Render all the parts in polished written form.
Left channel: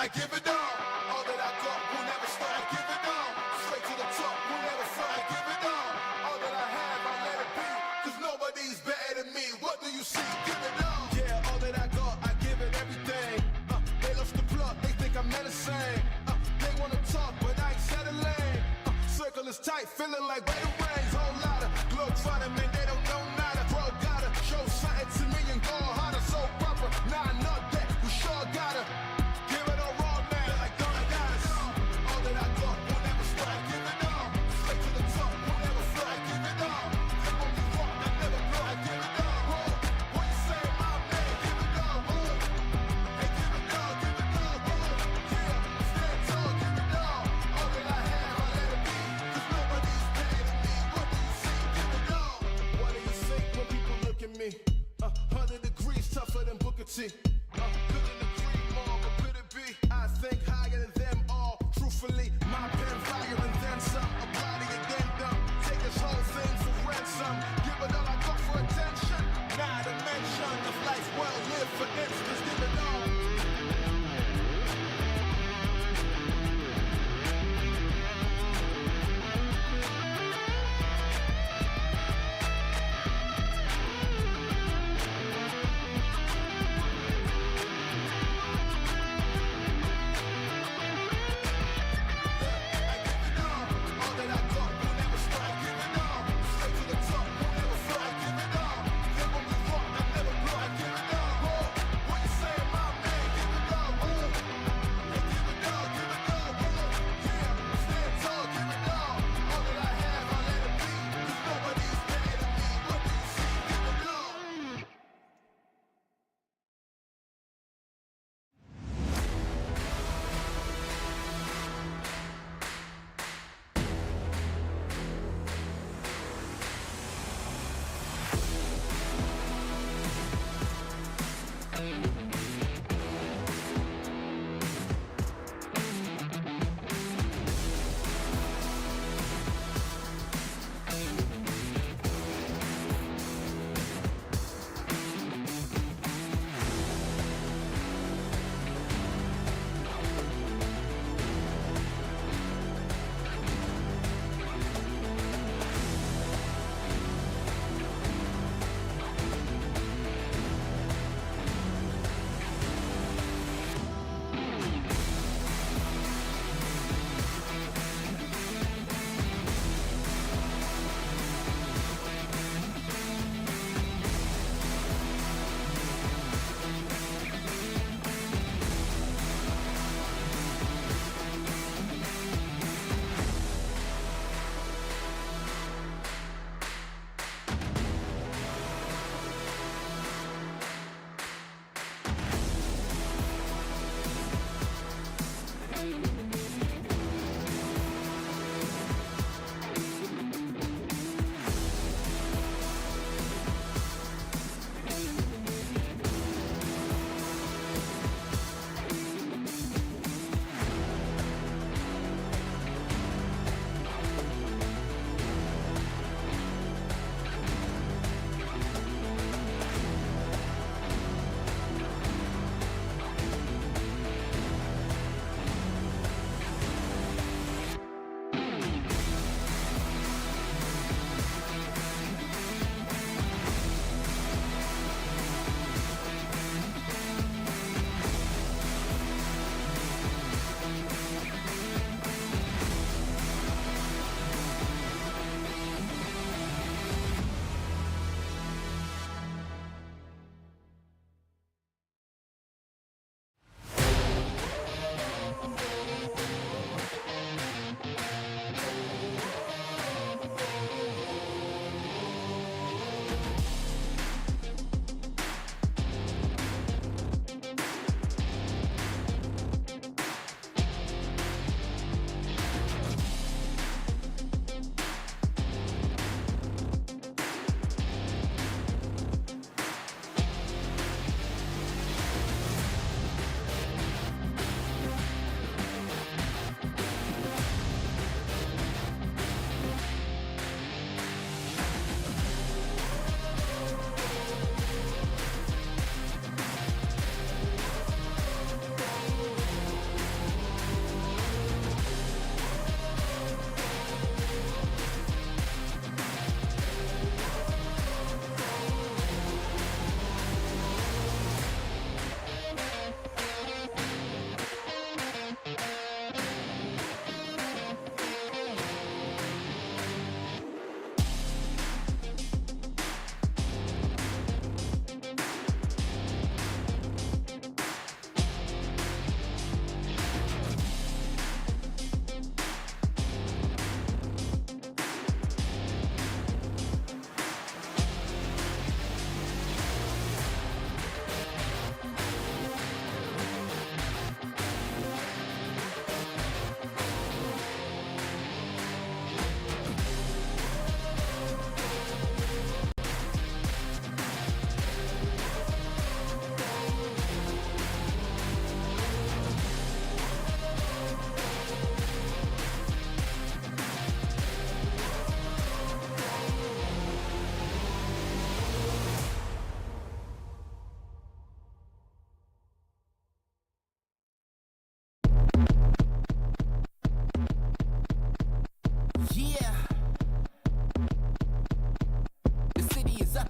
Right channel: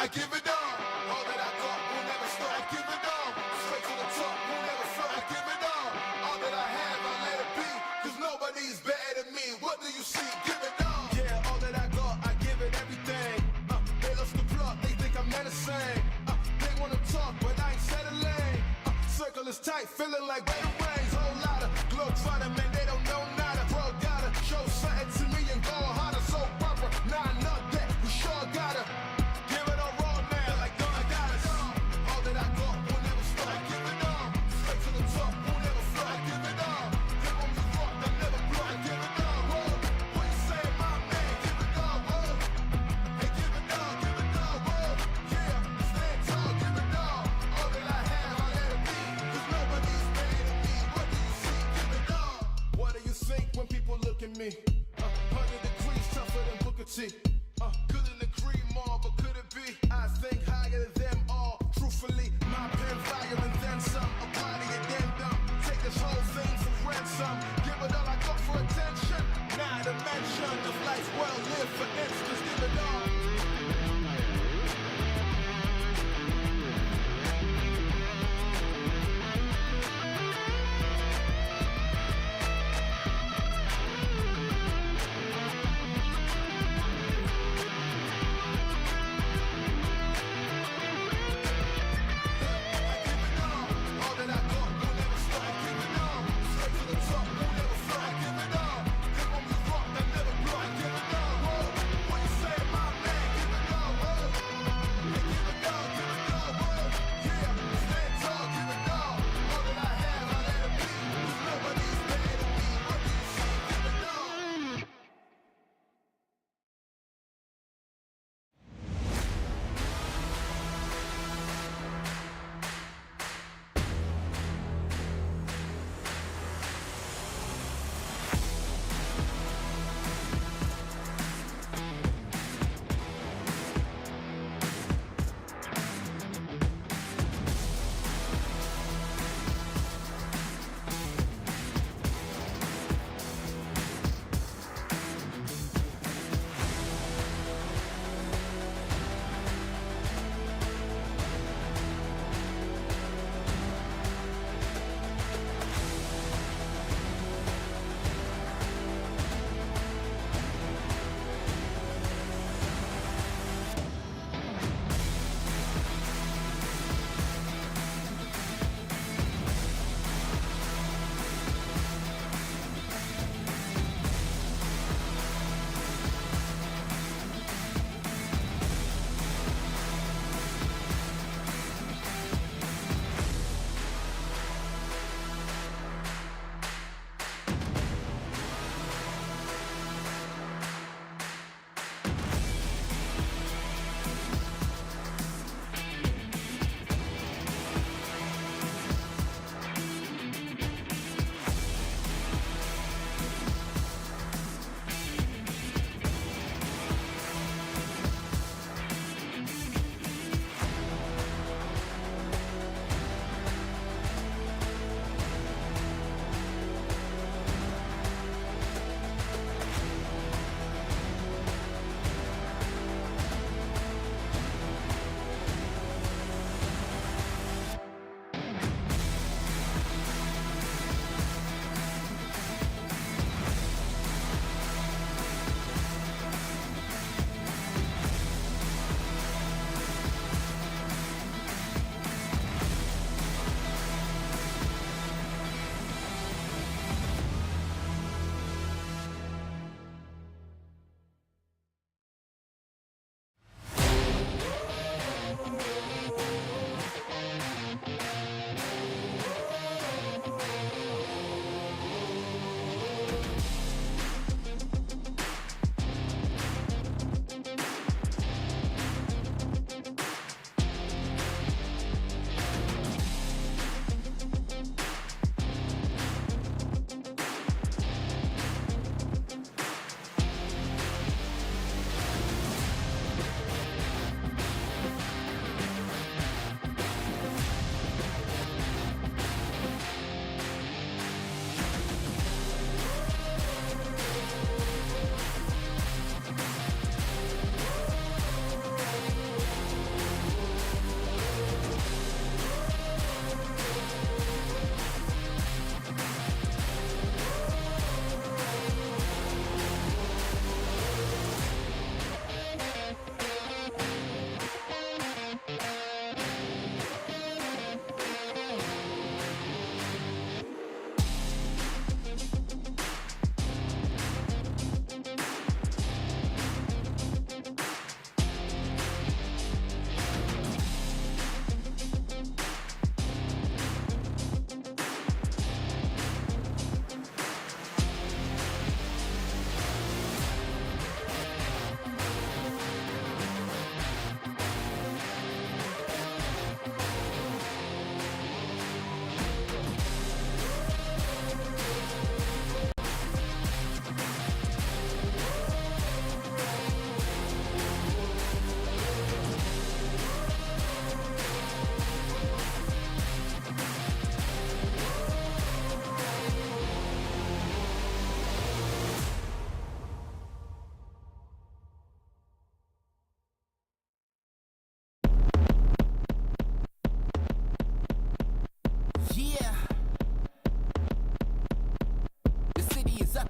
I give it all that I got will never stop. I give it all, straight to the top, will never stop. I give it all that I have, I let it be, cause nobody's better than me. What do you see? Give it all. Yeah, all that I got, I give it everything. They lost the plot, they think I'm menacing. They wanna talk, but I ain't settling. Circle is tight, feeling like better rains. Whole lot of globetrotting, man, they don't know nada. Bro, gotta show something to me and go harder. So proper, nah, not that, we sure gotta give it all raw now, like Don Dallas. All that I got will never stop. I give it all, straight to the top, will never fly. I give it all, they want me rock, I never blow. I give it all, whoa. What you say, my man? Give it all, whoa. Hey, give it all, whoa. Yeah, stand tall, give it all that I have, I let it be, cause nobody's better than me. What do you see? Give it all. What do you think when people look at me? 100 degrees tougher than Booker T. Couldn't agree more, but could it be? I think higher than them all. Truthfully, my pen fire and then some. Apply the addendum. Take this whole thing for ransom. Give it all I got for attention. Not a mention of life well lived, for instance. Give it all.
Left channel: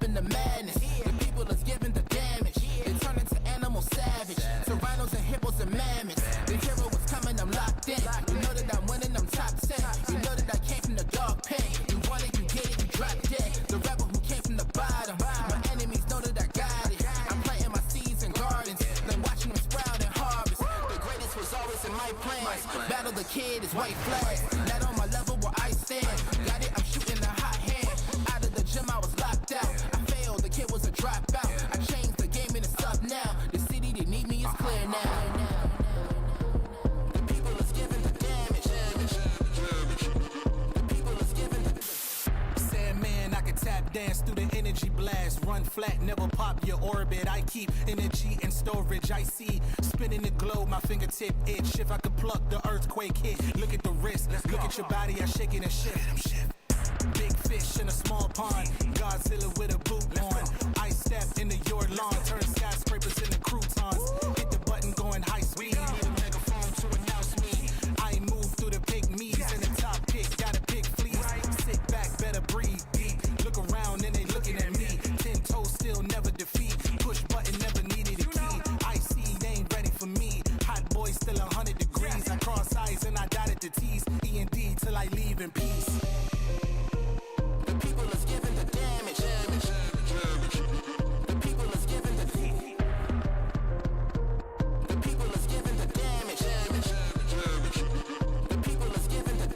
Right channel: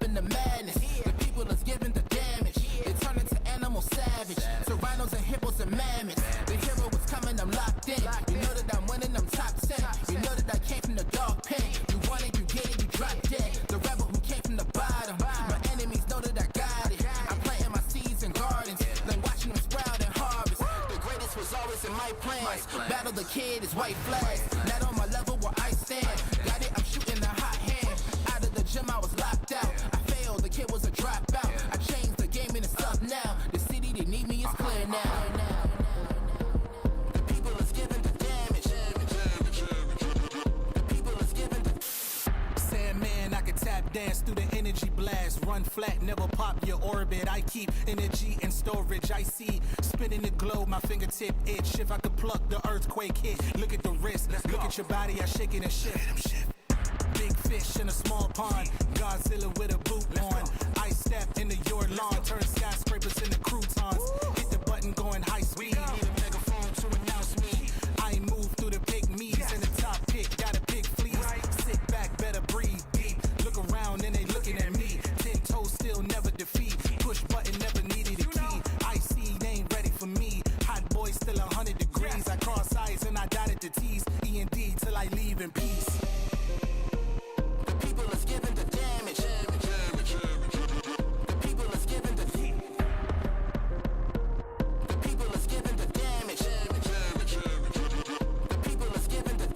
coming to madness. The people is giving the damage. They turn into animal savage. Serranos and hippos and mammoths. The hero is coming, I'm locked in. You know that I'm winning, I'm top 10. You know that I came from the dog pen. You want it, you get it, you drop dead. The rebel who came from the bottom. My enemies know that I got it. I'm planting my seeds in gardens, then watching them sprout and harvest. The greatest was always in my plans. Battle the kid is white flags. Not on my level where I stand. Got it, I'm shooting a hot hand. Out of the gym, I was locked out. I failed, the kid was a dropout. I changed the game and it's up now. The city they need me is clear now. The people is giving the damage. The people is giving the Sandman, I can tap dance through the energy blast. Run flat, never pop your orbit. I keep energy and storage. I see spinning the globe, my fingertip itch. If I could pluck the earthquake hit. Look at the wrist, look at your body, I shake it and shift. Big fish in a small pond. Godzilla with a boot on. I step into your lawn. Turn skyscrapers into croutons. Hit the button going high speed. Need a megaphone to announce me. I move through the pygmies and the top pick. Gotta pick fleas. Sit back, better breathe deep. Look around and they looking at me. 10 toes still never defeat. Push button never needed a key. I see they ain't ready for me. Hot boy still 100 degrees. I cross eyes and I dotted the T's. E&D till I leave in peace. The people is giving the damage. The people is giving the The people is giving the damage. The people is giving the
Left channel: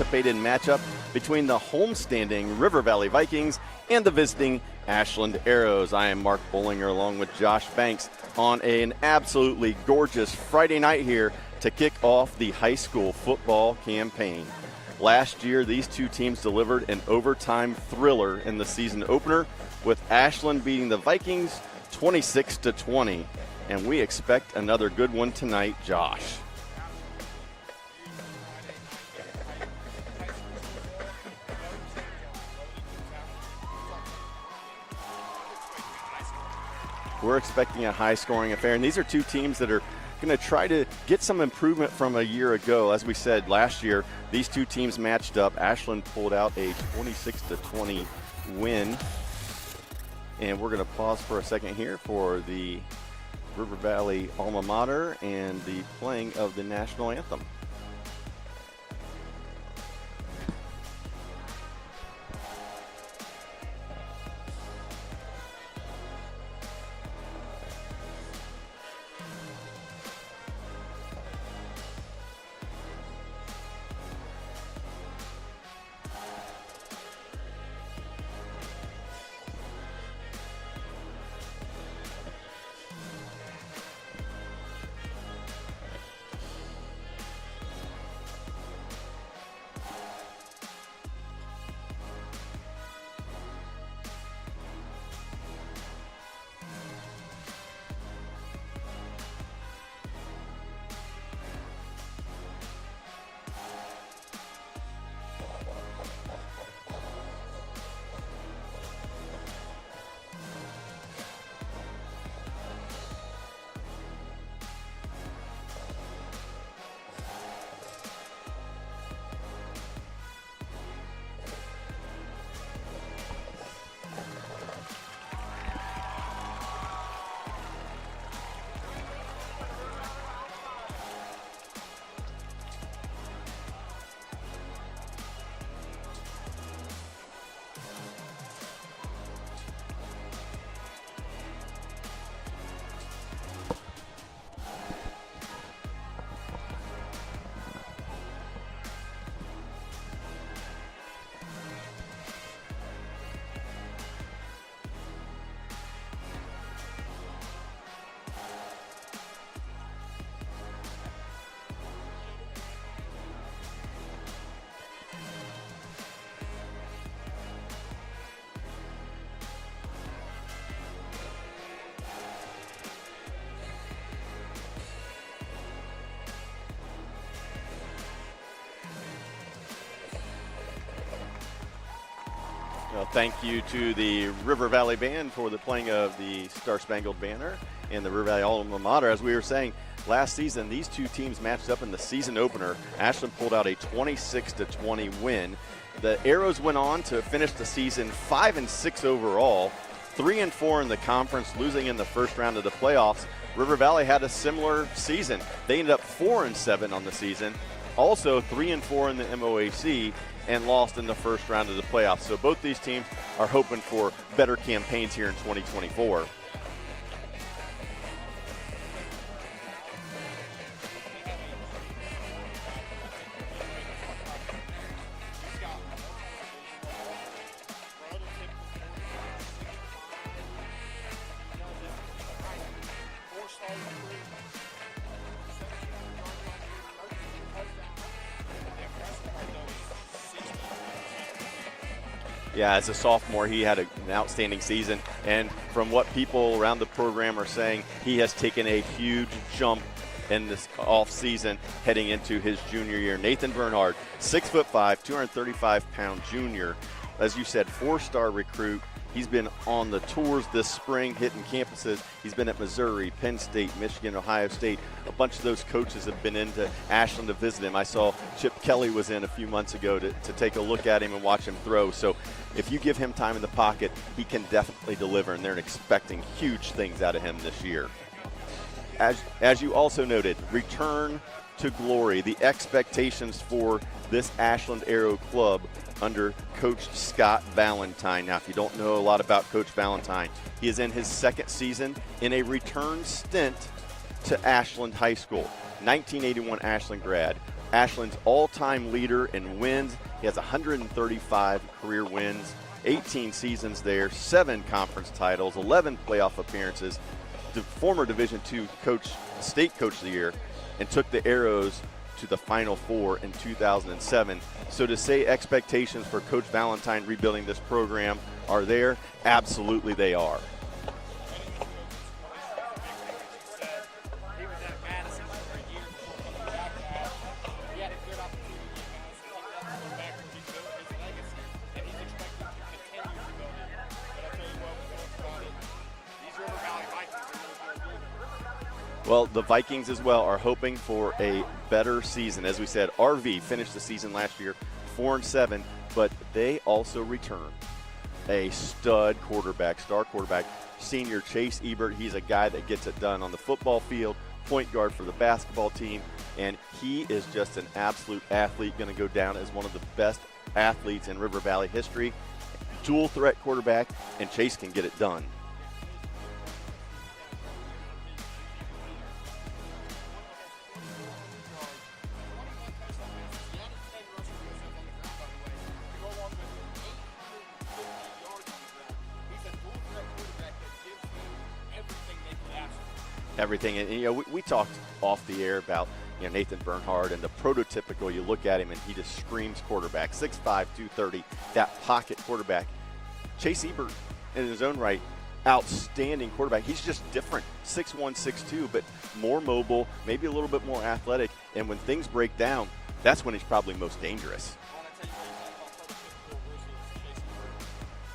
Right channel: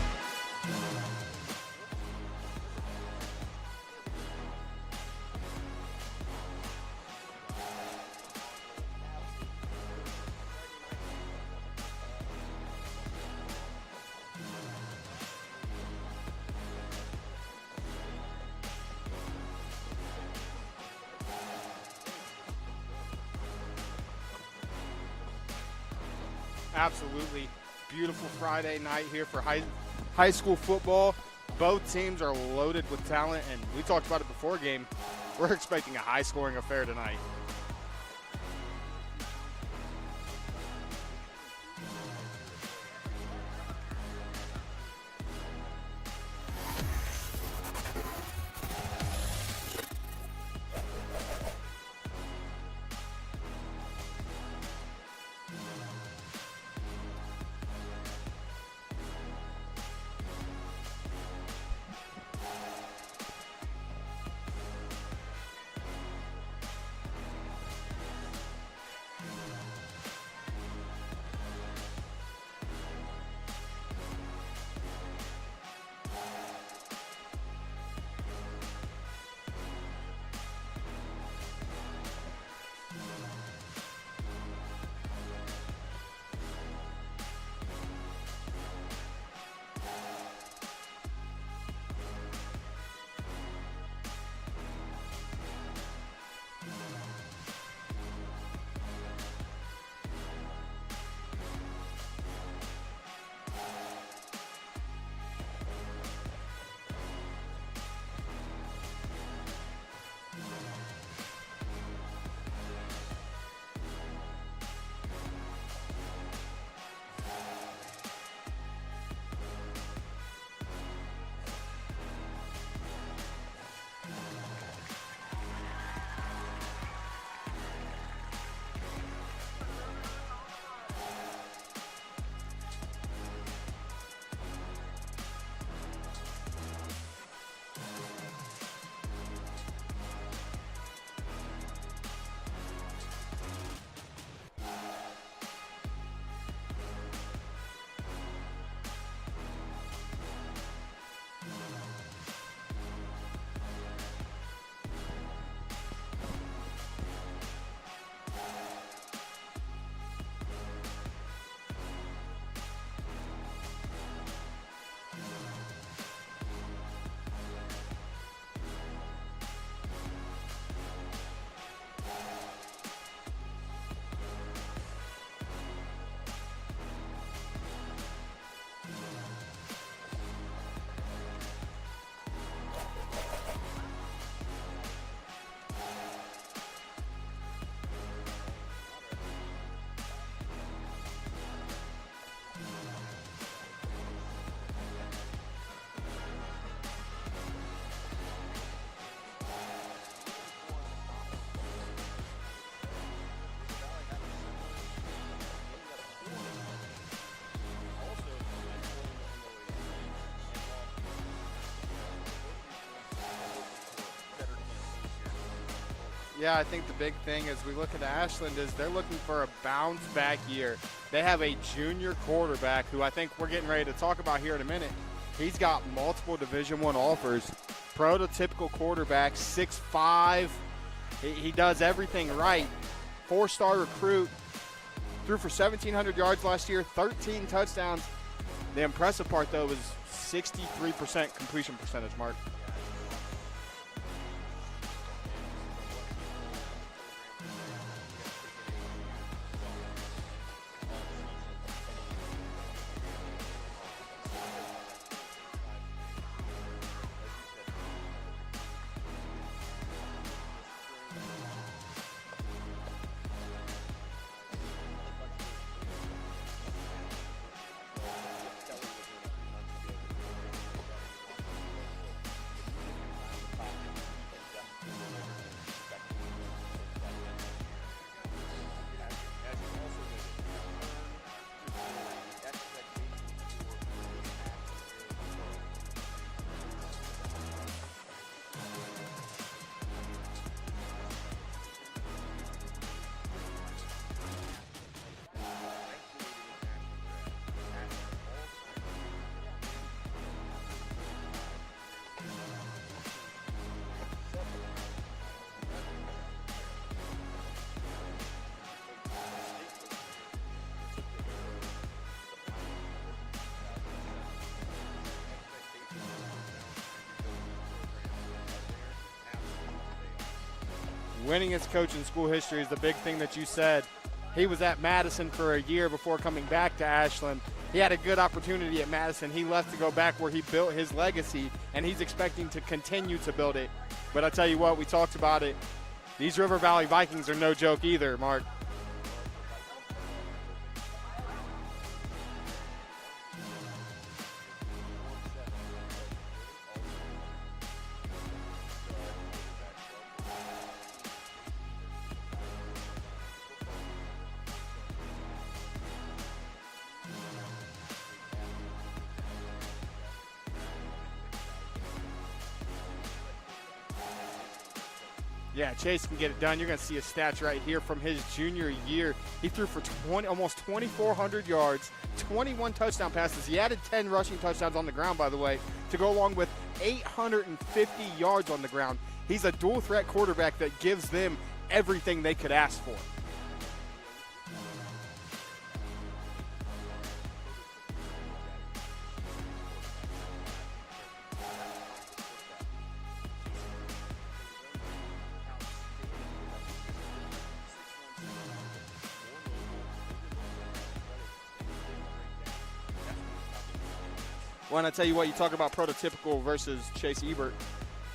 anticipated matchup between the homestanding River Valley Vikings and the visiting Ashland Arrows. I am Mark Bollinger along with Josh Banks on an absolutely gorgeous Friday night here to kick off the high school football campaign. Last year, these two teams delivered an overtime thriller in the season opener, with Ashland beating the Vikings 26-20. And we expect another good one tonight, Josh. Absolutely. Beautiful Friday night here for high school football. Both teams are loaded with talent, and we talked about it before game. We're expecting a high-scoring affair tonight. We're expecting a high-scoring affair, and these are two teams that are going to try to get some improvement from a year ago. As we said last year, these two teams matched up. Ashland pulled out a 26-20 win. And we're going to pause for a second here for the River Valley alma mater and the playing of the national anthem. Thank you to the River Valley Band for the playing of the Star Spangled Banner and the River Valley alma mater. As we were saying, last season, these two teams matched up in the season opener. Ashland pulled out a 26-20 win. The Arrows went on to finish the season 5-6 overall, 3-4 in the conference, losing in the first round of the playoffs. River Valley had a similar season. They ended up 4-7 on the season, also 3-4 in the MOAC, and lost in the first round of the playoffs. So both these teams are hoping for better campaigns here in 2024. Yeah, I think the big thing as we look at Ashland is they're looking for a bounce-back year. They have a junior quarterback who I think we're getting ready to talk about here in a minute. He's got multiple Division I offers. Prototypical quarterback, 6'5". He does everything right. 4-star recruit. Threw for 1,700 yards last year, 13 touchdowns. The impressive part, though, is 63% completion percentage, Mark. Yeah, as a sophomore, he had an outstanding season. And from what people around the program are saying, he has taken a huge jump in this offseason heading into his junior year. Nathan Bernhard, 6'5", 235-pound junior. As you said, 4-star recruit. He's been on the tours this spring, hitting campuses. He's been at Missouri, Penn State, Michigan, Ohio State. A bunch of those coaches have been into Ashland to visit him. I saw Chip Kelly was in a few months ago to take a look at him and watch him throw. So if you give him time in the pocket, he can definitely deliver, and they're expecting huge things out of him this year. As you also noted, return to glory, the expectations for this Ashland Arrow club under Coach Scott Valentine. Now, if you don't know a lot about Coach Valentine, he is in his second season in a return stint to Ashland High School. 1981 Ashland grad, Ashland's all-time leader in wins. He has 135 career wins, 18 seasons there, 7 conference titles, 11 playoff appearances, the former Division II coach, state coach of the year, and took the Arrows to the Final Four in 2007. So to say expectations for Coach Valentine rebuilding this program are there, absolutely they are. Winning as coach in school history is the big thing that you said. He was at Madison for a year before coming back to Ashland. He had a good opportunity at Madison. He left to go back where he built his legacy, and he's expecting to continue to build it. But I tell you what, we talked about it. These River Valley Vikings are no joke either, Mark. Well, the Vikings as well are hoping for a better season. As we said, RV finished the season last year 4-7, but they also returned a star quarterback, senior Chase Ebert. He's a guy that gets it done on the football field, point guard for the basketball team, and he is just an absolute athlete, going to go down as one of the best athletes in River Valley history. Dual threat quarterback, and Chase can get it done. Yeah, Chase can get it done. You're going to see his stats right here from his junior year. He threw for almost 2,400 yards, 21 touchdown passes. He added 10 rushing touchdowns on the ground, by the way, to go along with 850 yards on the ground. He's a dual threat quarterback that gives them everything they could ask for. Everything. And you know, we talked off the air about Nathan Bernhard and the prototypical. You look at him and he just screams quarterback. 6'5", 230, that pocket quarterback. Chase Ebert, in his own right, outstanding quarterback. He's just different, 6'1", 6'2", but more mobile, maybe a little bit more athletic. And when things break down, that's when he's probably most dangerous. Well, and I tell you what, you talk about prototypical versus Chase Ebert.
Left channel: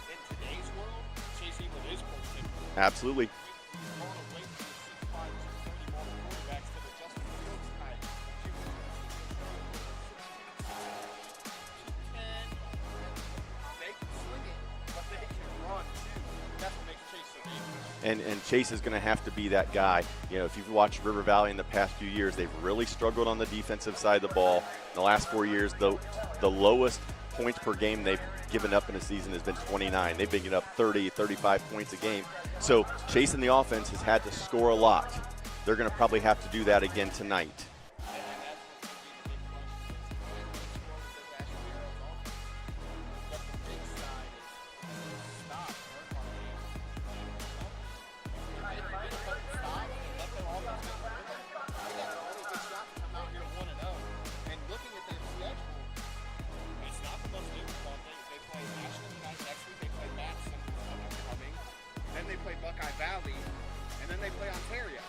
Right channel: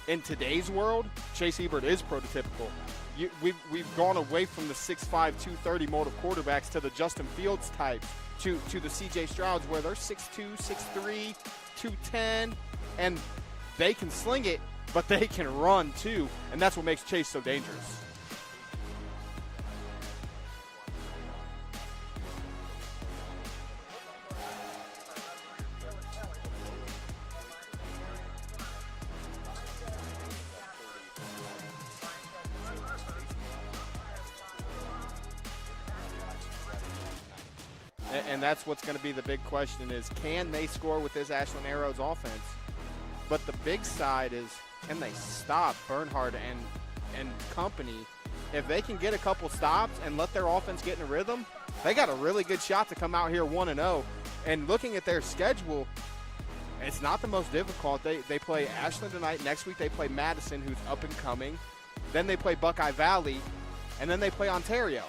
In today's world, Chase Ebert is prototypical. Absolutely. We've gone away from the 6'5", 230 mold of quarterbacks to the Justin Fields type, to the C.J. Strouds, where they're 6'2", 6'3", 210, and they can sling it, but they can run too, and that's what makes Chase so dangerous. And Chase is going to have to be that guy. You know, if you've watched River Valley in the past few years, they've really struggled on the defensive side of the ball. In the last 4 years, the lowest points per game they've given up in a season has been 29. They've been giving up 30, 35 points a game. So Chase in the offense has had to score a lot. They're going to probably have to do that again tonight. And that's what's going to be the big question is, can they score with this Ashland Arrows offense? But the big side is, can they stop Bernhard and company? If they can get a couple stops and let their offense get in a rhythm, they got a really good shot to come out here 1-0. And looking at their schedule, it's not the most difficult. They play Ashland tonight. Next week they play Madison, who's up and coming. Then they play Buckeye Valley, and then they play Ontario.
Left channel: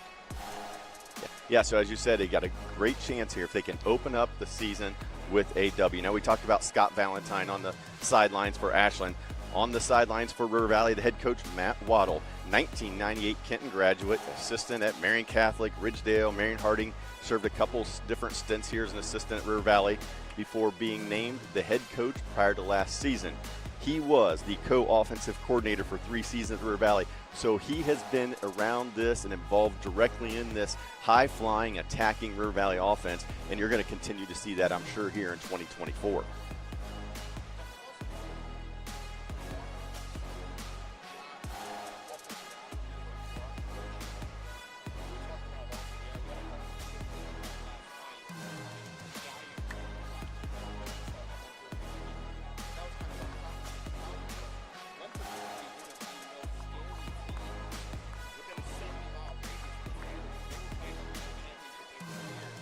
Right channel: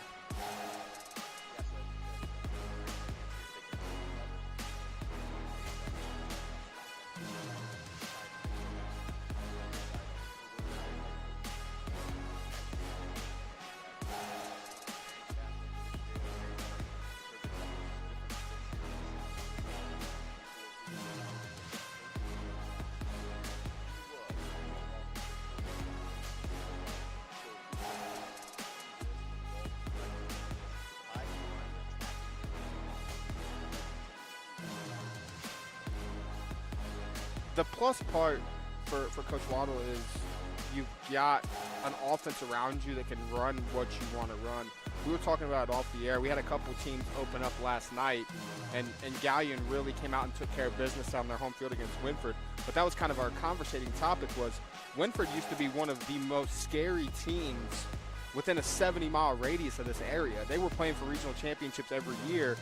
Yeah, so as you said, they got a great chance here if they can open up the season with a W. Now, we talked about Scott Valentine on the sidelines for Ashland. On the sidelines for River Valley, the head coach, Matt Waddle, 1998 Kenton graduate, assistant at Marion Catholic, Ridgedale, Marion Harding, served a couple different stints here as an assistant at River Valley before being named the head coach prior to last season. He was the co-offensive coordinator for 3 seasons at River Valley, so he has been around this and involved directly in this high-flying, attacking River Valley offense, and you're going to continue to see that, I'm sure, here in 2024. The plus part for Coach Waddle is you've got an offense around you that can run what you want to run. We were talking about it off the air. We had a couple teams open up last night, and Gallion really came out and took care of business on their home field against Winford. But that was kind of our conversating topic was Winford used to be one of the most scary teams within a 70-mile radius of this area. They were playing for regional championships every year.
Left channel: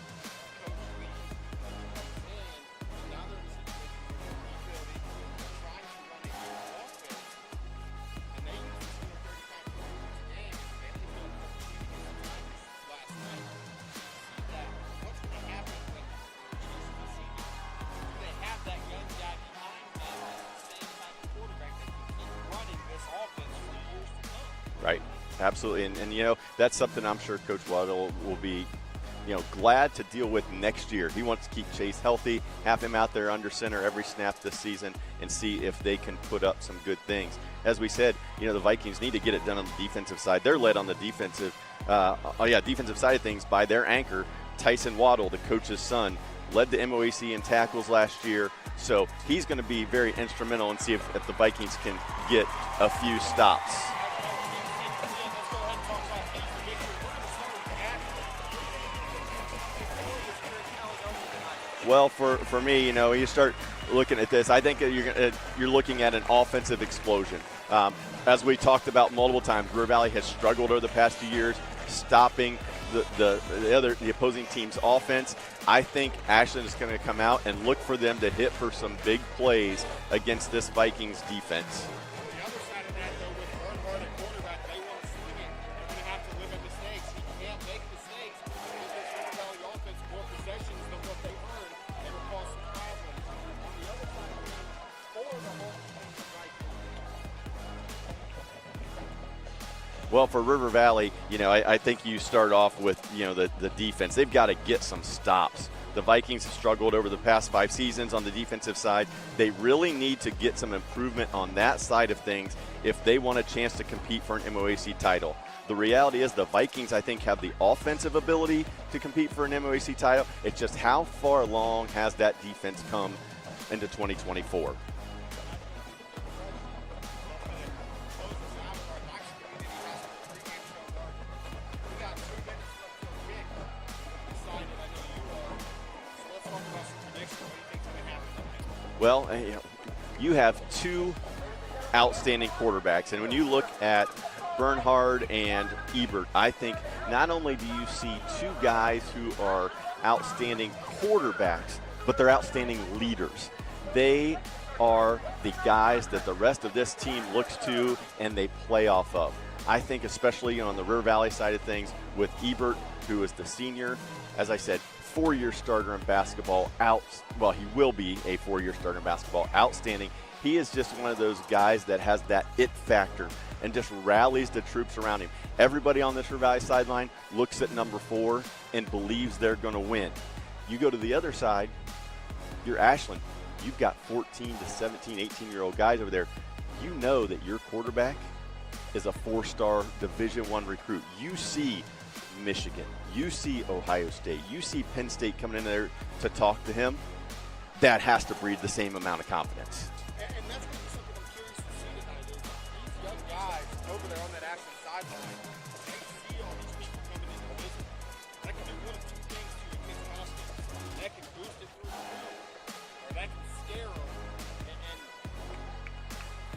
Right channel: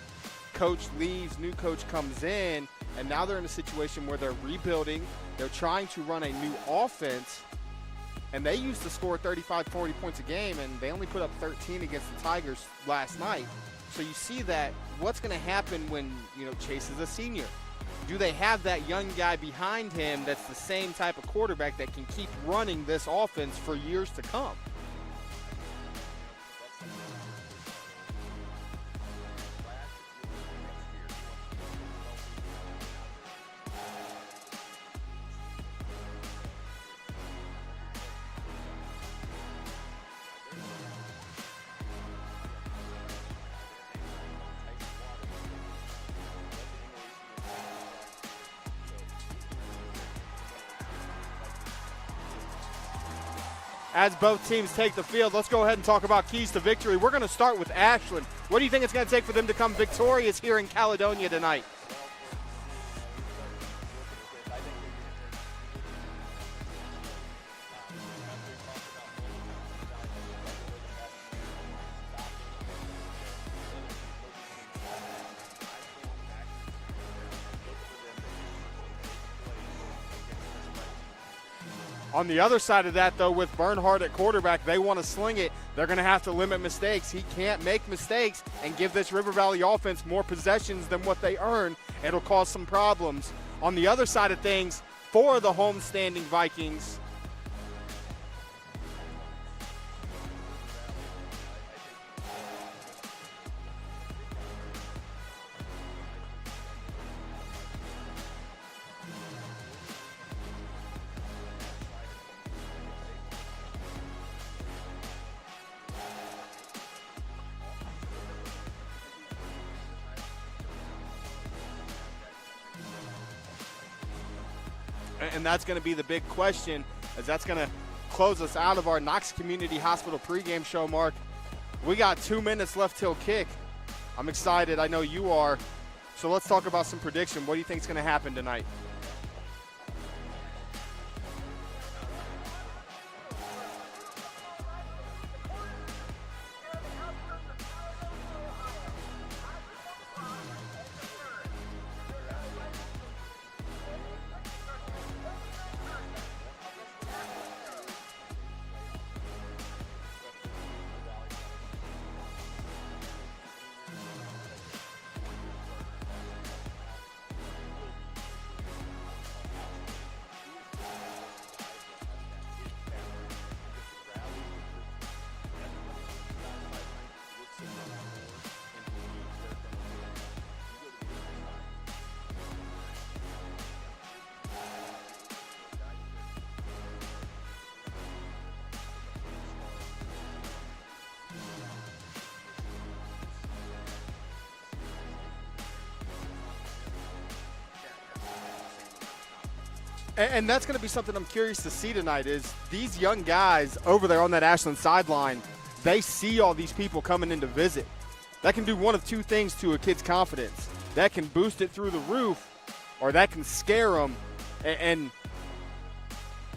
Coach leaves, new coach comes in, and now they're in a situation where they're rebuilding. They're trying to run a new offense, and they used to score 35, 40 points a game, and they only put up 13 against the Tigers last night. So you see that what's going to happen when, Chase is a senior? Do they have that young guy behind him that's the same type of quarterback that can keep running this offense for years to come? Right, absolutely. And that's something I'm sure Coach Waddle will be glad to deal with next year. He wants to keep Chase healthy, have him out there under center every snap this season, and see if they can put up some good things. As we said, the Vikings need to get it done on the defensive side. They're led on the defensive side of things by their anchor, Tyson Waddle, the coach's son. Led the MOAC in tackles last year, So he's going to be very instrumental and see if the Vikings can get a few stops. As both teams take the field, let's go ahead and talk about keys to victory. We're going to start with Ashland. What do you think it's going to take for them to come victorious here in Caledonia tonight? Well, for me, you start looking at this, I think you're looking at an offensive explosion. As we talked about multiple times, River Valley has struggled over the past few years stopping the opposing team's offense. I think Ashland is going to come out and look for them to hit for some big plays against this Vikings defense. On the other side of that, though, with Bernhardt at quarterback, they want to sling it. They're going to have to limit mistakes. He can't make mistakes and give this River Valley offense more possessions than what they earn. It'll cause some problems. On the other side of things, for the homestanding Vikings, well, for River Valley, I think you start off with, the defense. They've got to get some stops. The Vikings have struggled over the past 5 seasons on the defensive side. They really need to get some improvement on that side of things if they want a chance to compete for an MOAC title. The reality is the Vikings, I think, have the offensive ability to compete for an MOAC title. It's just how far along has that defense come into 2024? And that's going to be the big question, as that's going to close us out of our Knox Community Hospital pregame show, Mark. We got 2 minutes left till kick. I'm excited. I know you are. So let's talk about some prediction. What do you think is going to happen tonight? Well, you have 2 outstanding quarterbacks. And when you look at Bernhard and Ebert, I think not only do you see 2 guys who are outstanding quarterbacks, but they're outstanding leaders. They are the guys that the rest of this team looks to and they play off of. I think especially on the River Valley side of things with Ebert, who is the senior, as I said, 4-year starter in basketball, he will be a 4-year starter in basketball, outstanding. He is just one of those guys that has that it factor and just rallies the troops around him. Everybody on this River Valley sideline looks at number 4 and believes they're going to win. You go to the other side, you're Ashland. You've got 14 to 17, 18-year-old guys over there. You know that your quarterback is a 4-star Division I recruit. You see Michigan. You see Ohio State. You see Penn State coming in there to talk to him. That has to breed the same amount of confidence. And that's going to be something I'm curious to see tonight is these young guys over there on that Ashland sideline, they see all these people coming in to visit. That can do one of 2 things to a kid's confidence. That can boost it through the roof, or that can scare them and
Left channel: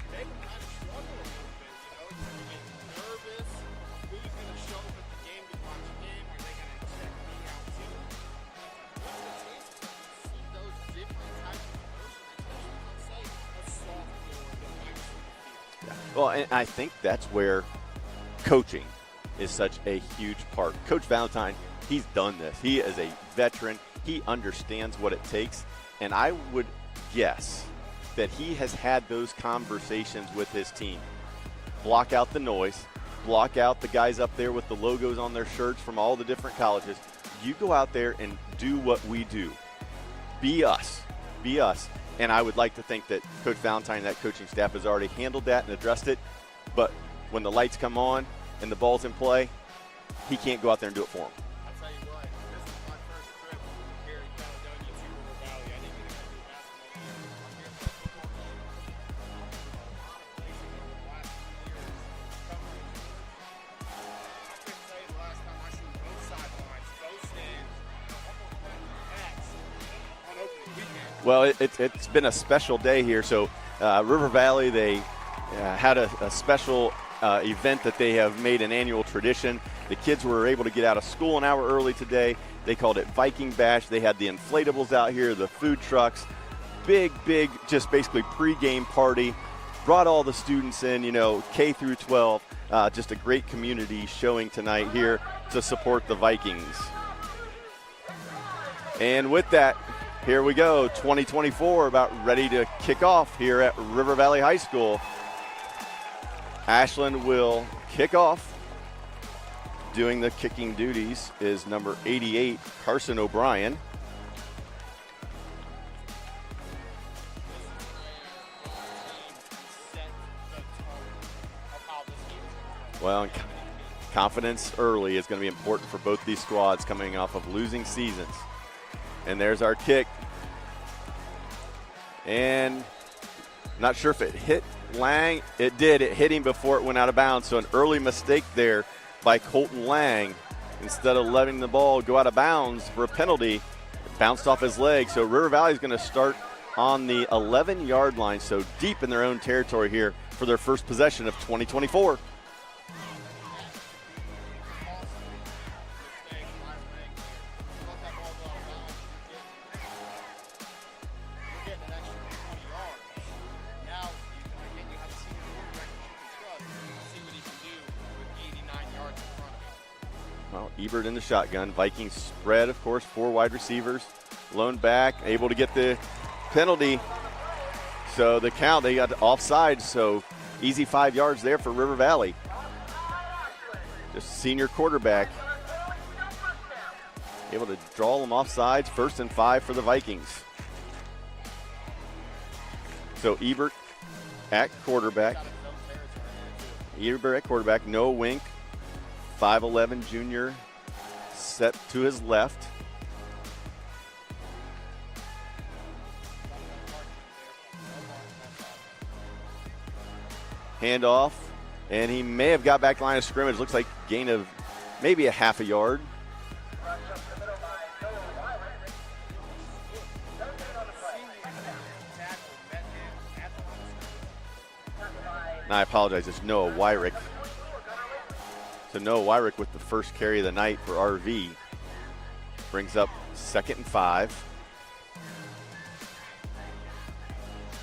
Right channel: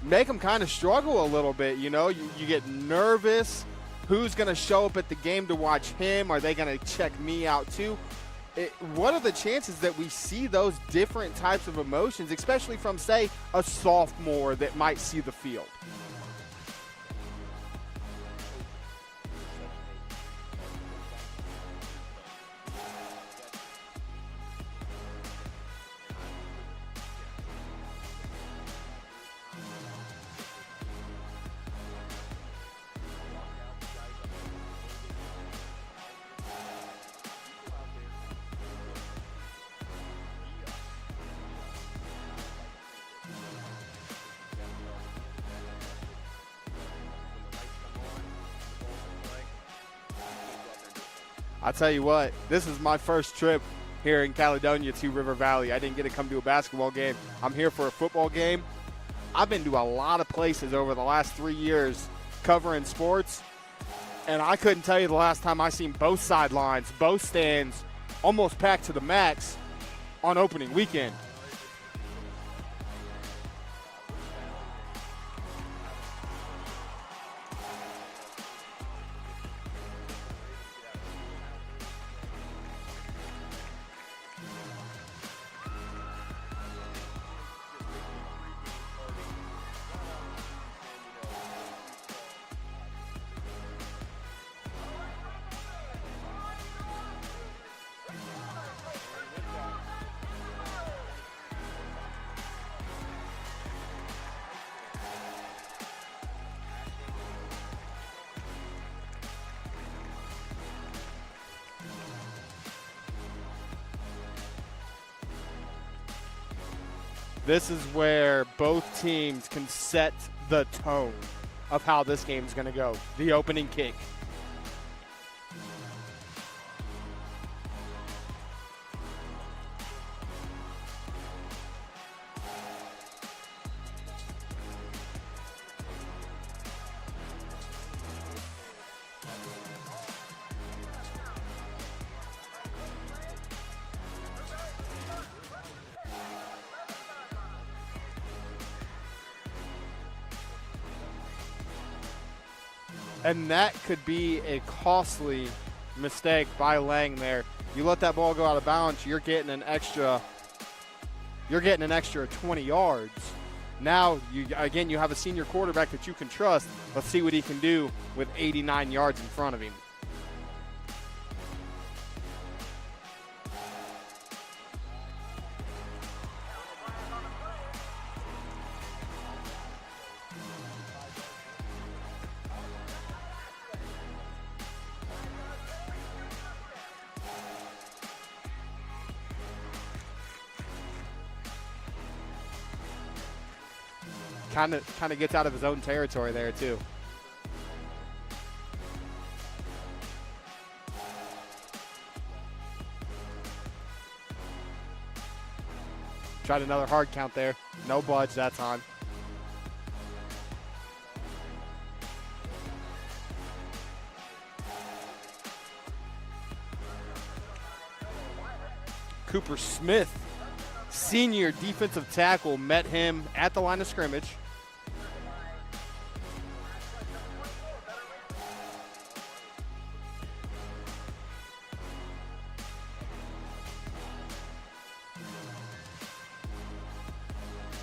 make them kind of struggle a little bit. You get nervous. Who's going to show up at the game to watch him? Are they going to check me out too? What are the chances that we see those different types of emotions, especially from, say, a sophomore that might see the field? Well, and I think that's where coaching is such a huge part. Coach Valentine, he's done this. He is a veteran. He understands what it takes. And I would guess that he has had those conversations with his team. Block out the noise. Block out the guys up there with the logos on their shirts from all the different colleges. You go out there and do what we do. Be us. Be us. And I would like to think that Coach Valentine and that coaching staff has already handled that and addressed it. But when the lights come on and the ball's in play, he can't go out there and do it for them. I'll tell you what, this is my first trip here in Caledonia to River Valley. I didn't get to come to a basketball game. I'm here for a football game. I've been to a lot of places over the last 3 years covering sports, and I couldn't tell you the last time I seen both sidelines, both stands, almost packed to the max on opening weekend. Well, it's been a special day here. So River Valley, they had a special event that they have made an annual tradition. The kids were able to get out of school an hour early today. They called it Viking Bash. They had the inflatables out here, the food trucks, big, just basically pregame party. Brought all the students in, K through 12. Just a great community showing tonight here to support the Vikings. And with that, here we go, 2024 about ready to kick off here at River Valley High School. Ashland will kick off. Doing the kicking duties is number 88, Carson O'Brien. This is where both teams can set the tone of how this game is going to go. Well, the opening kick. Confidence early is going to be important for both these squads coming off of losing seasons. And there's our kick. And not sure if it hit Lang. It did. It hit him before it went out of bounds. So an early mistake there by Colton Lang. Instead of letting the ball go out of bounds for a penalty, it bounced off his leg. So River Valley is going to start on the 11-yard line, so deep in their own territory here for their first possession of 2024. And that could be a costly mistake by Lang there. You let that ball go out of bounds, you're getting an extra 20 yards. Now, you have a senior quarterback that you can trust. Let's see what he can do with 89 yards in front of him. Well, Ebert in the shotgun. Vikings spread, of course, 4 wide receivers. Lone back, able to get the penalty. So the count, they got offside, so easy 5 yards there for River Valley. Just senior quarterback able to draw them offsides. 1st and 5 for the Vikings. So Ebert at quarterback. Kind of gets out of his own territory there too. Ebert at quarterback, no Wink. 5'11" junior set to his left. Tried another hard count there. No budge that time. Handoff, and he may have got back line of scrimmage. Looks like gain of maybe a half a yard. Cooper Smith, senior defensive tackle, met him at the line of scrimmage. And I apologize, it's Noah Wyrick. So Noah Wyrick with the first carry of the night for RV. Brings up 2nd and 5.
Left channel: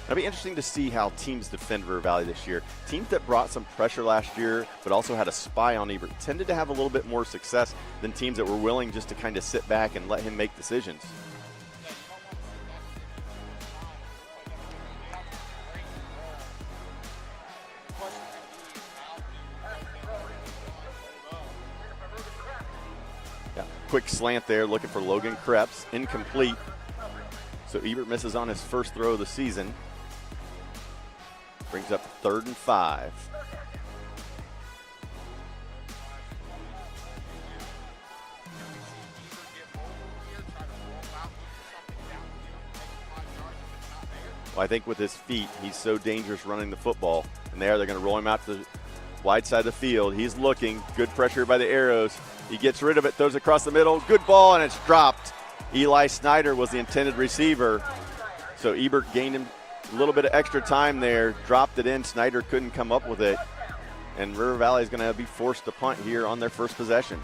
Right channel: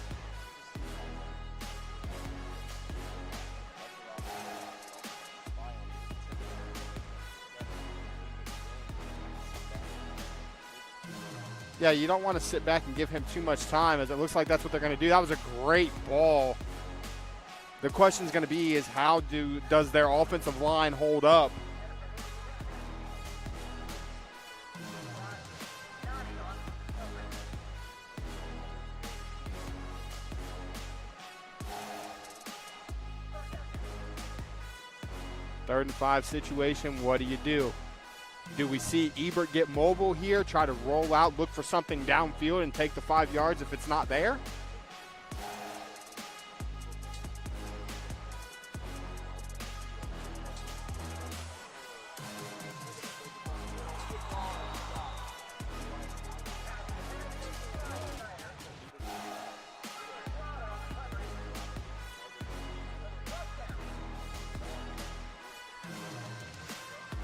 It'll be interesting to see how teams defend River Valley this year. Teams that brought some pressure last year but also had a spy on Ebert tended to have a little bit more success than teams that were willing just to kind of sit back and let him make decisions. Yeah, you don't want to sit back and give him too much time, as it looks like that's what they're going to do. That was a great ball. The question is going to be is does their offensive line hold up? Yeah, quick slant there, looking for Logan Krebs, incomplete. So Ebert misses on his first throw of the season. Brings up 3rd and 5. 3rd and 5 situation, what do you do? Do we see Ebert get mobile here, try to roll out, look for something downfield and take the 5 yards if it's not there? Well, I think with his feet, he's so dangerous running the football. And they're going to roll him out to the wide side of the field. He's looking, good pressure by the Arrows. He gets rid of it, throws it across the middle, good ball, and it's dropped. Eli Snyder was the intended receiver. So Ebert gained him a little bit of extra time there, dropped it in. Snyder couldn't come up with it. And River Valley is going to be forced to punt here on their first possession.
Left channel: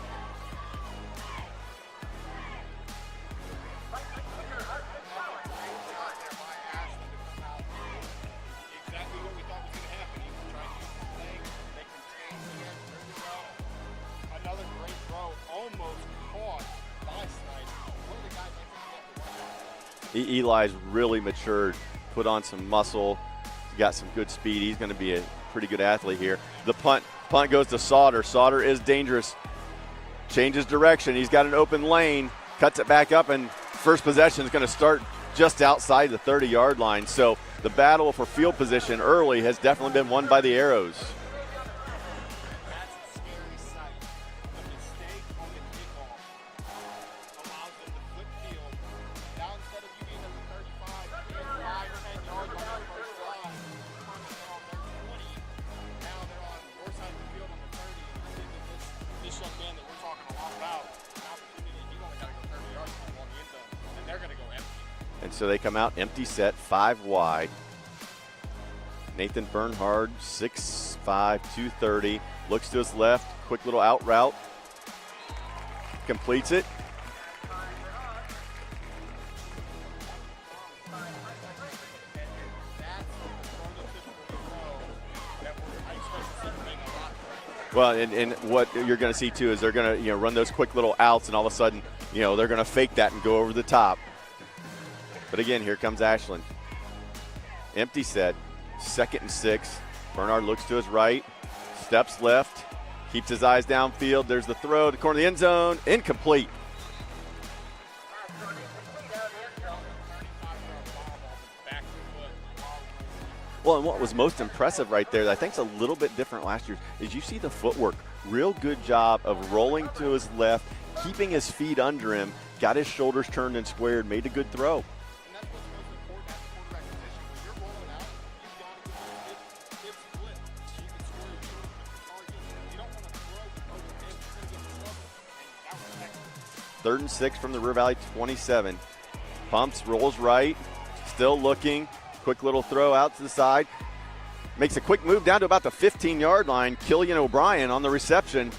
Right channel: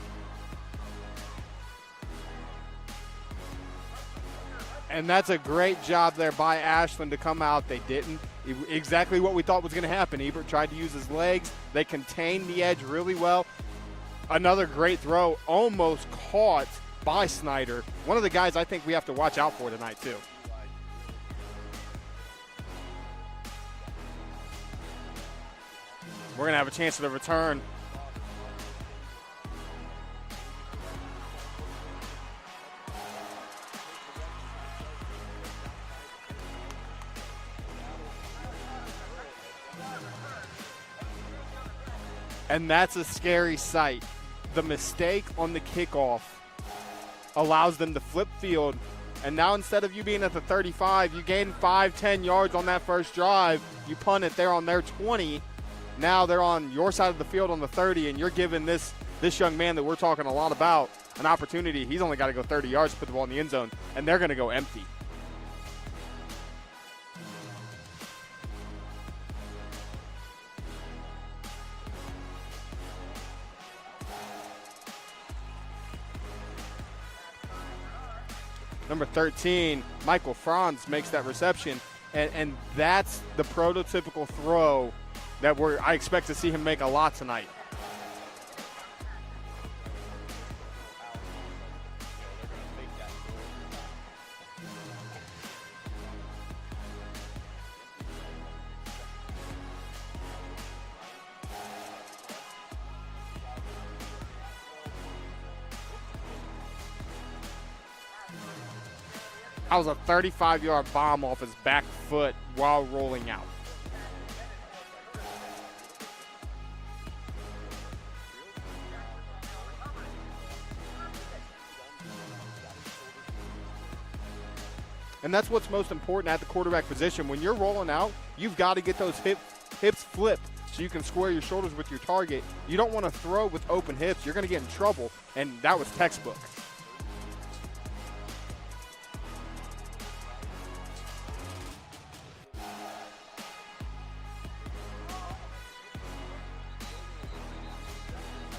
And that's a great job there by Ashland to come out. They didn't. Exactly what we thought was going to happen. Ebert tried to use his legs. They contained the edge really well. Another great throw, almost caught by Snyder. One of the guys I think we have to watch out for tonight, too. Eli's really matured, put on some muscle, got some good speed. He's going to be a pretty good athlete here. We're going to have a chance to return. Punt goes to Sauter. Sauter is dangerous. Changes direction. He's got an open lane, cuts it back up, and first possession is going to start just outside the 30-yard line. So the battle for field position early has definitely been won by the Arrows. And that's a scary sight. The mistake on the kickoff allows them to flip field. And now instead of you being at the 35, you gain 5-10 yards on that first drive. You punt it there on their 20. Now they're on your side of the field on the 30, and you're giving this young man that we're talking a lot about an opportunity. He's only got to go 30 yards to put the ball in the end zone, and they're going to go empty. And so they come out empty set, 5 wide. Nathan Bernhard, 6'5", 230, looks to his left, quick little out route, completes it. Number 13, Michael Franz makes that reception, and that's the prototypical throw that I expect to see him make a lot tonight. Well, and what you're going to see too is they're going to run those quick little outs, and all of a sudden they're going to fake that and go over the top. But again, here comes Ashland. Empty set, 2nd and 6. Bernard looks to his right, steps left, keeps his eyes downfield. There's the throw to the corner of the end zone, incomplete. That was a 35-yard bomb off his back foot while rolling out. Well, and what was most impressive right there, that I think is a little bit different last year, is you see the footwork. Real good job of rolling to his left, keeping his feet under him, got his shoulders turned and squared, made a good throw. And that's what's most important at the quarterback position. When you're rolling out, you've got to get those hips flipped so you can square your shoulders with your target. You don't want to throw with open hips. You're going to get in trouble, and that was textbook. 3rd and 6 from the River Valley 27. Pumps, rolls right, still looking. Quick little throw out to the side. Makes a quick move down to about the 15-yard line. Killian O'Brien on the reception.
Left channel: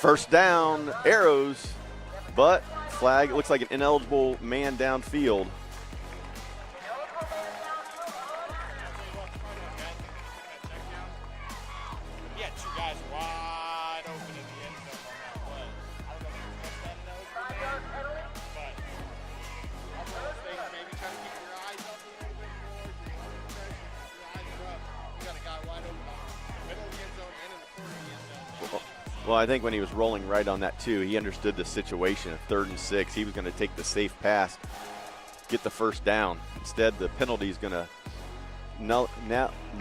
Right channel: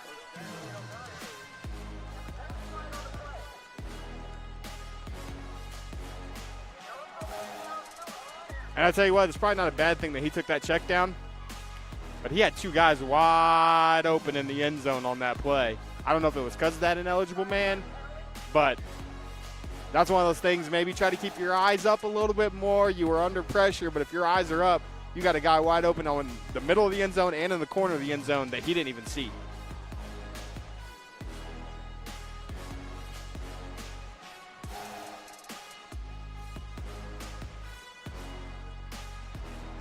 1st down, Arrows, but flag, it looks like an ineligible man downfield. And I tell you what, it's probably not a bad thing that he took that check down, but he had 2 guys wide open in the end zone on that play. I don't know if it was because of that ineligible man, but that's one of those things. Maybe try to keep your eyes up a little bit more. You were under pressure, but if your eyes are up, you got a guy wide open on the middle of the end zone and in the corner of the end zone that he didn't even see. Well, I think when he was rolling right on that too, he understood the situation of 3rd and 6. He was going to take the safe pass, get the 1st down. Instead, the penalty is going to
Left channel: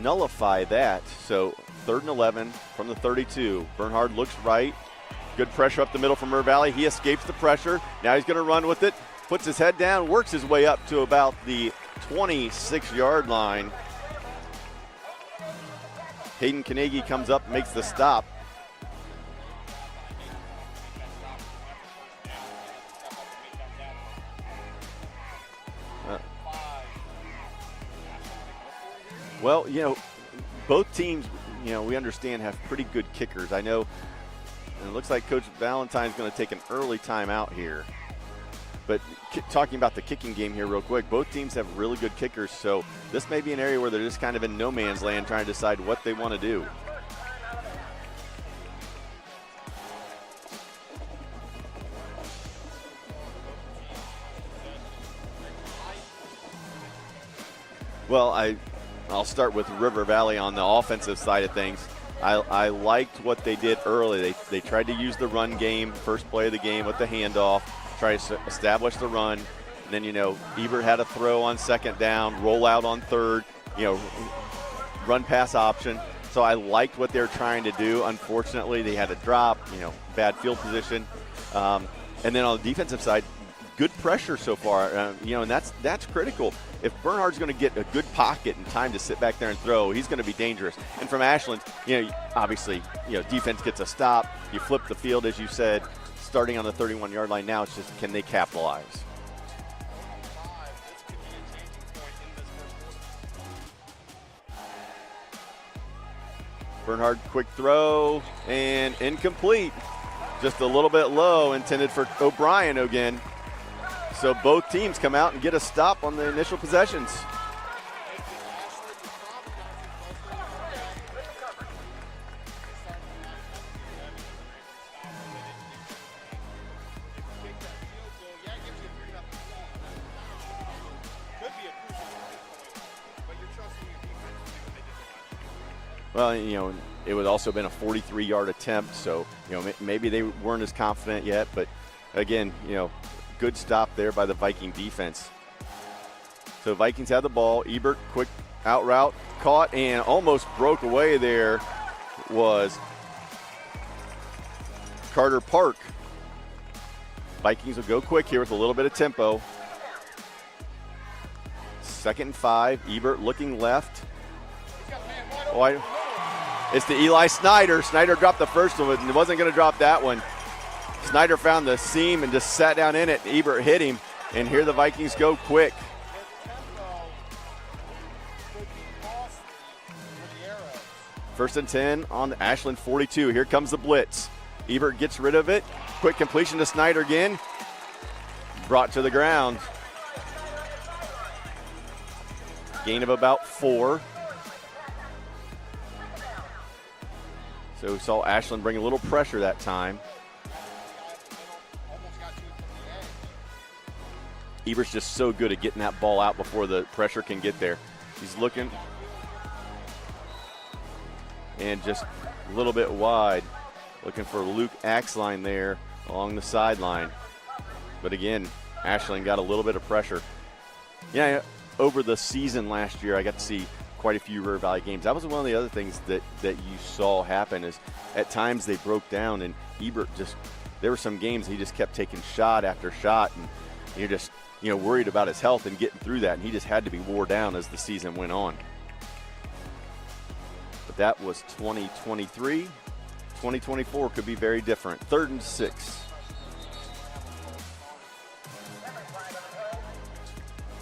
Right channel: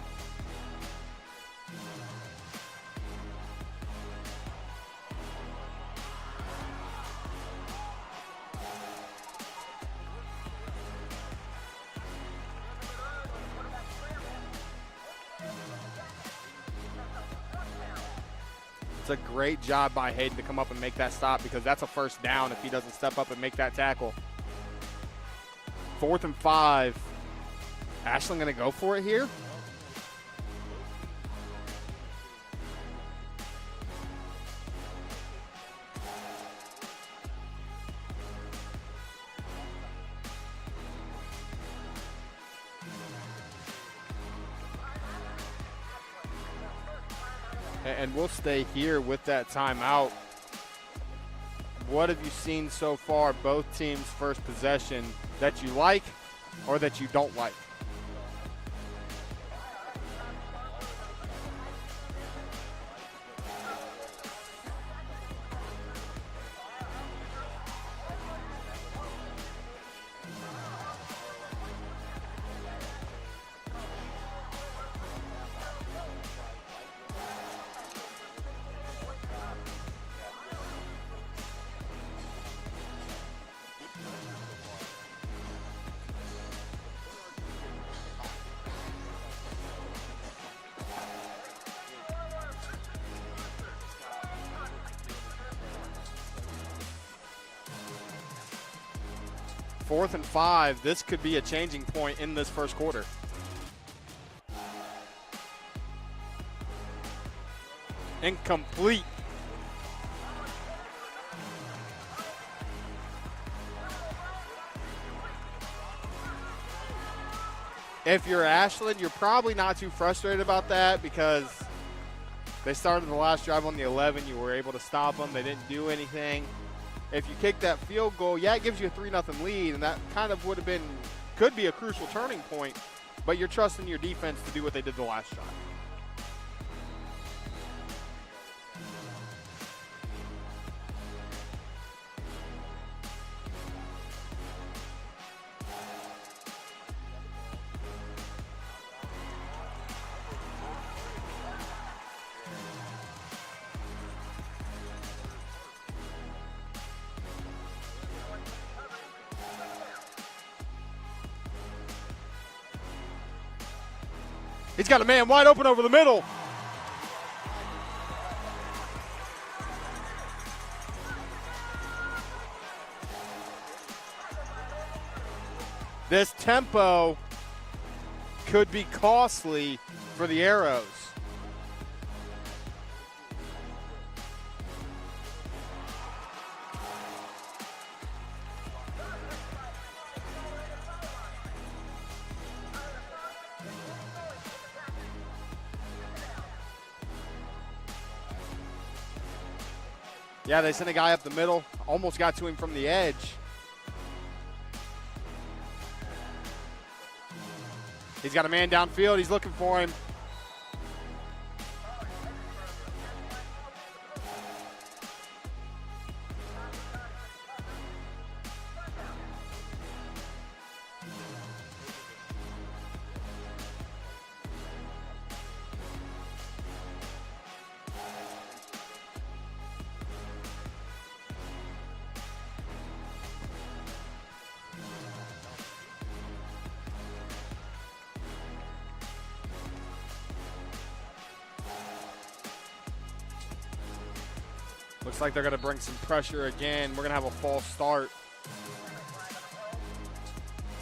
nullify that. So 3rd and 11 from the 32. Bernhard looks right. Good pressure up the middle from River Valley. He escapes the pressure. Now he's going to run with it. Puts his head down, works his way up to about the 26-yard line. Hayden Carnegie comes up, makes the stop. It's a great job by Hayden to come up and make that stop, because that's a 1st down if he doesn't step up and make that tackle. 4th and 5. Ashland going to go for it here? Well, you know, both teams, you know, we understand have pretty good kickers. I know it looks like Coach Valentine's going to take an early timeout here. But talking about the kicking game here real quick, both teams have really good kickers, so this may be an area where they're just kind of in no man's land trying to decide what they want to do. And we'll stay here with that timeout. What have you seen so far, both teams' first possession, that you like or that you don't like? Well, I'll start with River Valley on the offensive side of things. I liked what they did early. They tried to use the run game, first play of the game with the handoff, try to establish the run. And then, you know, Ebert had a throw on 2nd down, roll out on 3rd, you know, run pass option. So I liked what they were trying to do. Unfortunately, they had a drop, you know, bad field position. And then on the defensive side, good pressure so far, you know, and that's critical. If Bernhard's going to get a good pocket and time to sit back there and throw, he's going to be dangerous. And from Ashland, you know, obviously, you know, defense gets a stop. You flip the field, as you said, starting on the 31-yard line now. It's just, can they capitalize? 4th and 5. This could be a changing point in this 1st quarter. Bernhard, quick throw. Incomplete. And incomplete. Just a little bit low, intended for O'Brien again. So both teams come out and get a stop on the initial possessions. If you're Ashland, you're probably not too frustrated about that, because they started the last drive on the 11. You were able to stop them. They didn't do anything. If you kick that field goal, yeah, it gives you a 3-0 lead, and that kind of would have been, could be a crucial turning point, but you're trusting your defense to do what they did the last drive. Well, you know, it would also been a 43-yard attempt, so, you know, maybe they weren't as confident yet, but again, you know, good stop there by the Viking defense. So Vikings had the ball. Ebert, quick out route, caught and almost broke away there was Carter Park. Vikings will go quick here with a little bit of tempo. 2nd and 5, Ebert looking left. He's got a man wide open over the middle. It's to Eli Snyder. Snyder dropped the first one and wasn't going to drop that one. Snyder found the seam and just sat down in it. Ebert hit him, and here the Vikings go quick. This tempo could be costly for the Arrows. 1st and 10 on Ashland 42. Here comes the blitz. Ebert gets rid of it. Quick completion to Snyder again. Brought to the ground. Gain of about 4. So we saw Ashland bring a little pressure that time. Yeah, they sent a guy up the middle, almost got to him from the edge. Ebert's just so good at getting that ball out before the pressure can get there. He's got a man downfield. He's looking for him. And just a little bit wide. Looking for Luke Axline there along the sideline. But again, Ashland got a little bit of pressure. Yeah, over the season last year, I got to see quite a few River Valley games. That was one of the other things that you saw happen is at times they broke down and Ebert just, there were some games he just kept taking shot after shot and you're just, worried about his health and getting through that, and he just had to be wore down as the season went on. But that was 2023. 2024 could be very different. Looks like they're going to bring some pressure again. We're going to have a false start.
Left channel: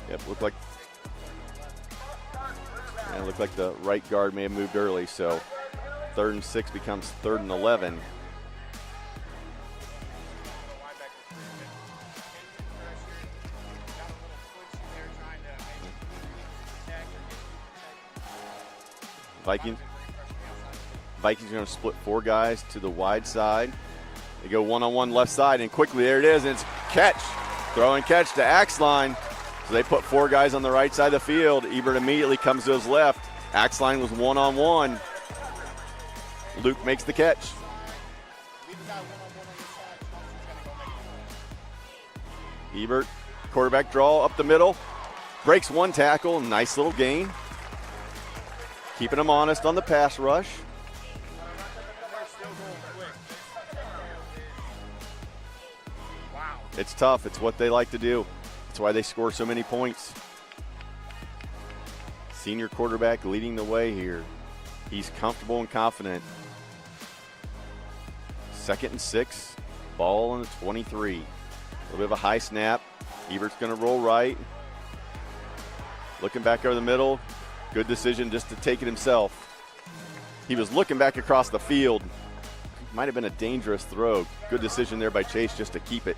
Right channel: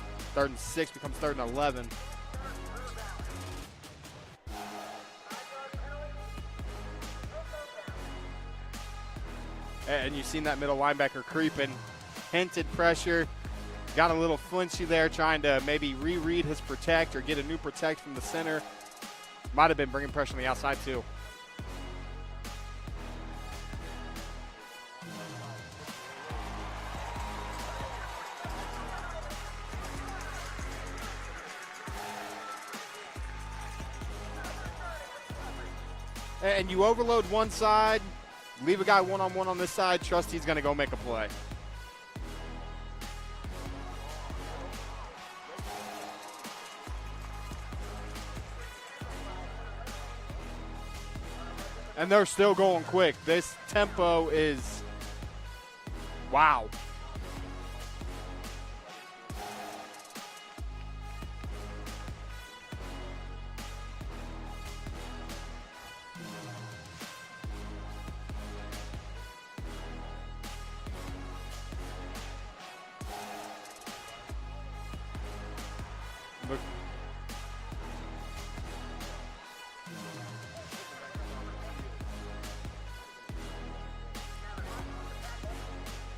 Yep, Third and 6 becomes 3rd and 11. And it looked like the right guard may have moved early, so 3rd and 6 becomes 3rd and 11. And you've seen that middle linebacker creeping. Hinted pressure. Got a little flinchy there, trying to maybe reread his protect or get a new protect from the center. Might have been bringing pressure on the outside too. Vikings are going to split 4 guys to the wide side. They go one-on-one left side, and quickly there it is, and it's catch. Throw and catch to Axline. So they put 4 guys on the right side of the field. Ebert immediately comes to his left. Axline was one-on-one. And Luke you makes the overload catch. one side, leave a guy one-on-one on this side, trust he's going to go make a play. Ebert, quarterback draw up the middle. Breaks 1 tackle, nice little gain. Keeping them honest on the pass rush. And they're still going quick. This tempo is, wow. It's tough. It's what they like to do. That's why they score so many points. Senior quarterback leading the way here. He's comfortable and confident. 2nd and 6. Ball on the 23. A little bit of a high snap. Ebert's going to roll right. Looking back over the middle. Good decision just to take it himself. He was looking back across the field. Might have been a dangerous throw. Good decision there by Chase just to keep it.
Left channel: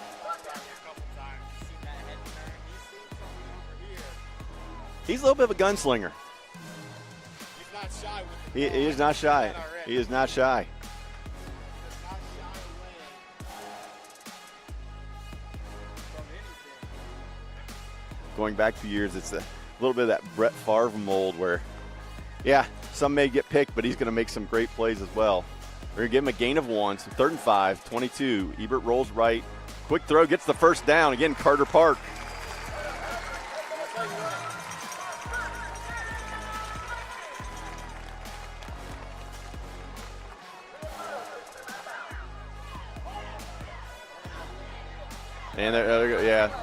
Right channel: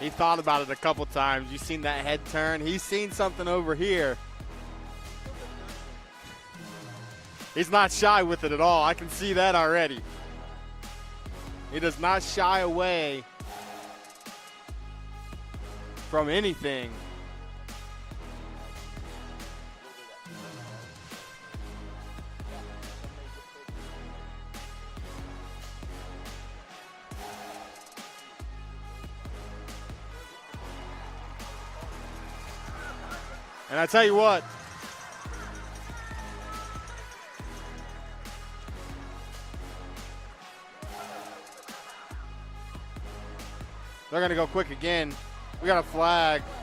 He thought about it a couple times. You've seen that head turn. He's seen something over here. He's a little bit of a gunslinger. He's not shy with it at all. I can see that already. He is not shy. He does not shy away from anything. Going back 2 years, it's a little bit of that Brett Favre mold where, yeah, some may get picked, but he's going to make some great plays as well. We're going to give him a gain of 1. So 3rd and 5, 22. Ebert rolls right. Quick throw, gets the first down. Again, Carter Park. And I tell you what, they're going to go quick again. We got a flag. Yeah.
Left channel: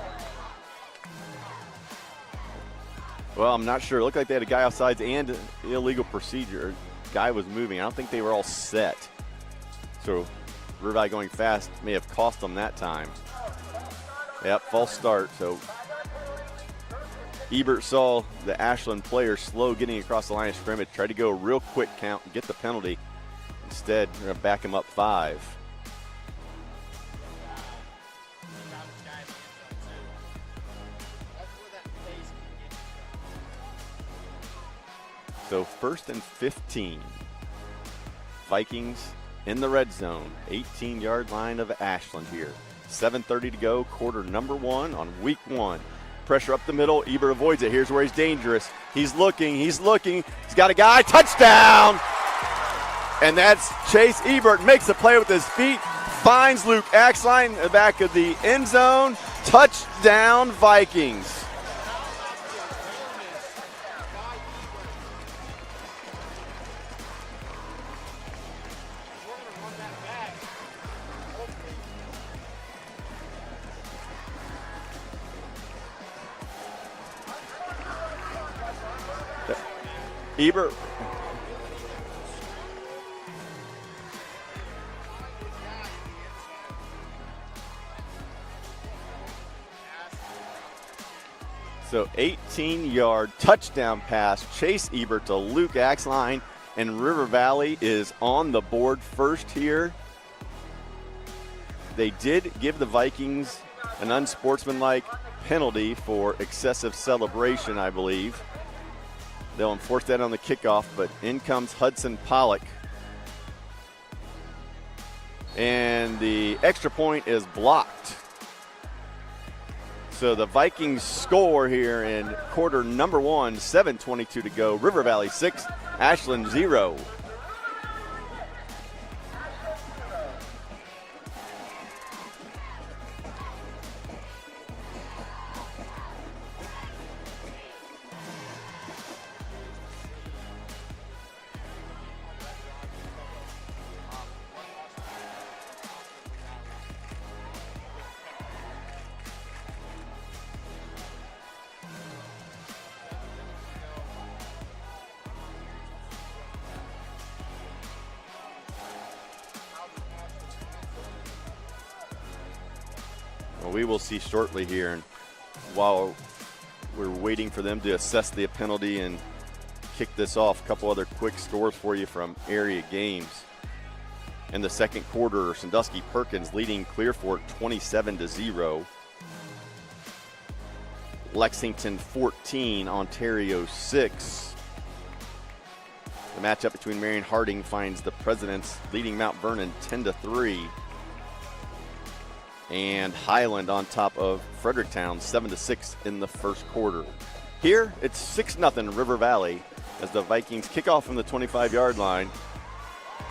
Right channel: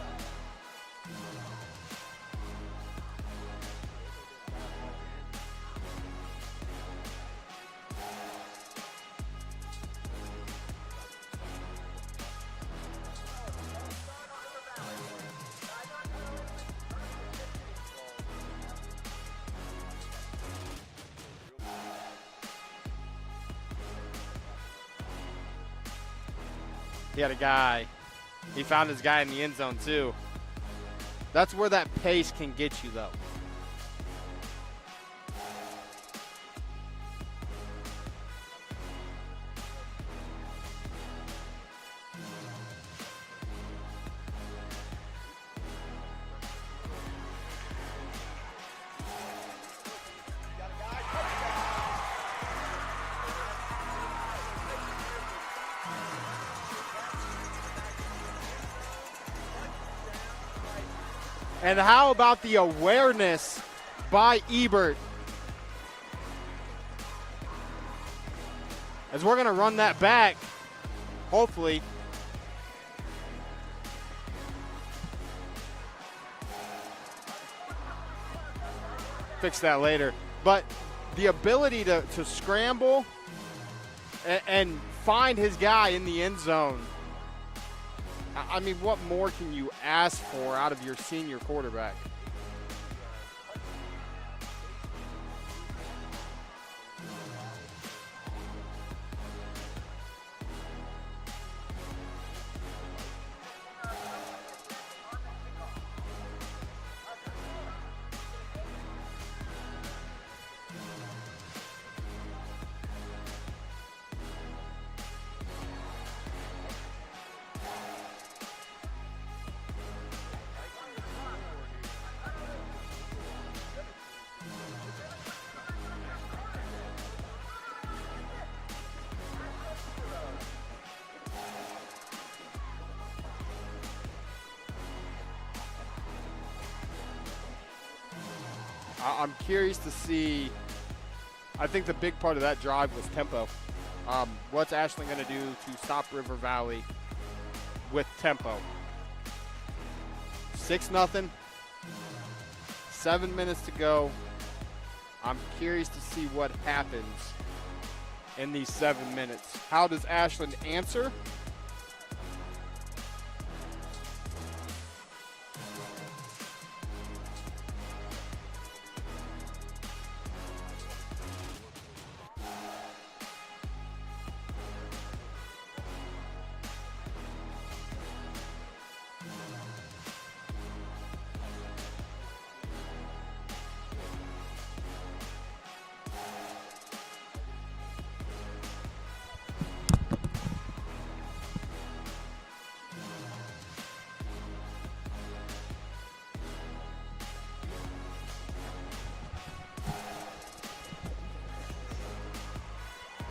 Well, I'm not sure. It looked like they had a guy offsides and illegal procedure. Guy was moving. I don't think they were all set. So River Valley going fast may have cost them that time. Yep, false start. So Ebert saw the Ashland player slow getting across the line of scrimmage, tried to go a real quick count and get the penalty. Instead, they're going to back him up 5. He had a guy. He found his guy in the end zone too. That's where that pace can get you though. So 1st and 15. Vikings in the red zone. 18-yard line of Ashland here. 7:30 to go, quarter number 1 on week 1. Pressure up the middle. Ebert avoids it. Here's where he's dangerous. He's looking. He's got a guy. Touchdown! And that's Chase Ebert. Makes the play with his feet. Finds Luke Axline in the back of the end zone. Touchdown, Vikings. And how about the awareness by Ebert? As we're going to run that back, hopefully. Fix that later. Ebert. But the ability to scramble and find his guy in the end zone. I mean, what more can you ask for out of your senior quarterback? So 18-yard touchdown pass. Chase Ebert to Luke Axline, and River Valley is on the board first here. They did give the Vikings an unsportsmanlike penalty for excessive celebration, I believe. They'll enforce that on the kickoff, but in comes Hudson Pollock. And the extra point is blocked. So the Vikings score here in quarter number 1, 7:22 to go. River Valley 6, Ashland 0. I'm curious to see. I think the big part of that drive was tempo. What's Ashland going to do to stop River Valley with tempo? 6-0. 7 minutes to go. I'm curious to see what happens in these 7 minutes. How does Ashland answer? Well, we will see shortly here. And while we're waiting for them to assess the penalty and kick this off, a couple other quick scores for you from area games. In the second quarter, Sandusky Perkins leading Clearfork 27-0. Lexington 14, Ontario 6. The matchup between Marion Harding finds the Presidents leading Mount Vernon 10-3. And Highland on top of Fredericktown 7-6 in the first quarter. Here, it's 6-0 River Valley as the Vikings kick off from the 25-yard line.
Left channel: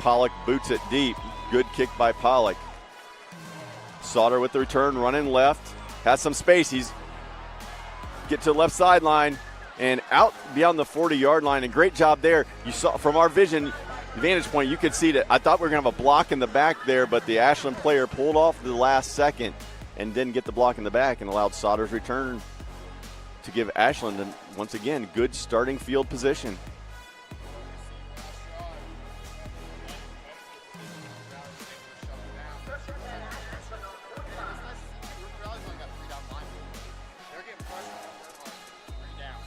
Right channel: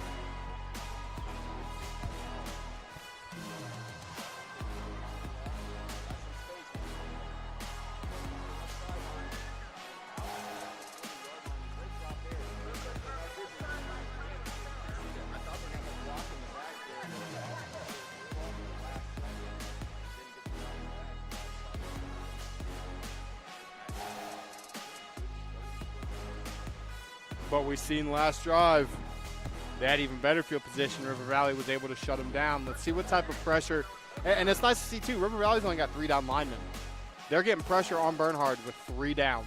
Pollock boots it deep. Good kick by Pollock. Sauter with the return, running left. Has some space. He's get to the left sideline and out beyond the 40-yard line. And great job there. You saw from our vantage point, you could see that. I thought we were going to have a block in the back there, but the Ashland player pulled off the last second and didn't get the block in the back and allowed Sauter's return to give Ashland, once again, good starting field position. But we've seen last drive, they had even better field position. River Valley was able to shut them down. Let's see what type of pressure. And it's nice to see, too, River Valley's only got 3 down linemen. They're getting pressure on Bernhard with 3 down.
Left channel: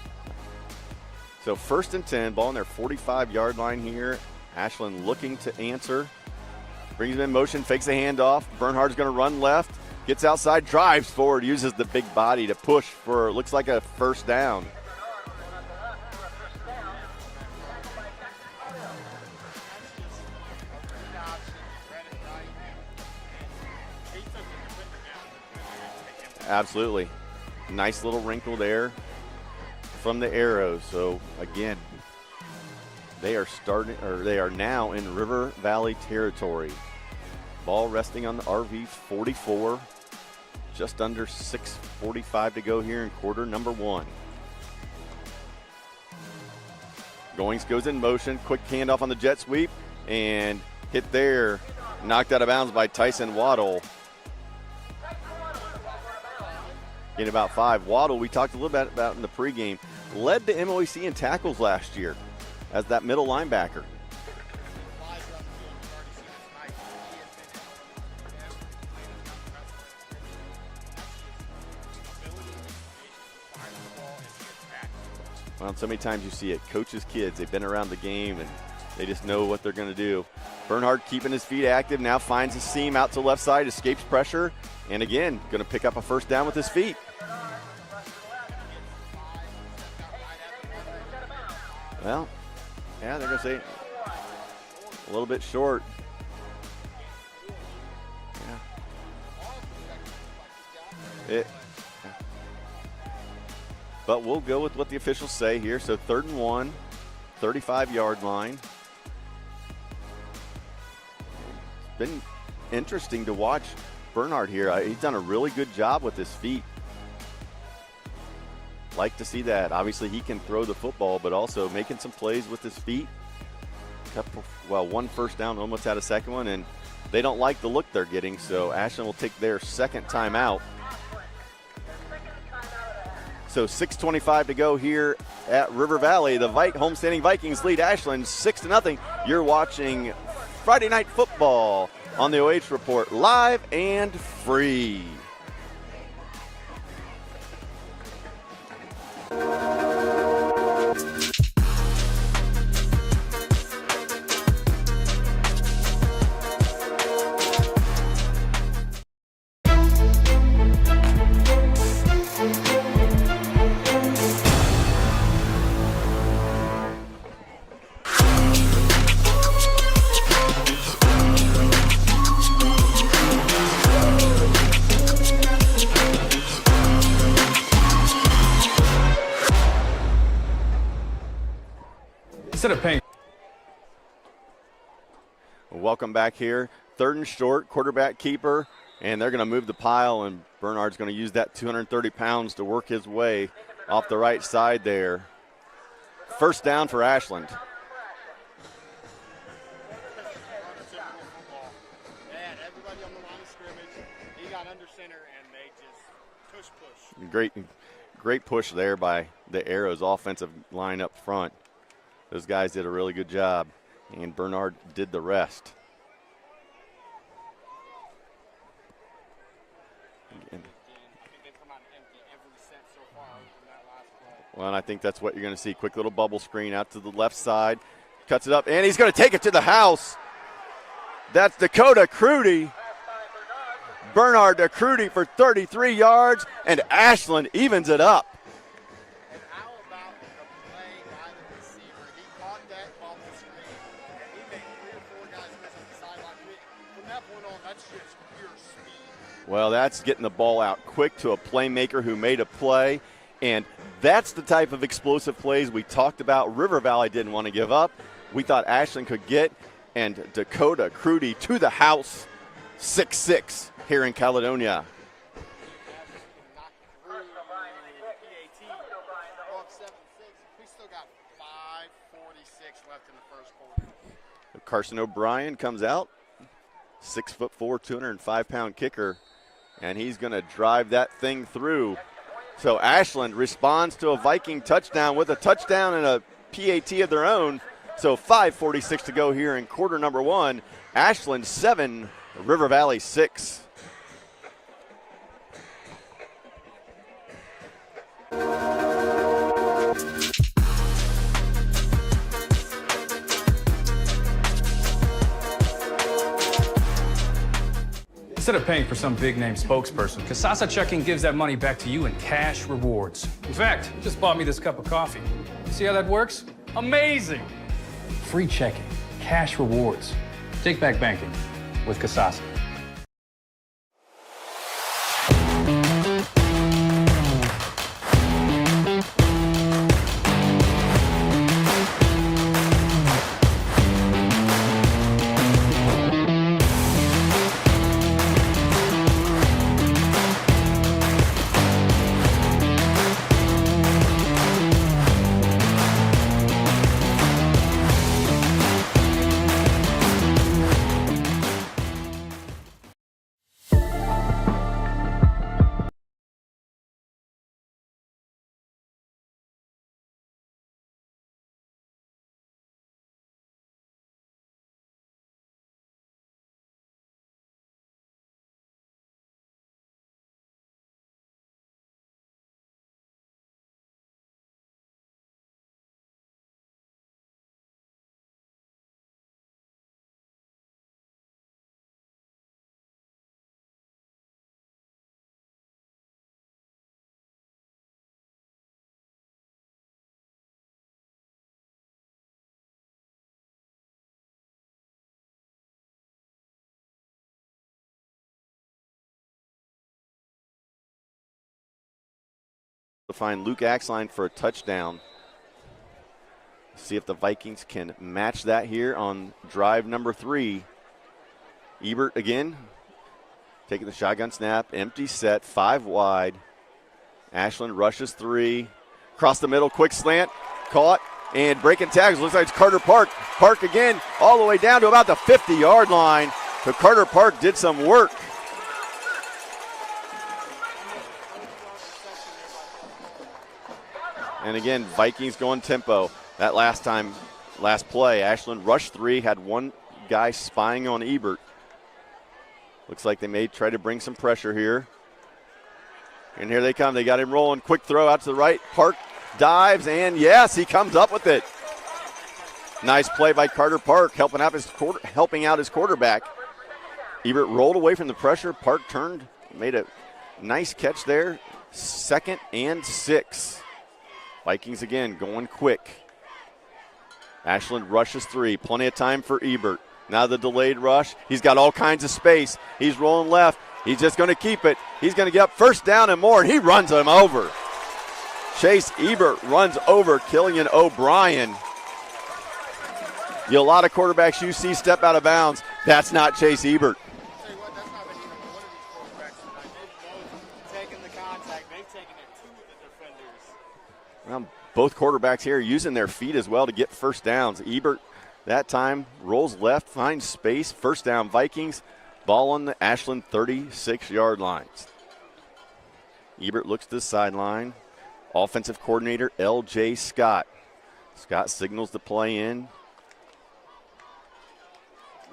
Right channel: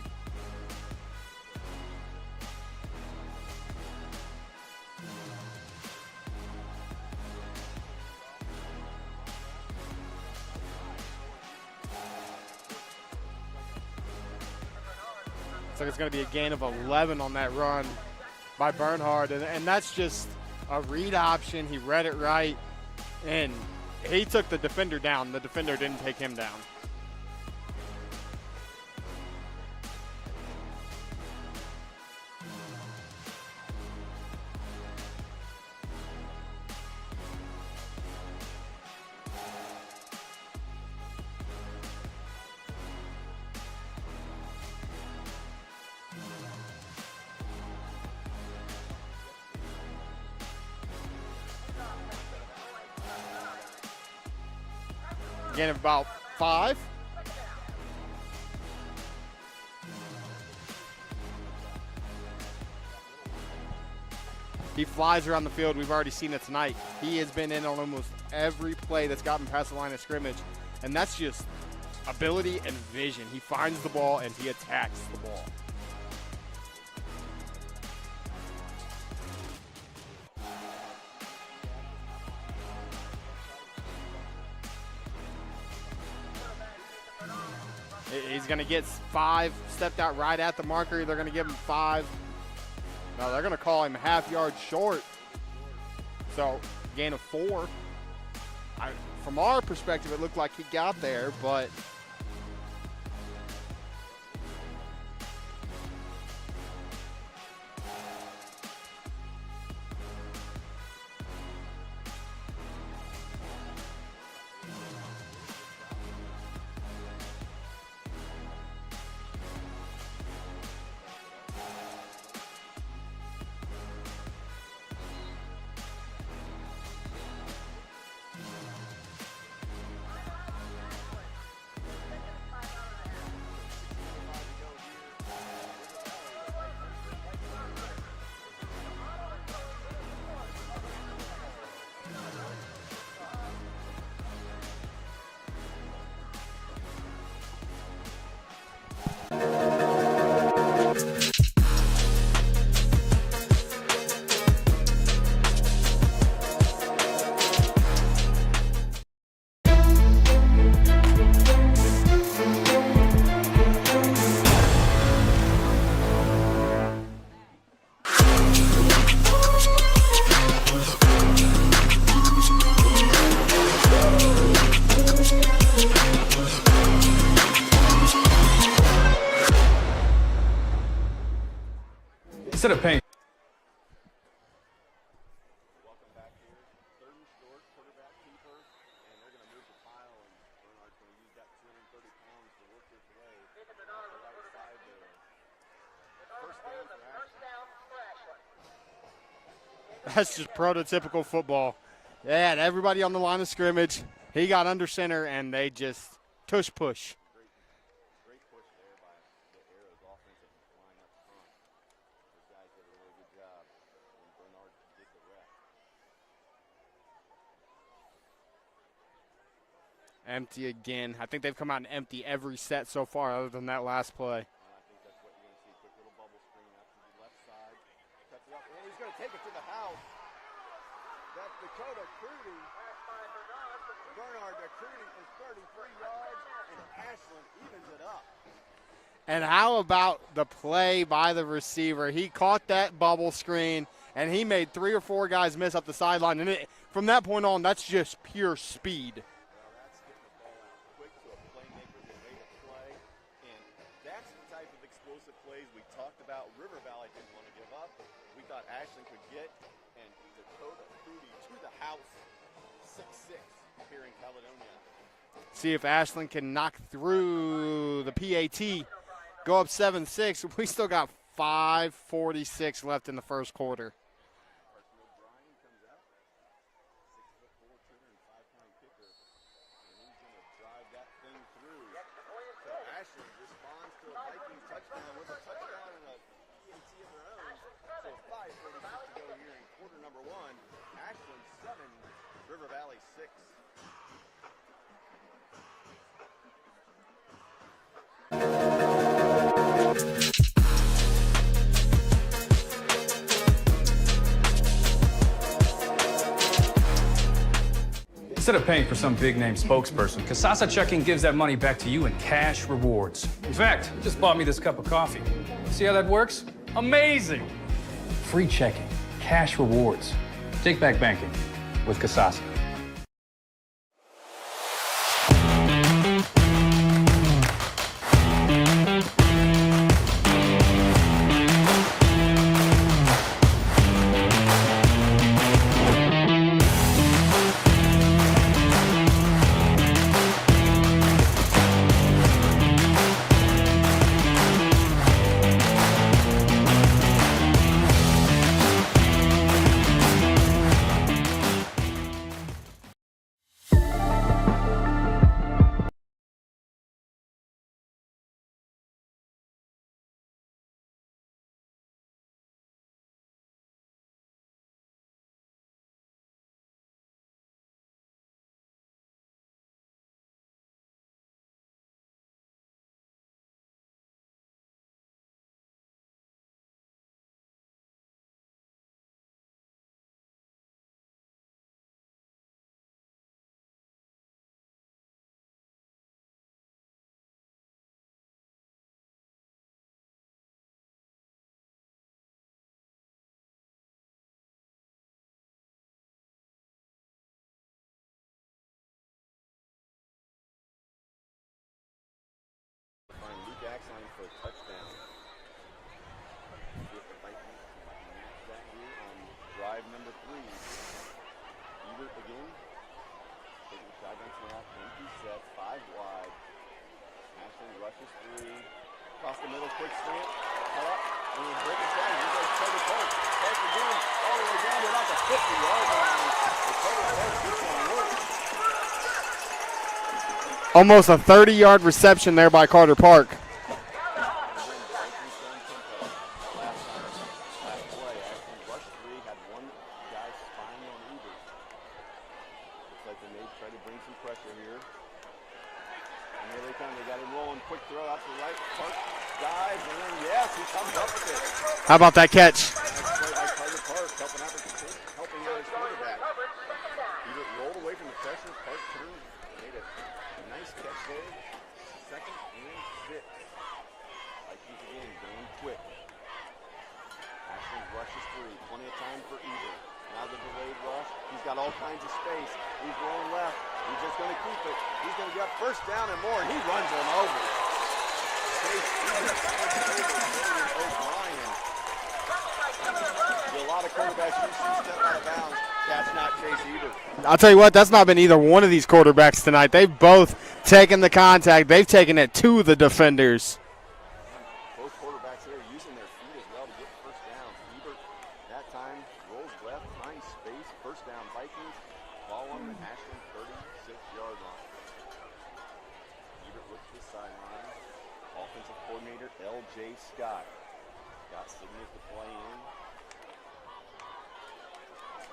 So 1st and 10, ball on their 45-yard line here. Ashland looking to answer. Brings him in motion, fakes a handoff. Bernhard's going to run left, gets outside, drives forward, uses the big body to push for, looks like a 1st down. So it's going to be a gain of 11 on that run by Bernhard. And that's just a read option. He read it right, and he took the defender down. The defender didn't take him down. Absolutely. Nice little wrinkle there from the Arrows. So again, they are now in River Valley territory. Ball resting on the RV 44. Just under 6:45 to go here in quarter number 1. Goings goes in motion, quick handoff on the jet sweep, and hit there, knocked out of bounds by Tyson Waddle. Gain of about 5. In about 5. Waddle, we talked a little bit about in the pregame, led the MOAC in tackles last year as that middle linebacker. He flies around the field. We've already seen it tonight. He has been in on almost every play that's gotten past the line of scrimmage, and that's just ability and vision. He finds the ball and he attacks the ball. Well, so many times you see it. Coaches' kids, they've been around the game and they just know what they're going to do. Bernhard keeping his feet active, now finds a seam out to the left side, escapes pressure, and again, going to pick up a 1st down with his feet. He's going to get 5, stepped out right at the marker. They're going to give him 5. Well, yeah, no, they're going to call him half yard short. A little bit short. So, gain of 4. Yeah. From our perspective, it looked like he got there, but we'll go with what the officials say here. So 3rd and 1, 35-yard line. It's been interesting to watch Bernhard here. He's done a really good job with his feet. Like to see that. Obviously, he can throw the football, but also making some plays with his feet. Well, 1 1st down, almost had a 2nd one, and they don't like the look they're getting, so Ashland will take their 2nd timeout. So 6:25 to go here at River Valley. The homestanding Vikings lead Ashland 6-0. You're watching Friday Night Football on the OH Report, live and free. Instead of paying. Welcome back here. 3rd and short, quarterback keeper, and they're going to move the pile, and Bernhard's going to use that 230 pounds to work his way off the right side there. 1st down for Ashland. That's just prototypical football. They had everybody on the line of scrimmage. He got under center, and they just tush push. Great. Great push there by the Arrows offensive line up front. Those guys did a really good job, and Bernard did the rest. Empty again. I think they've come out empty every set so far other than that last play. Well, and I think that's what you're going to see. Quick little bubble screen out to the left side. Cuts it up, and he's going to take it to the house. That's Dakota Crudy. Bernard Crudy for 33 yards, and Ashland evens it up. And how about the play by the receiver? He caught that bubble screen, and he made 3 or 4 guys miss up the sideline. And from that point on, that's just pure speed. Well, that's getting the ball out quick to a playmaker who made a play, and that's the type of explosive plays we talked about. River Valley didn't want to give up. We thought Ashland could get, and Dakota Crudy to the house, 6-6 here in Caledonia. See if Ashland can knock through the PAT, go up 7-6. We still got 5:46 left in the first quarter. Carson O'Brien comes out, 6'4", 205-pound kicker, and he's going to drive that thing through. So Ashland responds to a Viking touchdown with a touchdown and a PAT of their own. So 5:46 to go here in quarter number 1. Ashland 7, River Valley 6. Instead of paying for some big-name spokesperson, Casasa Checking gives that money back to you in cash rewards. In fact, you just bought me this cup of coffee. See how that works? Amazing! Free checking, cash rewards. Take back banking with Casasa. To find Luke Axline for a touchdown. See if the Vikings can match that here on drive number 3. Ebert again, taking the shotgun snap, empty set, 5 wide. Ashland rushes 3, across the middle, quick slant, caught, and breaking tags. Looks like it's Carter Park. Park again, all the way down to about the 50-yard line. So Carter Park did some work. Almost a 30-yard reception there by Carter Park. And again, Vikings going tempo. That last play, Ashland rushed 3, had one guy spying on Ebert. Looks like they may try to bring some pressure here. And here they come. They got him rolling. Quick throw out to the right. Park dives, and yes, he comes up with it. How about that catch? Nice play by Carter Park, helping out his quarterback. Ebert rolled away from the pressure. Park turned, made a nice catch there. 2nd and 6. Vikings again going quick. Ashland rushes 3. Plenty of time for Ebert. Now the delayed rush. He's got all kinds of space. He's rolling left. He's just going to keep it. He's going to get first down and more, and he runs him over. Chase Ebert runs over Killian O'Brien. A lot of quarterbacks you see step out of bounds. That's not Chase Ebert. I'll tell you what, that's not been either one of these quarterbacks tonight. They've both taken the contact. They've taken it to the defenders. Both quarterbacks here using their feet as well to get first downs. Ebert that time rolls left, finds space. First down Vikings. Ball on the Ashland 36-yard line. Ebert looks to the sideline. offensive coordinator L.J. Scott. Scott signals the play in.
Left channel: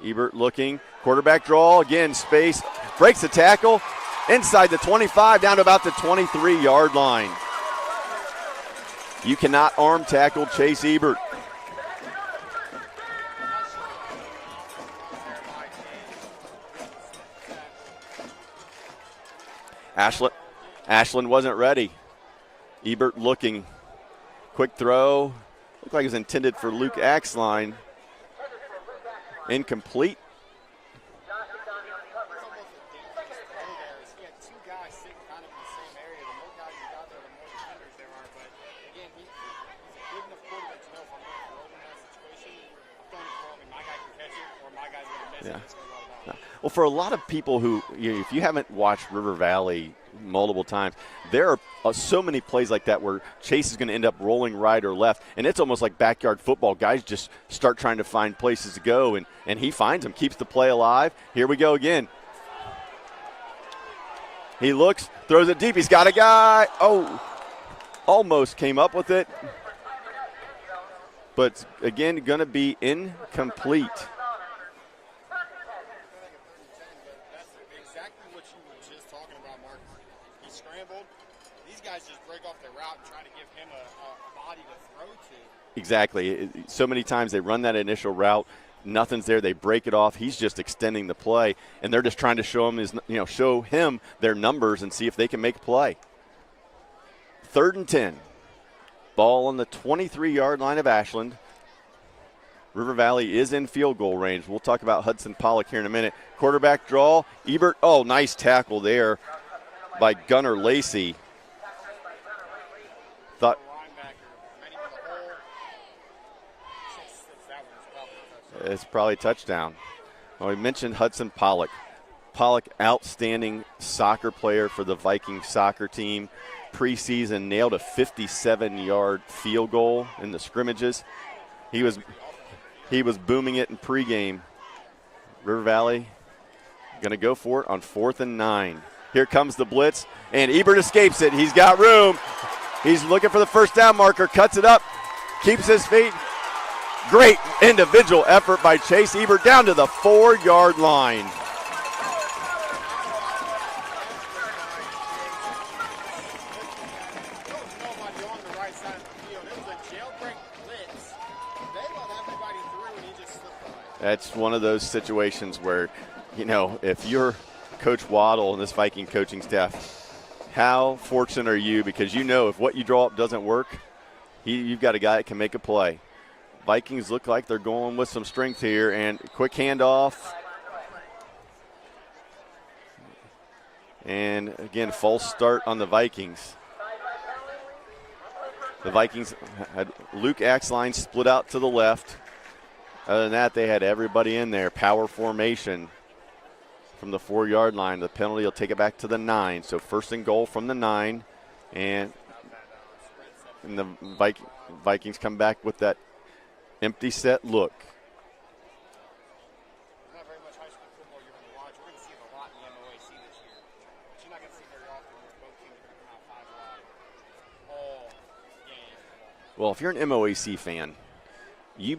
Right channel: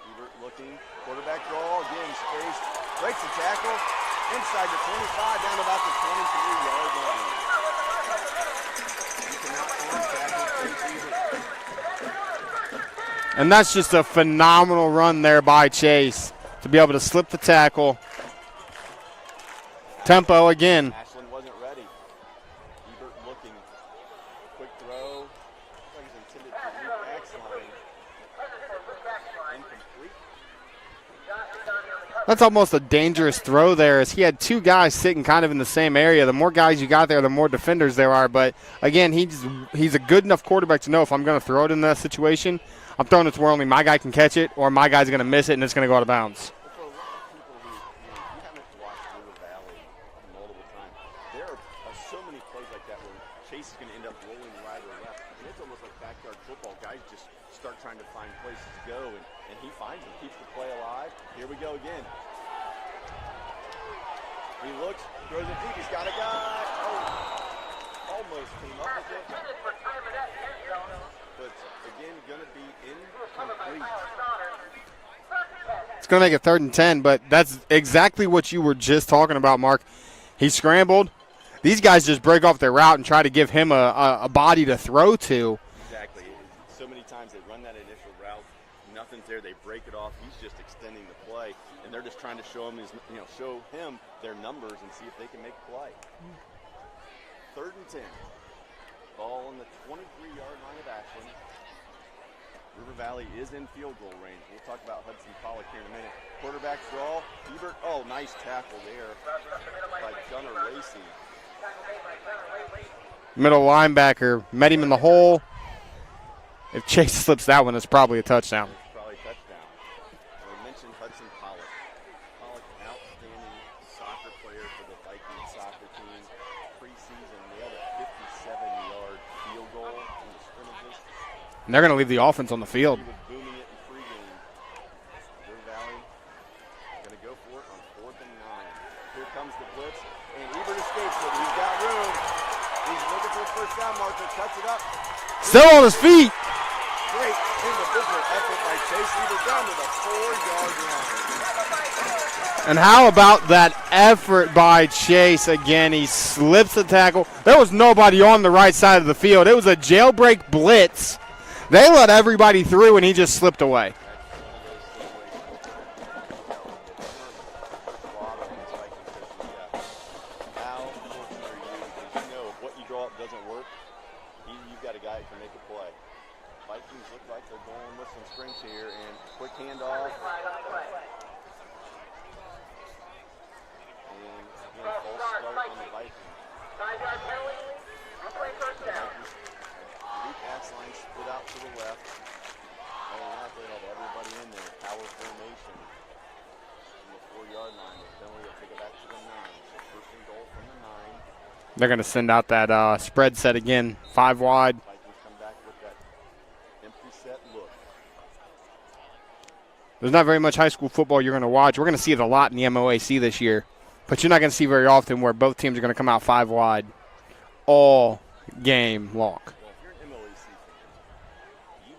Ebert looking, quarterback draw, again, space, breaks the tackle, inside the 25, down to about the 23-yard line. You cannot arm tackle Chase Ebert. And that's just a phenomenal run there by Chase to be able to slip the tackle. Tempo again. Ashland wasn't ready. Ebert looking, quick throw, looked like it was intended for Luke Axline. Incomplete. That's almost a dangerous throw there, as he had two guys sitting kind of in the same area. The more guys you got there, the more defenders there are. But, again, he's a good enough quarterback to know if I'm going to throw it in that situation, I'm throwing it to where only my guy can catch it or my guy's going to miss it and it's going to go out of bounds. Well, for a lot of people who, if you haven't watched River Valley multiple times, there are so many plays like that where Chase is going to end up rolling right or left, and it's almost like backyard football. Guys just start trying to find places to go, and he finds them, keeps the play alive. Here we go again. He looks, throws it deep. He's got a guy. Oh, almost came up with it. But, again, going to be incomplete. It's going to make it 3rd and 10, but that's exactly what you were just talking about, Mark. He scrambled. These guys just break off their route and try to give him a body to throw to. Exactly. So many times they run that initial route. Nothing's there. They break it off. He's just extending the play, and they're just trying to show him their numbers and see if they can make a play. 3rd and 10. Ball on the 23-yard line of Ashland. River Valley is in field goal range. We'll talk about Hudson Pollock here in a minute. Quarterback draw. Ebert, oh, nice tackle there by Gunnar Lacey. Middle linebacker met him in the hole. If Chase slips that one, it's probably a touchdown. It's probably a touchdown. Well, we mentioned Hudson Pollock. Pollock, outstanding soccer player for the Viking soccer team. Preseason nailed a 57-yard field goal in the scrimmages. And they're going to leave the offense on the field. He was booming it in pregame. River Valley going to go for it on 4th and 9. Here comes the blitz, and Ebert escapes it. He's got room. He's looking for the first down marker, cuts it up. Still on his feet. Great individual effort by Chase Ebert down to the 4-yard line. And how about that effort by Chase again? He slips the tackle. There was nobody on the right side of the field. It was a jailbreak blitz. They let everybody through, and he just slipped away. That's one of those situations where, if you're Coach Waddle and this Viking coaching staff, how fortunate are you? Because if what you draw up doesn't work, you've got a guy that can make a play. Vikings look like they're going with some strength here, and quick handoff. And, again, false start on the Vikings. The Vikings had Luke Axline split out to the left. Other than that, they had everybody in there. Power formation from the 4-yard line. The penalty will take it back to the 9. So 1st and goal from the 9. They're going to send out that spread set again, 5 wide. Vikings come back with that empty set look. There's not very much high school football you're going to watch. We're going to see it a lot in the MOAC this year. But you're not going to see very often where both teams are going to come out 5 wide all game long. Well, if you're an MOAC fan, you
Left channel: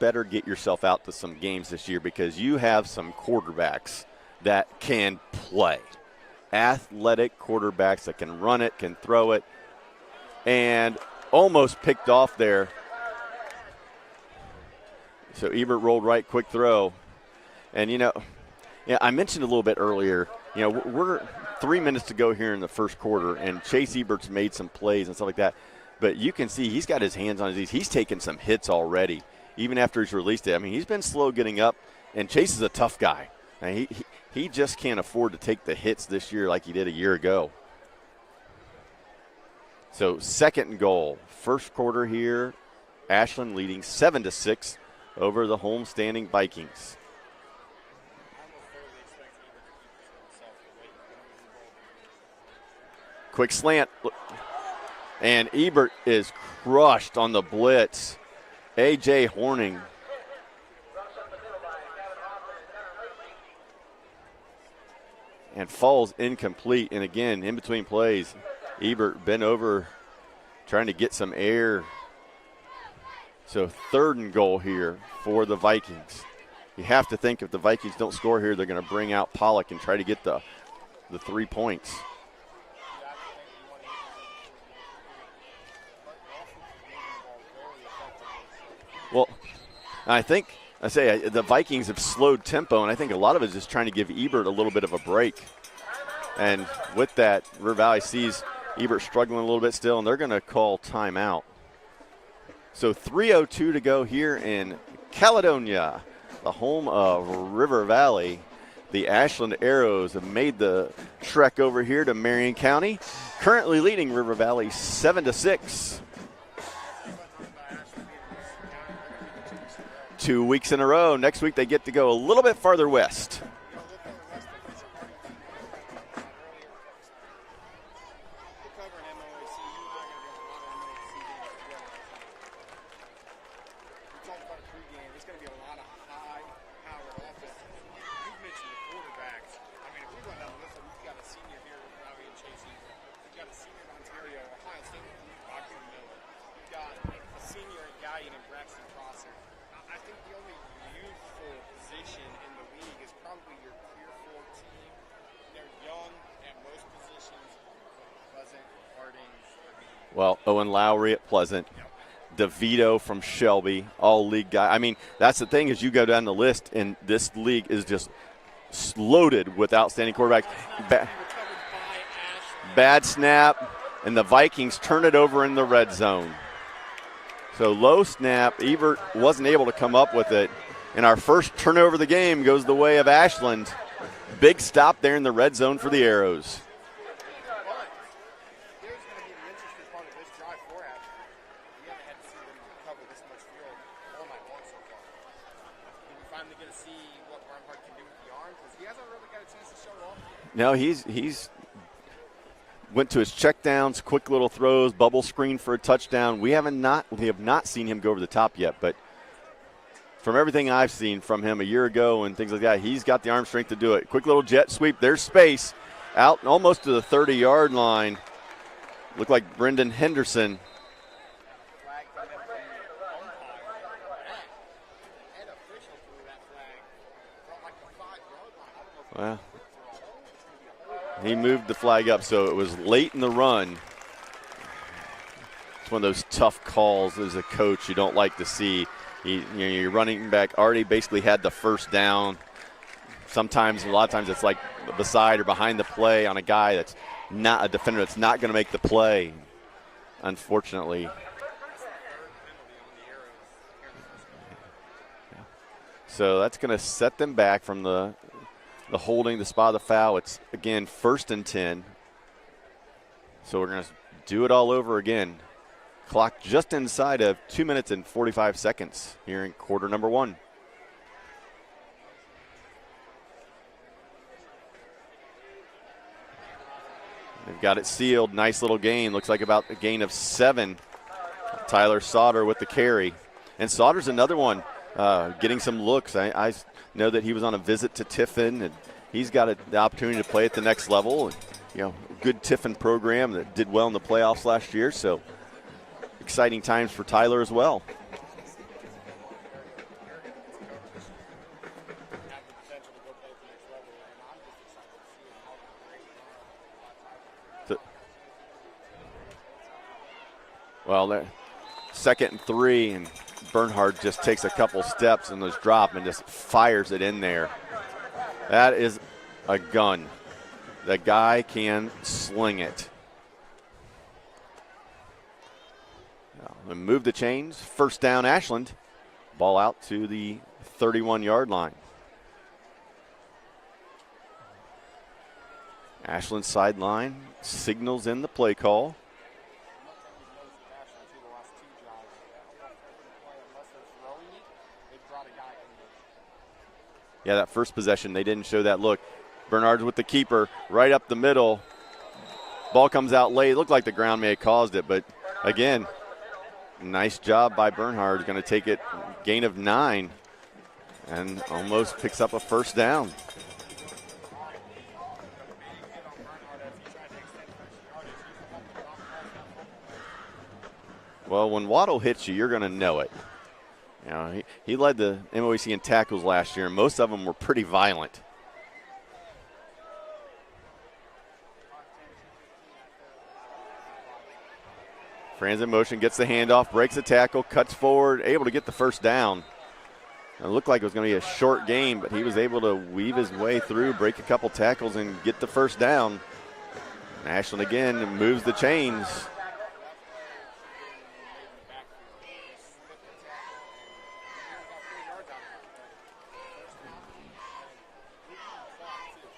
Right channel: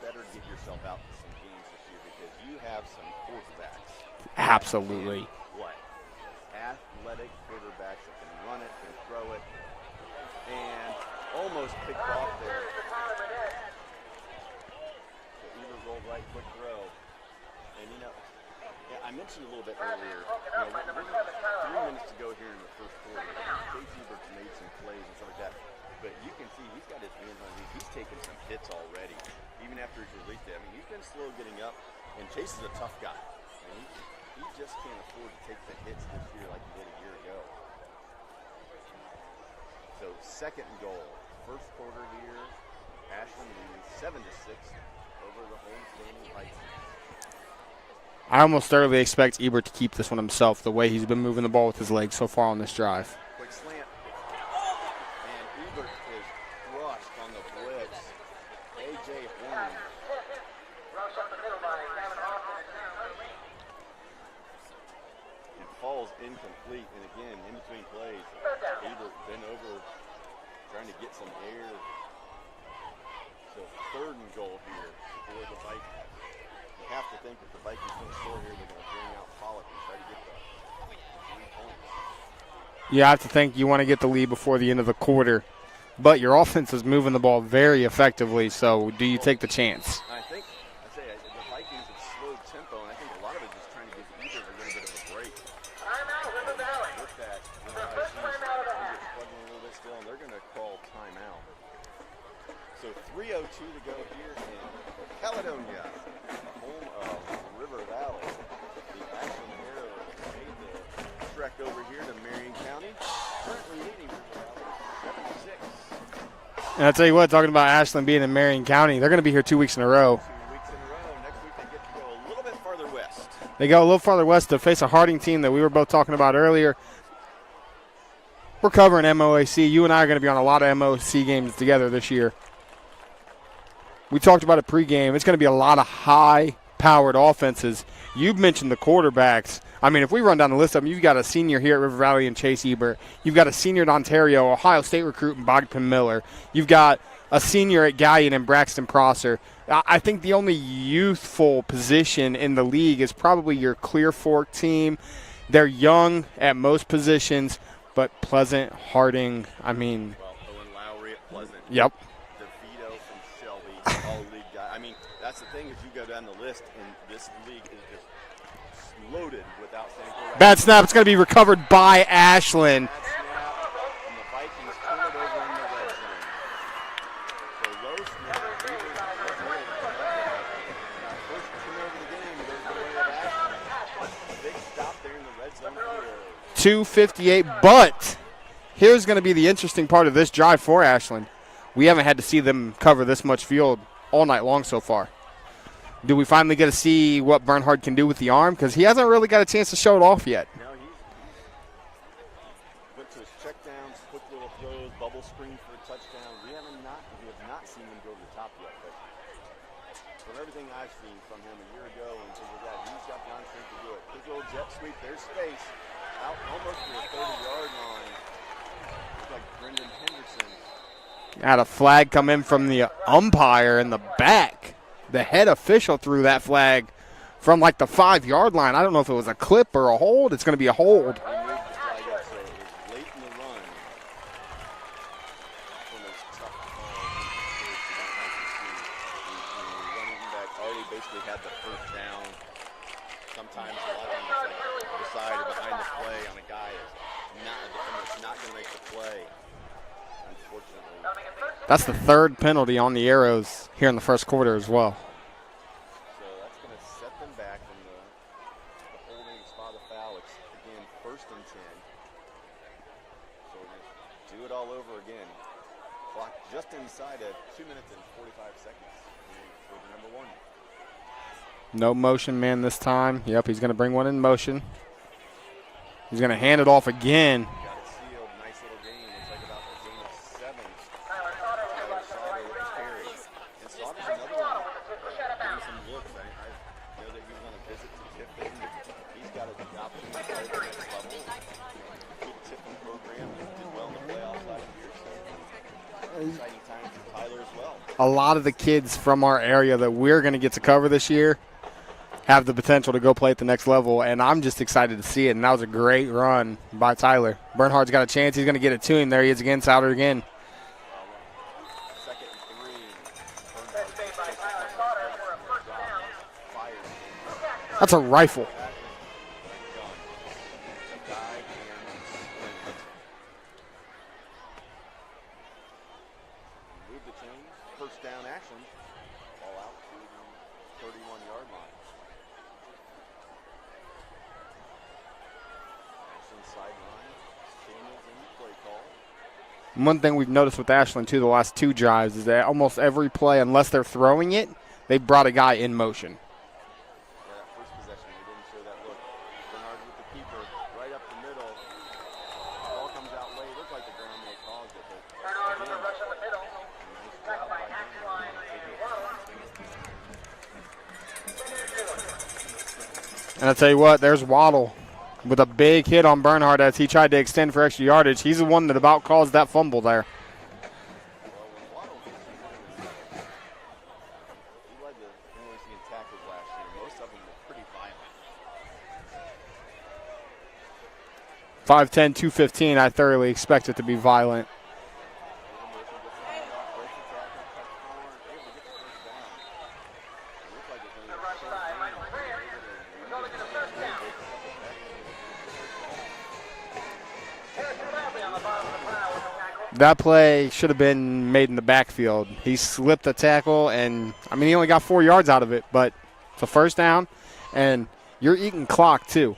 better get yourself out to some games this year because you have some quarterbacks that can play. Athletic quarterbacks that can run it, can throw it, and almost picked off there. So Ebert rolled right, quick throw. And, I mentioned a little bit earlier, we're 3 minutes to go here in the first quarter, and Chase Ebert's made some plays and stuff like that. But you can see he's got his hands on his knees. He's taken some hits already, even after he's released it. I mean, he's been slow getting up, and Chase is a tough guy. And he just can't afford to take the hits this year like he did a year ago. So 2nd and goal. First quarter here, Ashland leading 7-6 over the home-standing Vikings. I almost thoroughly expect Ebert to keep this one himself, the way he's been moving the ball with his legs so far on this drive. Quick slant. And Ebert is crushed on the blitz. A.J. Horning. And falls incomplete. And again, in between plays, Ebert bent over trying to get some air. So 3rd and goal here for the Vikings. You have to think if the Vikings don't score here, they're going to bring out Pollock and try to get the 3 points. You have to think you want to get the lead before the end of the quarter. But your offense is moving the ball very effectively, so do you take the chance? I think, the Vikings have slowed tempo, and I think a lot of it is just trying to give Ebert a little bit of a break. And with that, River Valley sees Ebert struggling a little bit still, and they're going to call timeout. So 3:02 to go here in Caledonia, the home of River Valley. The Ashland Arrows have made the trek over here to Marion County, currently leading River Valley 7-6. And I'll tell you what, talking about Ashland being in Marion County, they're going to be here 2 weeks in a row. 2 weeks in a row. Next week they get to go a little bit farther west. They go a little farther west to face a Harding team that we were both talking about earlier. We're covering MOAC. You and I are going to be on a lot of MOAC games together this year. We talked about it pregame. It's going to be a lot of high-powered offenses. You've mentioned the quarterbacks. I mean, if we run down the list of them, you've got a senior here at River Valley in Chase Ebert. You've got a senior at Ontario, Ohio State recruit in Bogdan Miller. You've got a senior at Gallion in Braxton Prosser. I think the only youthful position in the league is probably your Clear Fork team. They're young at most positions, but Pleasant, Harding, Well, Owen Lowry at Pleasant. Yep. DeVito from Shelby, all league guy. I mean, that's the thing is you go down the list, and this league is just loaded with outstanding quarterbacks. Bad snap. It's going to be recovered by Ashland. Bad snap, and the Vikings turn it over in the red zone. So low snap. Ebert wasn't able to come up with it. And our first turnover of the game goes the way of Ashland. Big stop there in the red zone for the Arrows. 2:58, but here's going to be the interesting part of this drive for Ashland. We haven't had to see them cover this much field all night long so far. Do we finally get to see what Bernhard can do with the arm? Because he hasn't really got a chance to show it off yet. No, he's went to his checkdowns, quick little throws, bubble screen for a touchdown. We have not seen him go over the top yet, but from everything I've seen from him a year ago and things like that, he's got the arm strength to do it. Quick little jet sweep. There's space out almost to the 30-yard line. Looked like Brendan Henderson. Had a flag come in from the umpire in the back. The head official threw that flag from like the 5-yard line. I don't know if it was a clip or a hold. It's going to be a hold. He moved the flag up, so it was late in the run. It's one of those tough calls as a coach you don't like to see. Your running back already basically had the first down. Sometimes, a lot of times, it's like beside or behind the play on a guy that's not a defender that's not going to make the play, unfortunately. That's the 3rd penalty on the Arrows here in the first quarter as well. So that's going to set them back from the holding, the spot of the foul. It's, again, 1st and 10. So we're going to do it all over again. Clock just inside of 2 minutes and 45 seconds here in quarter number 1. No motion man this time. Yep, he's going to bring one in motion. He's going to hand it off again. They've got it sealed. Nice little gain. Looks like about a gain of 7. Tyler Sauter with the carry. And Sauter's another one getting some looks. I know that he was on a visit to Tiffin, and he's got the opportunity to play at the next level. Good Tiffin program that did well in the playoffs last year. So exciting times for Tyler as well. A lot of the kids from our area that we're going to get to cover this year have the potential to go play at the next level, and I'm just excited to see it. And that was a great run by Tyler. Bernhard's got a chance. He's going to get it to him. There he is again, Sauter again. Well, 2nd and 3, and Bernhard just takes a couple steps in this drop and just fires it in there. That's a rifle. That is a gun. The guy can sling it. Move the chains. First down, Ashland. Ball out to the 31-yard line. Ashland sideline signals in the play call. One thing we've noticed with Ashland, too, the last 2 drives is that almost every play, unless they're throwing it, they brought a guy in motion. Yeah, that first possession, they didn't show that look. Bernard's with the keeper right up the middle. Ball comes out late. It looked like the ground may have caused it, but again, nice job by Bernhard. Going to take it, gain of 9, and almost picks up a first down. And I'll tell you what, there's Waddle with a big hit on Bernhard as he tried to extend for extra yardage. He's the one that about caused that fumble there. Well, when Waddle hits you, you're going to know it. You know, he led the MOAC in tackles last year, and most of them were pretty violent. 5'10", 215, I thoroughly expect it to be violent. Franz in motion, gets the handoff, breaks the tackle, cuts forward, able to get the first down. It looked like it was going to be a short game, but he was able to weave his way through, break a couple tackles, and get the first down. Ashland again moves the chains. That play should have been made in the backfield. He slipped the tackle, and, I mean, he only got 4 yards out of it, but it's a first down, and you're eating clock, too.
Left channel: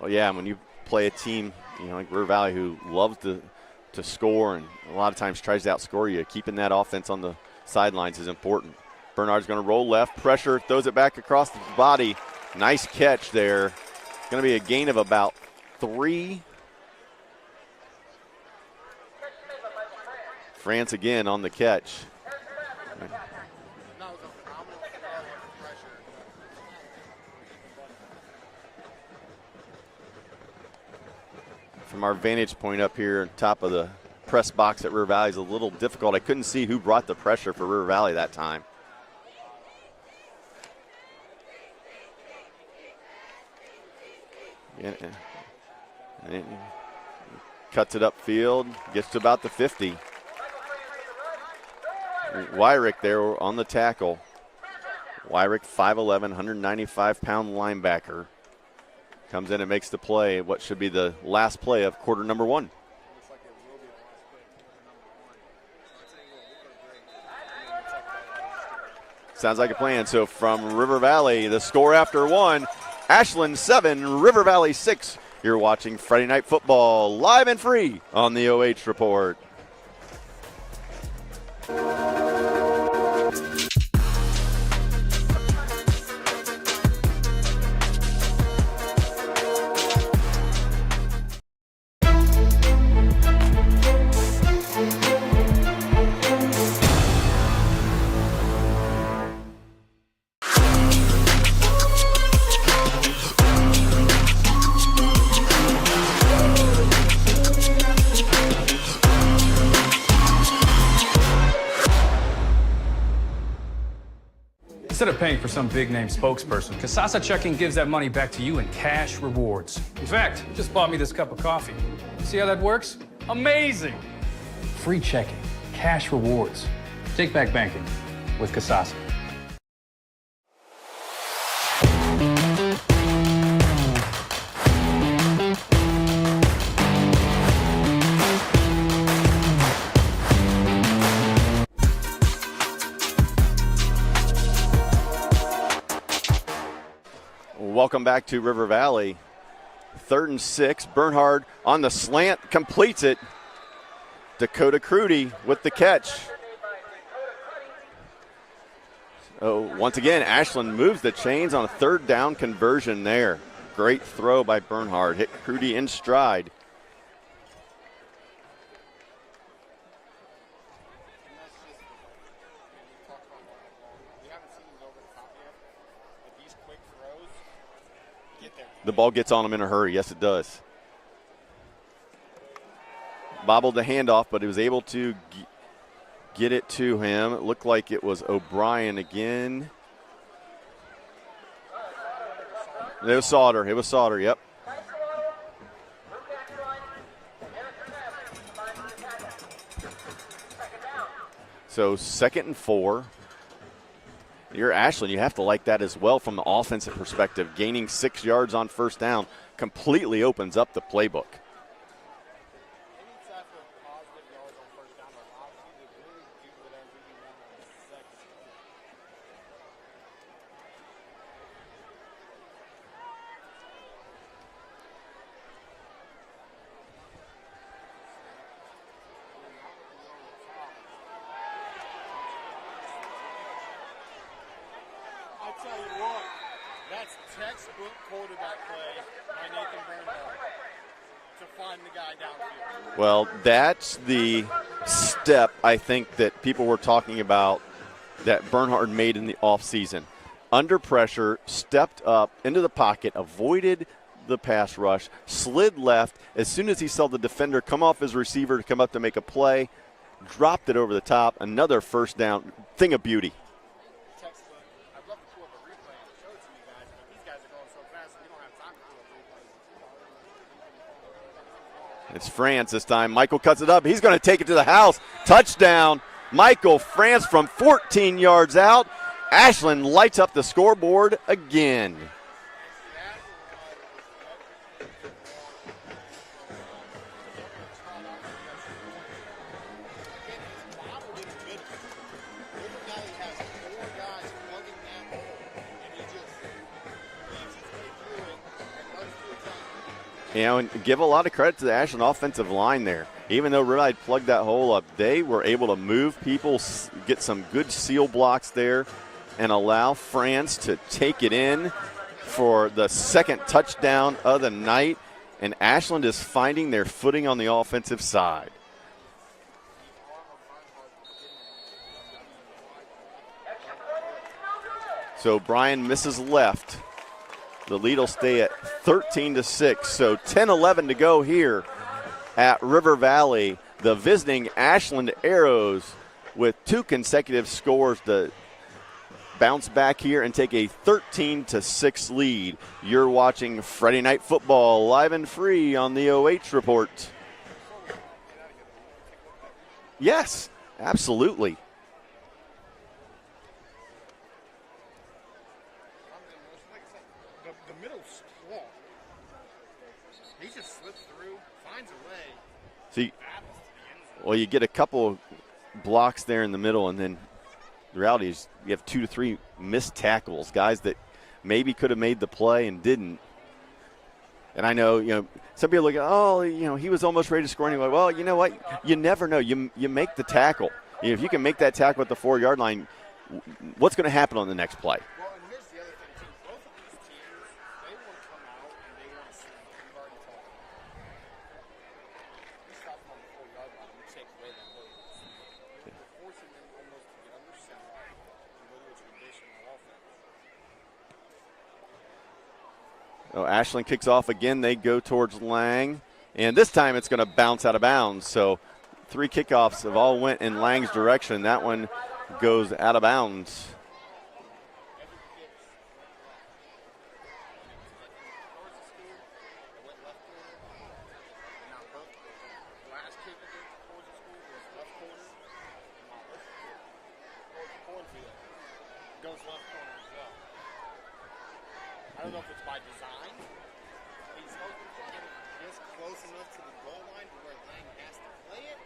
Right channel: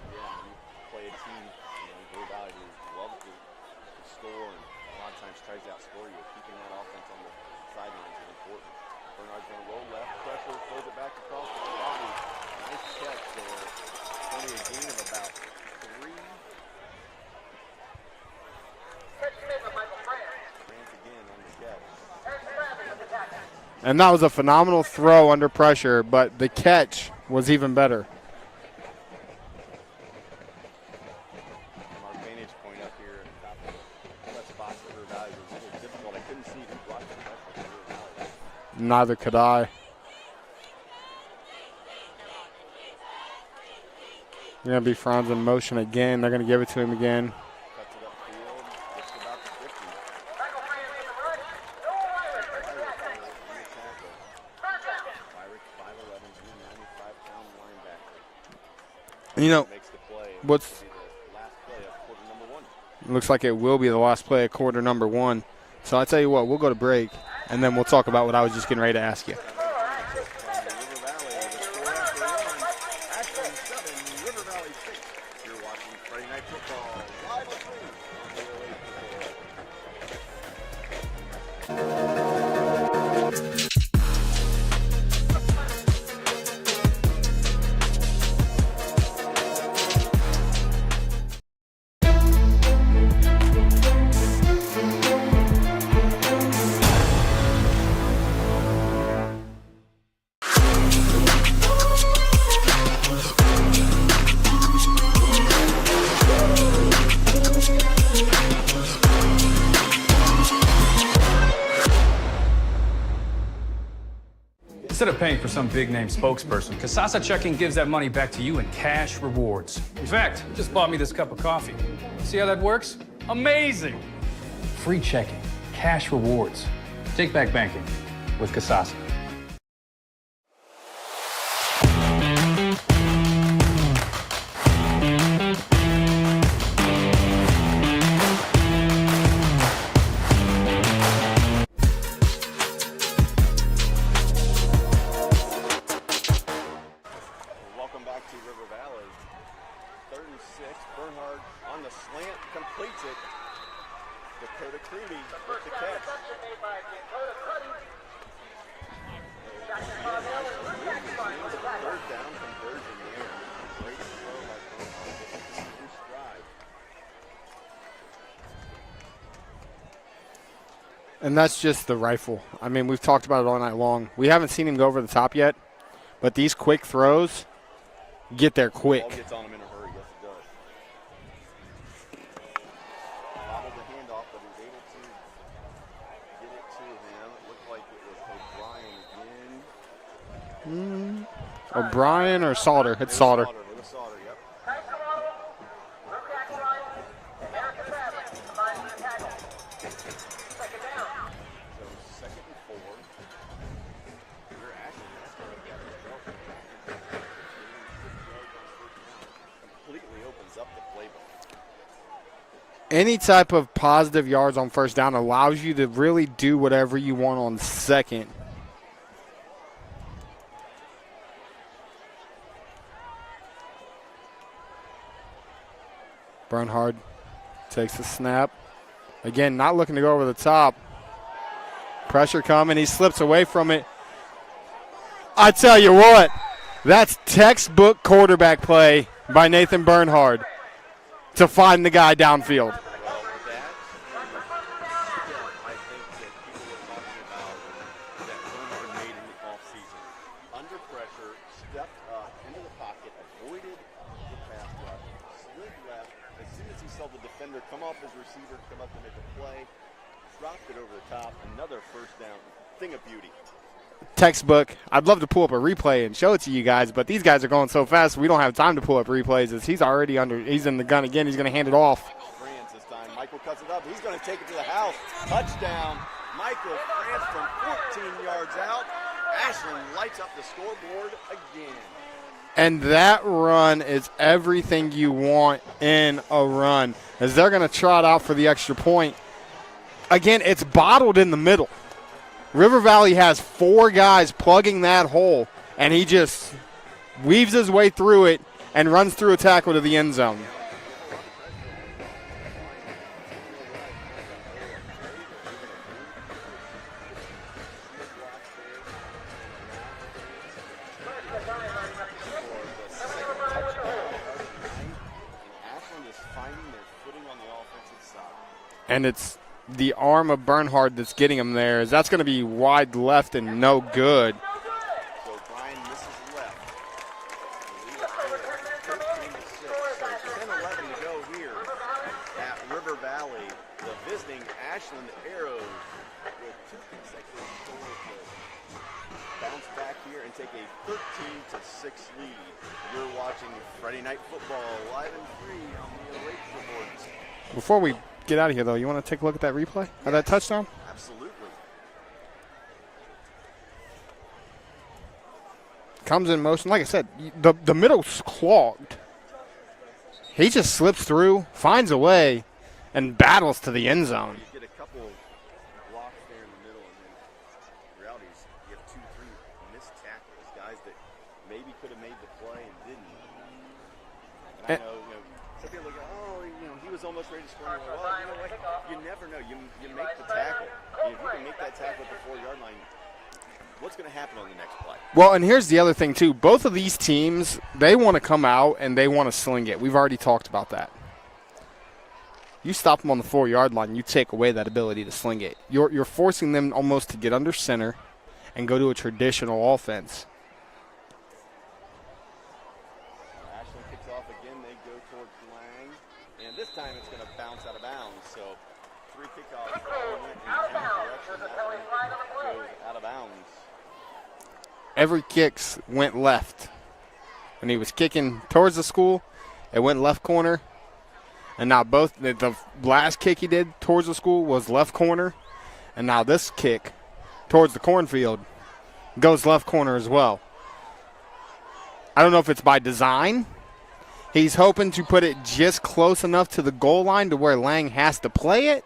Well, yeah, when you play a team, you know, like River Valley, who loves to score and a lot of times tries to outscore you, keeping that offense on the sidelines is important. Bernhard's going to roll left, pressure, throws it back across the body. Nice catch there. It's going to be a gain of about 3. France again on the catch. And that was a phenomenal throw under pressure, but the catch was even better. From our vantage point up here, top of the press box at River Valley is a little difficult. I couldn't see who brought the pressure for River Valley that time. Neither could I. Going to be Franz in motion again. They're going to give it to him again. Cuts it upfield, gets to about the 50. Wyrick there on the tackle. Wyrick, 5'11", 195-pound linebacker. Comes in and makes the play. What should be the last play of quarter number 1. Looks like it will be the last play of quarter number 1. So I tell you what, we'll go to break, and then we'll talk about what I was just getting ready to ask you. Sounds like a plan. So from River Valley, the score after 1, Ashland 7, River Valley 6. You're watching Friday Night Football live and free on the OH Report. Instead of paying for some big-name spokesperson, Kasasa Checking gives that money back to you in cash rewards. In fact, you just bought me this cup of coffee. See how that works? Amazing! Free checking, cash rewards. Take back banking with Kasasa. Welcome back to River Valley. 3rd and 6. Bernhard on the slant, completes it. Dakota Crudy with the catch. Oh, once again, Ashland moves the chains on a 3rd down conversion there. Great throw by Bernhard. Hit Crudy in stride. And that's just the rifle. I mean, we've talked about it all night long. We haven't seen him go over the top yet, but these quick throws get there quick. The ball gets on him in a hurry. Yes, it does. Bobbled the handoff, but he was able to get it to him. It looked like it was O'Brien again. O'Brien or Sauter? It was Sauter. It was Sauter, yep. So 2nd and 4. You're Ashland, you have to like that as well from the offensive perspective. Gaining 6 yards on 1st down completely opens up the playbook. Any type of positive yards on 1st down allows you to really do whatever you want on 2nd. Bernhard takes the snap. Again, not looking to go over the top. Pressure coming, he slips away from it. I tell you what, that's textbook quarterback play by Nathan Bernhard to find the guy downfield. Well, that's the step I think that people were talking about that Bernhard made in the offseason. Under pressure, stepped up into the pocket, avoided the pass rush, slid left. As soon as he saw the defender come off his receiver to come up to make a play, dropped it over the top. Another first down. Thing of beauty. Textbook. I'd love to pull up a replay and show it to you guys, but these guys are going so fast we don't have time to pull up replays. As he's already he's in the gun again. He's going to hand it off. It's France this time. Michael cuts it up. He's going to take it to the house. Touchdown. Michael France from 14 yards out. Ashland lights up the scoreboard again. And that run is everything you want in a run, as they're going to trot out for the extra point. Again, it's bottled in the middle. River Valley has 4 guys plugging that hole, and he just weaves his way through it and runs through a tackle to the end zone. You know, and give a lot of credit to the Ashland offensive line there. Even though Rhode plugged that hole up, they were able to move people, get some good seal blocks there, and allow France to take it in for the second touchdown of the night. And Ashland is finding their footing on the offensive side. And it's the arm of Bernhard that's getting him there, as that's going to be wide left and no good. So Brian misses left. The lead will stay at 13-6. So 10-11 to go here at River Valley. The visiting Ashland Arrows with 2 consecutive scores to bounce back here and take a 13-6 lead. You're watching Friday Night Football live and free on the OH Report. Before we get out of here, though, you want to take a look at that replay? Yes, that touchdown? Absolutely. Comes in motion. Like I said, the middle's clogged. He just slips through, finds a way, and battles to the end zone. Well, you get a couple of blocks there in the middle, and then the reality is you have 2 to 3 missed tackles, guys that maybe could have made the play and didn't. And I know, some people look at, he was almost ready to score anyway. Well, you know what? You never know. You make the tackle. If you can make that tackle at the 4-yard line, what's going to happen on the next play? Well, and here's the other thing, too. Both of these teams, they want to come out and they want to sling it. We've already talked about that. You stop them on the 4-yard line, you take away that ability to sling it. You're forcing them almost to get under center and go to a traditional offense. Oh, Ashland kicks off again. They go towards Lang, and this time it's going to bounce out of bounds. So 3 kickoffs have all went in Lang's direction. That one goes out of bounds. Every kicks went left. When he was kicking towards the school, it went left corner. And now the last kick he did towards the school was left corner. And now this kick towards the cornfield goes left corner as well. I don't know if it's by design. He's hoping to put it just close enough to the goal line to where Lang has to play it.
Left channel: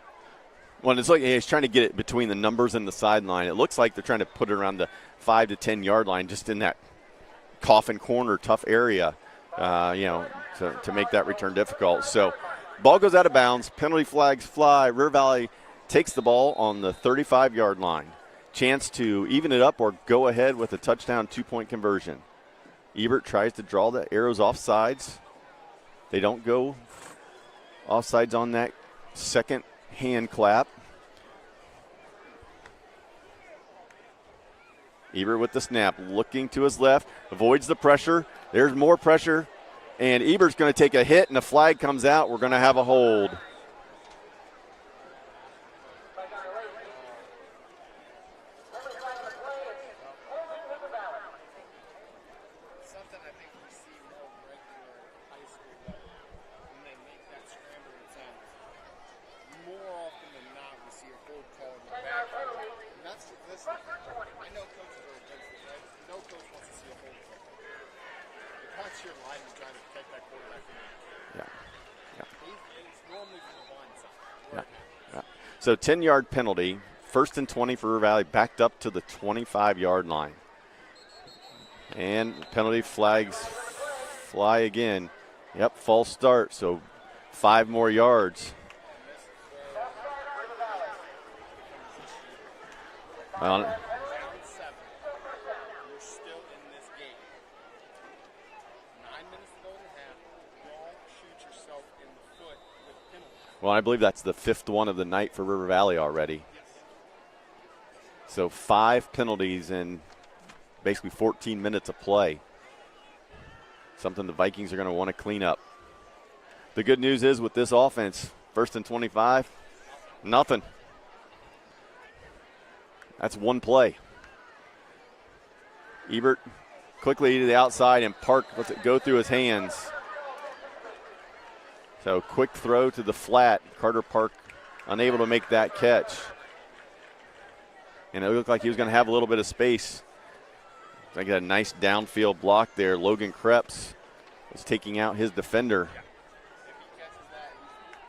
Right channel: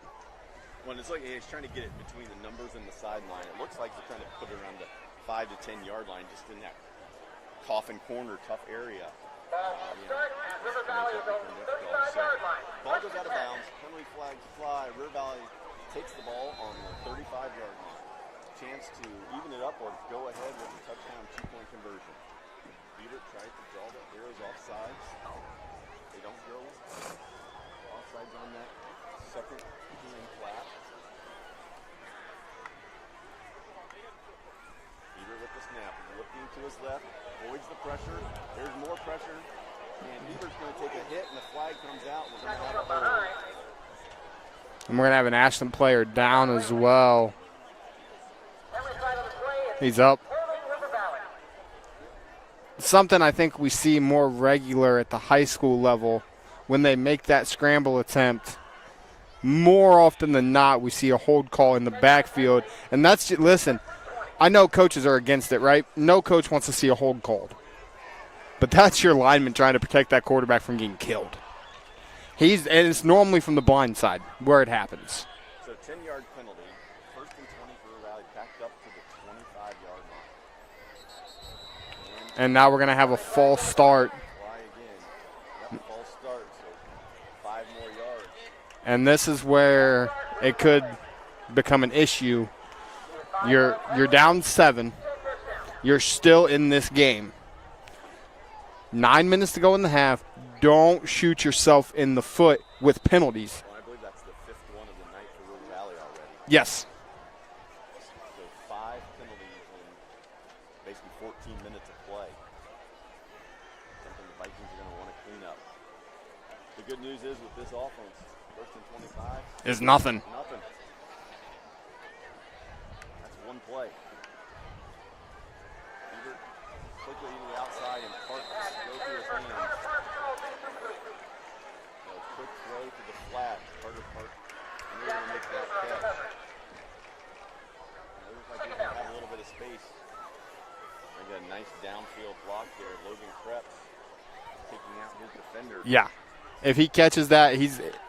Well, it's like he's trying to get it between the numbers and the sideline. It looks like they're trying to put it around the 5 to 10 yard line, just in that coffin corner, tough area, to make that return difficult. So ball goes out of bounds. Penalty flags fly. River Valley takes the ball on the 35-yard line. Chance to even it up or go ahead with a touchdown 2-point conversion. Ebert tries to draw the Arrows offsides. They don't go offsides on that second hand clap. Ebert with the snap, looking to his left, avoids the pressure. There's more pressure, and Ebert's going to take a hit, and the flag comes out. We're going to have a hold. And we're going to have an Ashland player down as well. He's up. Something I think we see more regular at the high school level when they make that scramble attempt. More often than not, we see a hold call in the backfield. And that's just, listen, I know coaches are against it, right? No coach wants to see a hold called. But that's your lineman trying to protect that quarterback from getting killed. And it's normally from the blind side where it happens. So 10-yard penalty, 1st and 20 for River Valley, backed up to the 25-yard line. And now we're going to have a false start. Fly again. Yep, false start, so 5 more yards. And this is where it could become an issue. You're down 7. You're still in this game. 9 minutes to go in the half. Don't shoot yourself in the foot with penalties. Well, I believe that's the 5th one of the night for River Valley already. Yes. So 5 penalties in basically 14 minutes of play. Something the Vikings are going to want to clean up. The good news is with this offense, 1st and 25. Is nothing. Nothing. That's one play. Ebert quickly to the outside, and Park lets it go through his hands. So quick throw to the flat. Carter Park unable to make that catch. And it looked like he was going to have a little bit of space. I got a nice downfield block there. Logan Krebs is taking out his defender. Yeah. If he catches that,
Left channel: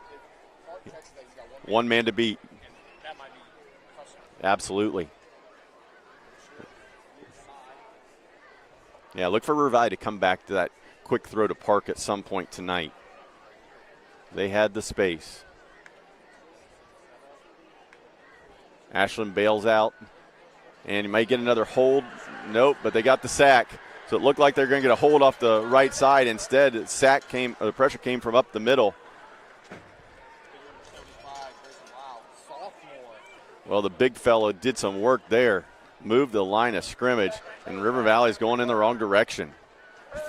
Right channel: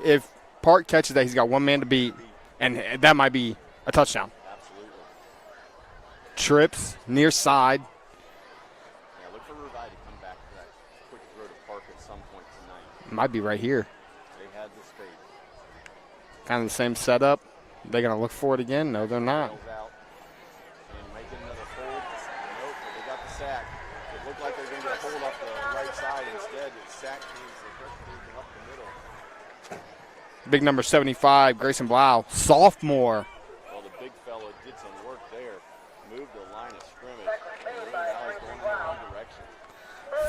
if Park catches that, he's got one man to beat. And that might be a touchdown. Absolutely. Trips, near side. Yeah, look for Revi to come back to that quick throw to Park at some point tonight. Might be right here. They had the space. Kind of the same setup. They're going to look for it again. No, Ashland bails out. And he might get another hold. Nope, but they got the sack. So it looked like they're going to get a hold off the right side. Instead, the pressure came from up the middle. Big number 75, Grayson Blau, sophomore. Well, the big fellow did some work there. Moved the line of scrimmage, and River Valley's going in the wrong direction.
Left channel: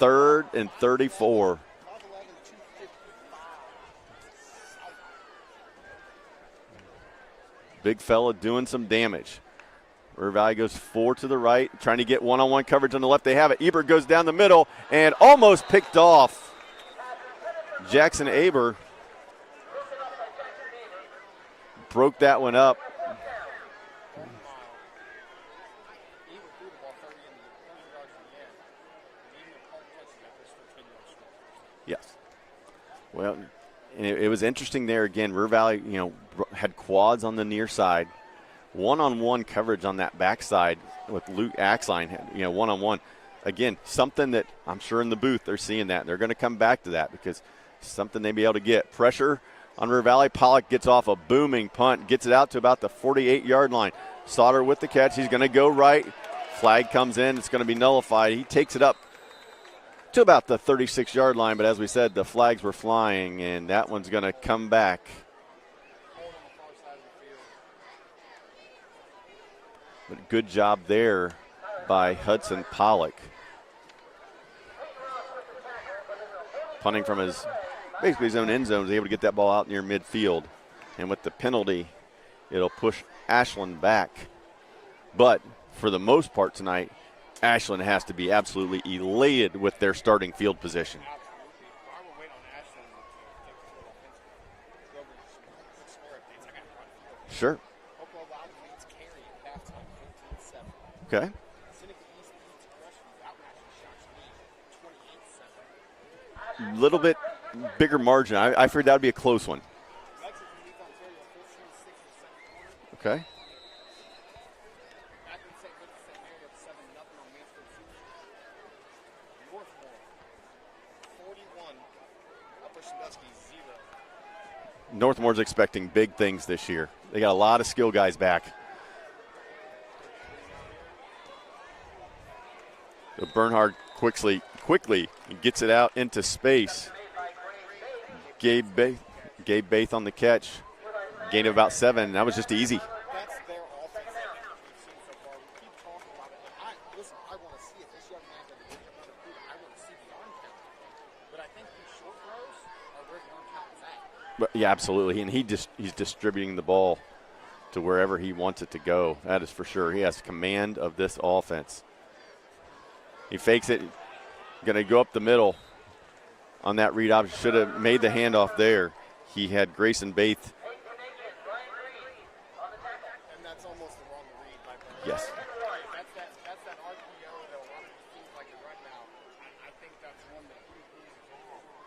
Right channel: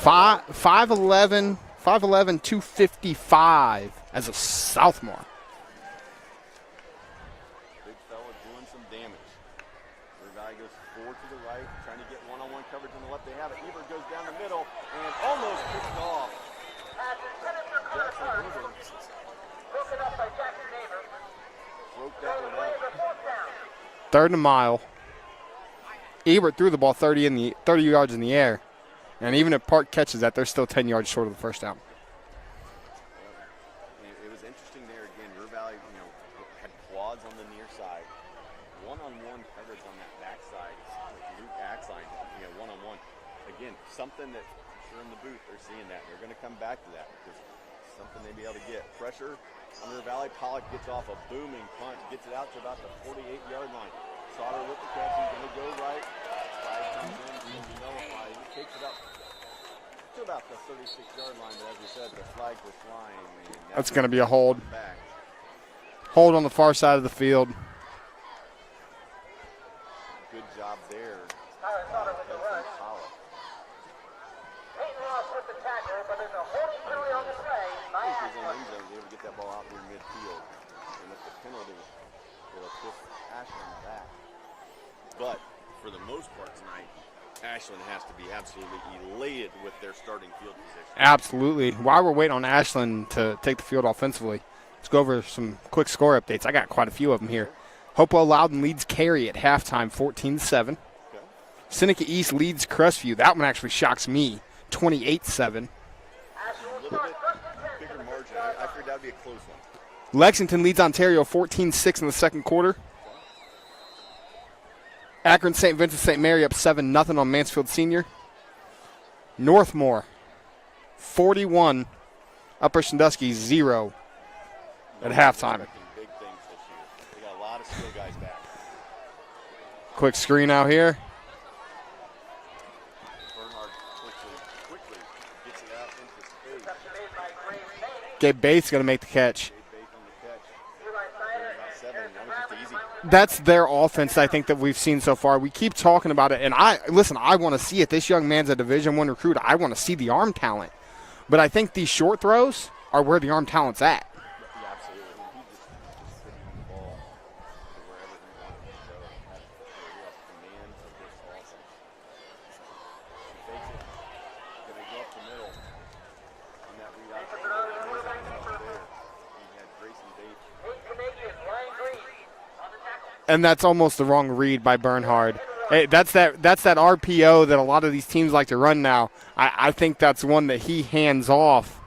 5'11", 255 as a sophomore. Big fella doing some damage. River Valley goes 4 to the right, trying to get one-on-one coverage on the left. They have it. Ebert goes down the middle and almost picked off. Jackson Aber broke that one up. 3rd and a mile. Ebert threw the ball 30 yards in the air. And even if Park catches that, they're still 10 yards short of the first down. Yes. Well, it was interesting there again. River Valley, had quads on the near side. One-on-one coverage on that backside with Luke Axline, one-on-one. Again, something that I'm sure in the booth they're seeing that. They're going to come back to that because something they'll be able to get. Pressure on River Valley. Pollock gets off a booming punt, gets it out to about the 48-yard line. Sauter with the catch. He's going to go right. Flag comes in. It's going to be nullified. He takes it up to about the 36-yard line, but as we said, the flags were flying, and that's going to be a hold. Come back. Hold on the far side of the field. But good job there by Hudson Pollock. Punting from basically his own end zone, is able to get that ball out near midfield. And with the penalty, it'll push Ashland back. But for the most part tonight, Ashland has to be absolutely elated with their starting field position. Absolutely. While we're waiting on Ashland to take the field offensively, let's go over some quick score updates. I got quite a few of them here. Sure. Hopewell Loudon leads Cary at halftime, 14-7. Okay. Seneca East leads Crestview. That one actually shocks me, 28-7. A little bit bigger margin. I figured that would be a close one. Lexington leads Ontario 14-6 in the second quarter. Okay. Akron St. Vincent St. Mary up 7-0 on Mansfield Senior. Northmore 41, Upper Sandusky 0. Northmore's expecting big things this year. They got a lot of skill guys back. Quick screen out here. So Bernhard quickly gets it out into space. Gabe Bates going to make the catch. Gabe Bates on the catch. Gain of about 7. That was just easy. That's their offense, I think, that we've seen so far. We keep talking about it, and I want to see it. This young man's a Division I recruit. I want to see the arm talent. But I think these short throws are where the arm talent's at. But yeah, absolutely. And he's distributing the ball to wherever he wants it to go. That is for sure. He has command of this offense. He fakes it. Going to go up the middle on that read option. Should have made the handoff there. He had Grayson Bates. And that's almost the wrong read by Bernhard. Hey, that's that RPO that a lot of these teams like to run now. I think that's one that he hands off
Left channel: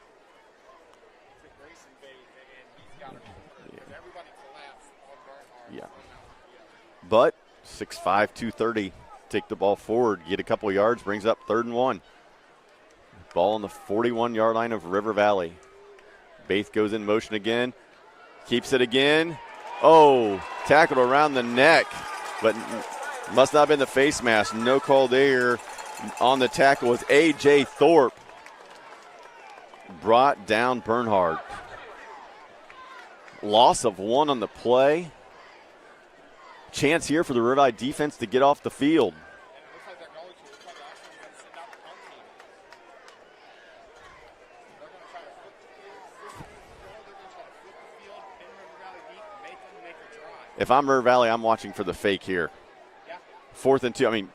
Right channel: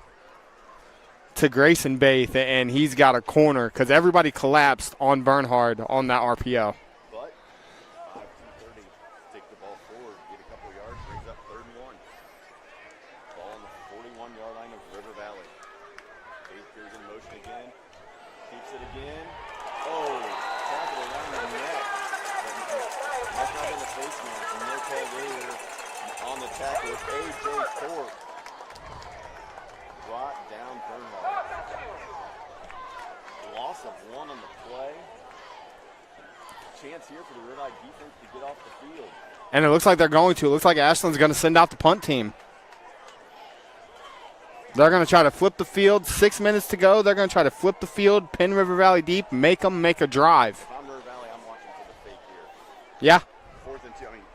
to Grayson Bates, and he's got a corner because everybody collapsed on Bernhard on that RPO. But 6'5", 230, take the ball forward, get a couple yards, brings up 3rd and 1. Ball on the 41-yard line of River Valley. Bates goes in motion again, keeps it again. Oh, tackled around the neck, but must not have been the face mask. No call there. On the tackle was A.J. Thorpe. Brought down Bernhard. Loss of 1 on the play. Chance here for the River Valley defense to get off the field. And it looks like they're going to. It looks like Ashland's going to send out the punt team. They're going to try to flip the field. 6 minutes to go. They're going to try to flip the field, pin River Valley deep, make them make a drive. If I'm River Valley, I'm watching for the fake here. Yeah. 4th and 2. I mean,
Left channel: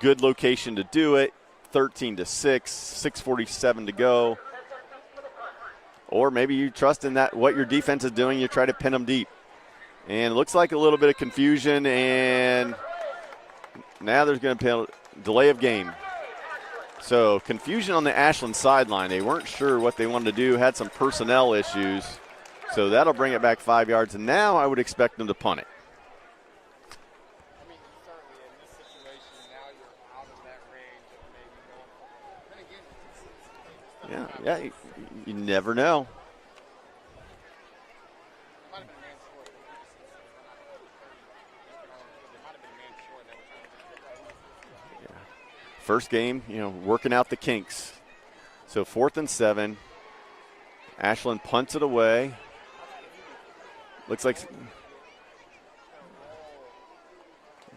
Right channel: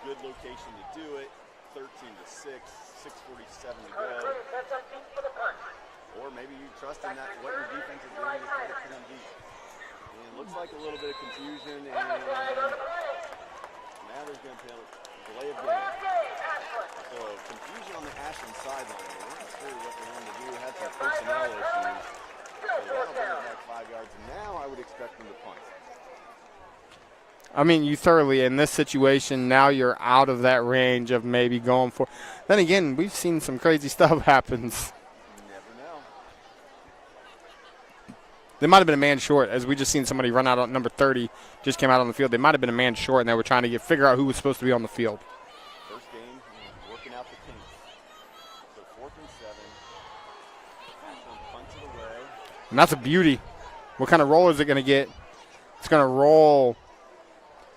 good location to do it. 13-6, 6:47 to go. Or maybe you trust in that what your defense is doing. You try to pin them deep. And it looks like a little bit of confusion, and now there's going to be a delay of game. So confusion on the Ashland sideline. They weren't sure what they wanted to do, had some personnel issues. So that'll bring it back 5 yards, and now I would expect them to punt it. I mean, you thoroughly, in this situation, now you're out of that range of maybe going for. Then again, we've seen some crazy stuff happen. You never know. They might have been a man short, as we just seen somebody run out on number 30, just came out on the field. They might have been a man short, and they were trying to figure out who was supposed to be on the field. First game, working out the kinks. So 4th and 7. Ashland punts it away. And that's a beauty. What kind of roll is it going to get? It's going to roll.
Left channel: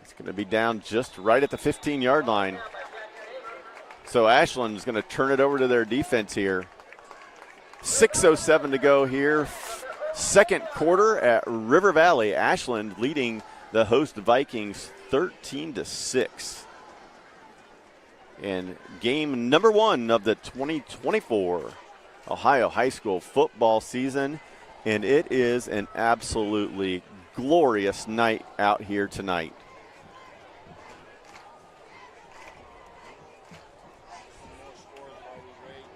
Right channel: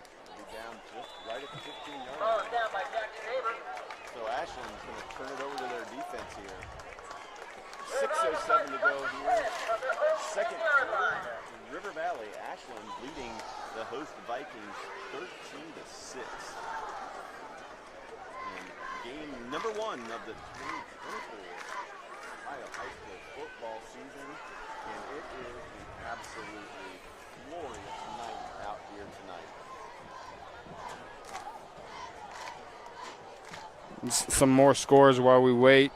It's going to be down just right at the 15-yard line. So Ashland is going to turn it over to their defense here. 6:07 to go here. Second quarter at River Valley. Ashland leading the host Vikings 13-6. And game number 1 of the 2024 Ohio High School football season. And it is an absolutely glorious night out here tonight. Some more scores while we wait.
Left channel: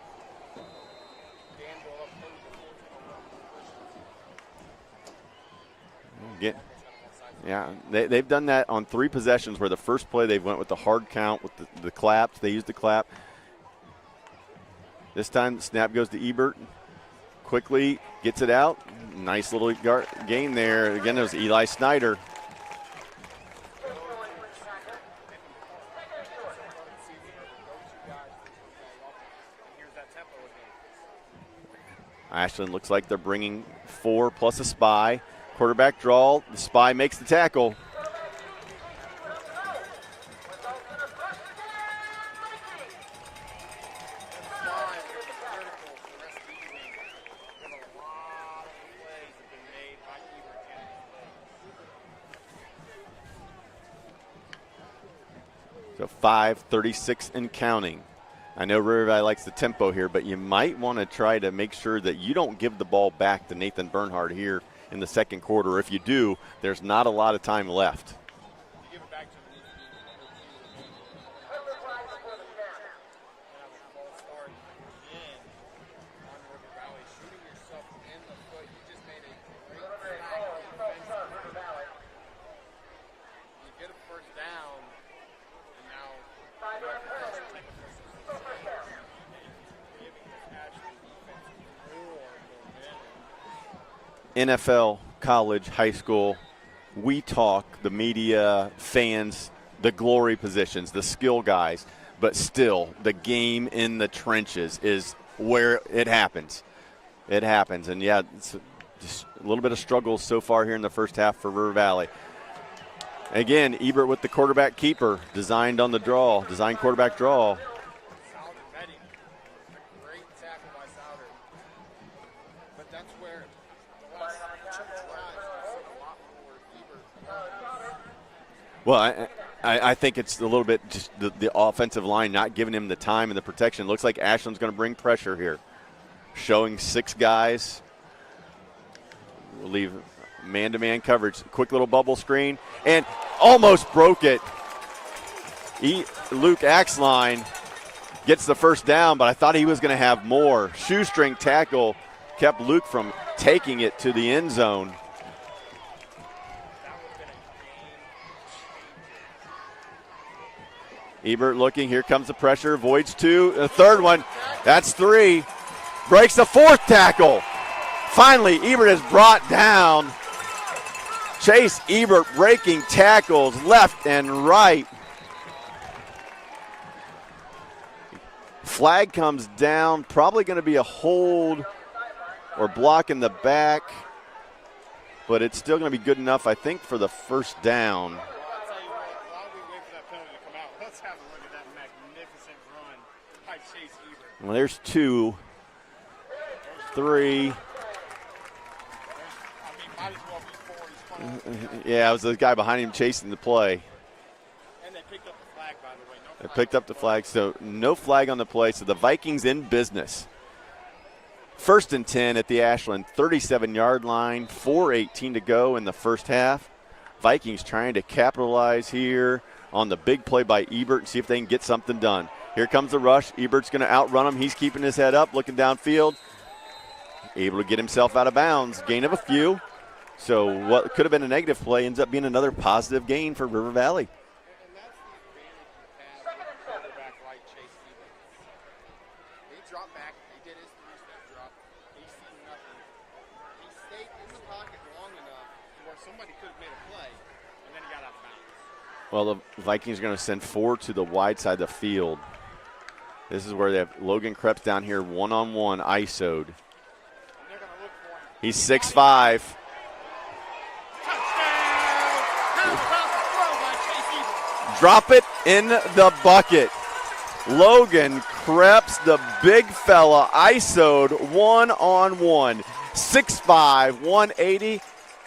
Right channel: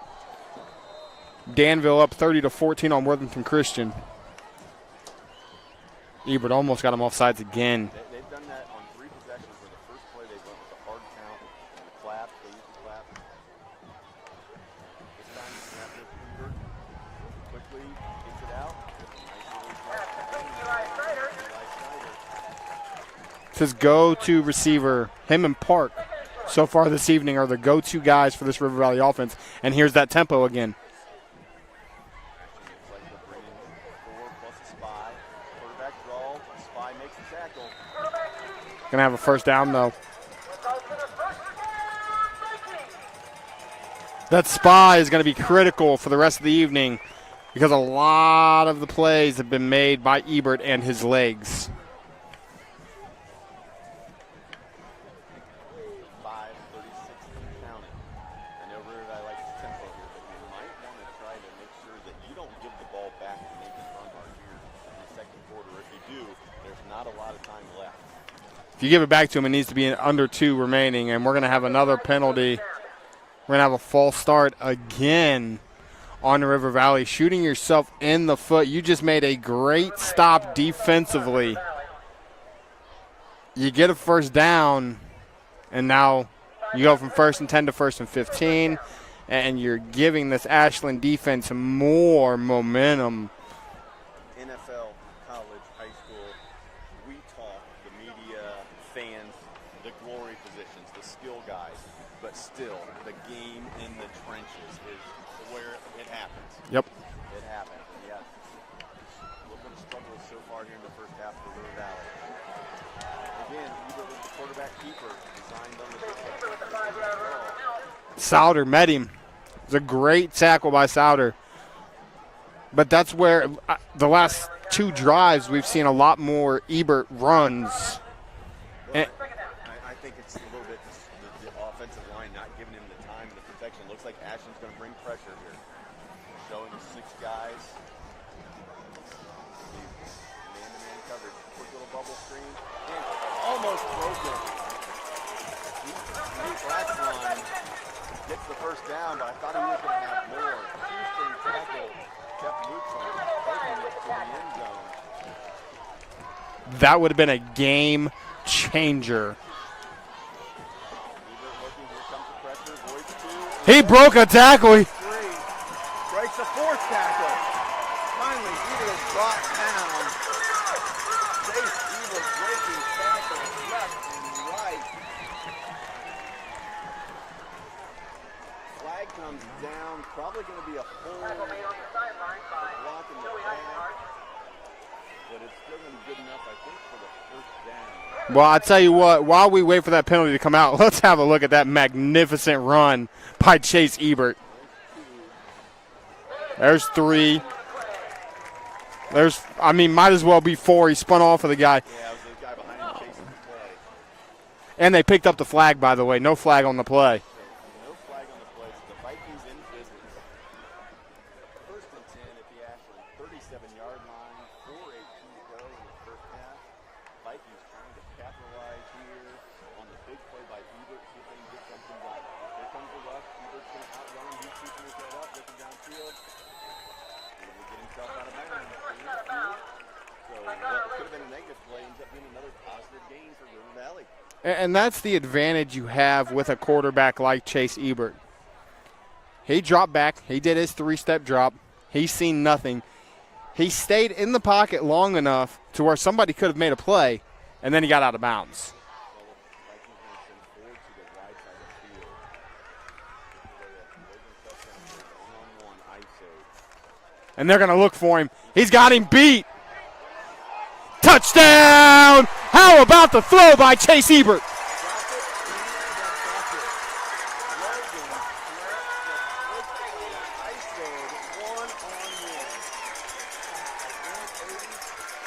Danville up 30-14 on Worthington Christian. Ebert almost got him offsides again. They've done that on 3 possessions where the first play they went with the hard count with the claps. They used the clap. This time the snap goes to Ebert. Quickly gets it out. Nice little gain there. Again, there's Eli Snyder. His go-to receiver, him and Park, so far this evening are the go-to guys for this River Valley offense. And here's that tempo again. Ashland looks like they're bringing 4 plus a spy. Quarterback draw. The spy makes the tackle. Gonna have a first down though. That spy is going to be critical for the rest of the evening because a lot of the plays have been made by Ebert and his legs. So 5:36 and counting. I know River Valley likes the tempo here, but you might want to try to make sure that you don't give the ball back to Nathan Bernhard here in the second quarter. If you do, there's not a lot of time left. If you give it back to him, it needs to be under 2 remaining, and we're going to have another penalty. We're going to have a false start again on River Valley. Shooting yourself in the foot. You just made a great stop defensively. You get a first down, and now you go from 1st and 10 to 1st and 15, and you're giving this Ashland defense more momentum. NFL, college, high school, we talk, the media, fans, the glory positions, the skill guys, but still the game in the trenches is where it happens. Yep. It happens, and yeah, it's just a little bit of struggle so far here in the first half for River Valley. Again, Ebert with the quarterback keeper, designed quarterback draw. Souder met him. It was a great tackle by Souder. But that's where the last 2 drives we've seen a lot more Ebert runs. Well, I think it's a little bit just the offensive line not giving him the time and the protection. Looks like Ashland's going to bring pressure here. Showing 6 guys. We'll leave man-to-man coverage. Quick little bubble screen. And almost broke it. Luke Axline gets the first down, but I thought he was going to have more. Shoestring tackle kept Luke from taking it to the end zone. That would have been a game changer. Ebert looking. Here comes the pressure. Avoids 2. He broke a tackle. That's 3. Breaks the 4th tackle. Finally, Ebert is brought down. Chase Ebert breaking tackles left and right. Flag comes down. Probably going to be a hold or block in the back. But it's still going to be good enough, I think, for the first down. Well, I tell you what, while we wait for that penalty to come out, let's have a look at that magnificent run by Chase Ebert. Well, there's 2. There's 3. Might as well be 4. He spun off of the guy. Yeah, it was the guy behind him chasing the play. And they picked up the flag, by the way. No flag on the play. So no flag on the play. So the Vikings in business. 1st and 10 at the Ashland 37-yard line. 4:18 to go in the first half. Vikings trying to capitalize here on the big play by Ebert and see if they can get something done. Here comes the rush. Ebert's going to outrun him. He's keeping his head up, looking downfield. Able to get himself out of bounds. Gain of a few. So what could have been a negative play ends up being another positive gain for River Valley. And that's the advantage you have with a quarterback like Chase Ebert. He dropped back. He did his 3-step drop. He's seen nothing. He stayed in the pocket long enough to where somebody could have made a play, and then he got out of bounds. Well, the Vikings are going to send 4 to the wide side of the field. This is where they have Logan Krebs down here one-on-one, ISO'd. And they're going to look for him. He's got him 6'5". beat. Touchdown! How about the throw by Chase Ebert? Drop it in the bucket. Logan Krebs, the big fella, ISO'd one-on-one. 6'5", 180.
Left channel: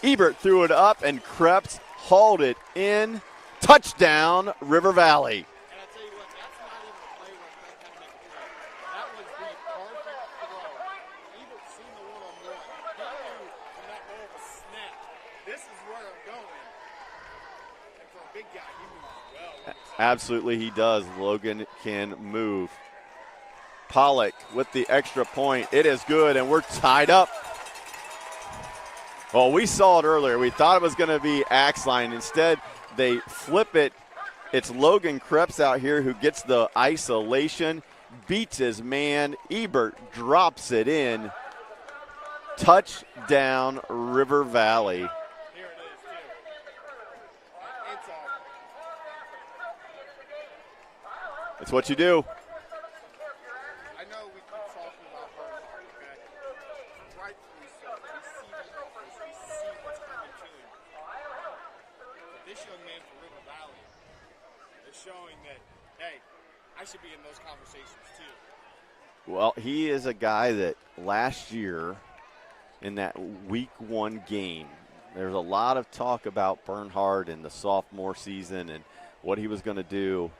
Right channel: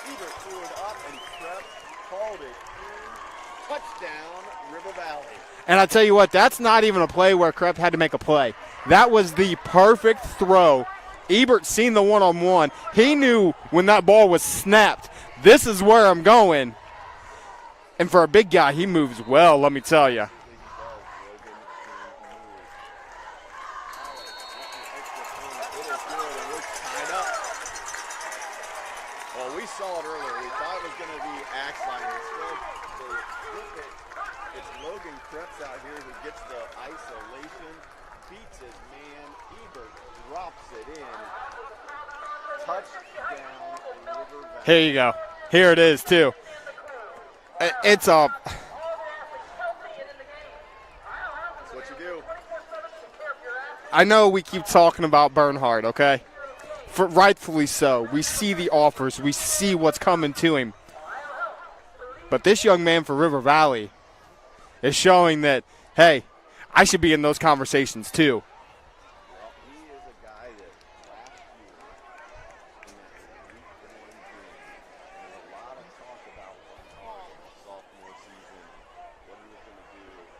Ebert threw it up, and Krebs hauled it in. Touchdown, River Valley. And I tell you what, that's not even a play where Krebs had to make a play. That was the perfect throw. Ebert seen the one-on-one. He knew when that ball was snapped, this is where I'm going. And for a big guy, he moves well, let me tell you. Absolutely he does. Logan can move. Pollock with the extra point. It is good, and we're tied up. Well, we saw it earlier. We thought it was going to be Axline. Instead, they flip it. It's Logan Krebs out here who gets the isolation, beats his man. Ebert drops it in. Touchdown, River Valley. Here you go. Here it is, too. It's a. It's what you do. I know we keep talking about Bernhard, okay? Rightfully so. We see the offers. We see what's coming to him. But this young man for River Valley is showing that, hey, I should be in those conversations too. Well, he is a guy that last year in that week 1 game, there's a lot of talk about Bernhard in the sophomore season and what he was going to do.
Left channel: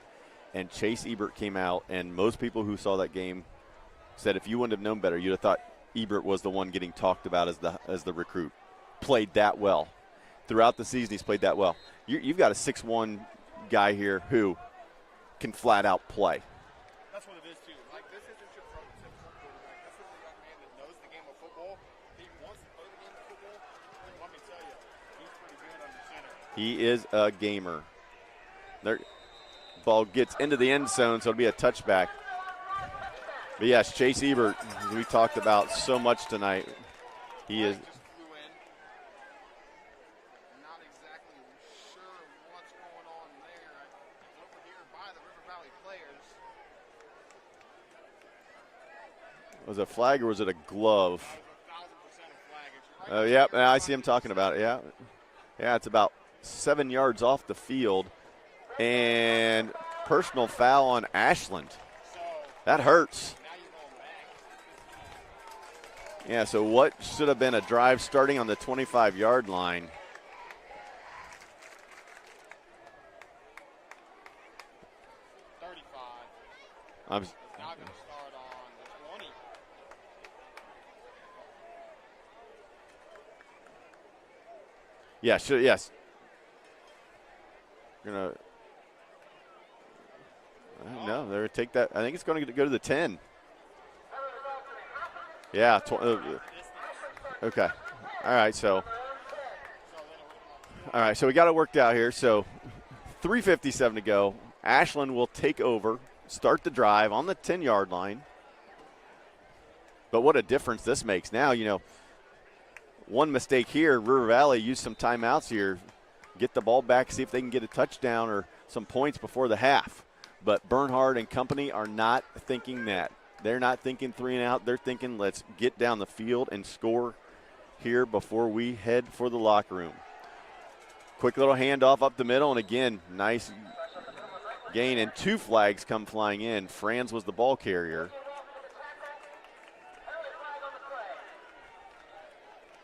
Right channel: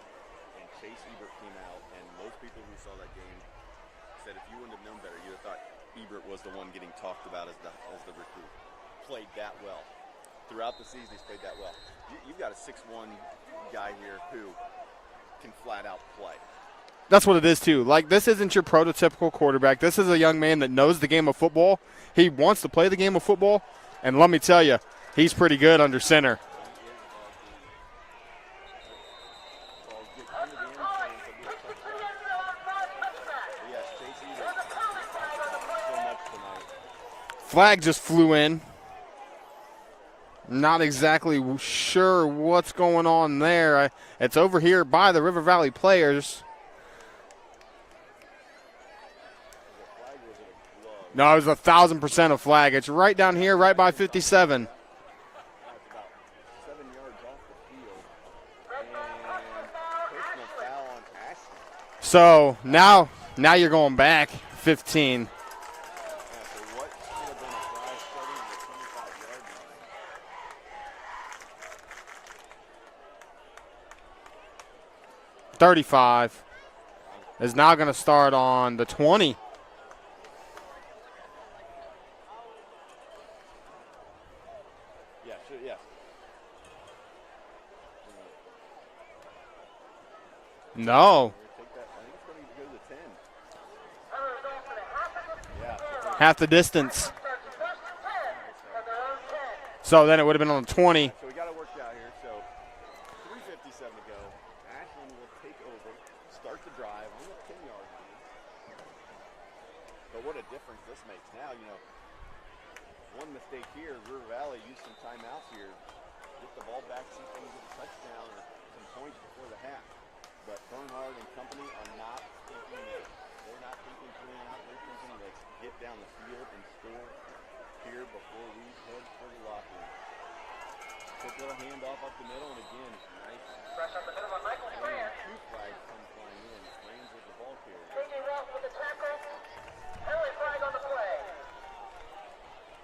And Chase Ebert came out, and most people who saw that game said if you wouldn't have known better, you'd have thought Ebert was the one getting talked about as the recruit. Played that well. Throughout the season, he's played that well. You've got a 6'1" guy here who can flat out play. That's what it is, too. Like, this isn't your prototypical quarterback. This is a young man that knows the game of football. He wants to play the game of football. And let me tell you, he's pretty good under center. He is a gamer. Ball gets into the end zone, so it'll be a touchback. But yes, Chase Ebert, we talked about so much tonight. Flag just flew in. Not exactly sure what's going on there. It's over here by the River Valley players. Was it a flag or was it a glove? No, it was 1,000% a flag. It's right down here, right by 57. Yeah, it's about 7 yards off the field. And personal foul on Ashland. So That now hurts. you're going back 15. Yeah, so what should have been a drive starting on the 25-yard line. $35 is now going to start on the 20. Yeah, yes. Gonna No. they're gonna take that. I think it's going to go to the 10. Yeah, Half the distance. Okay. All right, so then it would have been on the 20. all right, so we got it worked out here. So 3:57 to go. Ashland will take over, start the drive on the 10-yard line. But what a difference this makes. Now, one mistake here, River Valley used some timeouts here, get the ball back, see if they can get a touchdown or some points before the half. But Bernhard and company are not thinking that. They're not thinking 3 and out. They're thinking let's get down the field and score here before we head for the locker room. Quick little handoff up the middle, and again, nice gain, and 2 flags come flying in. Franz was the ball carrier.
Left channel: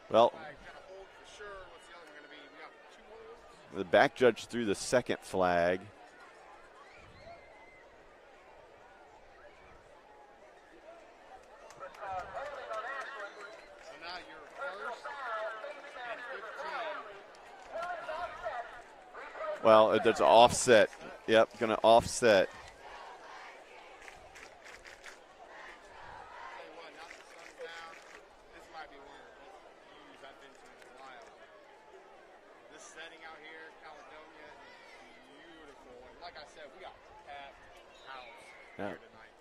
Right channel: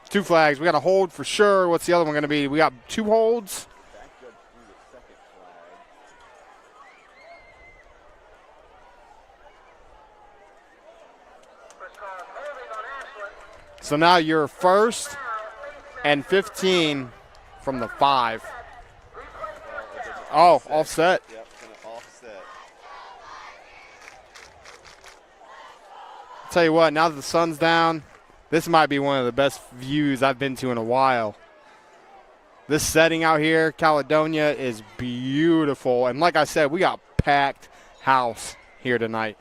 Two flags. We got a hold for sure. What's the other one going to be? We got 2 holds. The back judge threw the second flag. So now you're 1st and 15 from the 5. Well, there's an offset. Offset. Yep, going to offset. Tell you what, now that the sun's down, this might be one of the best views I've been to in a while. This setting out here, Caledonia, is beautiful. And like I said, we got packed house here tonight.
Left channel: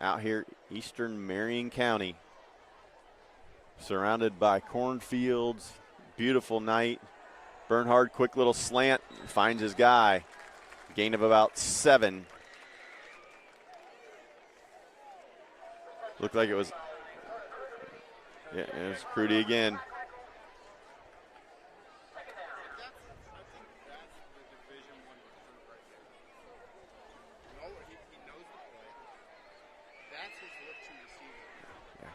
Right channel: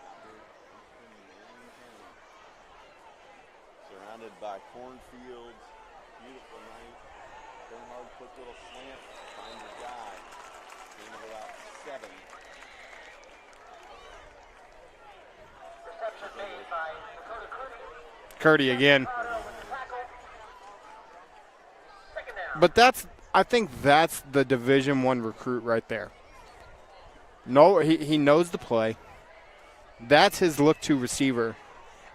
Out here, eastern Marion County, surrounded by cornfields, beautiful night. Bernhard, quick little slant, finds his guy. Gain of about 7. Looked like it was Curdy again. Crudy again. But I think that's the Division I recruit right there. No, he knows the play. That's his look-to receiver.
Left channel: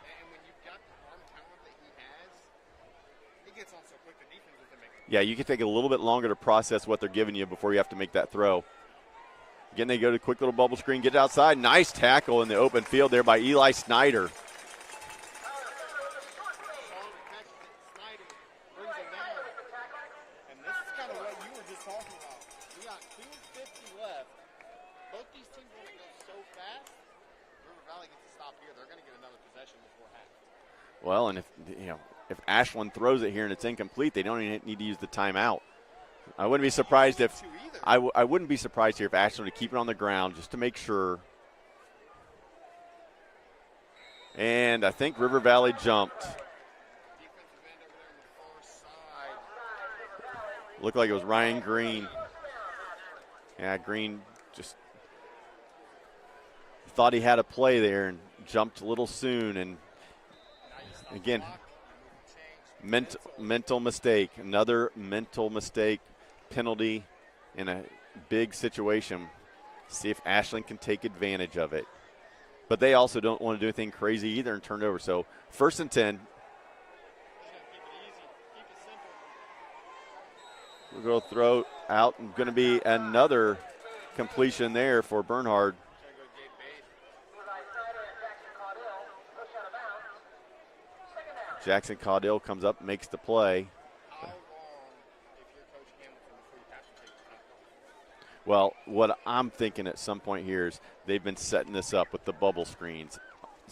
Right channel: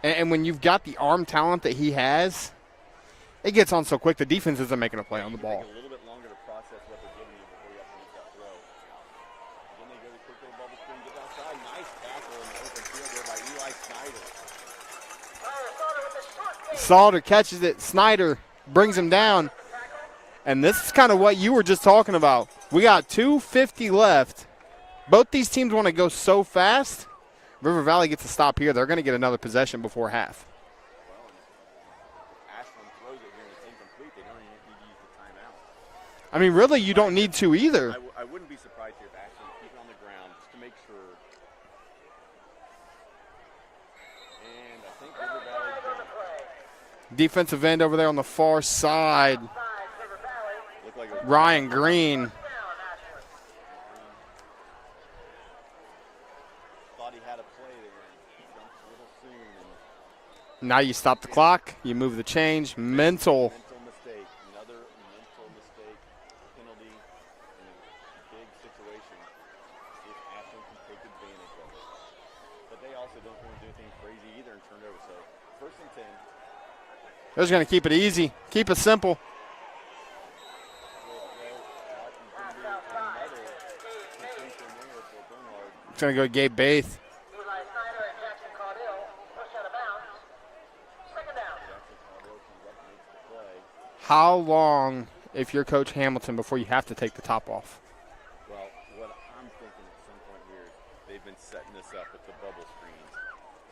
And when you've got the arm talent that he has, it gets on so quick the defense isn't making a play. Yeah, you can take a little bit longer to process what they're giving you before you have to make that throw. Again, they go to quick little bubble screen, get it outside. Nice tackle in the open field there by Eli Snyder. Salter catches it. Snyder brings him down. And this is kind of what you were just talking about. We got 2:50 left. Both these teams want to go so fast. River Valley gets a stop here. They're going to get another possession before half. Well, and if Ashland throws it here and it's incomplete, they don't even need to use the timeout. I mean, really, you don't need to either. I wouldn't be surprised here if Ashland would keep it on the ground just to make sure. And I think River Valley jumped. Defensive end over there on the far side. Looked like it was Ryan Green. Yeah, Green just thought he had a play there and jumped a little soon. And now you stop the clock, you move the change. Mental mistake. Another mental mistake, penalty in a big situation. See if Ashland can take advantage of it. But they also don't want to do anything crazy either and turn it over. So 1st and 10. They're just going to keep it easy, keep it simple. We'll go throw out, and going to be another completion there for Bernhard. It's going to go Gabe Baith. Jackson Caudill comes up, makes the play. How long, if you're Coach Hamilton, before you have to take the top off? Well, what I'm thinking at some point here is they've been setting this up with the bubble screens.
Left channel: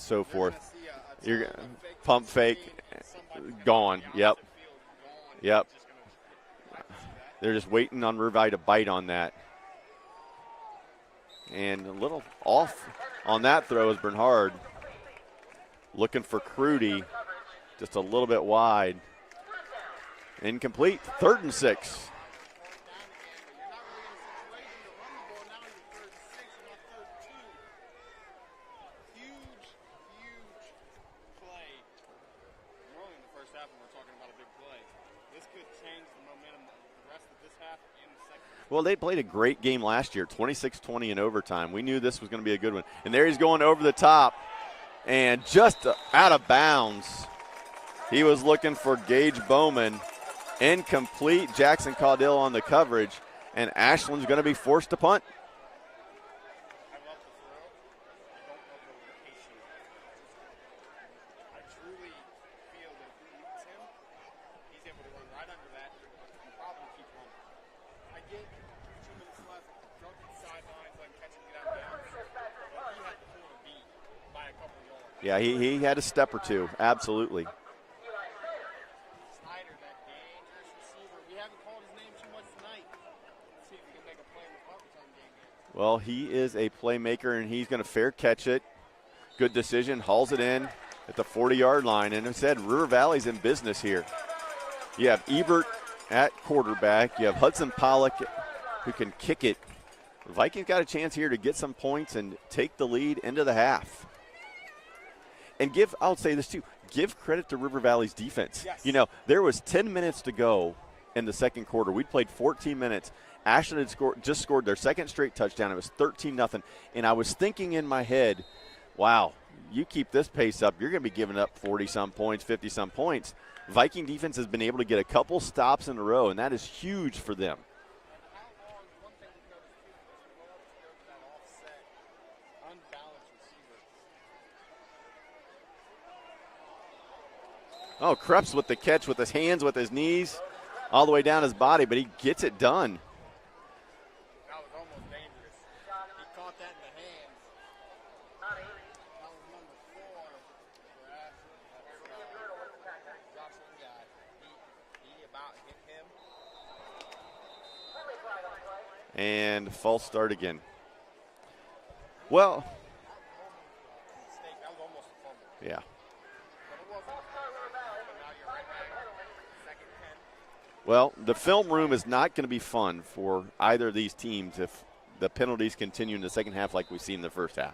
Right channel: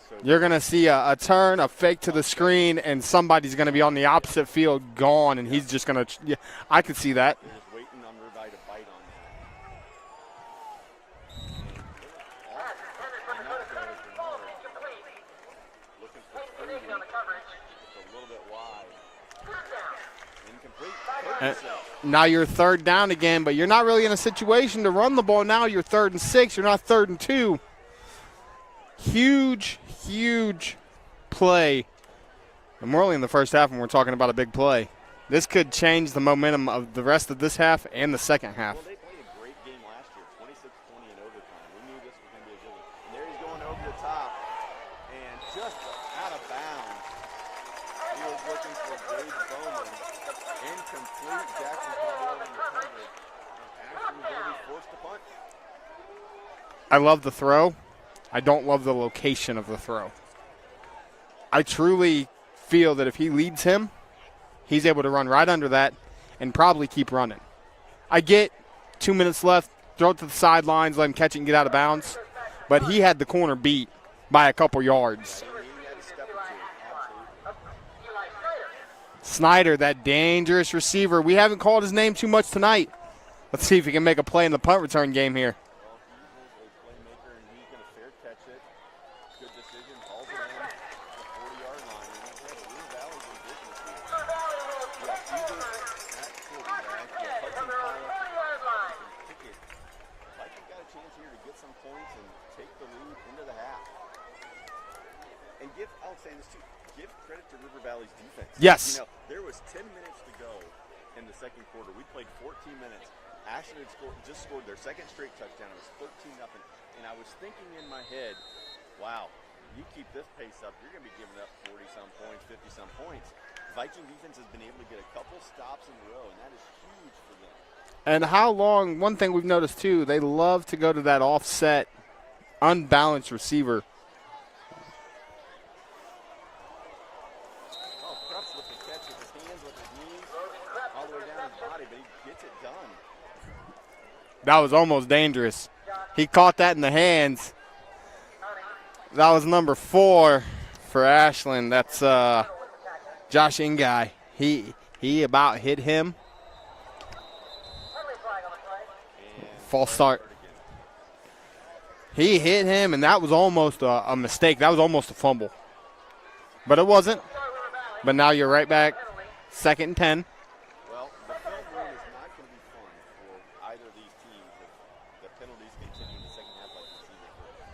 So you're going to see a turn, a fake to the screen, and somebody's going to be on the opposite field, gone, and he's just going to – yeah, I could see that. They're just waiting on River Valley to bite on that. And a little off on that throw is Bernhard. Looking for Crudy, just a little bit wide. Incomplete, 3rd and 6. Now you're 3rd down again, but you're not really in a situation to run the ball now. You're 3rd and 6. You're not 3rd and 2. Huge play. And we're only in the first half and we're talking about a big play. This could change the momentum of the rest of this half and the second half. Well, they played a great game last year, 26-20 in overtime. We knew this was going to be a good one. And there he's going over the top and just out of bounds. He was looking for Gage Bowman. Incomplete. Jackson Caudill on the coverage. And Ashland's going to be forced to punt. I love the throw. I don't love the location of the throw. I truly feel that if he leads him, he's able to run right under that and probably keep running. I get 2 minutes left, throw it to the sidelines, let him catch it and get out of bounds. But he had the corner beat by a couple yards. Yeah, he had a step or two, absolutely. Snyder, that dangerous receiver. We haven't called his name too much tonight. Let's see if he can make a play in the punt return game here. Well, he is a playmaker, and he's going to fair catch it. Good decision, hauls it in at the 40-yard line. And as I said, River Valley's in business here. You have Ebert at quarterback. You have Hudson Pollock who can kick it. The Vikings got a chance here to get some points and take the lead into the half. And I'll say this too, give credit to River Valley's defense. Yes. You know, there was 10 minutes to go in the second quarter. We played 14 minutes. Ashland had just scored their second straight touchdown. It was 13-0. And I was thinking in my head, wow, you keep this pace up, you're going to be giving up 40-some points, 50-some points. Viking defense has been able to get a couple stops in a row, and that is huge for them. And how long, one thing we've noticed too, they love to go to that offset, unbalanced receiver. Oh, Krebs with the catch with his hands, with his knees, all the way down his body, but he gets it done. That was almost dangerous. He caught that in the hands. That was number 4 for Ashland. That's Josh Ingai. He about hit him. And false start again. He hit him, and that was almost a mistake. That was almost a fumble. Yeah. But it wasn't. But now you're right back, 2nd and 10. Well, the film room is not going to be fun for either of these teams if the penalties continue in the second half like we've seen in the first half.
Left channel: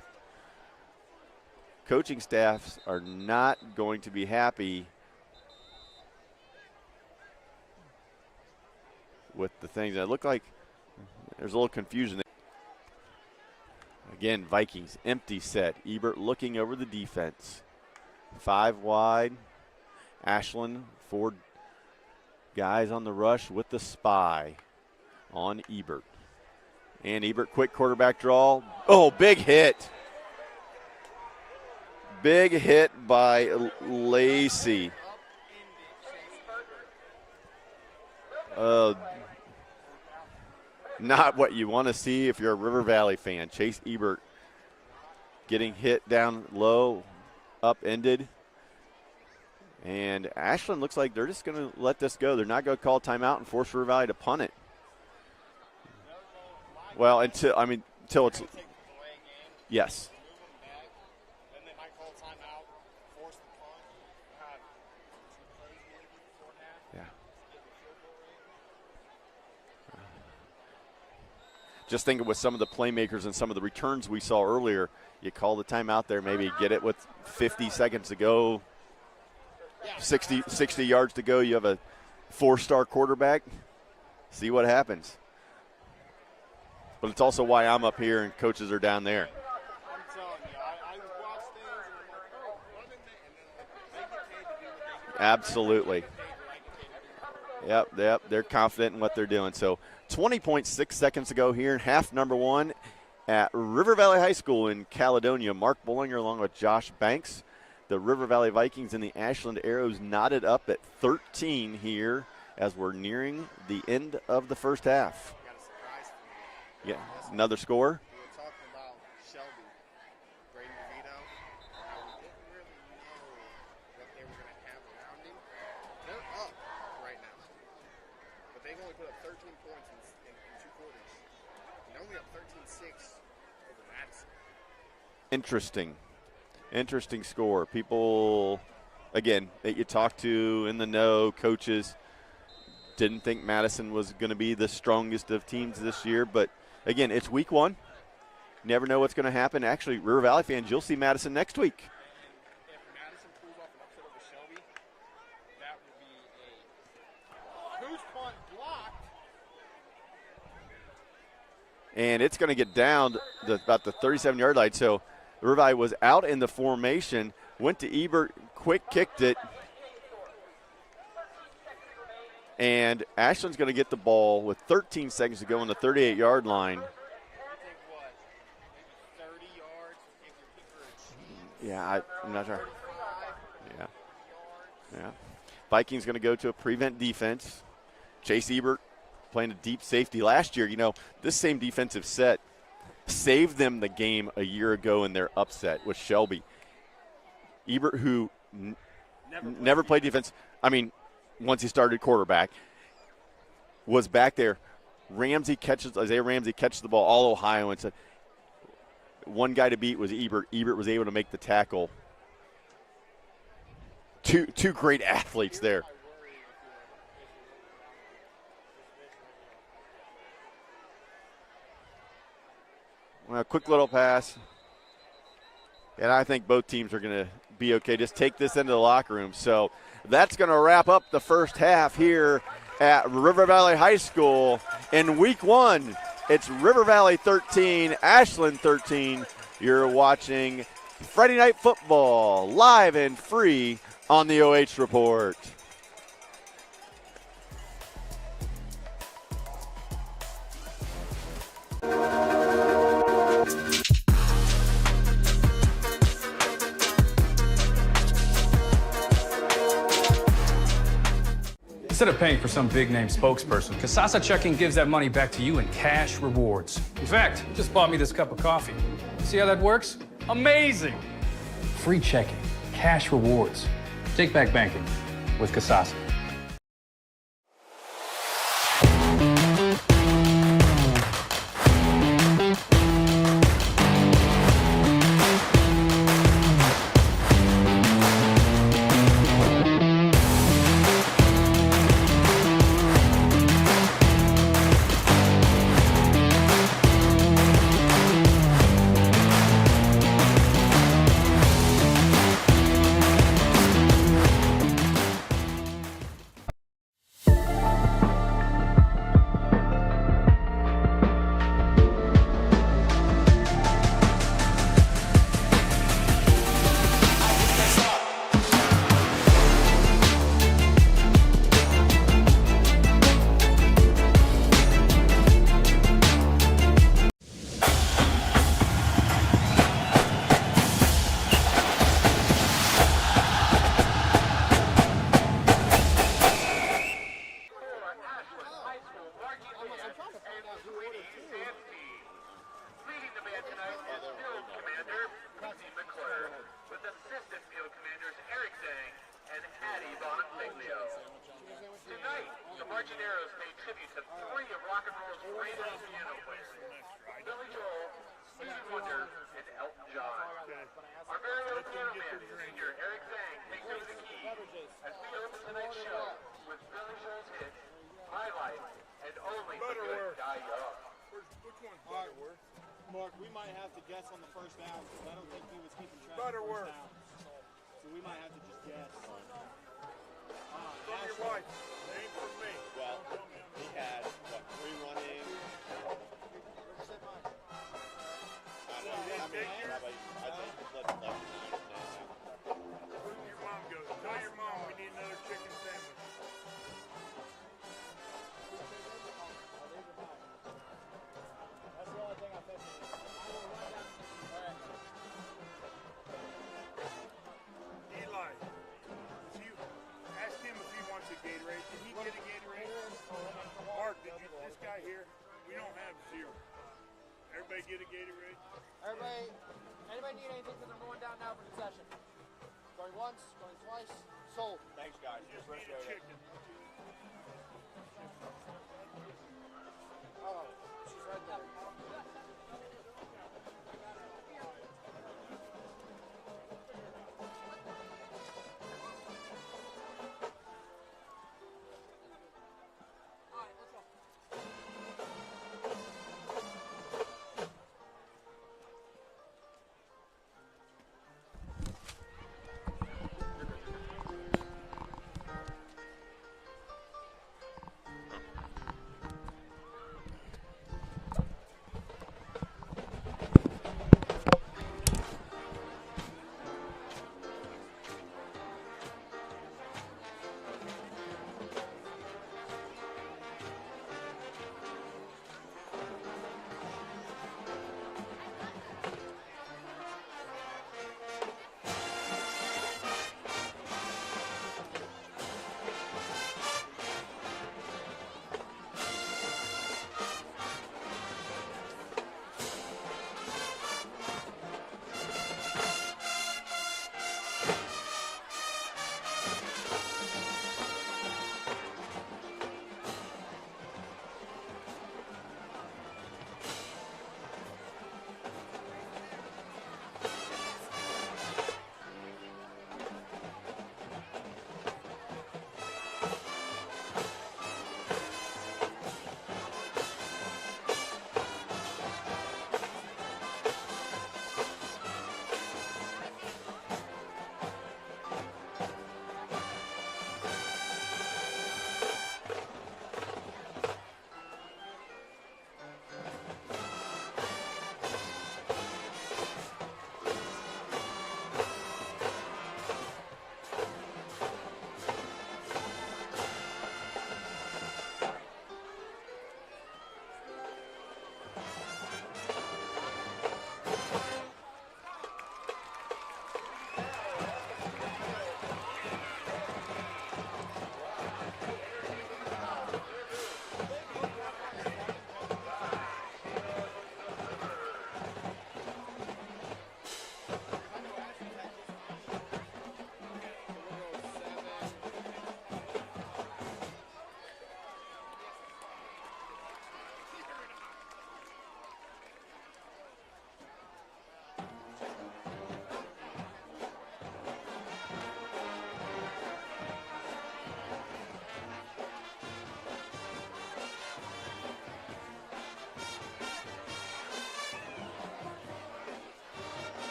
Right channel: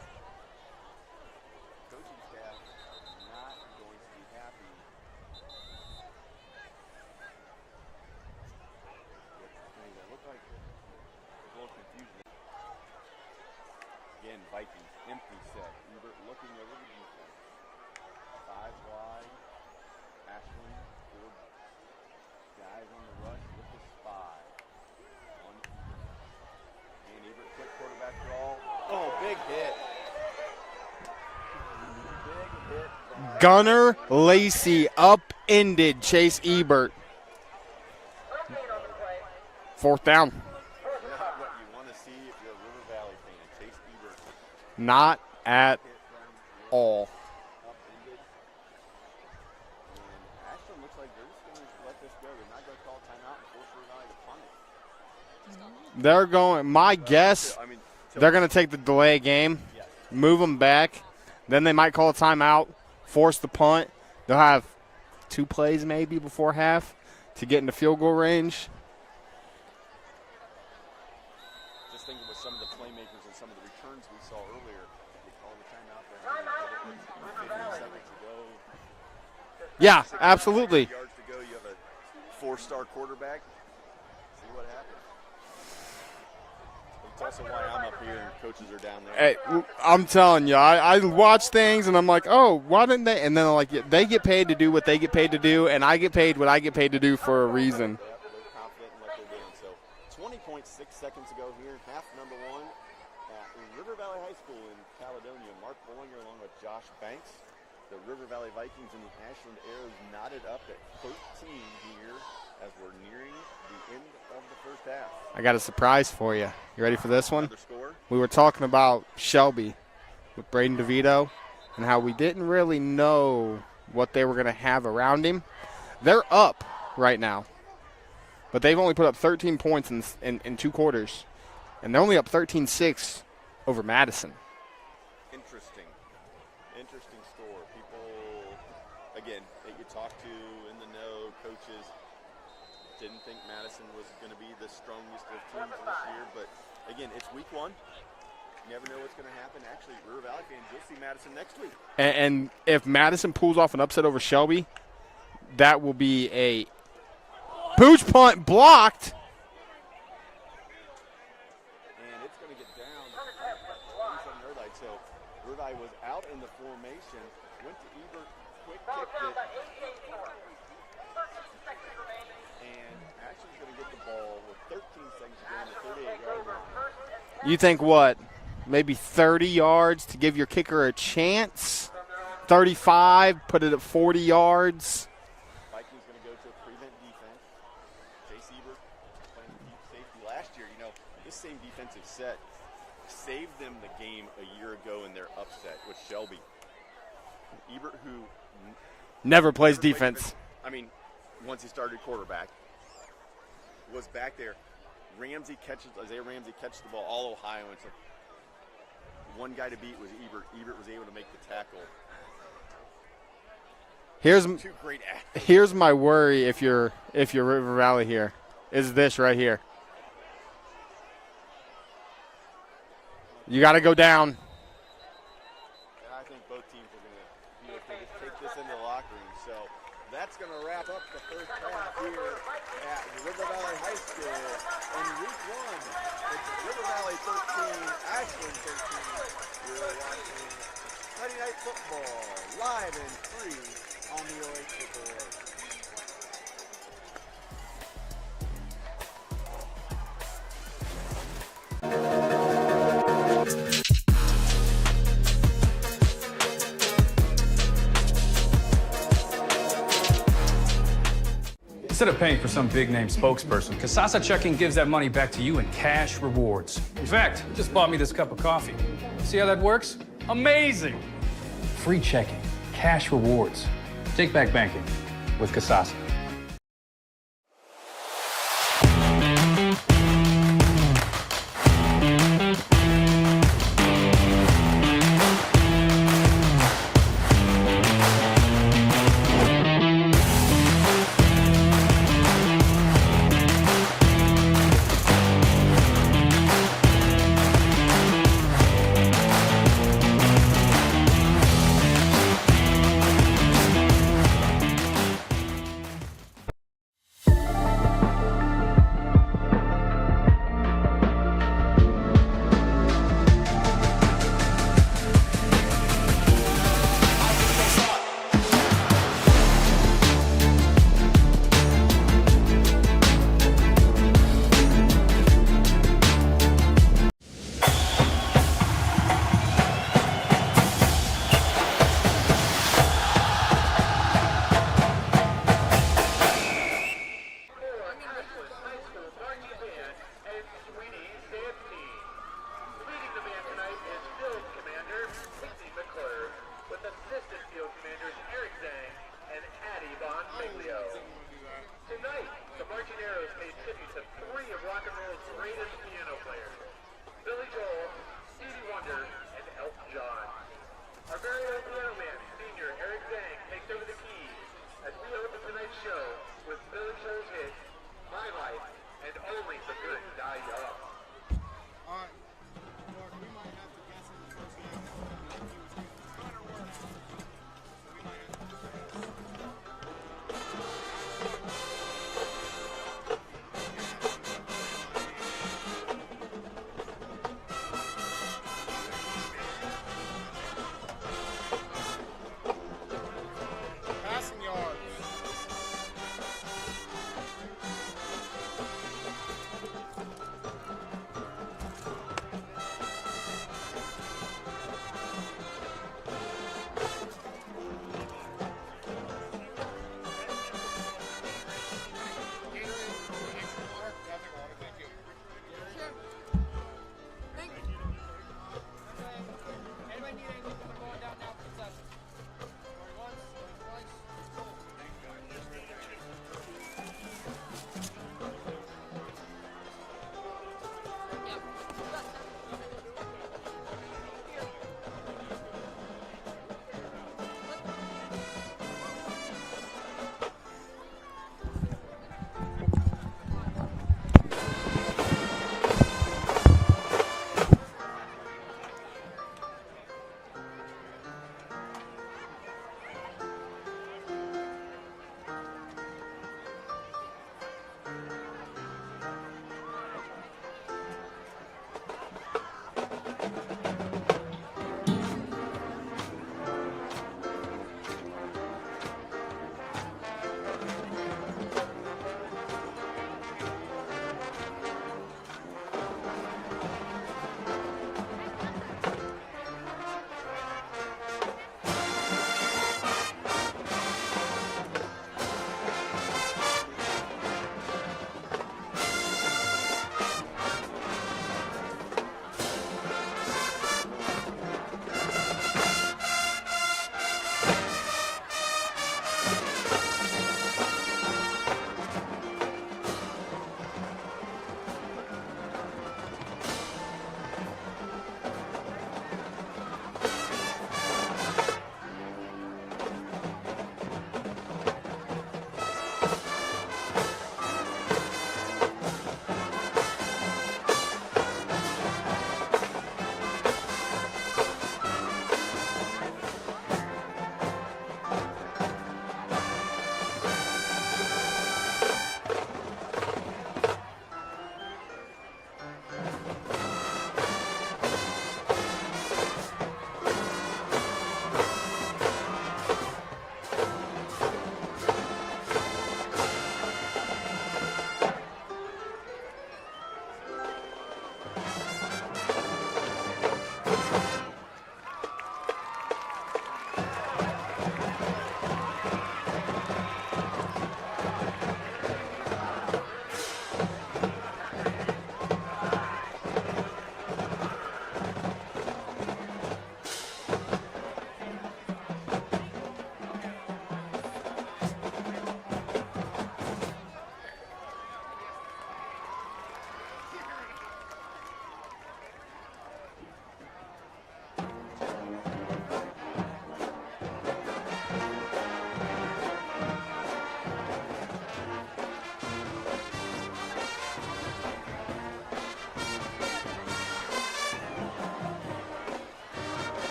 Coaching staffs are not going to be happy with the things that look like there's a little confusion. Again, Vikings, empty set. Ebert looking over the defense. 5 wide. Ashland, 4 guys on the rush with the spy on Ebert. And Ebert, quick quarterback draw. Oh, big hit. Big hit by Gunnar Lacey upended Chase Ebert. 4th down. Not what you want to see if you're a River Valley fan. Chase Ebert not at hit down low, upended. And Ashland looks like they're just going to let this go. They're not going to call timeout and force River Valley to punt it. They're going, guess, they're going to take the delay game. Yes. Move them back. Then they might call a timeout, force the punt. They'll have 2 plays maybe before half to get into field goal range. Just thinking with some of the playmakers and some of the returns we saw earlier, you call the timeout there, maybe get it with 50 seconds to go. Yeah, 60, absolutely. 60 yards to go. You have a 4-star quarterback. See what happens. But it's also why I'm up here and coaches are down there. Hey, I'm telling you, I watch things and I'm like, oh, why didn't they? And then I'm like, they get paid to do what they get paid to do, and I get paid what I get paid to do for a reason. Yep, they're confident in what they're doing. So 20.6 seconds to go here in half number 1 at River Valley High School in Caledonia. Mark Bollinger along with Josh Banks. The River Valley Vikings and the Ashland Arrows knotted up at 13 here as we're nearing the end of the first half. I got a surprise for you. You ready for this one? Another score? We were talking about Shelby with Braden DeVito and how we didn't really know what they were going to have around him. They're up right now, but they've only put up 13 points in 2 quarters, and they're only up 13-6 over Madison. Interesting score. People, again, that you talk to in the know, coaches, didn't think Madison was going to be the strongest of teams this year. But, again, it's week 1. Never know what's going to happen. Actually, River Valley fans, you'll see Madison next week. And if Madison pulls off an upset over Shelby, that will be a pooch punt blocked. And it's going to get down to about the 37-yard line. So River Valley was out in the formation, went to Ebert, quick kicked it. And Ashland's going to get the ball with 13 seconds to go on the 38-yard line. You think what? Maybe 30 yards to give your kicker a chance? Yeah, 35, put it at 40 yards. Yeah. Vikings going to go to a prevent defense. Chase Ebert playing a deep safety last year. You know, this same defensive set saved them the game a year ago in their upset with Shelby. Ebert, who never played defense. I mean, once he started quarterback, was back there. Isaiah Ramsey catches the ball, all Ohio, and said one guy to beat was Ebert. Ebert was able to make the tackle. Here's two great athletes. Here's there. my worry if you're River Valley here, is this right here. Well, you got to go down. And I think both teams are going to be okay. Just take this into the locker room. So that's going to wrap up the first half here at River Valley High School. In week 1, it's River Valley 13, Ashland 13. You're watching Friday Night Football live and free on the OH Report. Instead of paying for some big-name spokesperson, Kasasa Checking gives that money back to you in cash rewards. In fact, you just bought me this cup of coffee. See how that works? Amazing! Free checking, cash rewards. Take back banking with Kasasa.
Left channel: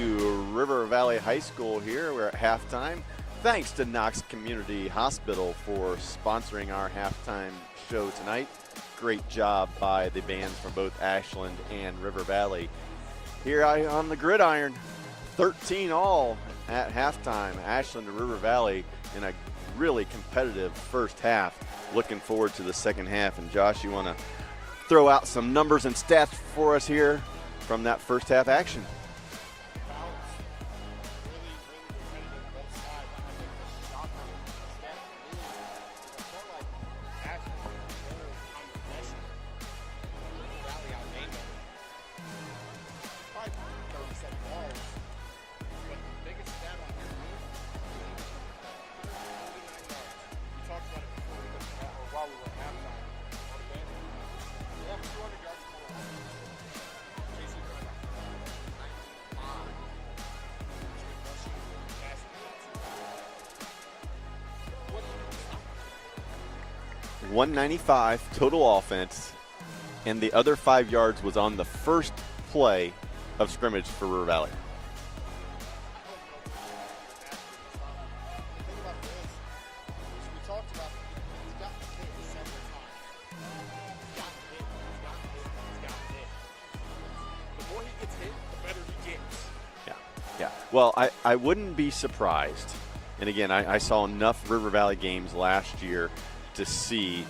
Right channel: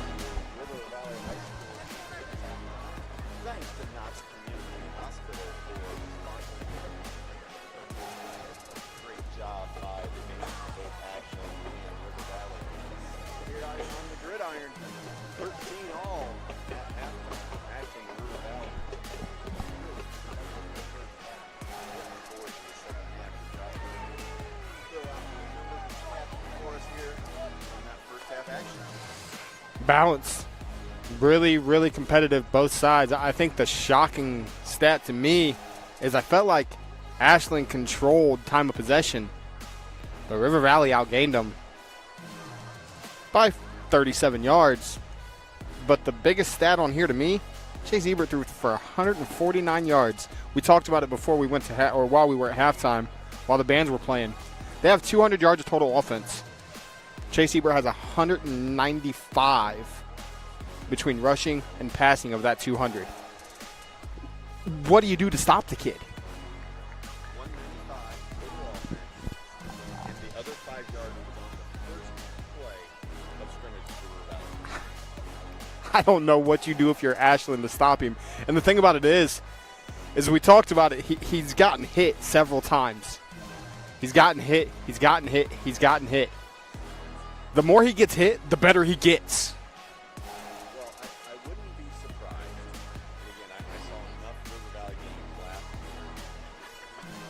to River Valley High School here. We're at halftime. Thanks to Knox Community Hospital for sponsoring our halftime show tonight. Great job by the bands from both Ashland and River Valley. Here on the gridiron, 13 all at halftime. Ashland and River Valley in a really competitive first half. Looking forward to the second half. And Josh, you want to throw out some numbers and stats for us here from that first half action? Balance. Really, really competitive both sides. I think the shocking stat to me is I felt like Ashland controlled time of possession, but River Valley outgained them by 37 yards. But the biggest stat on here to me, Chase Ebert threw for 149 yards. We talked about it before we went to while we were at halftime, while the bands were playing. They have 200 yards of total offense. Chase Ebert has 195 between rushing and passing of that 200. What do you do to stop the kid? 195 total offense, and the other 5 yards was on the first play of scrimmage for River Valley. I don't know what you do if you're Ashland to stop him. And the thing about it is we talked about it, he's gotten hit several times. He's gotten hit, he's gotten hit, he's gotten hit. The more he gets hit, the better he gets. Yeah. Well, I wouldn't be surprised. And again, I saw enough River Valley games last year to see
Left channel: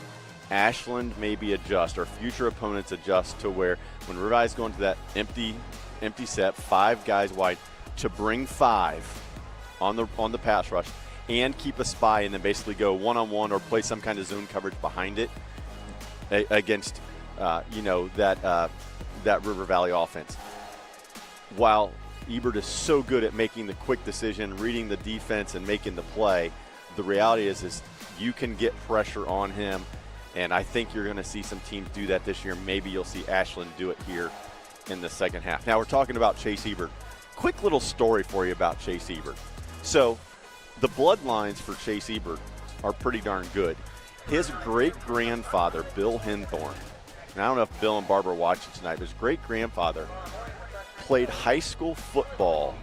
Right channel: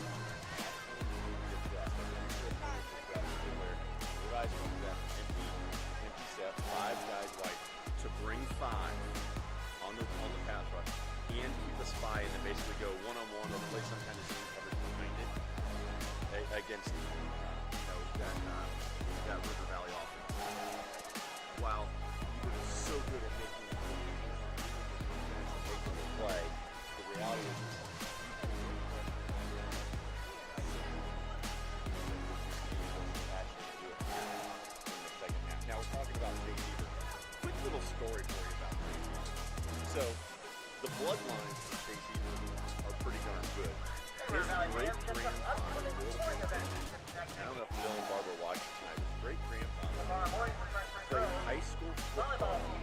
Ashland maybe adjust, or future opponents adjust to where when River Valley's going to that empty set, 5 guys wide, to bring 5 on the pass rush and keep a spy and then basically go one-on-one or play some kind of zone coverage behind it against that River Valley offense. While Ebert is so good at making the quick decision, reading the defense, and making the play, the reality is you can get pressure on him, and I think you're going to see some teams do that this year. Maybe you'll see Ashland do it here in the second half. Now we're talking about Chase Ebert. Quick little story for you about Chase Ebert. So the bloodlines for Chase Ebert are pretty darn good. His great-grandfather, Bill Henthorne, and I don't know if Bill and Barbara watch it tonight, but his great-grandfather played high school football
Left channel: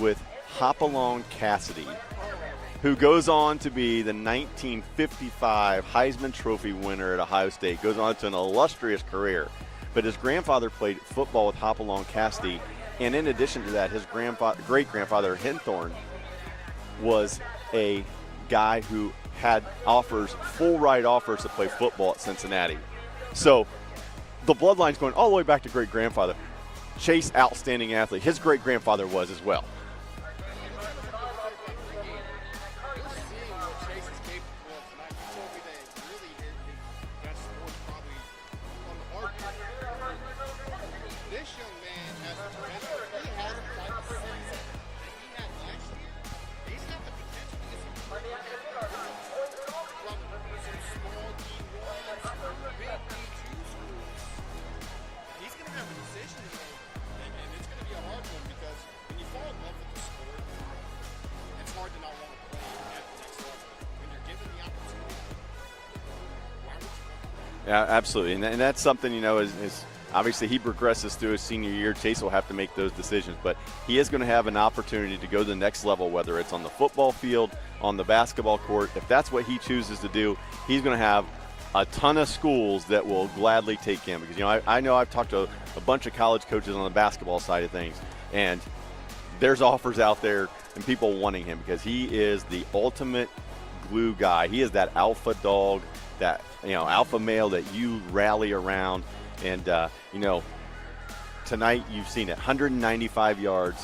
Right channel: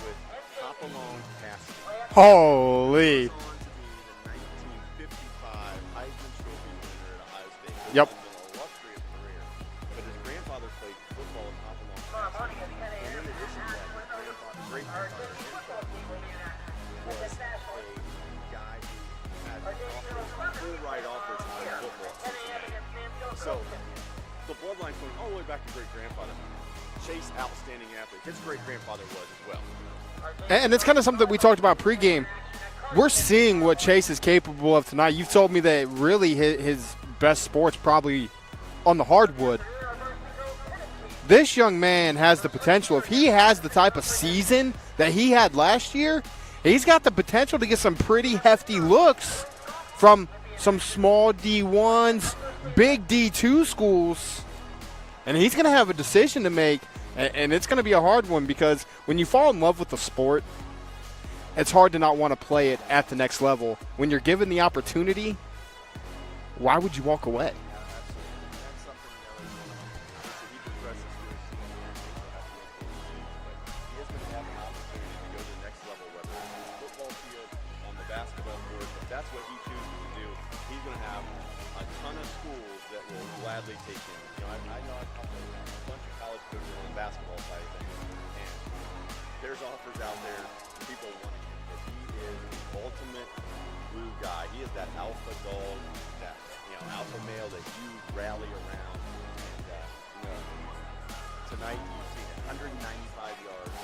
with Hopalong Cassidy, Holy. who goes on to be the 1955 Heisman Trophy winner at Ohio State, goes on to an illustrious career. But his grandfather played football with Hopalong Cassidy, and in addition to that, his great-grandfather, Henthorne, was a guy who had full ride offers to play football at Cincinnati. So the bloodline's going all the way back to great-grandfather. Chase, outstanding athlete. His great-grandfather was as well. And it's kind of something that we talked about pregame. We're seeing what Chase is capable of tonight. You've told me that really his best sport's probably on the hardwood. This young man has the potential. If he has the type of season that he had last year, he's got the potential to get some pretty hefty looks from some small D1s, big D2 schools. And he's going to have a decision to make, and it's going to be a hard one, because when you fall in love with the sport, it's hard to not want to play it at the next level. When you're given the opportunity, why would you walk away? Yeah, absolutely. And that's something, is obviously he progresses through his senior year. Chase will have to make those decisions, but he is going to have an opportunity to go to the next level, whether it's on the football field, on the basketball court. If that's what he chooses to do, he's going to have a ton of schools that will gladly take him. Because, I know I've talked to a bunch of college coaches on the basketball side of things, and there's offers out there and people wanting him because he is the ultimate glue guy. He is that alpha dog, that alpha male that you rally around. And tonight you've seen it, 195 yards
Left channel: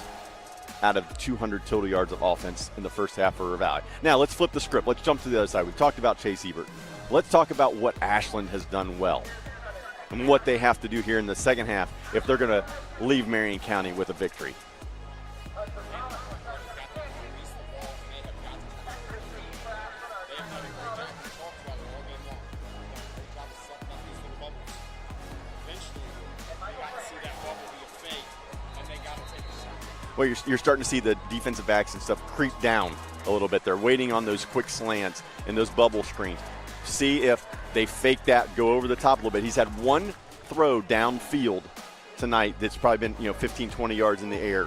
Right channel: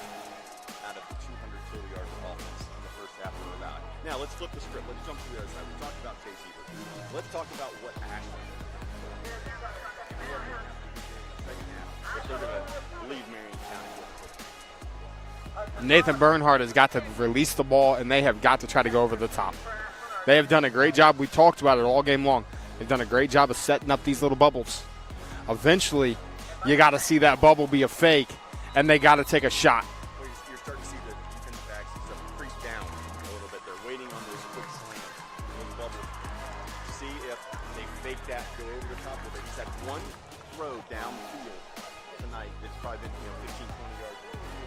out of 200 total yards of offense in the first half for River Valley. Now let's flip the script. Let's jump to the other side. We've talked about Chase Ebert. Let's talk about what Ashland has done well and what they have to do here in the second half if they're going to leave Marion County with a victory. Nathan Bernhardt has got to release the ball, and they have got to try to go over the top. They have done a great job. We talked about it all game long. They've done a great job of setting up these little bubbles. Eventually, you got to see that bubble be a fake, and they got to take a shot. Well, you're starting to see the defensive backs and stuff creep down a little bit. They're waiting on those quick slants and those bubble screens. See if they fake that, go over the top a little bit. He's had one throw downfield tonight that's probably been 15, 20 yards in the air.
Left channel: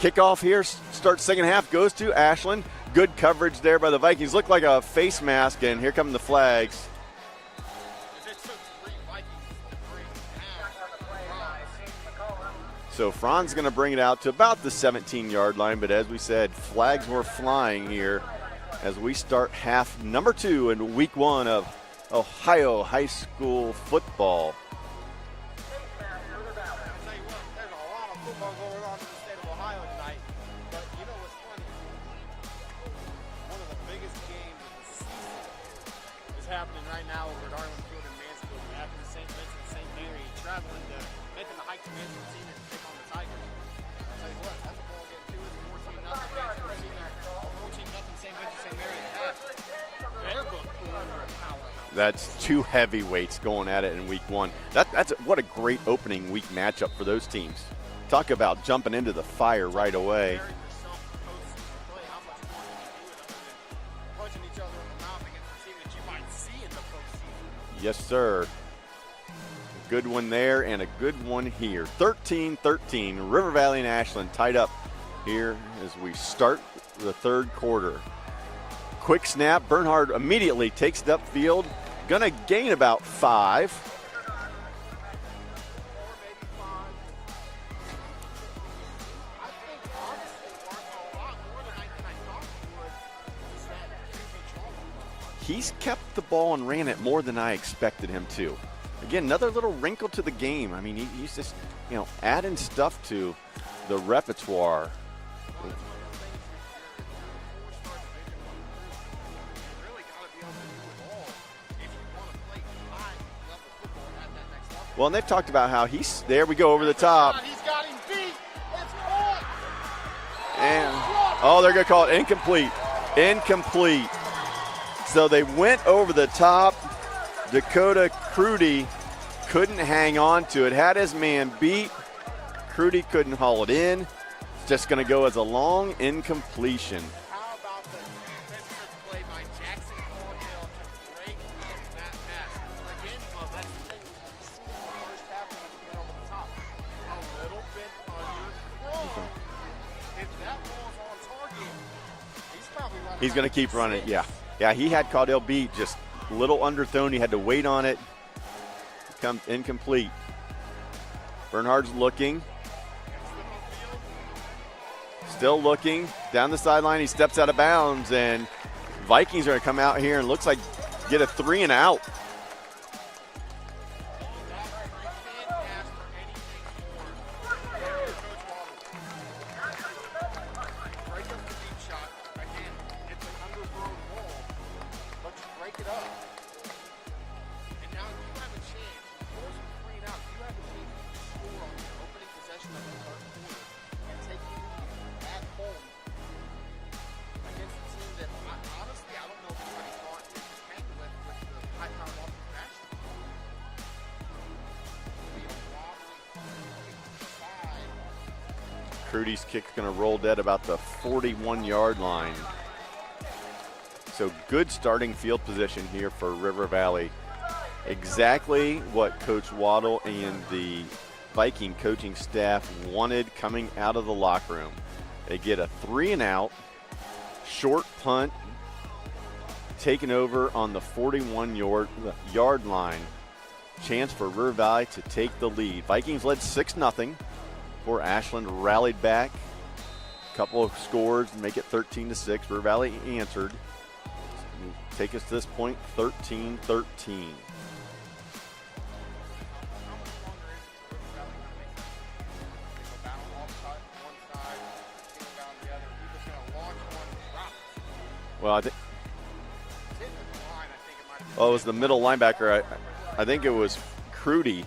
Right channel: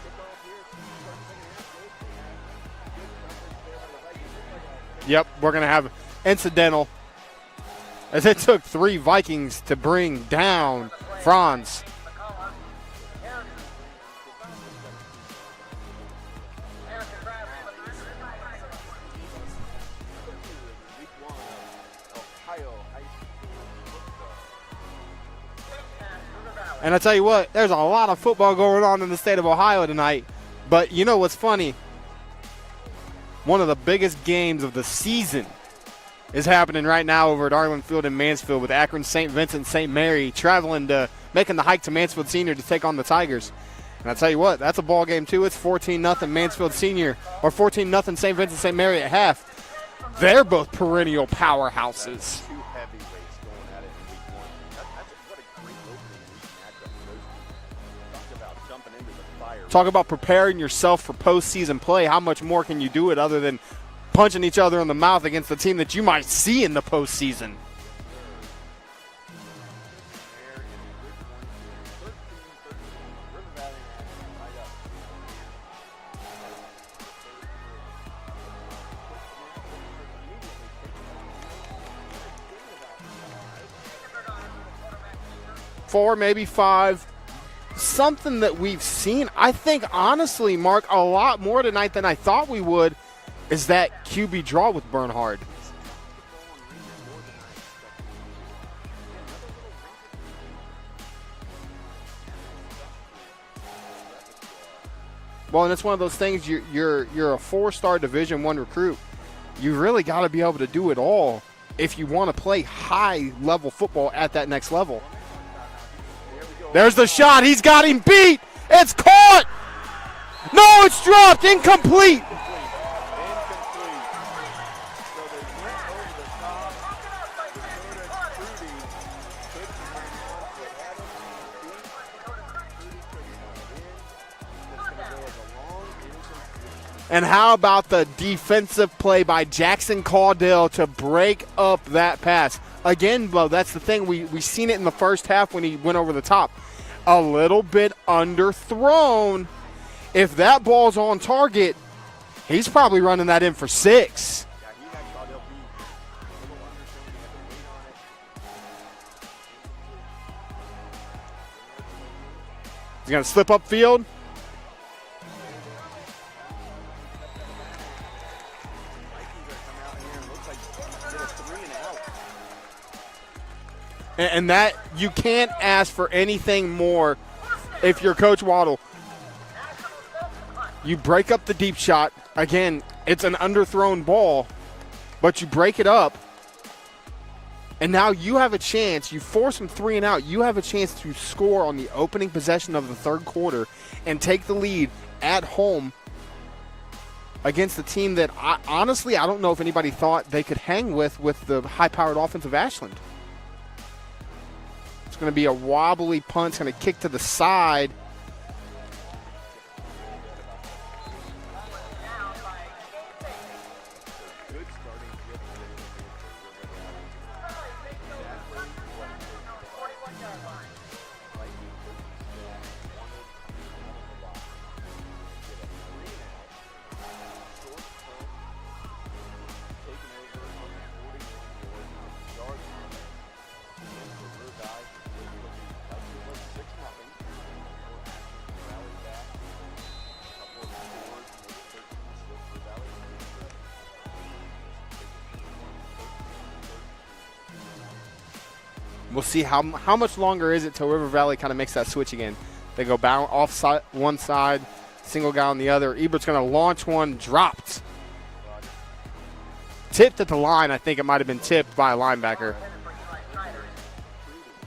Kickoff here, starts second half, goes to Ashland. Good coverage there by the Vikings. Looked like a face mask. We're going to have here come the flags. incidental. As it took 3 Vikings to bring down Franz. So Franz going to bring it out to about the 17-yard line, but as we said, flags were flying here as we start half number 2 in week 1 of Ohio high school football. And I tell you what, there's a lot of football going on in the state of Ohio tonight. But you know what's funny? One of the biggest games of the season is happening right now over at Arlen Field in Mansfield with Akron St. Vincent St. Mary making the hike to Mansfield Senior to take on the Tigers. And I tell you what, that's a ball game too. It's 14-0 Mansfield Senior or 14-0 St. Vincent St. Mary at half. They're both perennial powerhouses. That's 2 heavyweights going at it in week 1. What a great opening week matchup for those teams. Talk about jumping into the fire. Talk right about away. preparing yourself for postseason play. How much more can you do it other than punching each other in the mouth against the team that you might see in the postseason? Yes, sir. Good one there and a good one here. 13-13, River Valley and Ashland tied up here as we start the third quarter. Quick snap, Bernhard immediately takes it upfield. Gonna gain about 5. 4, maybe 5. Something that we've seen, I think, honestly, Mark, a lot more tonight than I thought we would, is that QB draw with Bernhard. He's kept the ball and ran it more than I expected him to. Again, another little wrinkle to the game. I mean, he's just, adding stuff to the repertoire. Well, and it's one of those things, you're a 4-star Division I recruit. You really got to be able to do it all if you want to play high-level football at that next level. Well, and they've talked about how there we go. There's the top. shot. He's got him beat. It's caught. No, it's dropped. Oh, Incomplete. Incomplete. So they went over the top. Dakota Crudy couldn't hang on to it. Had his man beat. Crudy couldn't haul it in. Just going to go as a long incompletion. And how about the defensive play by Jackson Caudill to break up that pass? Again, Bo, that's the thing. We seen it in the first half when he went over the top. A little bit underthrown. If that ball's on target, he's probably running that in for 6. Yeah, he had Caudill beat, just a little underthrown. He had to wait on it. Comes incomplete. Bernhard's looking. He's going to slip upfield. Still looking down the sideline. He steps out of bounds, and Vikings are going to come out here and looks like get a 3 and out. And that, you can't ask for anything more if you're Coach Waddle. You break up the deep shot. Again, it's an underthrown ball, but you break it up. And now you have a chance. You force them 3 and out. You have a chance to score on the opening possession of the third quarter and take the lead at home against the team that, honestly, I don't know if anybody thought they could hang with the high-powered offense of Ashland. It's going to be a wobbly punt. It's going to kick to the side. Crudy's kick's going to roll dead about the 41-yard line. So good starting field position here for River Valley. Exactly what Coach Waddle and the Viking coaching staff wanted coming out of the locker room. They get a 3 and out, short punt, taken over on the 41-yard line. Chance for River Valley to take the lead. Vikings led 6-0 before Ashland rallied back. A couple of scores make it 13-6. River Valley answered. Take us to this point, 13-13. We'll see how much longer is it till River Valley kind of makes that switch again. They go off side, one side, single guy on the other. Ebert's going to launch one, dropped. Well, Tipped at the line. I think it might have been tipped by a linebacker. I think it was Crudy.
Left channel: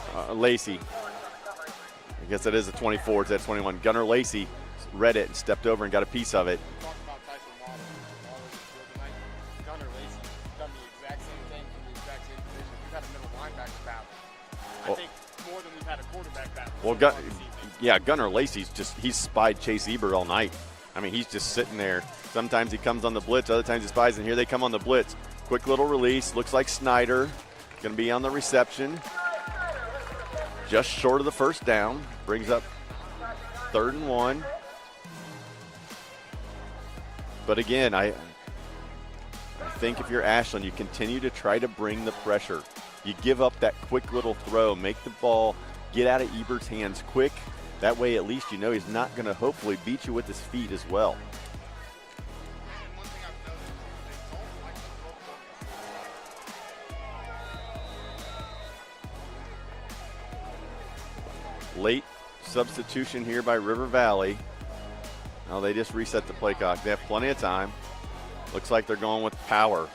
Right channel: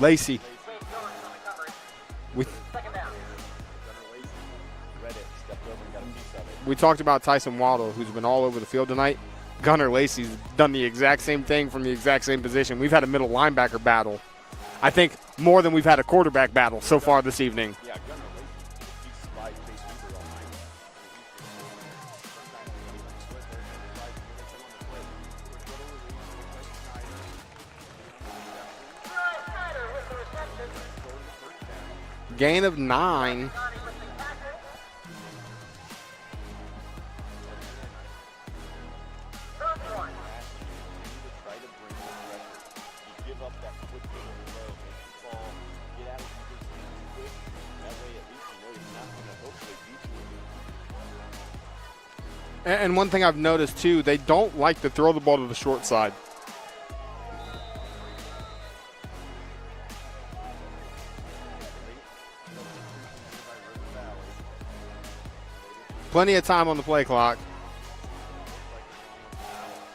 Lacey. Lacey. I guess that is a 24. It's at 21. Gunnar Lacey read it and stepped over and got a piece of it. We talked about Tyson Waddle, who's been all over the field tonight. Gunnar Lacey's done the exact same thing from the exact same position. We've had a middle linebacker battle. I think more than we've had a quarterback battle so far this evening. Yeah, Gunnar Lacey's he's spied Chase Ebert all night. I mean, he's just sitting there. Sometimes he comes on the blitz, other times he spies, and here they come on the blitz. Quick little release. Looks like Snyder going to be on the reception. Just short of the first down. Gain of 9. 3rd and 1. But again, I think if you're Ashland, you continue to try to bring the pressure. You give up that quick little throw, make the ball get out of Ebert's hands quick. That way, at least you know he's not going to hopefully beat you with his feet as well. And one thing I've noticed, too, they don't like to throw the ball to the short side. Late substitution here by River Valley. Oh, they just reset Plenty the of play time clock. on the They have play plenty clock. of time. Looks like they're going with power.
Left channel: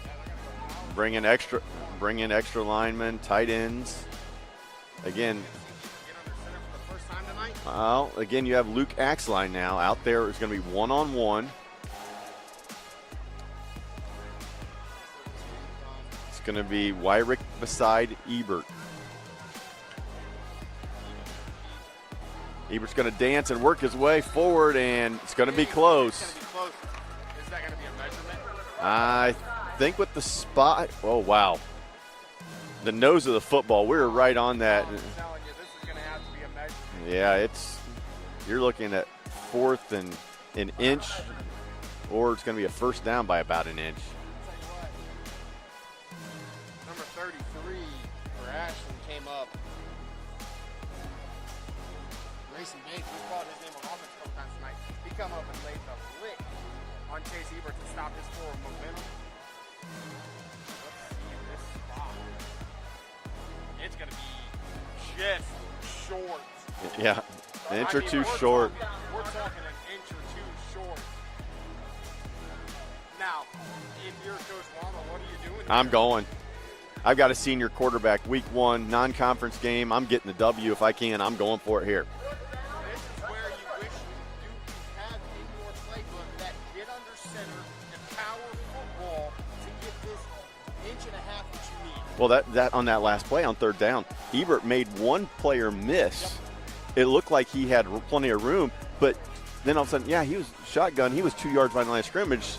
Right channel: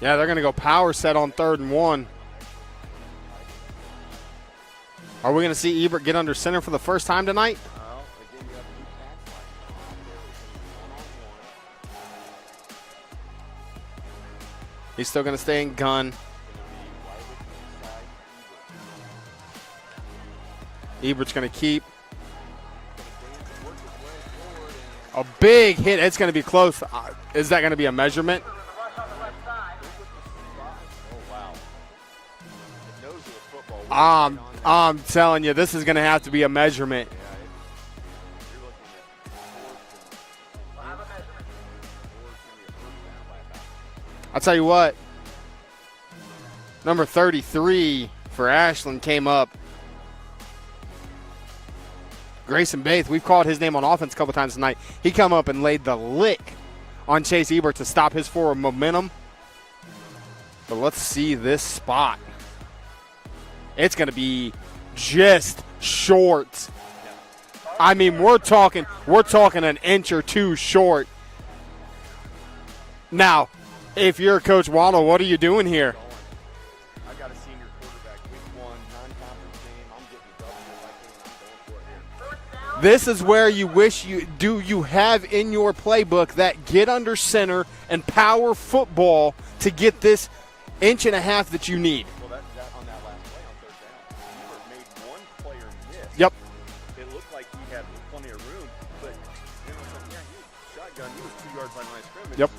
Yeah, they're going to go power set Bring in on extra- 3rd and 1. Bring in extra linemen, tight ends. Again, Are we going to see Ebert get under center for the first time tonight? well, again, you have Luke Axline now out there. It's going to be one-on-one. He's still going to stay in gun. It's going to be Wyrick beside Ebert. Ebert's going to keep Ebert's going to dance and work his way forward, and a it's going to be big close. hit. It's going to be close. Is that going to be a measurement? I think with the spot. Oh, wow. The nose of the football. We're right on that. I'm telling you, this is going to have to be a measurement. Yeah, you're looking at 4th and an inch, or it's going to be a first down by about an inch. I'll tell you what. Number 33 for Ashland came up. Grayson Bates, we've called his name on offense a couple times tonight. He come up and laid the lick on Chase Ebert to stop his forward momentum. But let's see this spot. It's going to be just short. Yeah. I mean, we're talking an inch or two short. Now, if you're Coach Waddle, what are you doing here? I'm going. I've got a senior quarterback, week 1, non-conference game. I'm getting the W if I can. I'm going for it here. This is where you wish you have in your playbook that get under center and power football to get this inch and a half that you need. Well, that on that last play on 3rd down, Ebert made one player miss. Yep. It looked like he had plenty of room, but then all of a sudden, yeah, he was shotgun. He was 2 yards behind the line of scrimmage. Yep.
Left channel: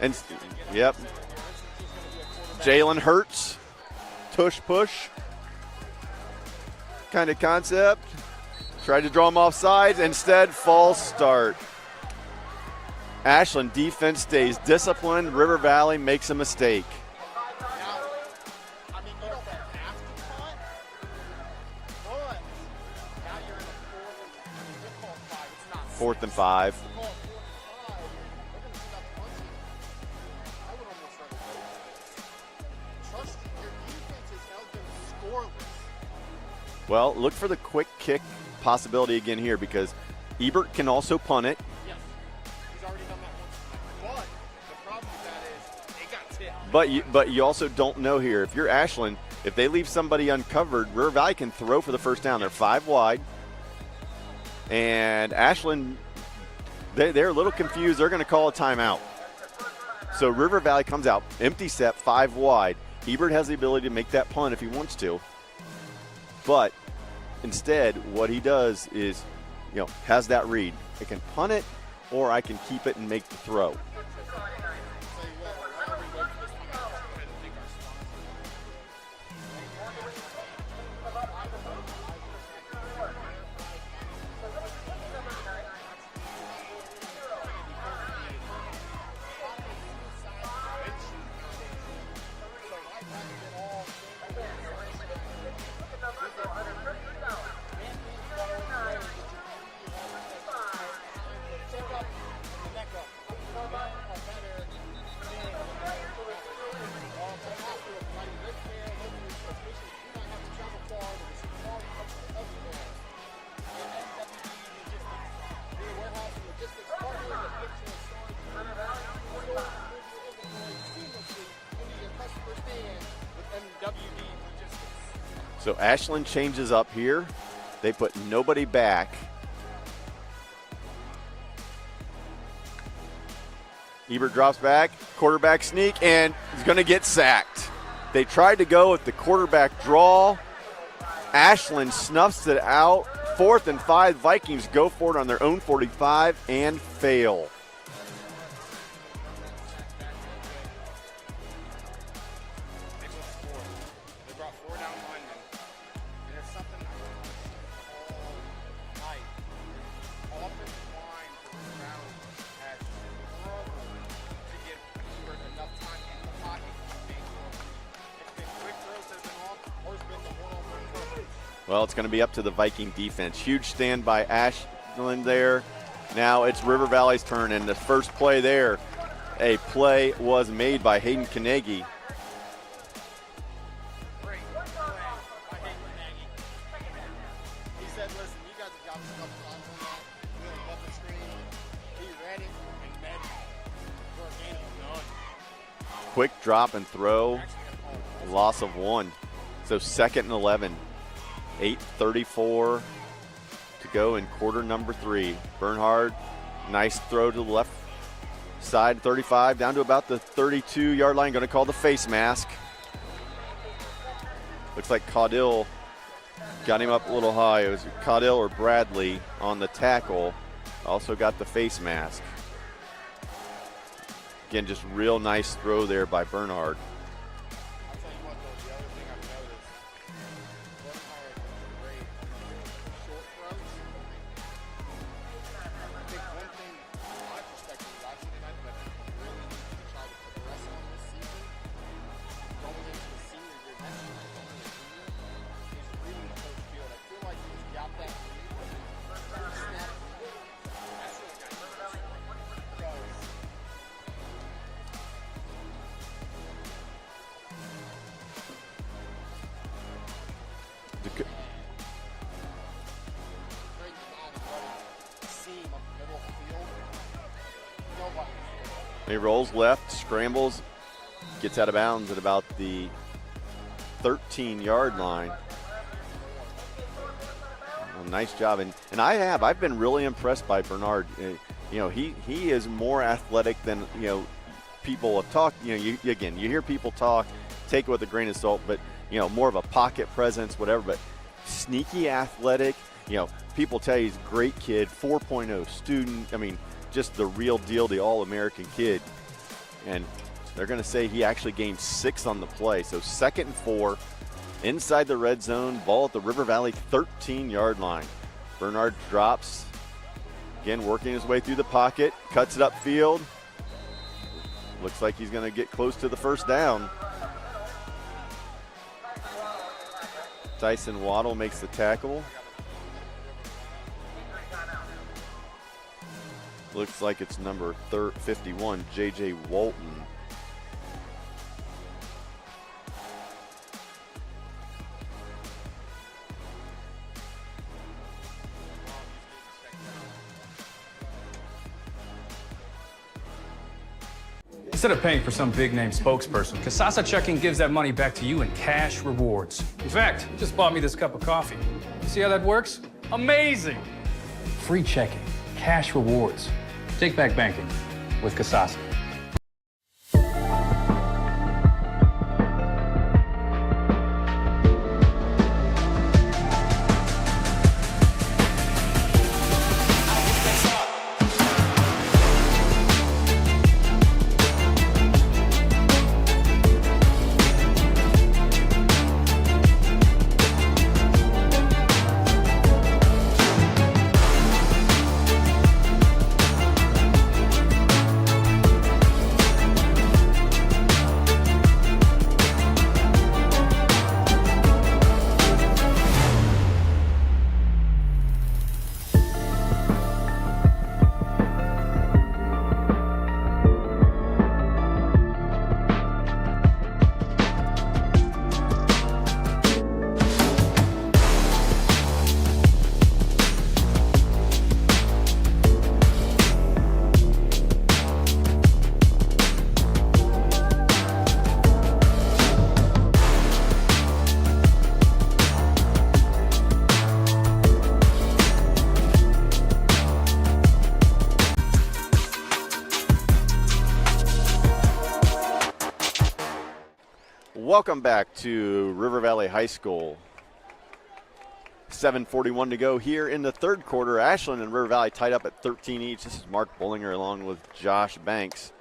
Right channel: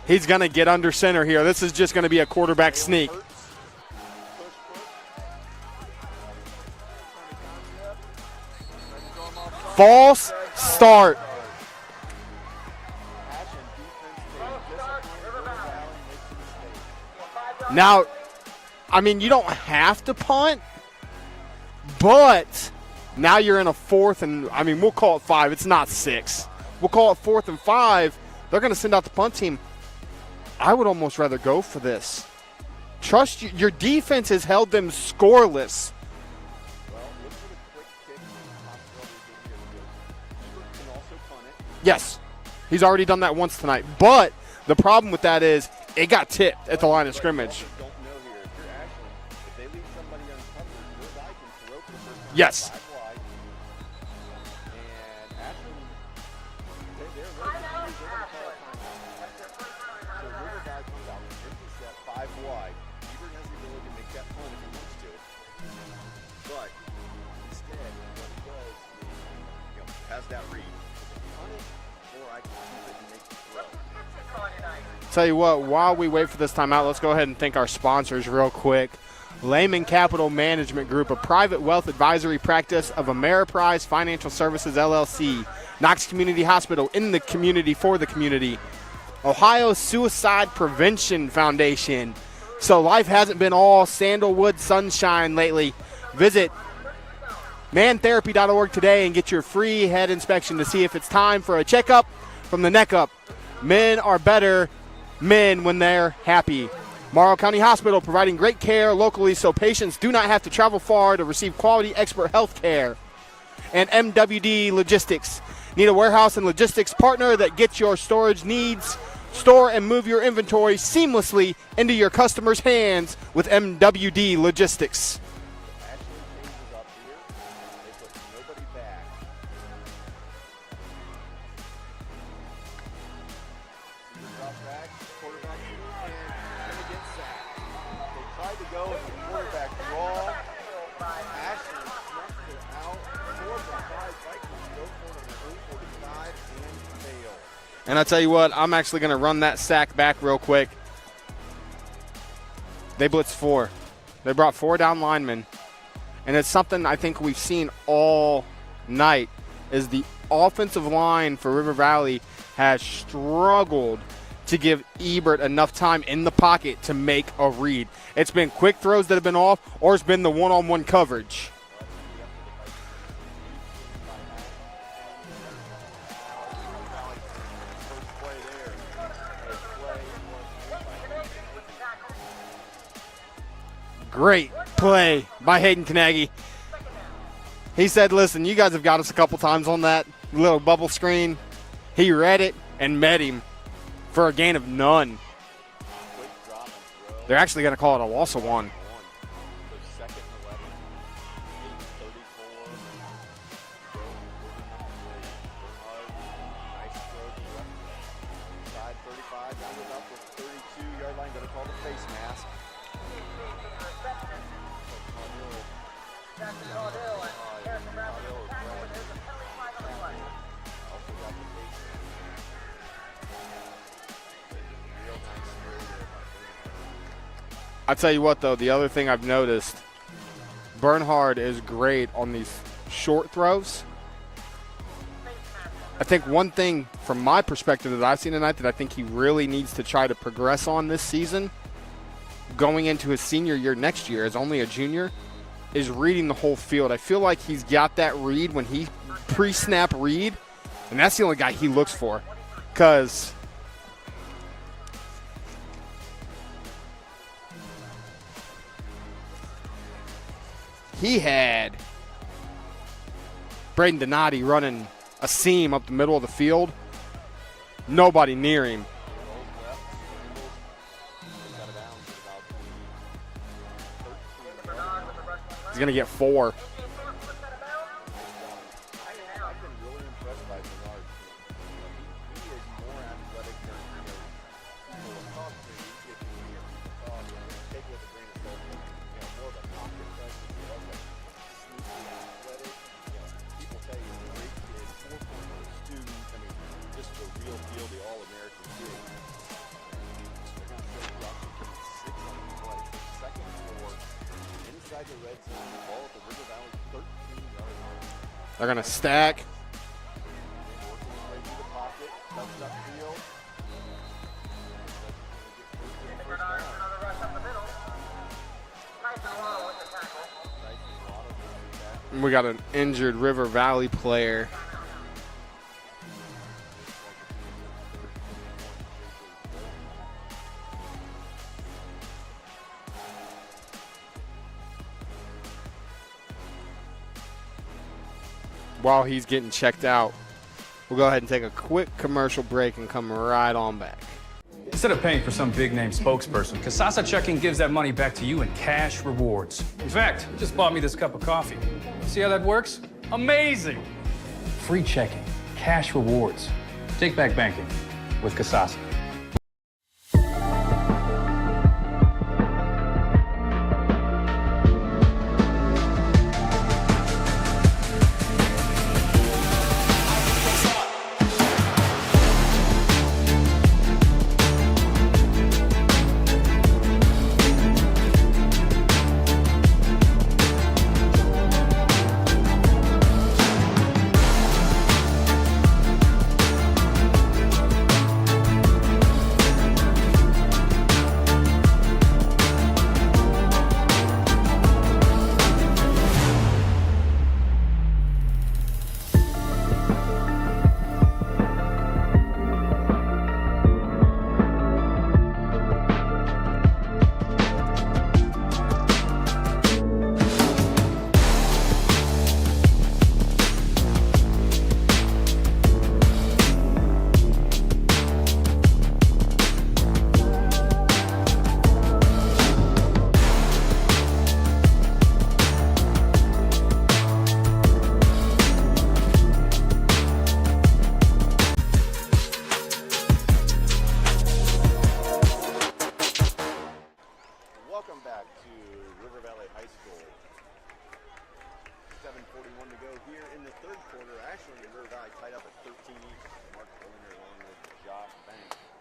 And He's going to get under center here. This is just going to be a quarterback Jalen sneak. Hurts, tush push kind of concept. Tried to draw him offside. False Instead, false start. Ashland defense stays disciplined. River Valley makes a mistake. Now, I mean, you don't have to punt, but now you're in a 4th and, I mean, we'll call it 5. It's not 6. 4th and 5. We'll call it 4th and 5. They're going to send out the punt team. I would almost rather go for this. Trust you. Your defense has held them scoreless. Well, look for the quick kick possibility again here because Ebert can also punt it. Yes, he's already done that once tonight. But the problem with that is it got tipped at the line of But scrimmage. you also don't know here. If you're Ashland, if they leave somebody uncovered, River Valley can throw for the first down. Yes. 5 wide. And Ashland, they're a little confused. They're going to call a timeout. So River Valley comes out, empty set, 5 wide. Ebert has the ability to make that punt if he wants to. But instead, what he does is, has that read. I can punt it, or I can keep it and make the throw. Tell you what, while we wait for this timeout, let's go ahead and thank our sponsors real quick. Lehman Capital Management Group, a private wealth advisory practice of Ameriprise Financial Services, LLC. Knox Community Hospital, in the community, for the community. Ohio Suicide Prevention Foundation. So life hasn't been all sandalwood sunshine lately. Visit mantherapy.org today and get your free head inspection to see if it's time for a checkup from the neck up. Men are better men when they're happy. Morrow County Hospital, providing great care locally so patients do not have to travel far to receive quality expert health care. And MWD Logistics. Need a warehouse and logistics partner that gets your storage needs? Store and move your inventory seamlessly into your customers' hands with MWD Logistics. So Ashland changes up here. They put nobody back. Ebert drops back, quarterback sneak, and he's going to get sacked. They tried to go with the quarterback draw. Ashland snuffs it out. 4th and 5, Vikings go for it on their own 45 and fail. And I tell you what, I'm actually going to run that sack back real quick. They blitzed 4. They brought 4 down linemen. and it's something I think we've seen all night, is the offensive line for River Valley has struggled to give Ebert enough time in the pocket to make a read. It's been quick throws that have been off, or it's been the one-on-one coverage. Well, it's going to be up to the Viking defense. Huge stand by Ashland there. Now it's River Valley's turn, and the first play there, a play was made by Hayden Carnegie. Great play by Hayden Carnegie. He said, listen, you guys have got us a couple times on that little bubble screen. He read it and met him for a gain of none. Quick drop and throw. They're actually going to call it a loss of one. So 2nd and 11. 8:34 to go in quarter number 3. Bernhard, nice throw to the left side, 35, down to about the 32-yard line. Going to call the face mask. Looks like Caudill got him up a little high. It was Caudill or Bradley on the tackle. Also got the face mask. Again, just real nice throw there by Bernhard. I'll tell you what, though, the other thing I've noticed, Bernhard is great on these short throws. I think one thing from my perspective that I've seen tonight that I think he really needs to try to progress on this season, going into his senior year next year as only a junior, is reading the whole field. I feel like he's got that read when he pre-snap read, and that's the only guy he looks for. Because he had Braden Donati running a seam up the middle of the field. Nobody near him. He rolls left, scrambles, gets out of bounds at about the 13-yard line. He's going to get 4. Well, nice job. And I've been really impressed by Bernhard. You know, he is more athletic than, you know, people have talked. You know, you hear people talk, take it with a grain of salt, but, you know, more of a pocket presence, whatever, but sneaky athletic. You know, people tell you he's a great kid, 4.0 student. I mean, just the real deal, the All-American kid. And they're going to say he actually gained 6 on the play. So 2nd and 4, inside the red zone, ball at the River Valley 13-yard line. They're going to stack. Drops. Again, working his way through the pocket, cuts it upfield. Looks like he's going to get close to the first down. Tyson Waddle makes the tackle. We got an injured River Valley player. Looks like it's number 51, J.J. Walton. While he's getting checked out, we'll go ahead and take a quick commercial break and come right on back. Instead of paying for some big-name spokesperson, Kasasa Checking gives that money back to you in cash rewards. In fact, you just bought me this cup of coffee. See how that works? Amazing! Free checking, cash rewards. Take back banking with Kasasa. Welcome back to River Valley High School. 7:41 to go here in the third quarter. Ashland and River Valley tied up at 13 each. This is Mark Bullinger along with Josh Banks.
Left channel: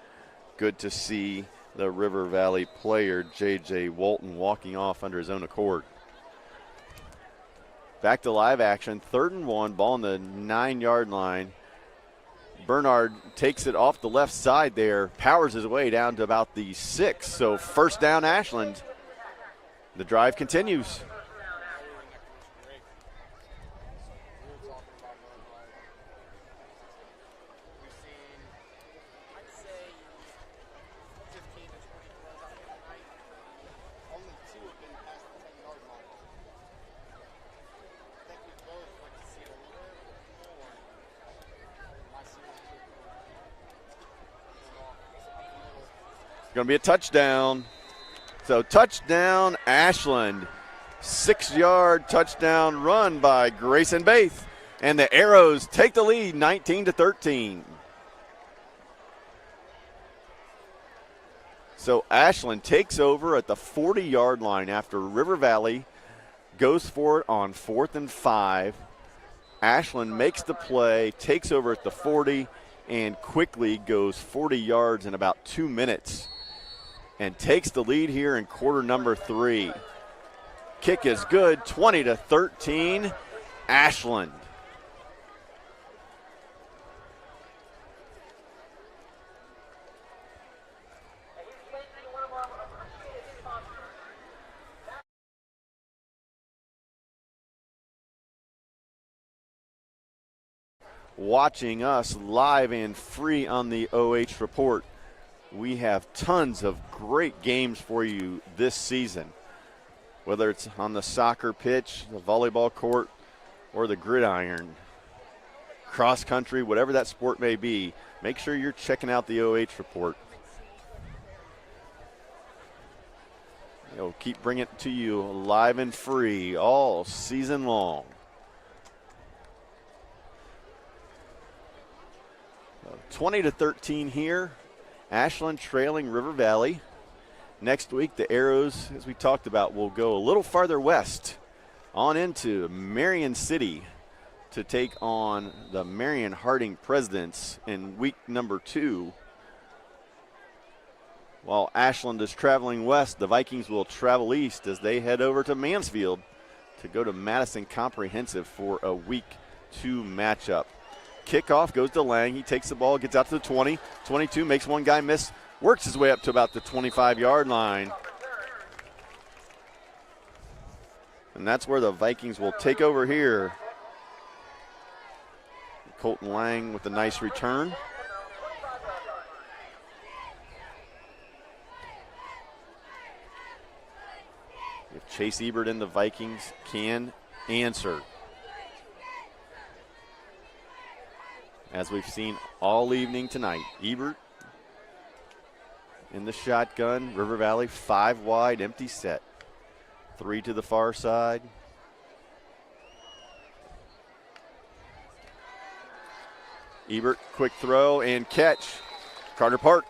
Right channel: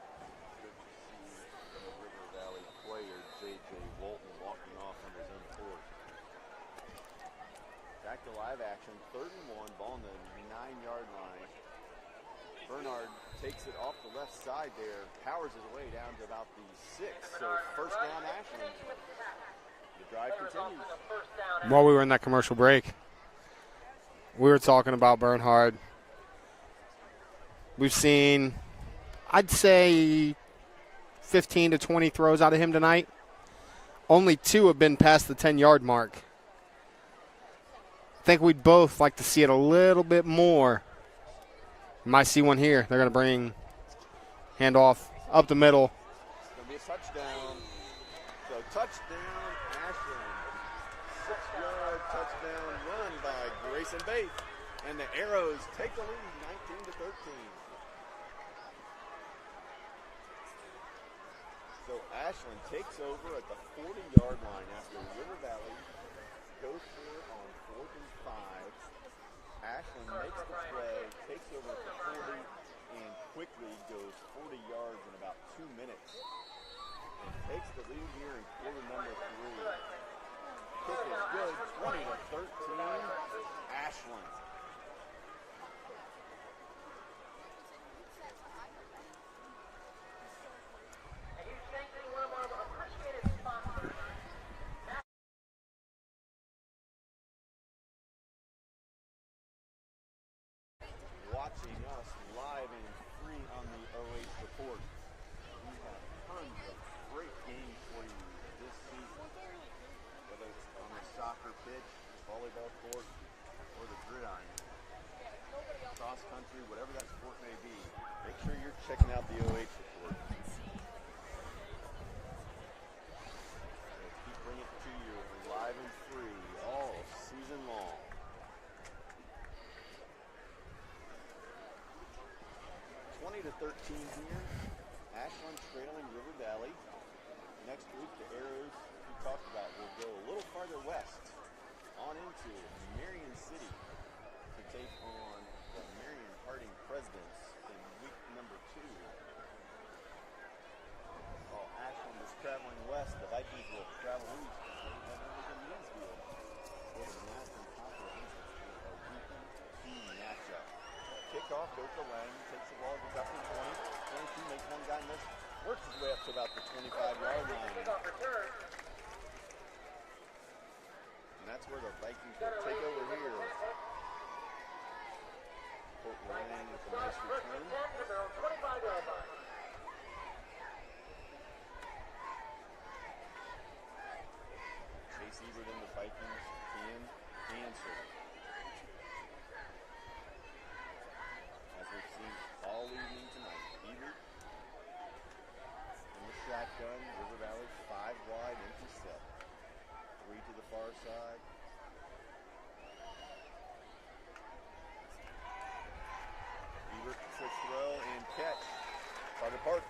Good to see the River Valley player, J.J. Walton, walking off under his own accord. Back to live action, 3rd and 1, ball on the 9-yard line. Bernard takes it off the left side there, powers his way down to about the 6. So first down, Ashland. The drive continues. While we were in that commercial break, we were talking about Bernhard. We've seen, I'd say, 15 to 20 throws out of him tonight. Only 2 have been past the 10-yard mark. I think we'd both like to see it a little bit more. Might see one here. They're going to bring handoff up the middle. It's going to be a touchdown. So touchdown, Ashland. 6-yard touchdown run by Grayson Baith. And the Arrows take the lead 19-13. So Ashland takes over at the 40-yard line after River Valley goes for it on 4th and 5. Ashland makes the play, takes over at the 40, and quickly goes 40 yards in about 2 minutes and takes the lead here in quarter number 3. Kick is good, 20-13, Ashland. Watching us live and free on the OH Report. We have tons of great games for you this season. Whether it's on the soccer pitch, the volleyball court, or the gridiron, cross country, whatever that sport may be, make sure you're checking out the OH Report. We'll keep bringing it to you live and free all season long. 20-13 here. Ashland trailing River Valley. Next week, the Arrows, as we talked about, will go a little farther west on into Marion City to take on the Marion Harding Presidents in week number 2. While Ashland is traveling west, the Vikings will travel east as they head over to Mansfield to go to Madison Comprehensive for a week 2 matchup. Kickoff goes to Lang. He takes the ball, gets out to the 20, 22, makes one guy miss, works his way up to about the 25-yard line. And that's where the Vikings will take over here. Colton Lang with a nice return. If Chase Ebert and the Vikings can answer, as we've seen all evening tonight. Ebert in the shotgun. River Valley 5 wide, empty set. 3 to the far side. Ebert, quick throw and catch. Carter Park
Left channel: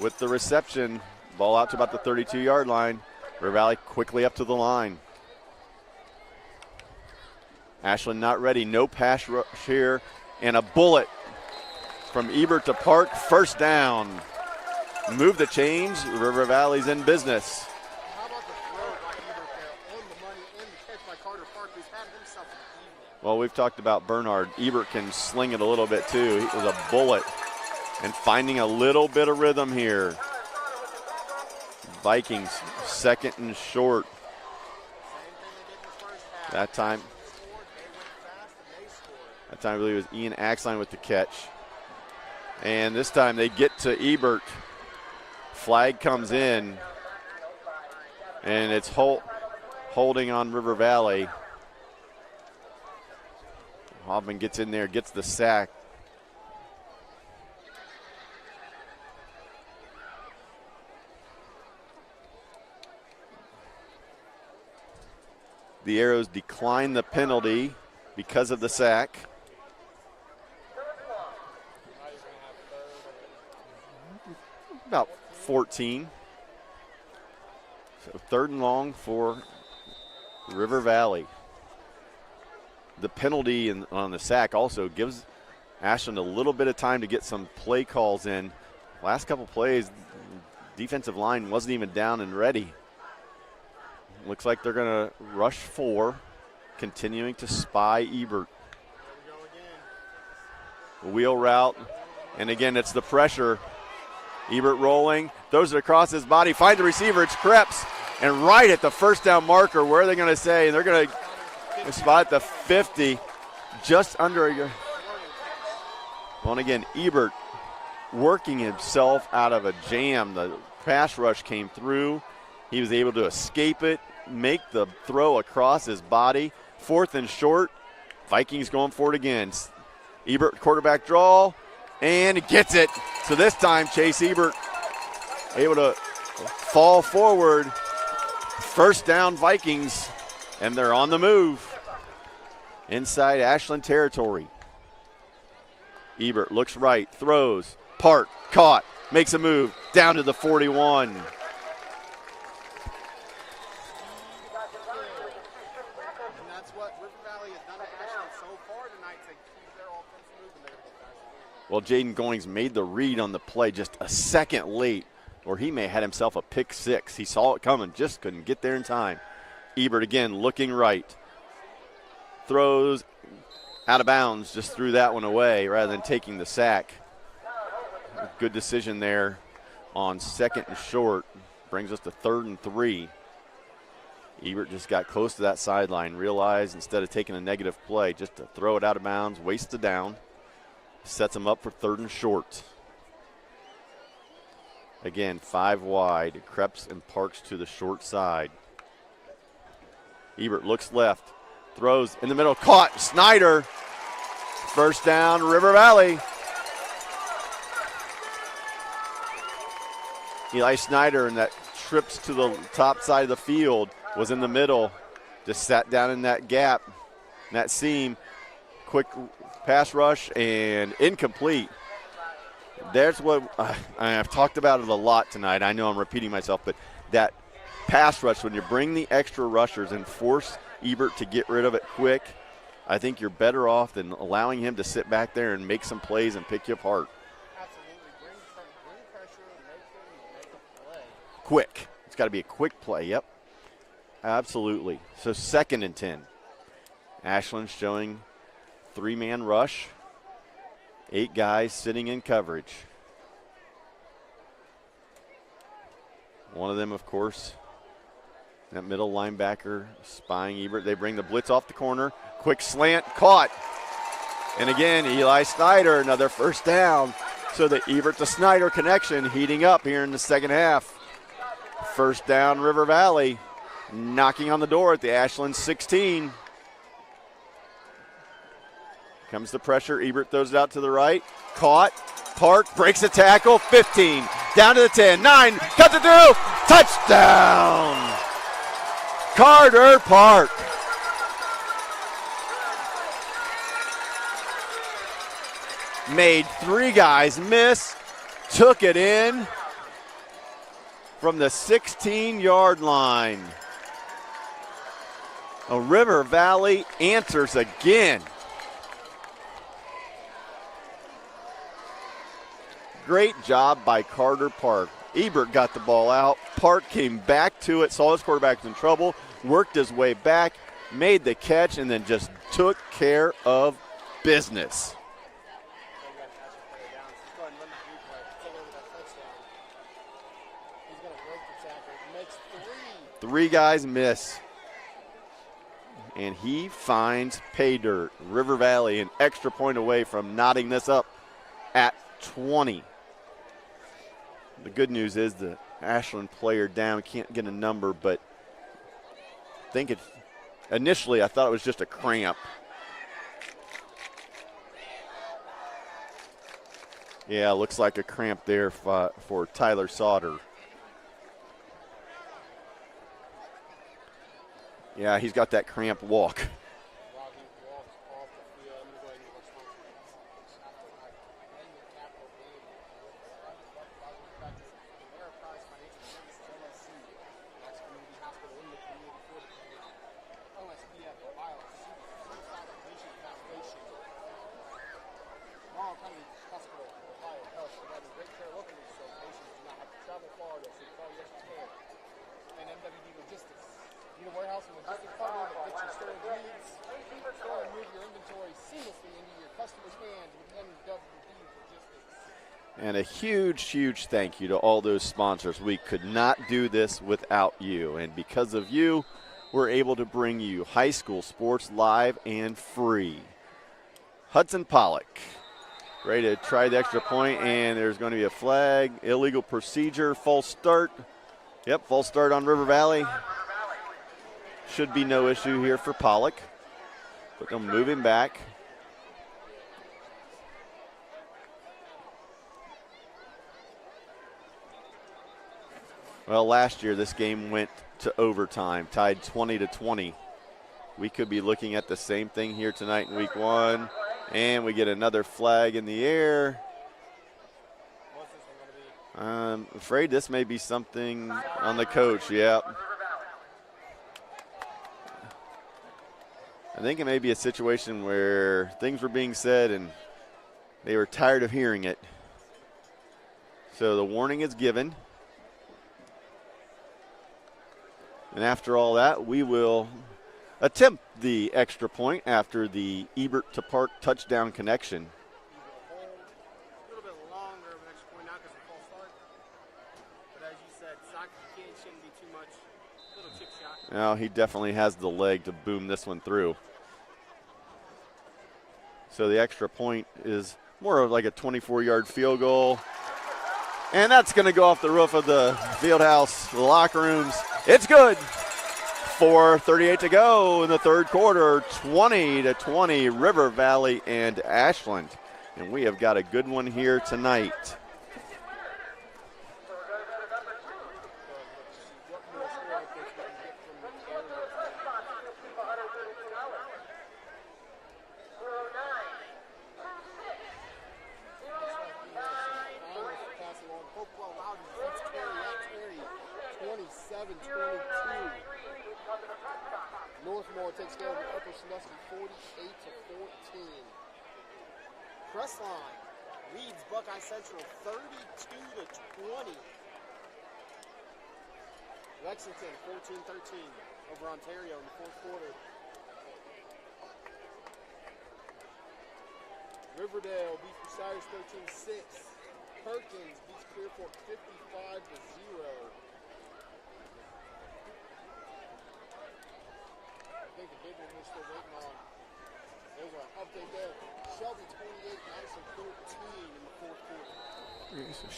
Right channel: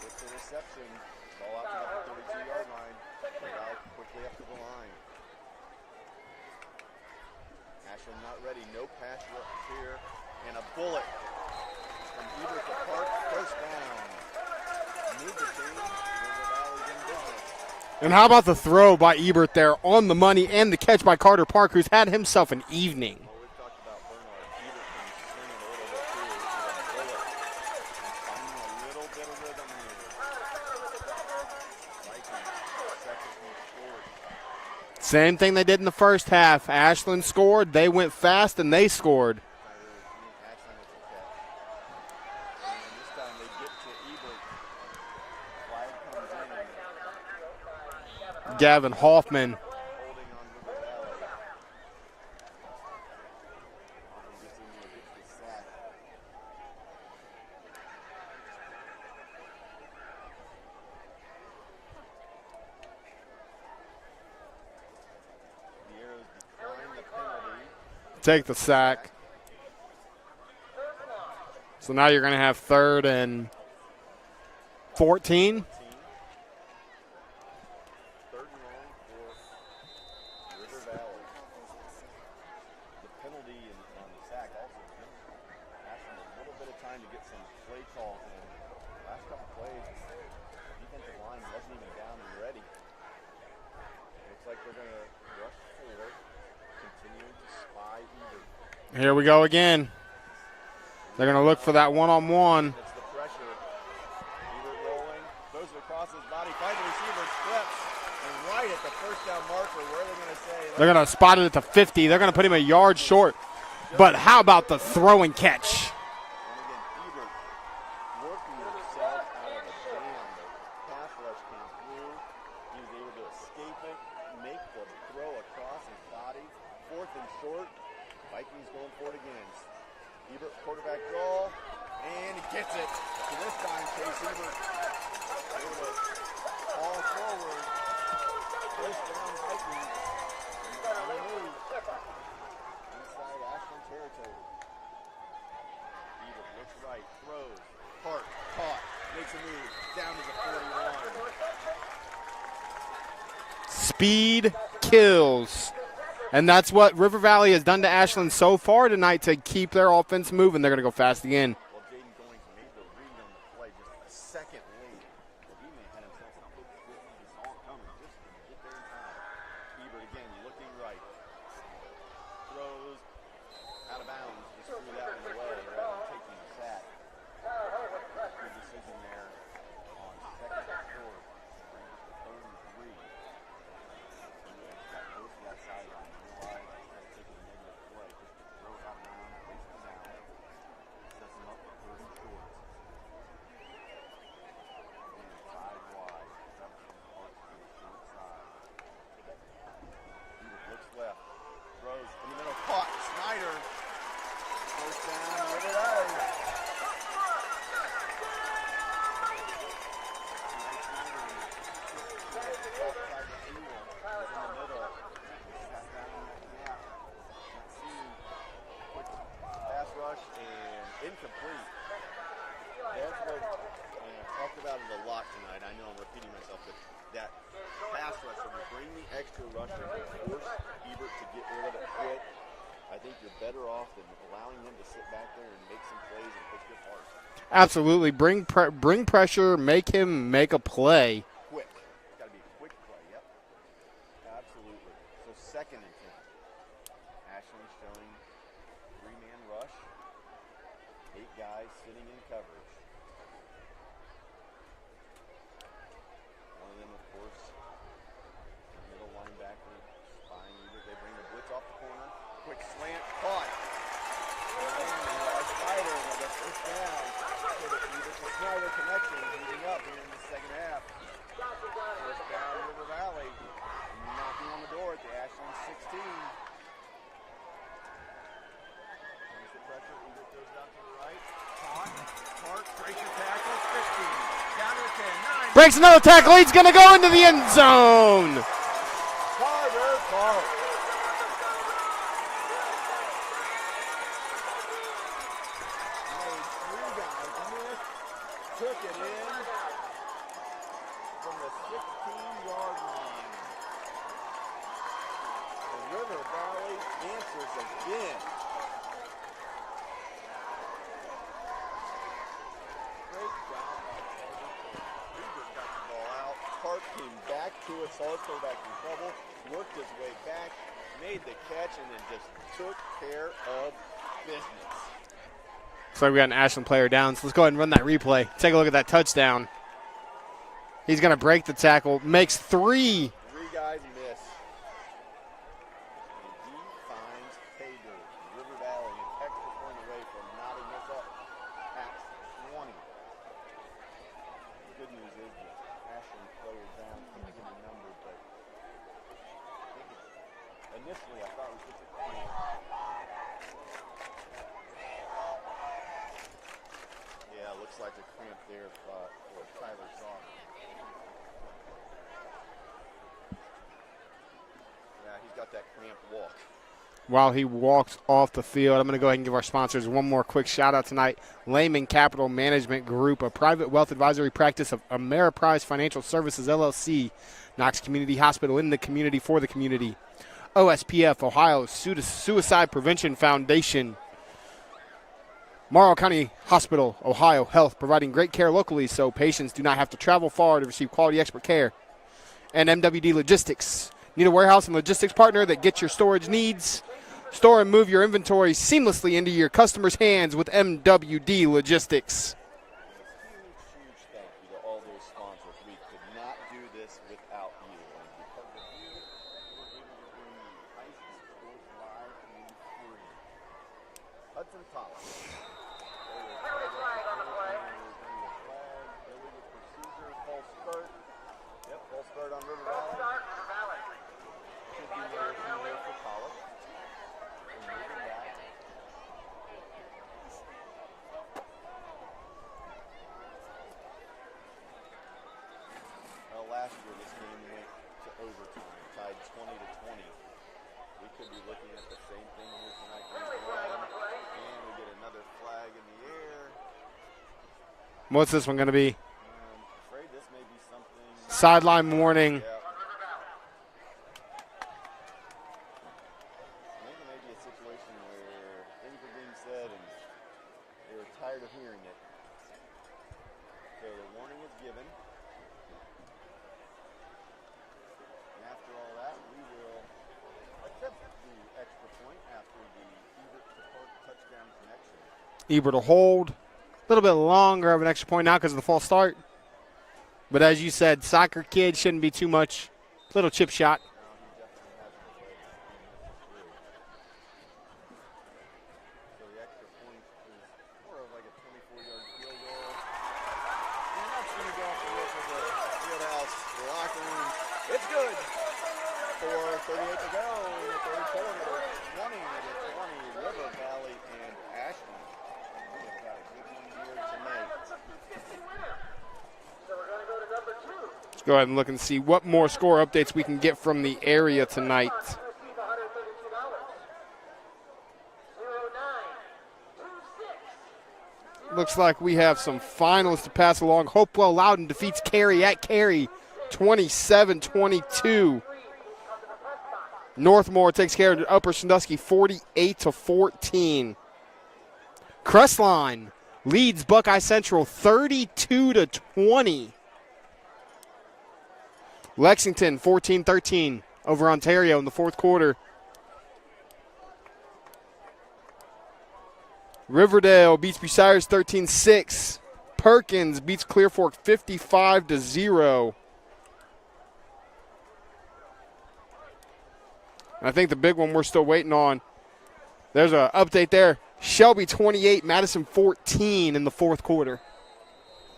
with the reception. Ball out to about the 32-yard line. River Valley quickly up to the line. Ashland not ready, no pass rush here, and a bullet from Ebert to Park, first down. Move the chains, River Valley's in business. And how about the throw by Ebert there on the money and the catch by Carter Park, who's had himself an evening. Well, we've talked about Bernard. Ebert can sling it a little bit too. It was a bullet and finding a little bit of rhythm here. Vikings 2nd and short. Same thing they did in the first half. Ashland scored, they went fast, and they scored. That time I believe it was Ian Axline with the catch. And this time they get to Ebert. Flag comes in. And Gavin Hoffman holding on River Valley. Hoffman gets in there, gets the sack. The Arrows decline the penalty because of the sack. So now you're going to have 3rd and 14. 14. So 3rd and long for River Valley. The penalty on the sack also gives Ashland a little bit of time to get some play calls in. Last couple plays, defensive line wasn't even down and ready. Looks like they're going to rush 4, continuing to spy Ebert. Here we go again. We're going to look for that one-on-one. And again, it's the pressure. Ebert rolling, throws it across his body, finds the receiver, it's Krebs. And right at the first down marker, where are they going to say? They're going to spot it at the 50. They're going to put him a yard short. But how about the throw and catch? Well, and again, Ebert working himself out of a jam. The pass rush came through. He was able to escape it, make the throw across his body. 4th and short. Vikings going for it again. Ebert quarterback draw, and he gets it. So this time, Chase Ebert able to fall forward. First down Vikings, and they're on the move inside Ashland territory. Ebert looks right, throws, Park, caught, makes a move, down to the 41. Speed kills. And that's what River Valley has done to Ashland so far tonight to keep their offense moving. They're going to go fast again. Well, Jaden Goings made the read on the play just a second late, or he may have had himself a pick 6. He saw it coming, just couldn't get there in time. Ebert again looking right. Throws out of bounds, just threw that one away rather than taking the sack. Good decision there on 2nd and short. Brings us to 3rd and 3. Ebert just got close to that sideline, realized instead of taking a negative play, just to throw it out of bounds, waste the down. Sets him up for 3rd and short. Again, 5 wide. Krebs and Parks to the short side. Ebert looks left, throws in the middle, caught. Snyder. First down, River Valley. Eli Snyder, and that trips to the top side of the field, was in the middle, just sat down in that gap, that seam. Quick pass rush and incomplete. There's what I've talked about it a lot tonight. I know I'm repeating myself, but that pass rush, when you bring the extra rushers and force Ebert to get rid of it quick, I think you're better off than allowing him to sit back there and make some plays and pick you apart. Absolutely. Bring pressure, make him make a play. Quick. It's got to be a quick play, yep. Absolutely. So 2nd and 10. Ashland showing 3-man rush. 8 guys sitting in coverage. One of them, of course, that middle linebacker spying Ebert. They bring the blitz off the corner. Quick slant, caught. And again, Eli Snyder, another first down. So the Ebert to Snyder connection heating up here in the second half. First down, River Valley. Knocking on the door at the Ashland 16. Comes the pressure. Ebert throws it out to the right. Caught. Park breaks a tackle. 15. Down to the 10. 9. Breaks another tackle. He's going to go into the end zone. Carter Park. Made 3 guys miss. Took it in from the 16-yard line. A River Valley answers again. Great job by Carter Park. Ebert got the ball out. Park came back to it, saw his quarterback in trouble, worked his way back, made the catch, and then just took care of business. So we got an Ashland player down. So let's go ahead and run that replay. Take a look at that touchdown. He's going to break the tackle. Makes 3. 3 guys miss. And he finds pay dirt. River Valley an extra point away from knotting this up at 20. The good news is the Ashland player down can't get a number, but I think it's initially I thought it was just a cramp. Yeah, looks like a cramp there for Tyler Sauter. Yeah, he's got that cramp walk. While he walks off the field, I'm going to go ahead and give our sponsors one more quick shout-out tonight. Lehman Capital Management Group, a private wealth advisory practice of Ameriprise Financial Services, LLC. Knox Community Hospital, in the community, for the community. OSPF, Ohio Suicide Prevention Foundation. Morrow County Hospital, Ohio Health, providing great care locally so patients do not have to travel far to receive quality expert care. And MWD Logistics, Need a warehouse and logistics partner that gets your storage needs? Store and move your inventory seamlessly into your customers' hands with MWD Logistics. And a huge, huge thank you to all those sponsors. We could not do this without you. And because of you, we're able to bring you high school sports live and free. Hudson Pollock, ready to try the extra point, and there's going to be a flag. Illegal procedure, false start. Yep, false start on River Valley. Should be no issue here for Pollock. But they'll move him back. Well, last year this game went to overtime, tied 20-20. We could be looking at the same thing here tonight in week 1. And we get another flag in the air. What's this one going to be? I'm afraid this may be something. Sideline warning. Yep. I think it may be a situation where things were being said and they were tired of hearing it. So the warning is given. And after all that, we will attempt the extra point after the Ebert to Park touchdown connection. Ebert will hold. A little bit longer of an extra point now because of the false start. But as you said, soccer kid shouldn't be too much. Little chip shot. Now he definitely has the leg to boom this one through. So the extra point is more of like a 24-yard field goal. And that's going to go off the roof of the field house, the locker rooms. It's good. 4:38 to go in the third quarter, 20-20, River Valley and Ashland. And we have got a good one here tonight. Let's go ahead and look and see what more score updates we can get from the area tonight. Looks like we have some finals to pass along. Hopewell Loudon defeats Cary at Cary, 27-22. Northmore takes care of Upper Sandusky, 48-14. Crestline leads Buckeye Central, 32-20. Lexington, 14-13 over Ontario in the fourth quarter. Riverdale beats Bucyrus 13-6. Perkins beats Clear Fork 55-0. I think the big one we're still waiting on. There's an update there. Shelby 28, Madison 14 in the fourth quarter.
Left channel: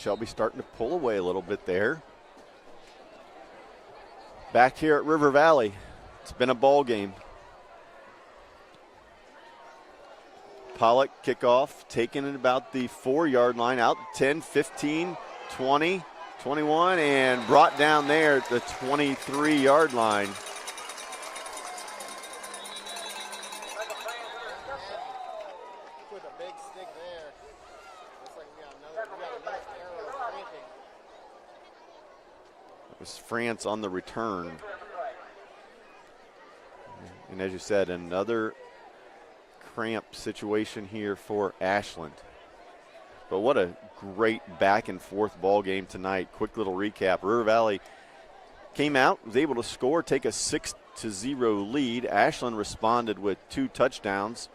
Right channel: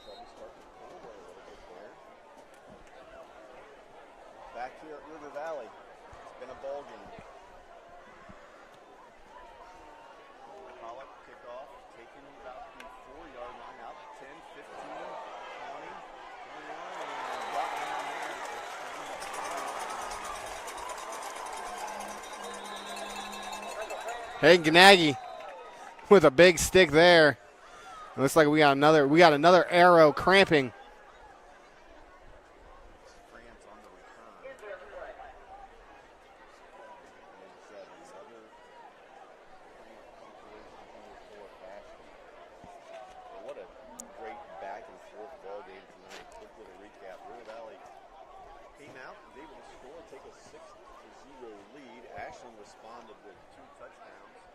Shelby starting to pull away a little bit there. Back here at River Valley, it's been a ball game. Pollock kickoff, taken at about the 4-yard line, out 10, 15, 20, 21, and brought down there at the 23-yard line. Hey, Ganagi with a big stick there. Looks like we got another arrow cramping. It was France on the return. And as you said, another cramp situation here for Ashland. But what a great back and forth ball game tonight. Quick little recap. River Valley came out, was able to score, take a 6-0 lead. Ashland responded with 2 touchdowns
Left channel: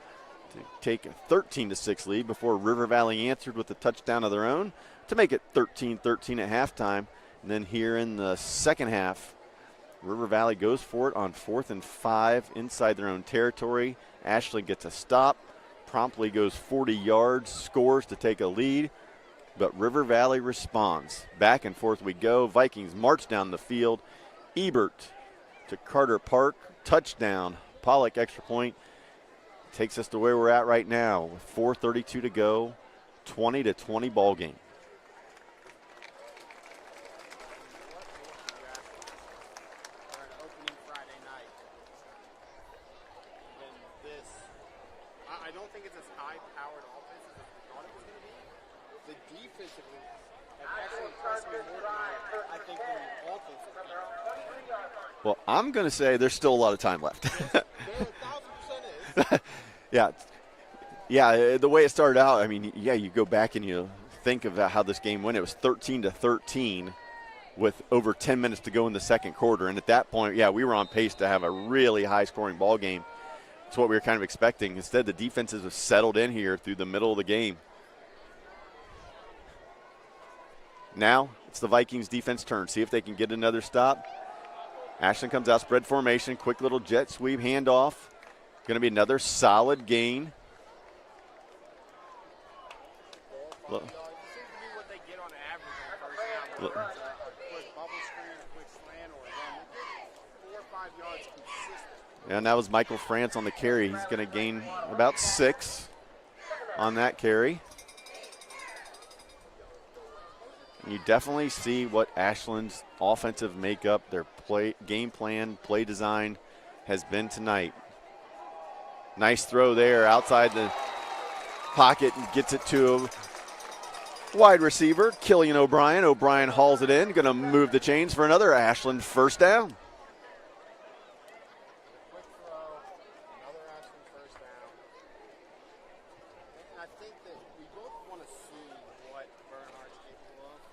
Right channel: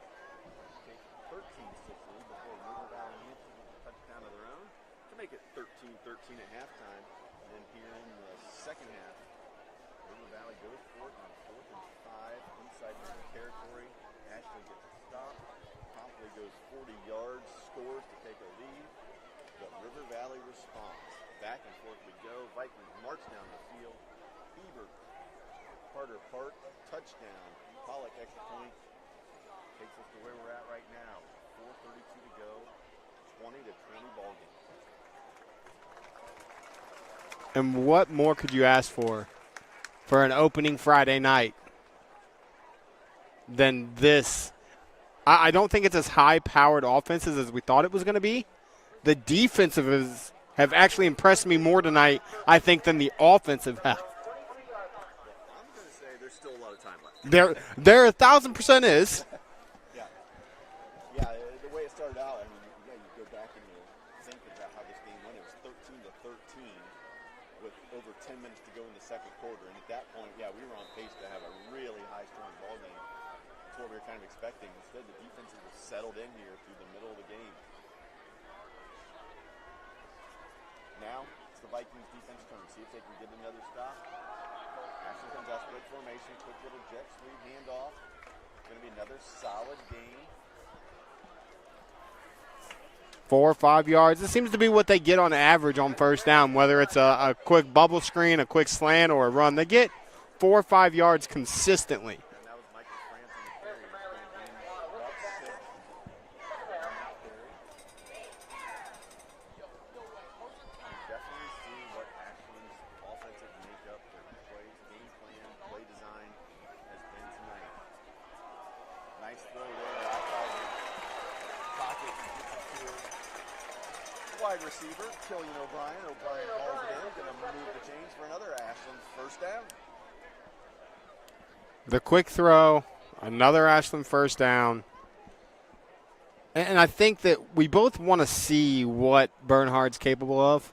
to take a 13-6 lead before River Valley answered with a touchdown of their own to make it 13-13 at halftime. And then here in the second half, River Valley goes for it on 4th and 5 inside their own territory. Ashland gets a stop, promptly goes 40 yards, scores to take a lead, but River Valley responds. Back and forth we go. Vikings march down the field. Ebert to Carter Park, touchdown. Pollock extra point takes us to where we're at right now with 4:32 to go, 20-20 ball game. And what more could you ask for an opening Friday night than this? I don't think it's as high-powered offenses as we thought it was going to be. The defensive have actually impressed me more tonight, I think, than the offensive have. Well, I'm going to say there's still a lot of time left. There 1,000% is. Yeah, the way it started out, I mean, yeah, you go back and you think about how this game went. It was 13-13, with over 10 minutes to go in the second quarter. And at that point, yeah, we were on pace to have a really high-scoring ball game. It's what we were kind of expecting. Instead, the defenses have settled in here through the middle of the game. Now it's the Vikings defense turn. See if they can get another stop. Ashland comes out, spread formation, quick little jet sweep, handoff. Going to be another solid gain. 4 or 5 yards. This seems to be what they get on average on first down, whether it's a quick bubble screen, a quick slant, or a run. They get 4 or 5 yards consistently. And that was Michael France on the carry. He's going to gain about 6 on that carry. You definitely see what Ashland's offensive makeup, their game plan, play design has been tonight. Nice throw there outside the pocket and gets it to a wide receiver, Killian O'Brien. O'Brien hauls it in, going to move the chains for another Ashland first down. The quick throw, another Ashland first down. And I think that we both want to see what Bernhard's capable of.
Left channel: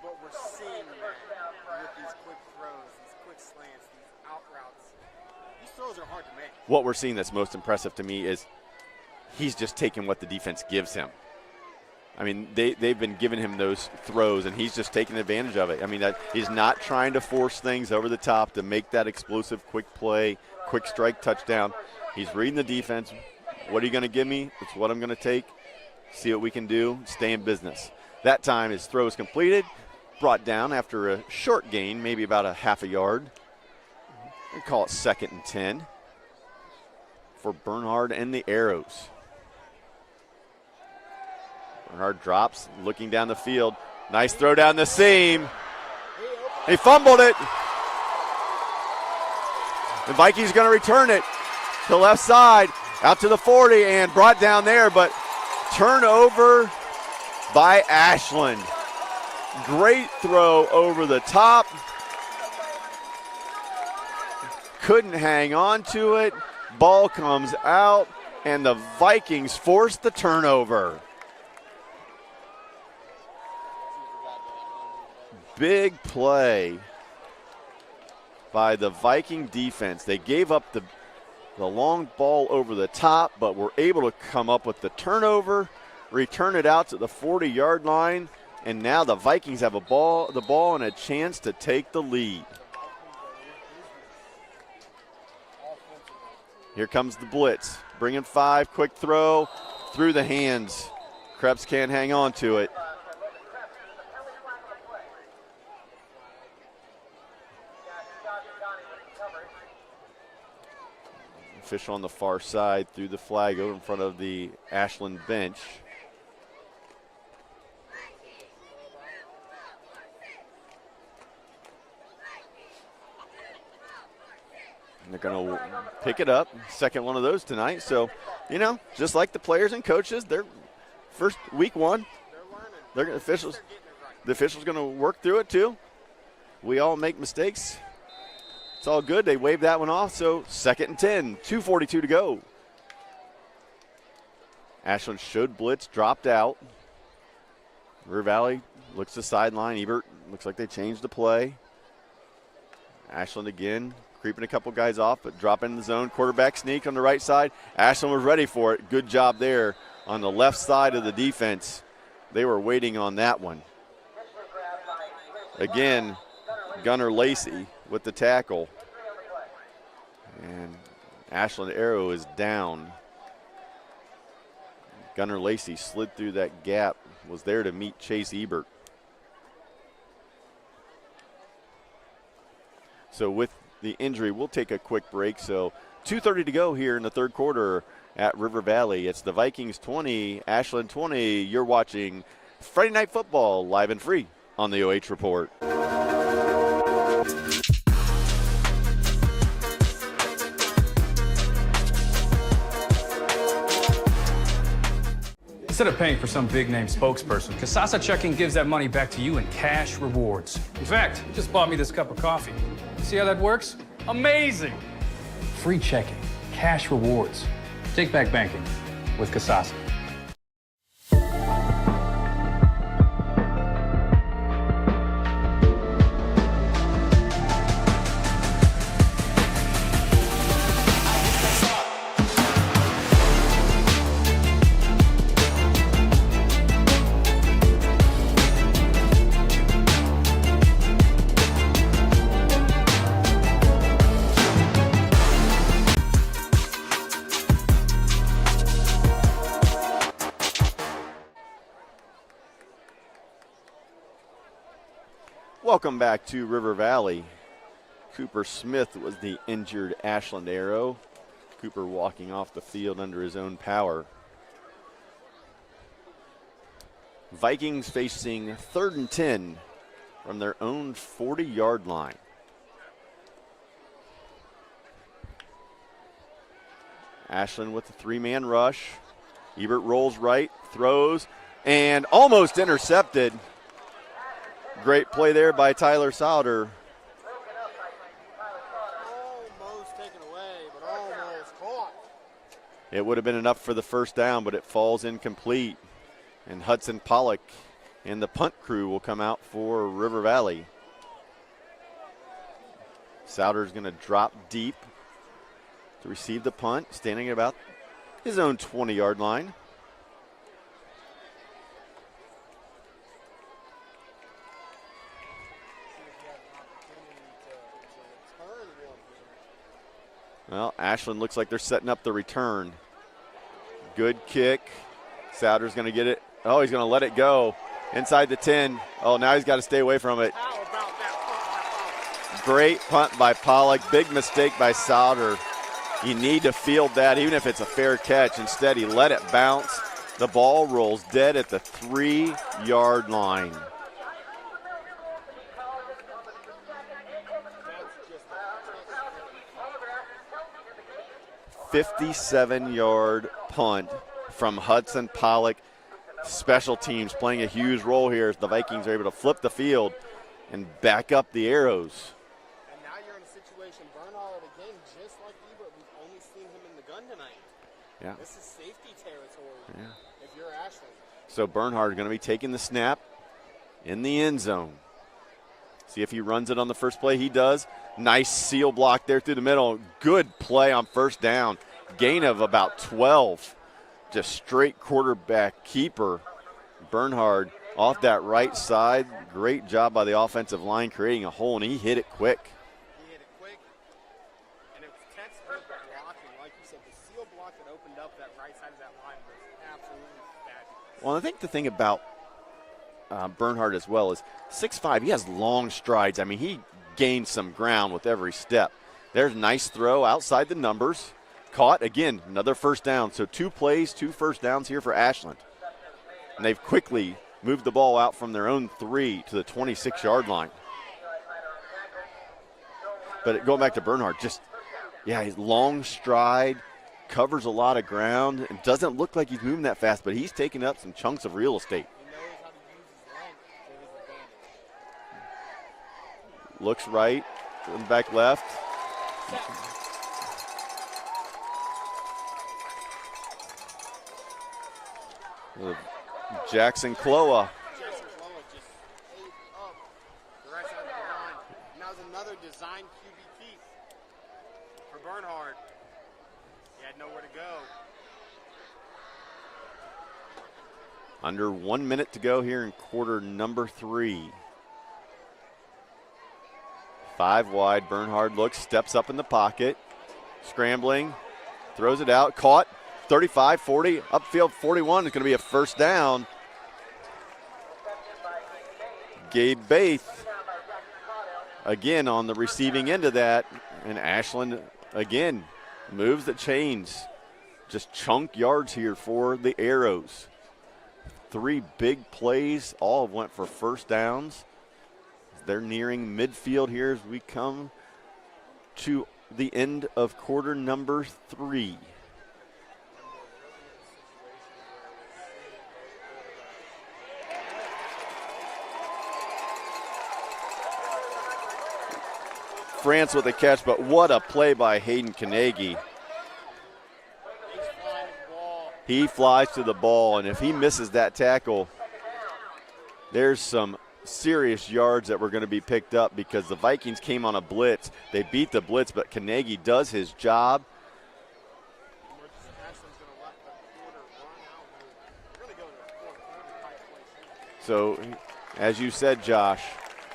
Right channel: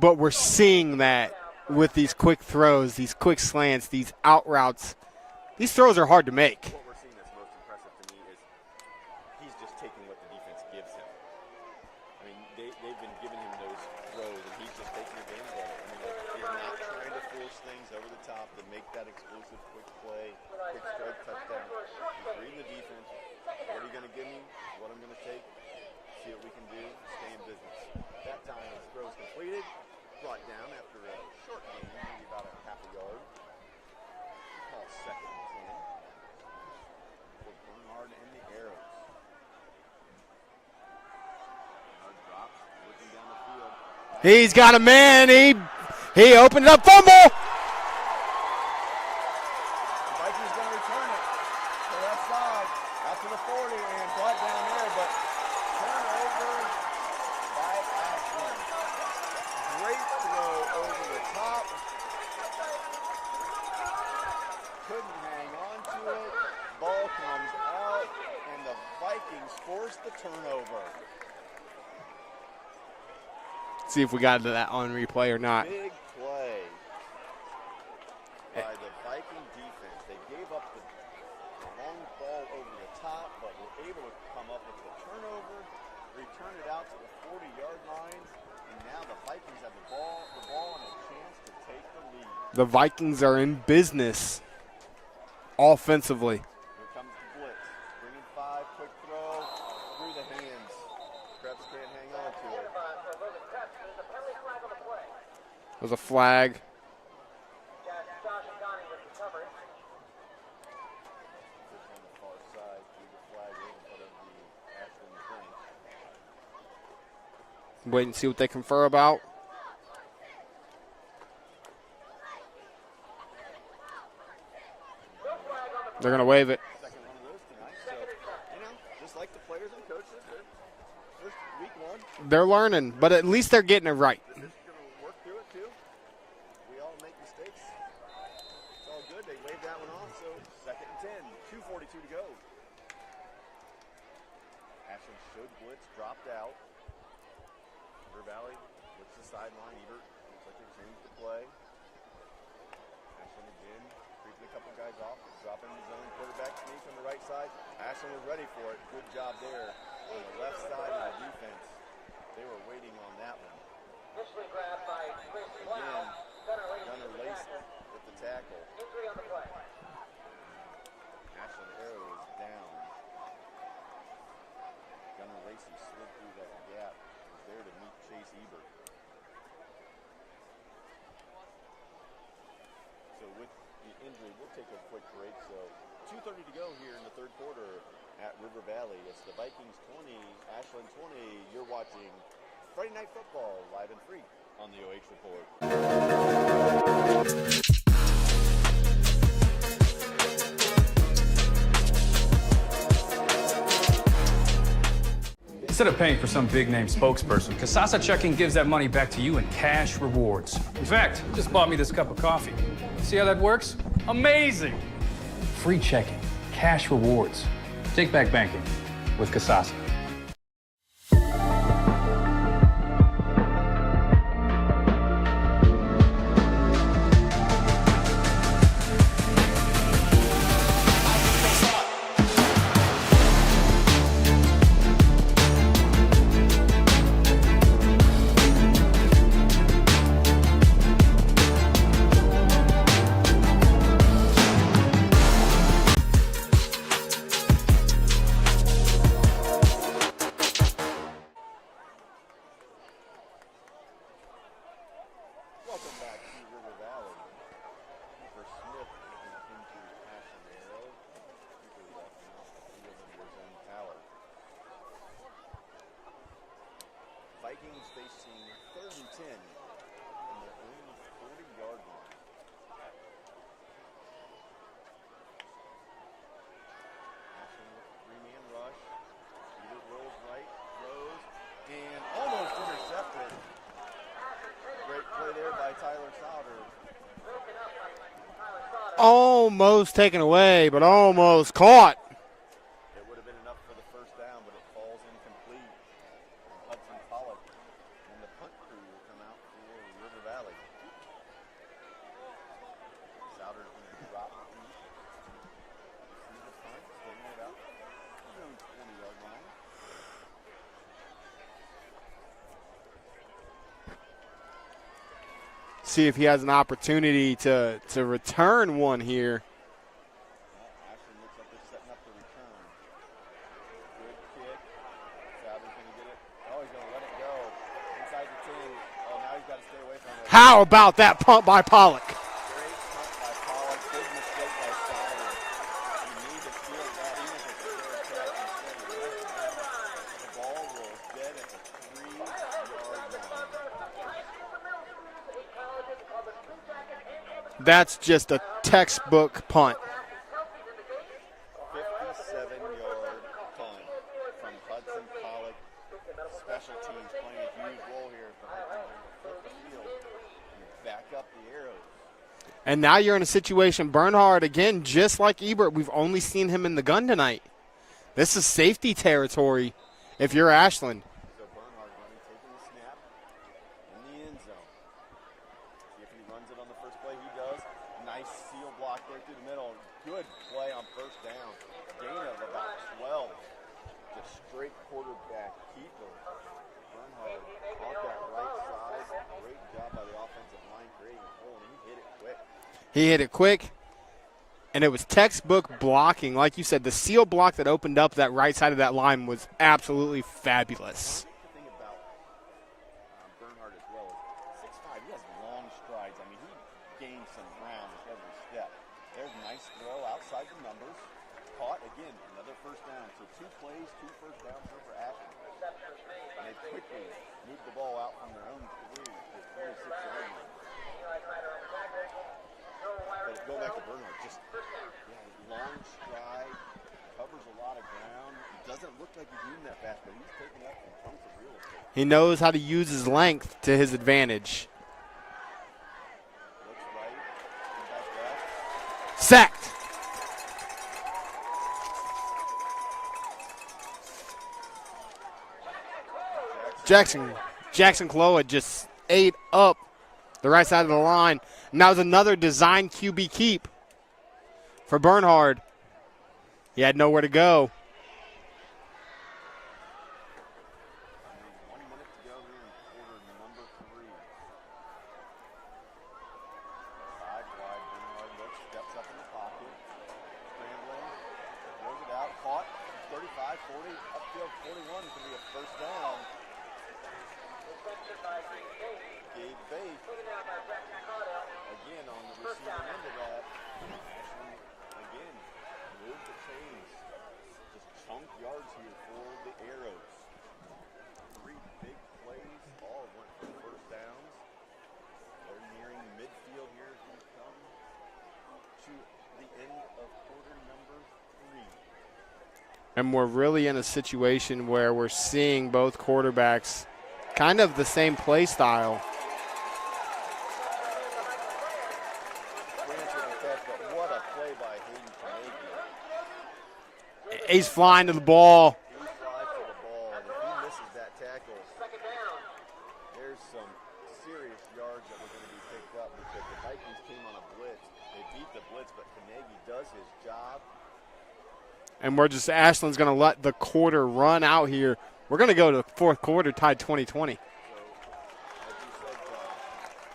But we're seeing that with these quick throws, these quick slants, these out routes. These throws are hard to make. What we're seeing that's most impressive to me is he's just taking what the defense gives him. I mean, they've been giving him those throws, and he's just taking advantage of it. I mean, he's not trying to force things over the top to make that explosive quick play, quick strike touchdown. He's reading the defense. What are you going to give me? It's what I'm going to take. See what we can do. Stay in business. That time his throw is completed, brought down after a short gain, maybe about a half a yard. We call it 2nd and 10 for Bernhard and the Arrows. Bernhard drops, looking down the field. Nice He's throw got down a the man. seam. He opened it up. Fumbled Fumble. it. The Vikings going to return it to the left side, out to the 40, and brought down there, but turnover by Ashland. Great throw over the top. Couldn't hang on to it. Ball comes out, and the Vikings force the turnover. See if we got to that on replay or not. Big play by the Viking defense. They gave up the long ball over the top, but were able to come up with the turnover, return it out to the 40-yard line, and now the Vikings have the ball and a chance to take the lead. The Vikings are in business offensively. Here comes the blitz. Bringing 5, quick throw through the hands. Krebs can't hang on to it. There's a flag. Official on the far side threw the flag over in front of the Ashland bench. Wait and see what they confer about. And they're going to They're going to waive it. Second one of those tonight. So, you know, just like the players and coaches, they're first week 1. They're learning, but at least they're getting it right. The official's going to work through it too. We all make mistakes. It's all good. They waved that one off. So 2nd and 10, 2:42 to go. Ashland showed blitz, dropped out. River Valley looks to sideline. Ebert looks like they changed the play. Ashland again, creeping a couple guys off, but dropping in the zone. Quarterback sneak on the right side. Ashland was ready for it. Good job there on the left side of the defense. They were waiting on that one. Again, Gunnar Lacey with the tackle. And Ashland Arrow is down. Gunnar Lacey slid through that gap, was there to meet Chase Ebert. So with the injury, we'll take a quick break. So 2:30 to go here in the third quarter at River Valley. It's the Vikings 20, Ashland 20. You're watching Friday Night Football live and free on the OH Report. Instead of paying for some big-name spokesperson, Kasasa Checking gives that money back to you in cash rewards. In fact, you just bought me this cup of coffee. See how that works? Amazing! Free checking, cash rewards. Take back banking with Kasasa. Welcome back to River Valley. Cooper Smith was the injured Ashland Arrow. Cooper walking off the field under his own power. Vikings facing 3rd and 10 from their own 40-yard line. Ashland with the 3-man rush. Ebert rolls right, throws, and almost intercepted. Great play there by Tyler Sauter. Almost taken away, but almost caught. It would have been enough for the first down, but it falls incomplete. And Hudson Pollock and the punt crew will come out for River Valley. Sauter's going to drop deep to receive the punt, standing at about his own 20-yard line. See if he has an opportunity to return one here. Well, Ashland looks like they're setting up the return. Good kick. Sauter's going to get it. Oh, he's going to let it go inside the 10. Oh, now he's got to stay away from it. How about that punt by Pollock? Great punt by Pollock. Big mistake by Sauter. You need to field that, even if it's a fair catch. Instead, he let it bounce. The ball rolls dead at the 3-yard line. That's just a textbook punt. 57-yard punt from Hudson Pollock. Special teams playing a huge role here as the Vikings are able to flip the field and back up the Arrows. And now you're in a situation, Bernhard, again, just like Ebert, we've only seen him in the gun tonight. Yeah. This is safety territory if you're Ashland. So Bernhard is going to be taking the snap in the end zone. See if he runs it on the first play. He does. Nice seal block there through the middle. Good play on first down. Gain of about 12. Just straight quarterback keeper. Bernhard off that right side. Great job by the offensive line creating a hole, and he hit it quick. He hit it quick, and it was textbook blocking. Like you said, the seal block that opened up that right side of that line was absolutely fabulous. Well, I think the thing about Bernhard as well is 6'5". He has long strides. I mean, he gains some ground with every step. There's a nice throw outside the numbers. Caught, again, another first down. So 2 plays, 2 first downs here for Ashland. And they've quickly moved the ball out from their own 3 to the 26-yard line. But going back to Bernhard, just, he's long stride, covers a lot of ground. It doesn't look like he's moving that fast, but he's taking up some chunks of real estate. He knows how to use his length to his advantage. Looks right, back left. Sacked. Jackson Kloa. Jackson Kloa just ate up the right side of the line. Now there's another design QB keep for Bernhard. He had nowhere to go. Under 1 minute to go here in quarter number 3. 5 wide. Bernhard looks, steps up in the pocket, scrambling, throws it out, caught. 35, 40, upfield 41 is going to be a first down. Gabe Baith again on the receiving end of that, and Ashland again moves the chains. Just chunk yards here for the Arrows. 3 big plays, all went for first downs. They're nearing midfield here as we come to the end of quarter number 3. And we're really in a situation where we're seeing both quarterbacks kind of the same play style. France with a catch, but what a play by Hayden Carnegie. He's flying to the ball. He flies to the ball, and if he misses that tackle, there's some serious yards that were going to be picked up because the Vikings came on a blitz. They beat the blitz, but Carnegie does his job. And Ashland's going to let the quarter run out here. We're going to go to the fourth quarter tied 20-20. So, as you said, Josh,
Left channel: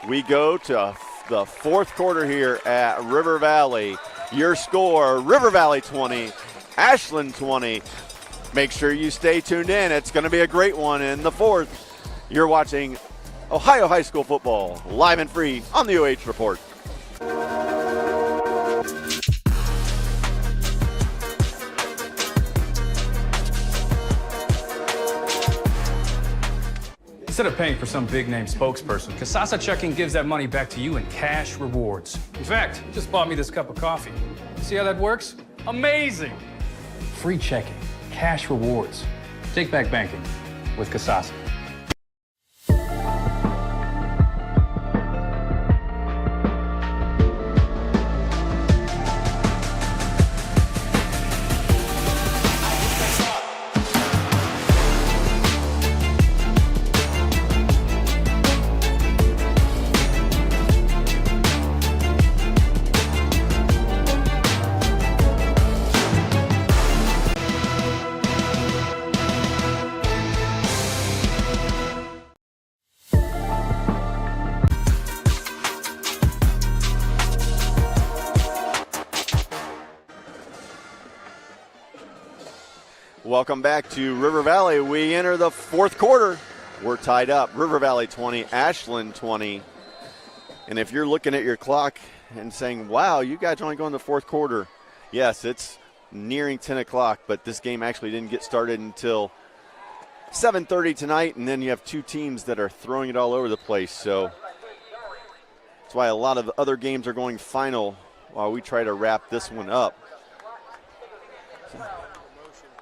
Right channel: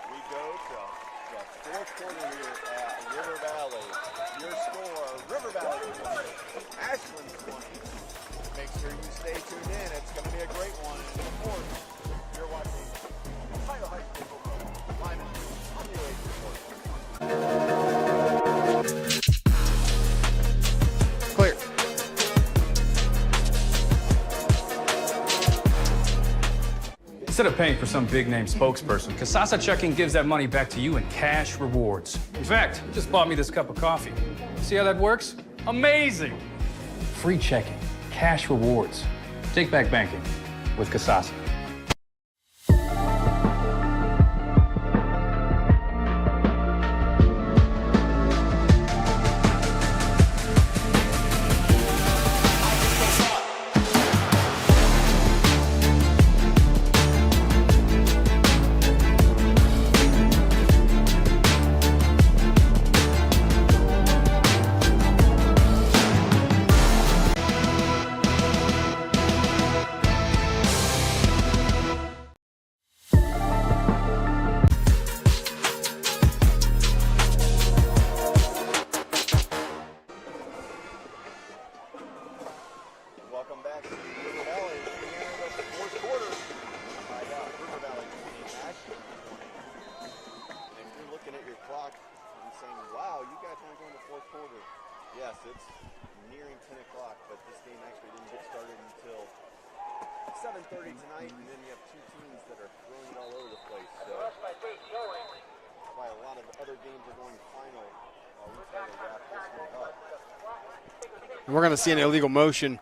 we go to the fourth quarter here at River Valley. Your score, River Valley 20, Ashland 20. Make sure you stay tuned in. It's going to be a great one in the fourth. You're watching Ohio high school football, live and free on the OH Report. Clear. Instead of paying for some big-name spokesperson, Kasasa Checking gives that money back to you in cash rewards. In fact, you just bought me this cup of coffee. See how that works? Amazing! Free checking, cash rewards. Take back banking with Kasasa. Welcome back to River Valley. We enter the fourth quarter. We're tied up. River Valley 20, Ashland 20. And if you're looking at your clock and saying, wow, you guys are only going the fourth quarter. Yes, it's nearing 10 o'clock, but this game actually didn't get started until 7:30 tonight, and then you have two teams that are throwing it all over the place. So that's why a lot of the other games are going final while we try to wrap this one up. We're going to see an illegal motion.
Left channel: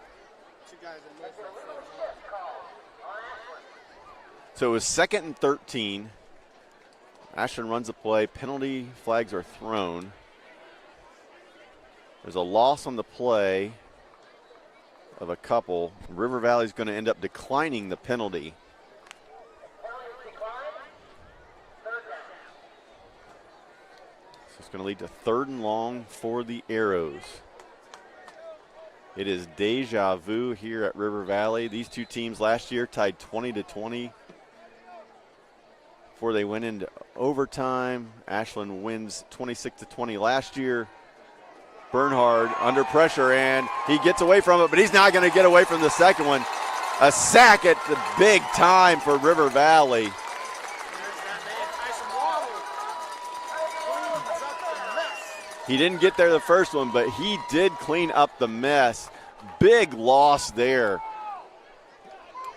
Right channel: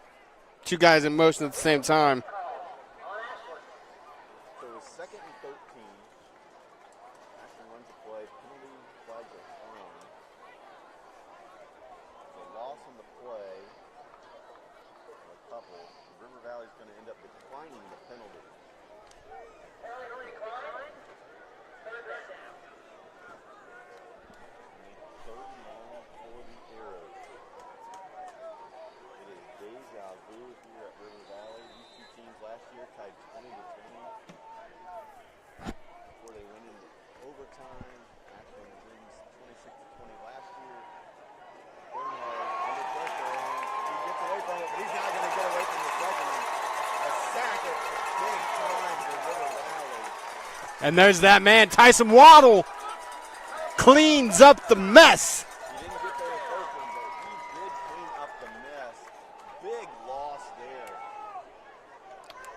Two guys in motion at the same time. So it was 2nd and 13. Ashland runs the play. Penalty flags are thrown. There's a loss on the play of a couple. River Valley's going to end up declining the penalty. So it's going to lead to 3rd and long for the Arrows. It is deja vu here at River Valley. These two teams last year tied 20-20 before they went into overtime. Ashland wins 26-20 last year. Bernhard under pressure, and he gets away from it, but he's not going to get away from the second one. A sack at the big time for River Valley. And there's that man, Tyson Waddle, cleans up the mess. He didn't get there the first one, but he did clean up the mess. Big loss there.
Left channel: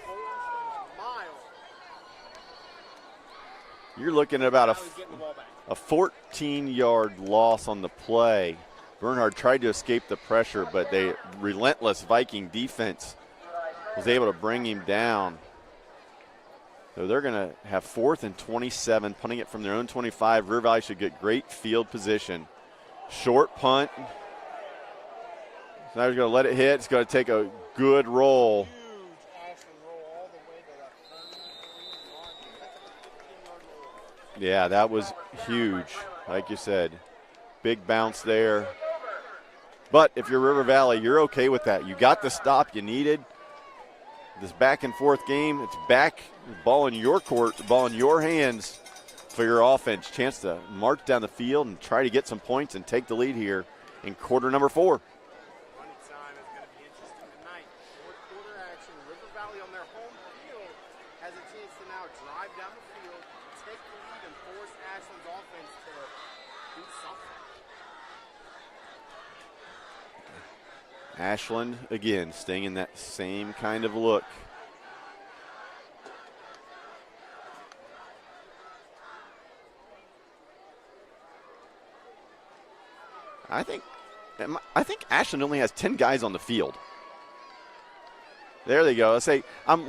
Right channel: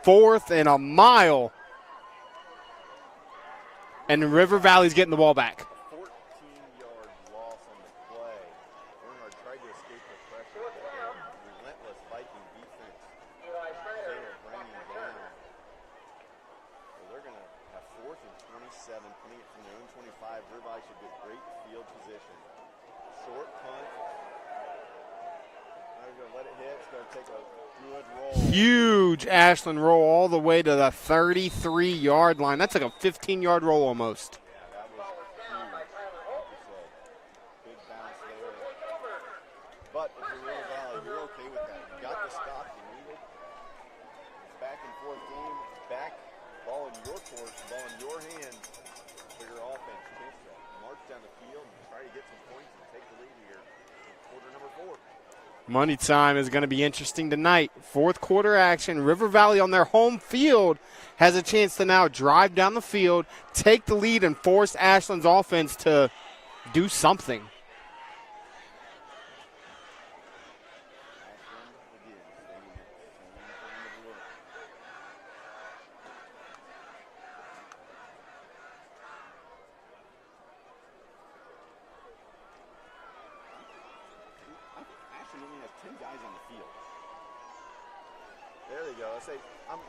4th and a mile. And River Valley's getting the ball back. A 14-yard loss on the play. Bernhard tried to escape the pressure, but the relentless Viking defense was able to bring him down. So they're going to have 4th and 27, punting it from their own 25. River Valley should get great field position. Short punt. Now he's going to let it hit. It's going to take a good roll. Huge Ashland roll all the way to the 33-yard line. That's like a 15-yard roll almost. Yeah, that was huge. Like you said, big bounce there. But if you're River Valley, you're okay with that. You got the stop you needed. This back and forth game, it's back, ball in your court, the ball in your hands for your offense. Chance to march down the field and try to get some points and take the lead here in quarter number 4. Money time is going to be interesting tonight. 4th quarter action. River Valley on their home field has a chance to now drive down the field, take the lead, and force Ashland's offense to do something. Ashland, again, staying in that same kind of look. I think Ashland only has 10 guys on the field. There they go. I say, I'm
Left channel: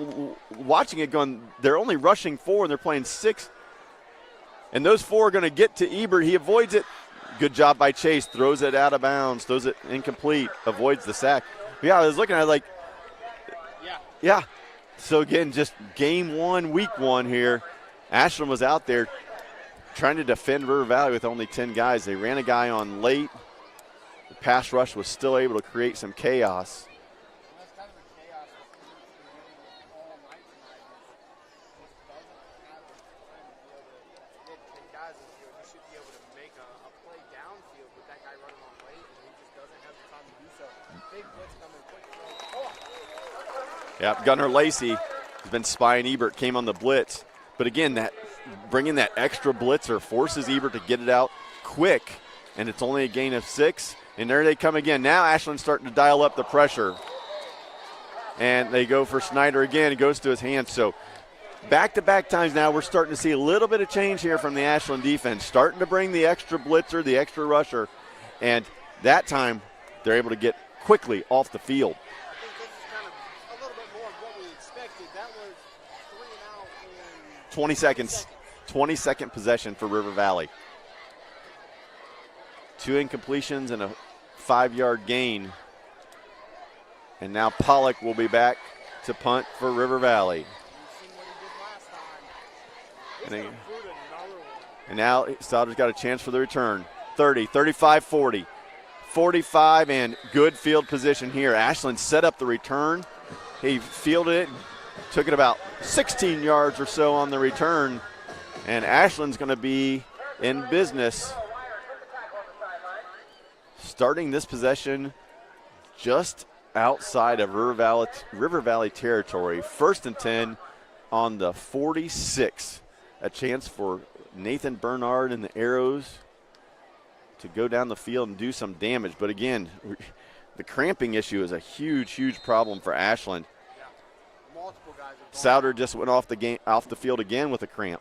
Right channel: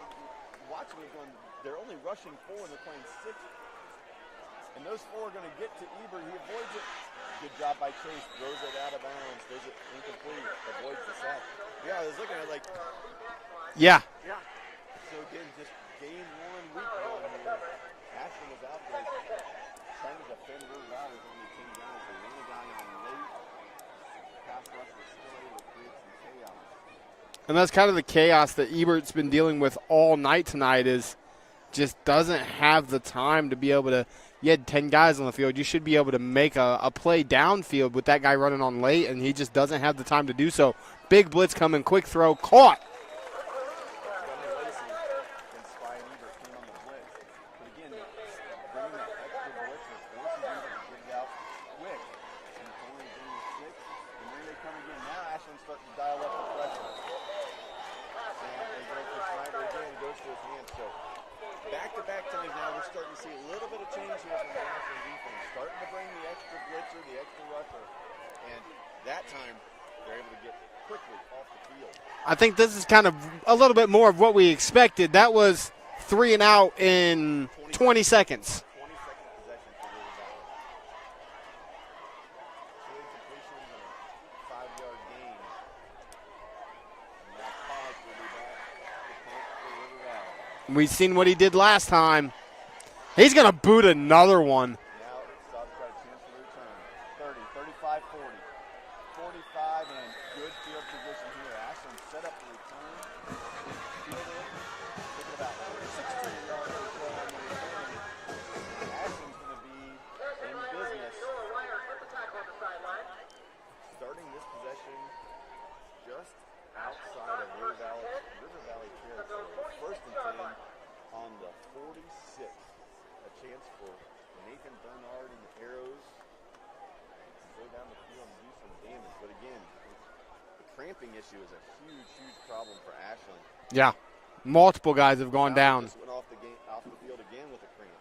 watching it going, they're only rushing 4 and they're playing 6. And those 4 are going to get to Ebert. He avoids it. Good job by Chase. Throws it out of bounds. Throws it incomplete. Avoids the sack. Yeah, I was looking at it like, yeah. So again, just game 1, week 1 here. Ashland was out there trying to defend River Valley with only 10 guys. They ran a guy on late. The pass rush was still able to create some chaos. And that's kind of the chaos that Ebert's been dealing with all night tonight, is just doesn't have the time to be able to. You had 10 guys on the field. You should be able to make a play downfield with that guy running on late, and he just doesn't have the time to do so. Big blitz coming, quick throw, caught. Yep, Gunnar Lacey has been spying Ebert, came on the blitz. But again, that bringing that extra blitzer forces Ebert to get it out quick, and it's only a gain of 6. And there they come again. Now Ashland's starting to dial up the pressure. And they go for Snyder again. It goes to his hands. So back-to-back times now, we're starting to see a little bit of change here from the Ashland defense, starting to bring the extra blitzer, the extra rusher, and that time they're able to get quickly off the field. I think this is kind of a little bit more of what we expected. That was 3 and out in 20 seconds. 20-second possession for River Valley. 2 incompletions and a 5-yard gain. And now Pollock will be back to punt for River Valley. We've seen what he did last time. He's going to boot another one. And now Sauter's got a chance for the return. 30, 35, 40. 45, and good field position here. Ashland set up the return. He fielded it, took it about 16 yards or so on the return, and Ashland's going to be in business. Starting this possession just outside of River Valley territory. 1st and 10 on the 46. A chance for Nathan Bernard and the Arrows to go down the field and do some damage. But again, the cramping issue is a huge, huge problem for Ashland. Yeah, multiple guys have gone Sauter down. just went off the field again with a cramp.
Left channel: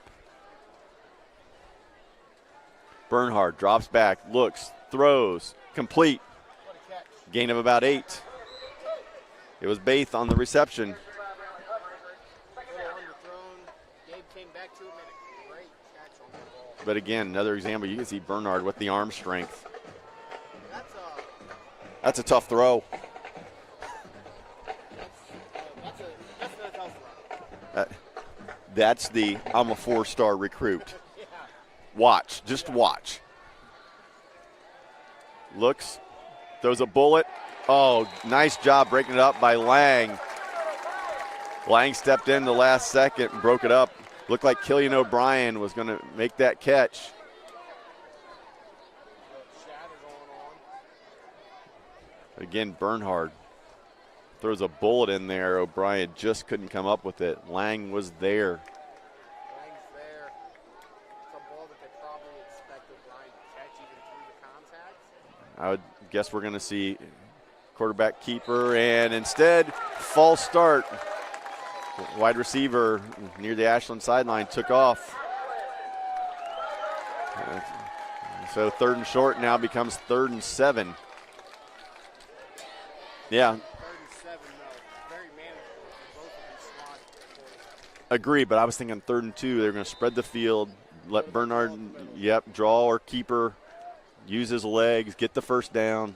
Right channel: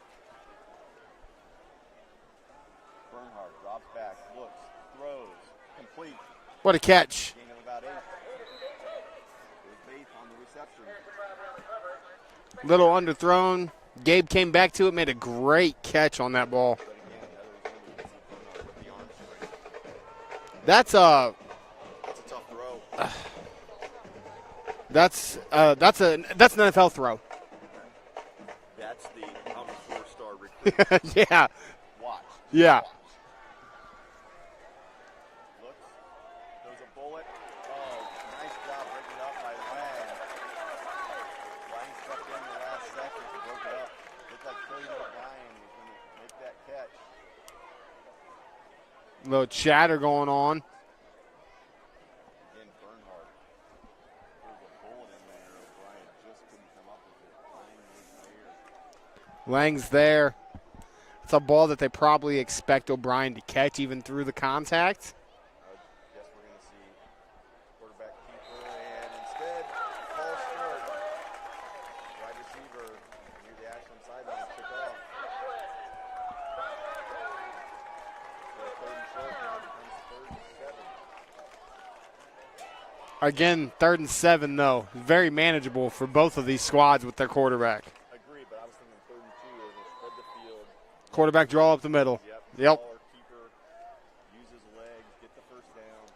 Bernhard drops back, looks, throws, complete. What a catch. Gain of about 8. It was Baith on the reception. Little underthrown. Gabe came back to it, made a great catch on that ball. But again, another example, you can see Bernhard with the arm strength. That's a tough throw. That's an NFL throw. That's the I'm a 4-star recruit. Yeah. Watch, just watch. Looks, throws a bullet. Oh, nice job breaking it up by Lang. Lang stepped in the last second and broke it up. Looked like Killian O'Brien was going to make that catch. Little chatter going on. Again, Bernhard throws a bullet in there. O'Brien just couldn't come up with it. Lang was there. Lang's there. It's a ball that they probably expect O'Brien to catch even through the contact. I would guess we're going to see quarterback keeper, and instead, false start. Wide receiver near the Ashland sideline took off. So 3rd and short now becomes 3rd and 7. Again, 3rd and 7, though. Very manageable for both of these squads with their quarterback. Agree, but I was thinking 3rd and 2. They're going to spread the field. Let Quarterback Bernard, draw up the middle. Yep, draw or keeper. Use his legs, get the first down.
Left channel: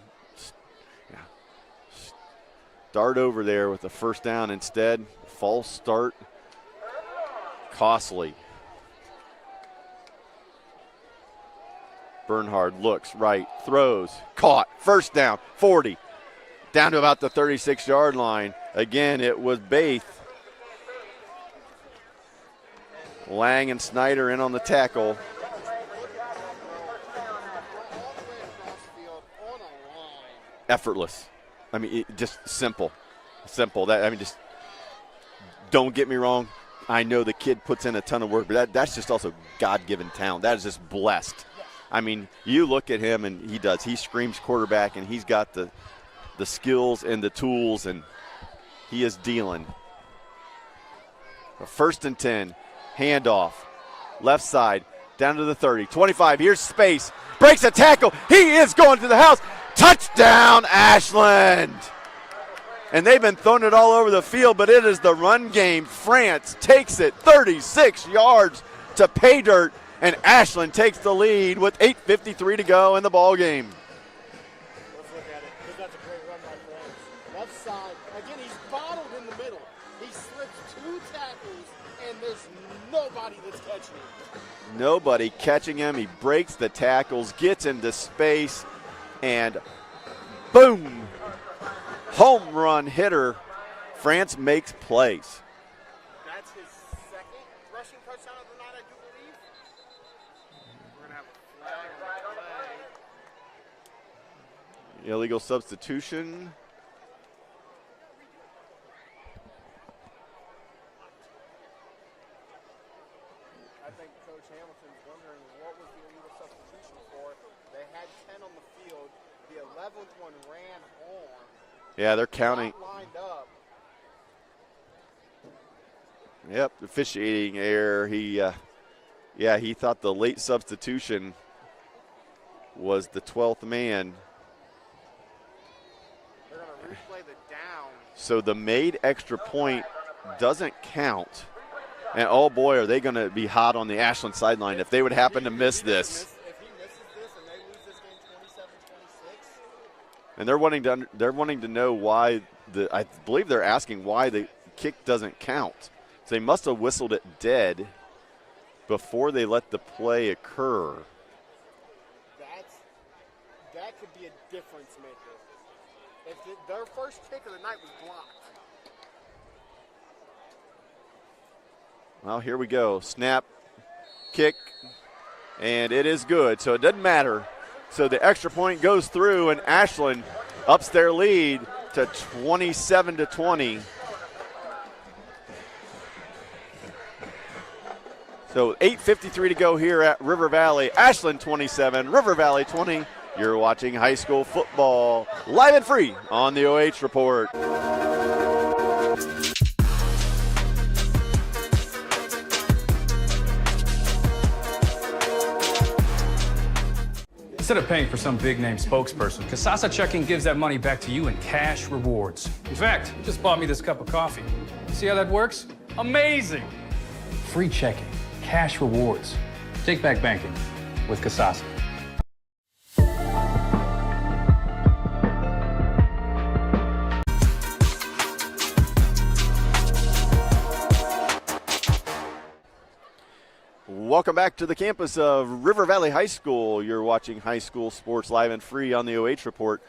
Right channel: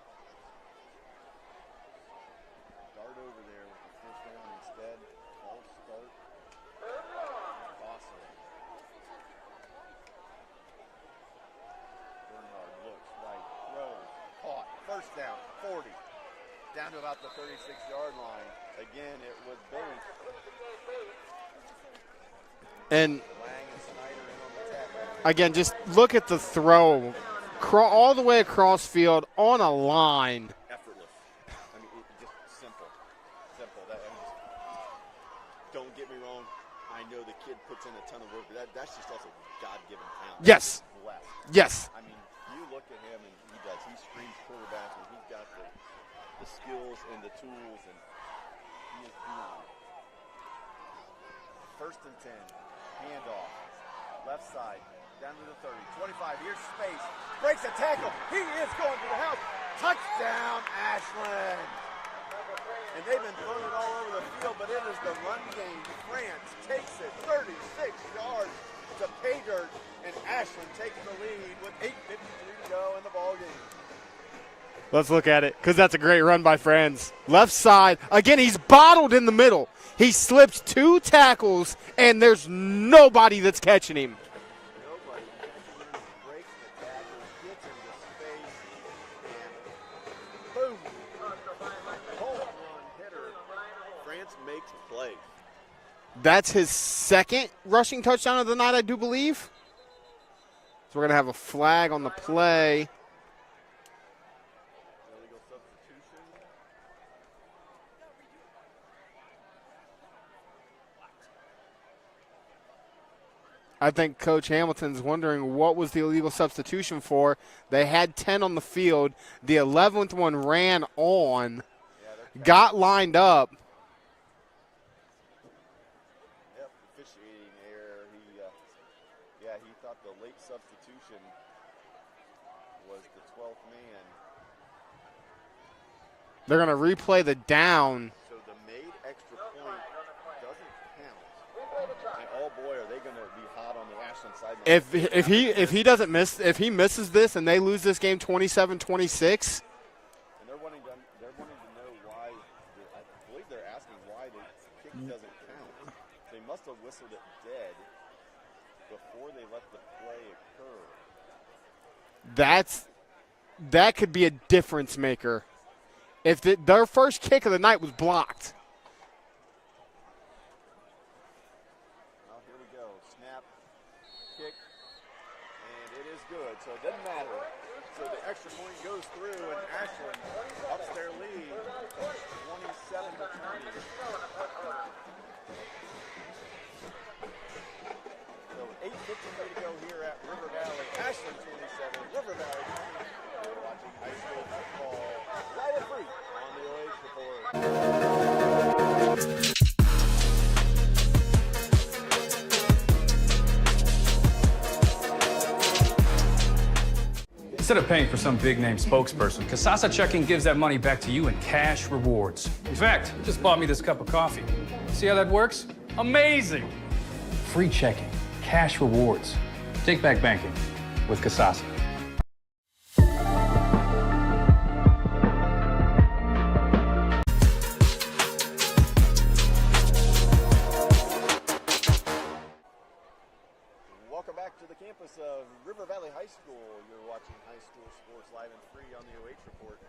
Start over there with the first down instead. False start. Costly. Bernhard looks right, throws, caught, first down, 40. Down to about the 36-yard line. Again, it was Baith. And Lang and Snyder in on the tackle. again, just look at the throw. All the way across field on a line. Effortless. I mean, just simple. Simple. Just don't get me wrong. I know the kid puts in a ton of work, but that's just also God-given talent. That's just blessed. Yes. I mean, you look at him, and he does. He screams quarterback, and he's got the skills and the tools, and he is dealing. 1st and 10, handoff, left side, down to the 30, 25, here's space, breaks a tackle, he is going to the house, touchdown Ashland! And they've been throwing it all over the field, but it is the run game. France takes it 36 yards to pay dirt, and Ashland takes the lead with 8:53 to go in the ball game. Let's look at it, because that's a great run by Franz. Left side. Again, he's bottled in the middle. He slips 2 tackles, and there's nobody that's catching him. Nobody catching him. He breaks the tackles, gets into space, and boom. Home run hitter. France makes plays. That's his 2nd rushing touchdown of the night, I do believe. So we're going to have a flag on the play. Illegal substitution. I think Coach Hamilton's wondering what was the illegal substitution for. They had 10 on the field. The 11th one ran on. Yeah, they're counting. Got lined up. Yep, officiating error. He thought the late substitution was the 12th man. They're going to replay the down. So the made extra point doesn't count. And oh boy, are they going to be hot on the Ashland sideline if they would happen to miss this. If he misses this and they lose this game 27-26. And they're wanting to know why I believe they're asking why the kick doesn't count. So they must have whistled it dead before they let the play occur. That could be a difference maker. If their first kick of the night was blocked. Well, here we go. Snap, kick, and it is good. So it doesn't matter. So the extra point goes through, and Ashland ups their lead to 27-20. So 8:53 to go here at River Valley. Ashland 27, River Valley 20. You're watching high school football live and free on the OH Report. Instead of paying for some big-name spokesperson, Kasasa Checking gives that money back to you in cash rewards. In fact, you just bought me this cup of coffee. See how that works? Amazing! Free checking, cash rewards. Take back banking with Kasasa. Welcome back to the campus of River Valley High School. You're watching high school sports live and free on the OH Report.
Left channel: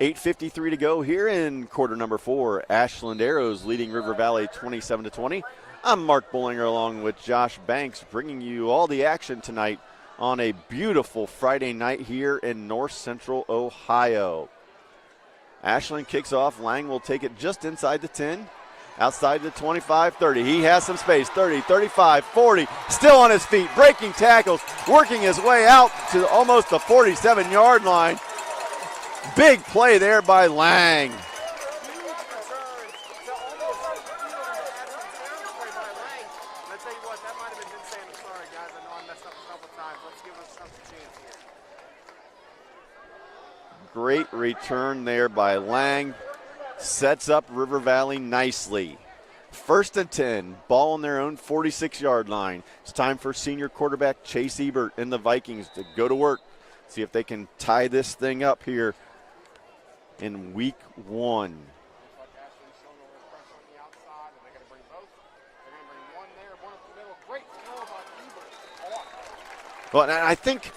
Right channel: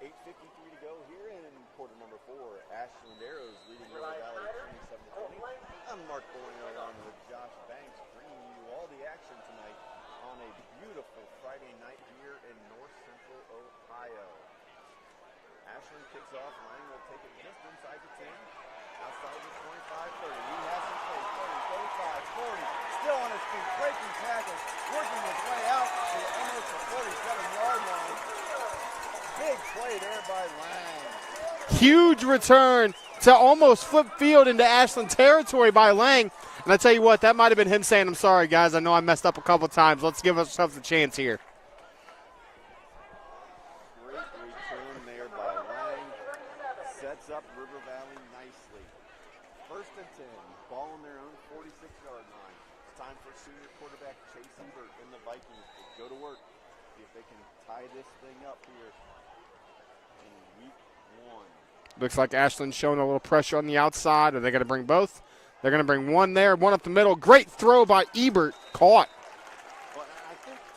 8:53 to go here in quarter number 4. Ashland Arrows leading River Valley 27-20. I'm Mark Bollinger along with Josh Banks, bringing you all the action tonight on a beautiful Friday night here in north central Ohio. Ashland kicks off. Lang will take it just inside the 10. Outside the 25-30. He has some space. 30, 35, 40. Still on his feet. Breaking tackles. Working his way out to almost the 47-yard line. Big play there by Lang. Huge return to almost flip field into Ashland territory by Lang. And I tell you what, that might have been him saying, I'm sorry, guys. I know I messed up a couple times. Let's give ourselves a chance here. Great return there by Lang. Sets up River Valley nicely. 1st and 10, ball on their own 46-yard line. It's time for senior quarterback Chase Ebert and the Vikings to go to work. See if they can tie this thing up here in week 1. Looks like Ashland's showing a little pressure on the outside. Are they going to bring both? They're going to bring one there, one up the middle. Great throw by Ebert. Caught. Well, and I think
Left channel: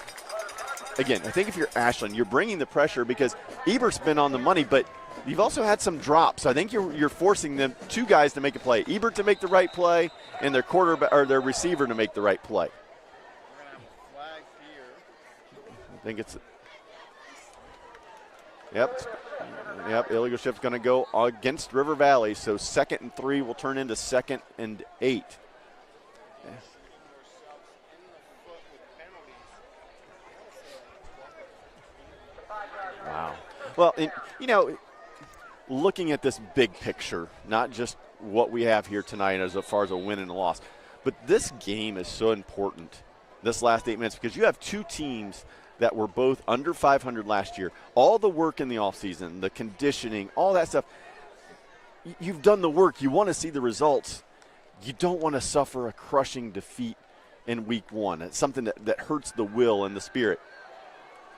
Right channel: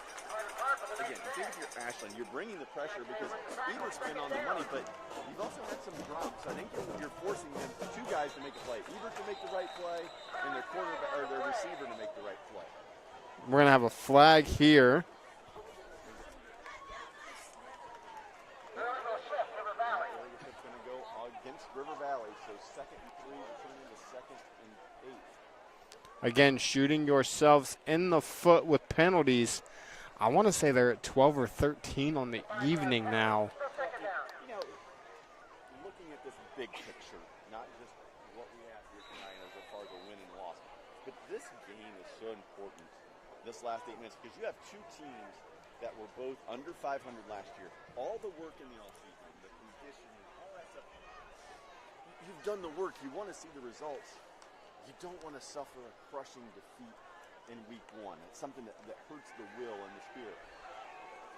if you're Ashland, you're bringing the pressure because Ebert's been on the money, but you've also had some drops. I think you're forcing them, 2 guys to make a play. Ebert to make the right play and their quarterback or their receiver to make the right play. We're going to have a flag here. I think it's Yep, illegal shift's going to go against River Valley. So 2nd and 3 will turn into 2nd and 8. Again, shooting yourselves in the foot with penalties. I want to say they're at 12 or 13 on the evening now. Well, looking at this big picture, not just what we have here tonight as far as a win and a loss, but this game is so important, this last 8 minutes, because you have 2 teams that were both under 500 last year. All the work in the offseason, the conditioning, all that stuff, you've done the work. You want to see the results. You don't want to suffer a crushing defeat in week 1. It's something that hurts the will and the spirit.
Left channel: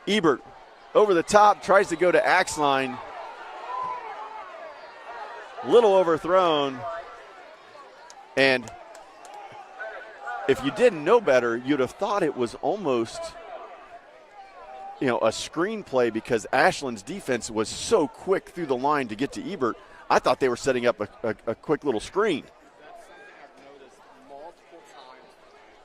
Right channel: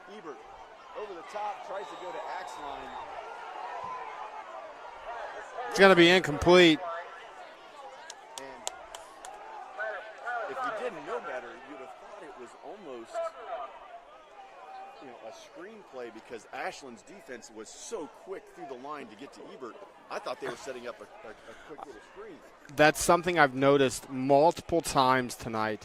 Ebert over the top, tries to go to Axline. It's going to be incomplete. And if you didn't know better, you'd have thought it was almost a screenplay because Ashland's defense was so quick through the line to get to Ebert. I thought they were setting up a quick little screen. That's something I've noticed multiple times tonight.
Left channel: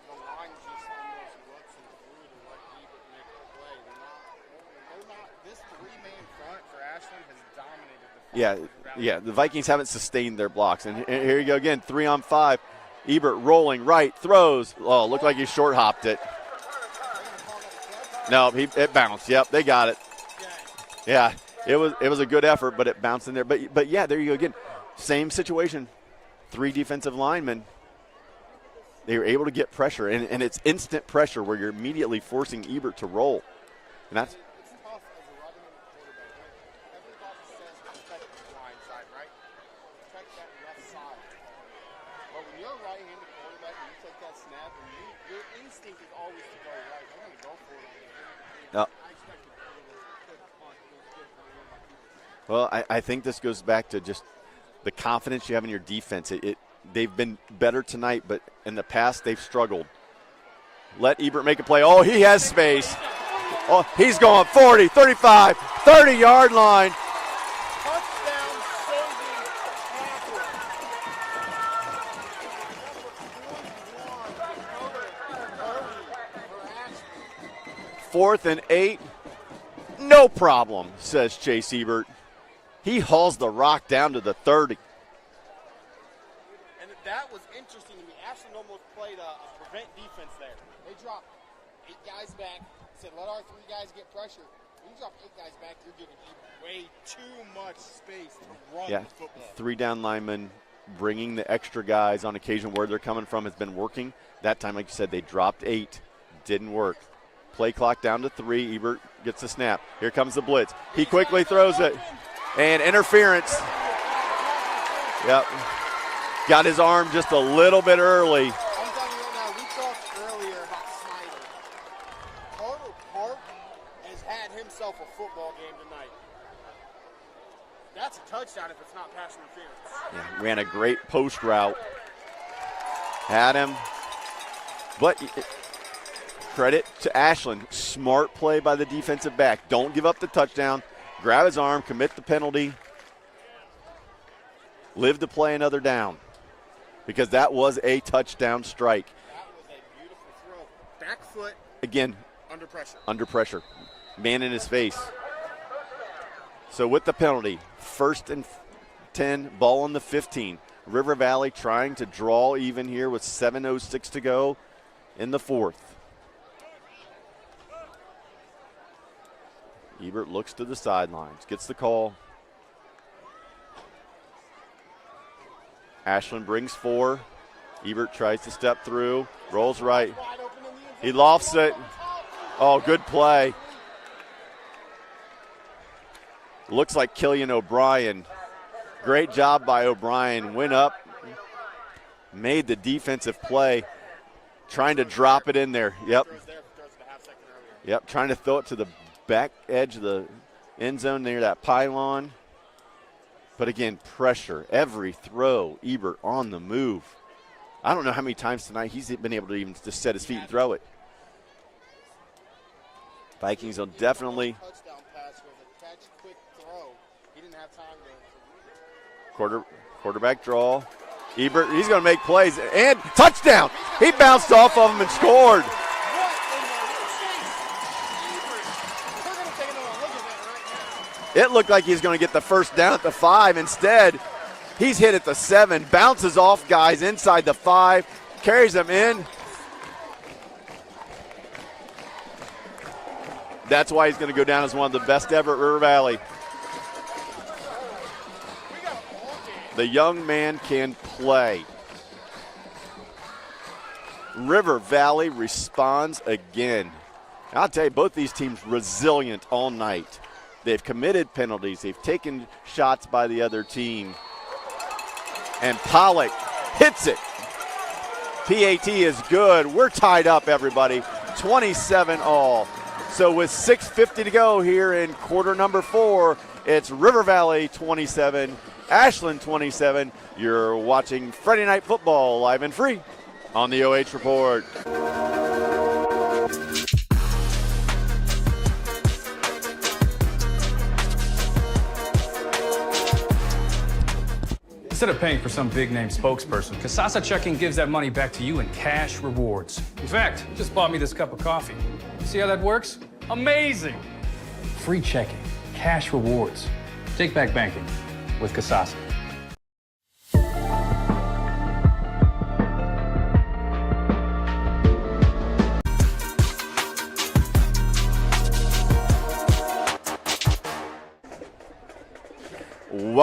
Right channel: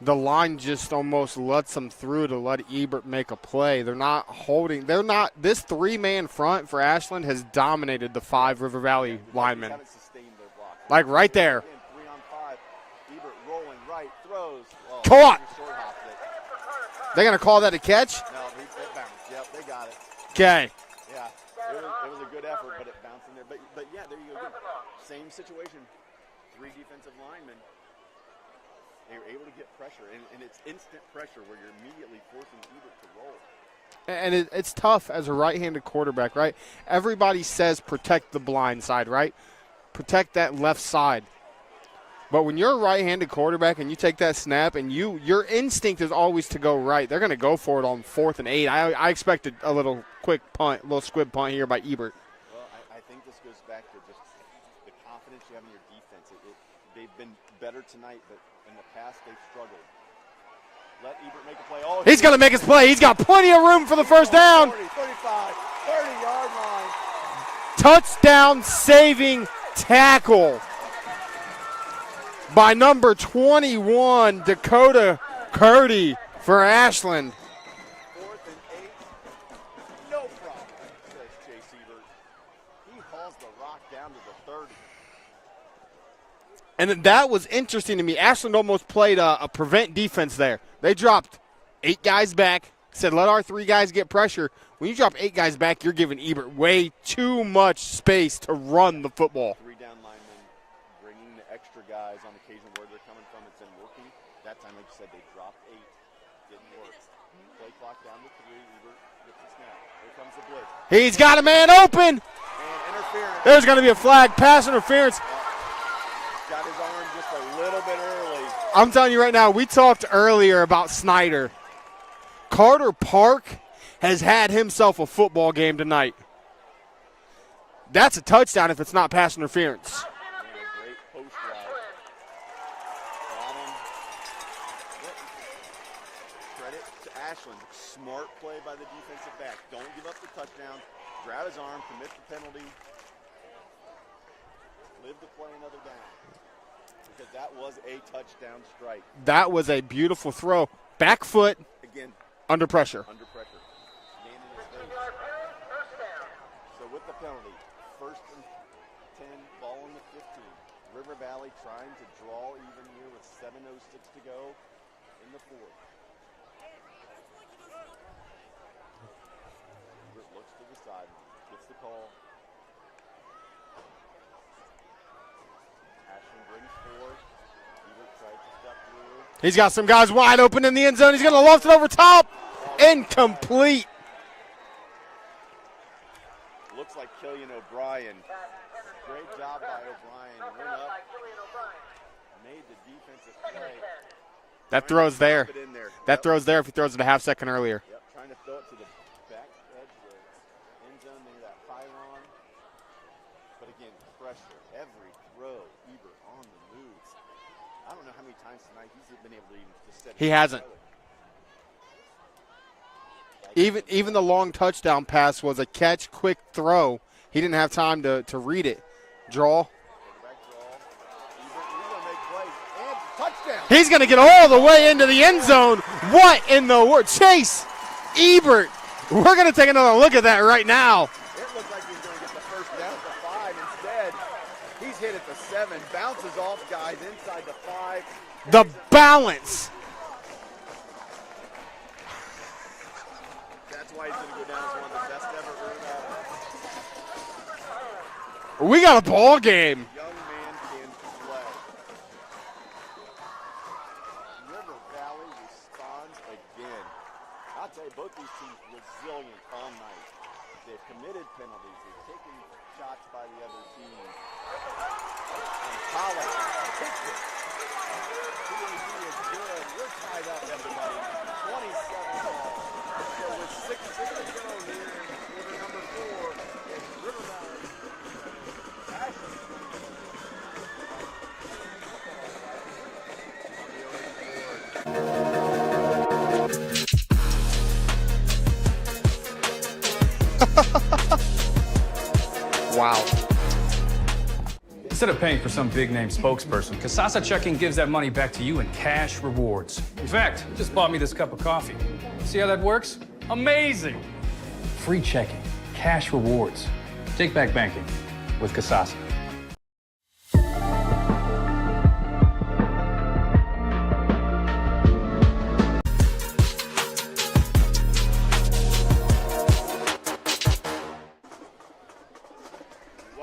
The line just almost lets them through to let Ebert make a play. This 3-man front for Ashland has dominated the 5 River Valley. Yeah, the Vikings haven't sustained their blocks. And right there. Again, 3 on 5. Ebert rolling right, throws. Oh, looked Caught. like he short hopped it. They're going to call that a catch? No, it bounced. Yep, they got it. Okay. Yeah, it was a good effort, but it bounced in there. But yeah, there you go again. Same situation. 3 defensive linemen. They were able to get pressure, and it's instant pressure where you're immediately forcing Ebert to roll. And it's tough as a right-handed quarterback, right? Everybody says protect the blind side, right? Protect that left side. But when you're a right-handed quarterback and you take that snap and your instinct is always to go right, they're going to go for it on 4th and 8. I expected a little quick punt, a little squib punt here by Ebert. Well, I think this goes back to just the confidence you have in your defense. They've been better tonight, but in the past they've struggled. Let Ebert make a play. Oh, he's going to make his play. He's got plenty of room for the first down. He's going 40, 35, 30-yard line. Touchdown saving tackle by number 21, Dakota Curdy for Ashland. 4th and 8. No problem, says Chase Ebert. He hauls the rock down to the 30. And that was interesting to me. Ashland almost played a prevent defense there. They dropped 8 guys back, said let our 3 guys get pressure. When you drop 8 guys back, you're giving Ebert way too much space to run the football. 3 down linemen bringing the extra guys on occasion where they're coming from has been working. That time, like you said, they dropped 8. Didn't work. Play clock down to 3. Ebert gets the snap. Here comes the blitz. He's got a man open. And interference. There's going to be a flag. Pass interference. Yep. Got his arm just a little bit early. I'm telling you right now, we talked earlier about Snyder. Carter Park has had himself a football game tonight. That's a touchdown if it's not pass interference. Yeah, ran a great post route. Had him. But credit to Ashland. Smart play by the defensive back. Don't give up the touchdown. Grab his arm, commit the penalty. Live to play another down. Because that was a touchdown strike. That was a beautiful throw. Back foot. Again. Under pressure. Under pressure. Man in his face. So with the penalty, 1st and 10, ball on the 15. River Valley trying to draw even here with 7:06 to go in the 4th. Ebert looks to the sidelines, gets the call. Ashland brings 4. Ebert tries to step through. He's got some guys wide open in the end zone. He's going to launch it over top. Oh, good play. Incomplete. Looks like Killian O'Brien. Great job by O'Brien. Went up, made the defensive play. Trying to drop it in there. That throw's there if he throws it a half second earlier. Yep, trying to throw it to the back edge of the end zone near that pylon. But again, pressure. Every throw, Ebert on the move. I don't know how many times tonight he's been able to even just set his feet and throw it. Even the long touchdown pass was a catch, quick throw. He didn't have time to read it. Draw. Quarterback draw. Ebert, he's going to make plays. And touchdown. He's going to get all the way into the end zone. What in the world? Chase Ebert. We're going to take another look at that right now. It looked like he's going to get the first down at the 5. Instead, he's hit at the 7. Bounces off guys inside the 5. Carries them in. Balance. That's why he's going to go down as one of the best ever at River Valley. We got a ball game. The young man can play. River Valley responds again. I'll tell you, both these teams resilient all night. They've committed penalties. They've taken shots by the other team. And Pollock hits it. PAT is good. We're tied up, everybody. 27 all. So with 6:50 to go here in quarter number 4, it's River Valley 27, Ashland 27. You're watching Friday Night Football live and free on the OH Report. Wow. Instead of paying for some big-name spokesperson, Kasasa Checking gives that money back to you in cash rewards. In fact, you just bought me this cup of coffee. See how that works? Amazing! Free checking, cash rewards. Take back banking with Kasasa.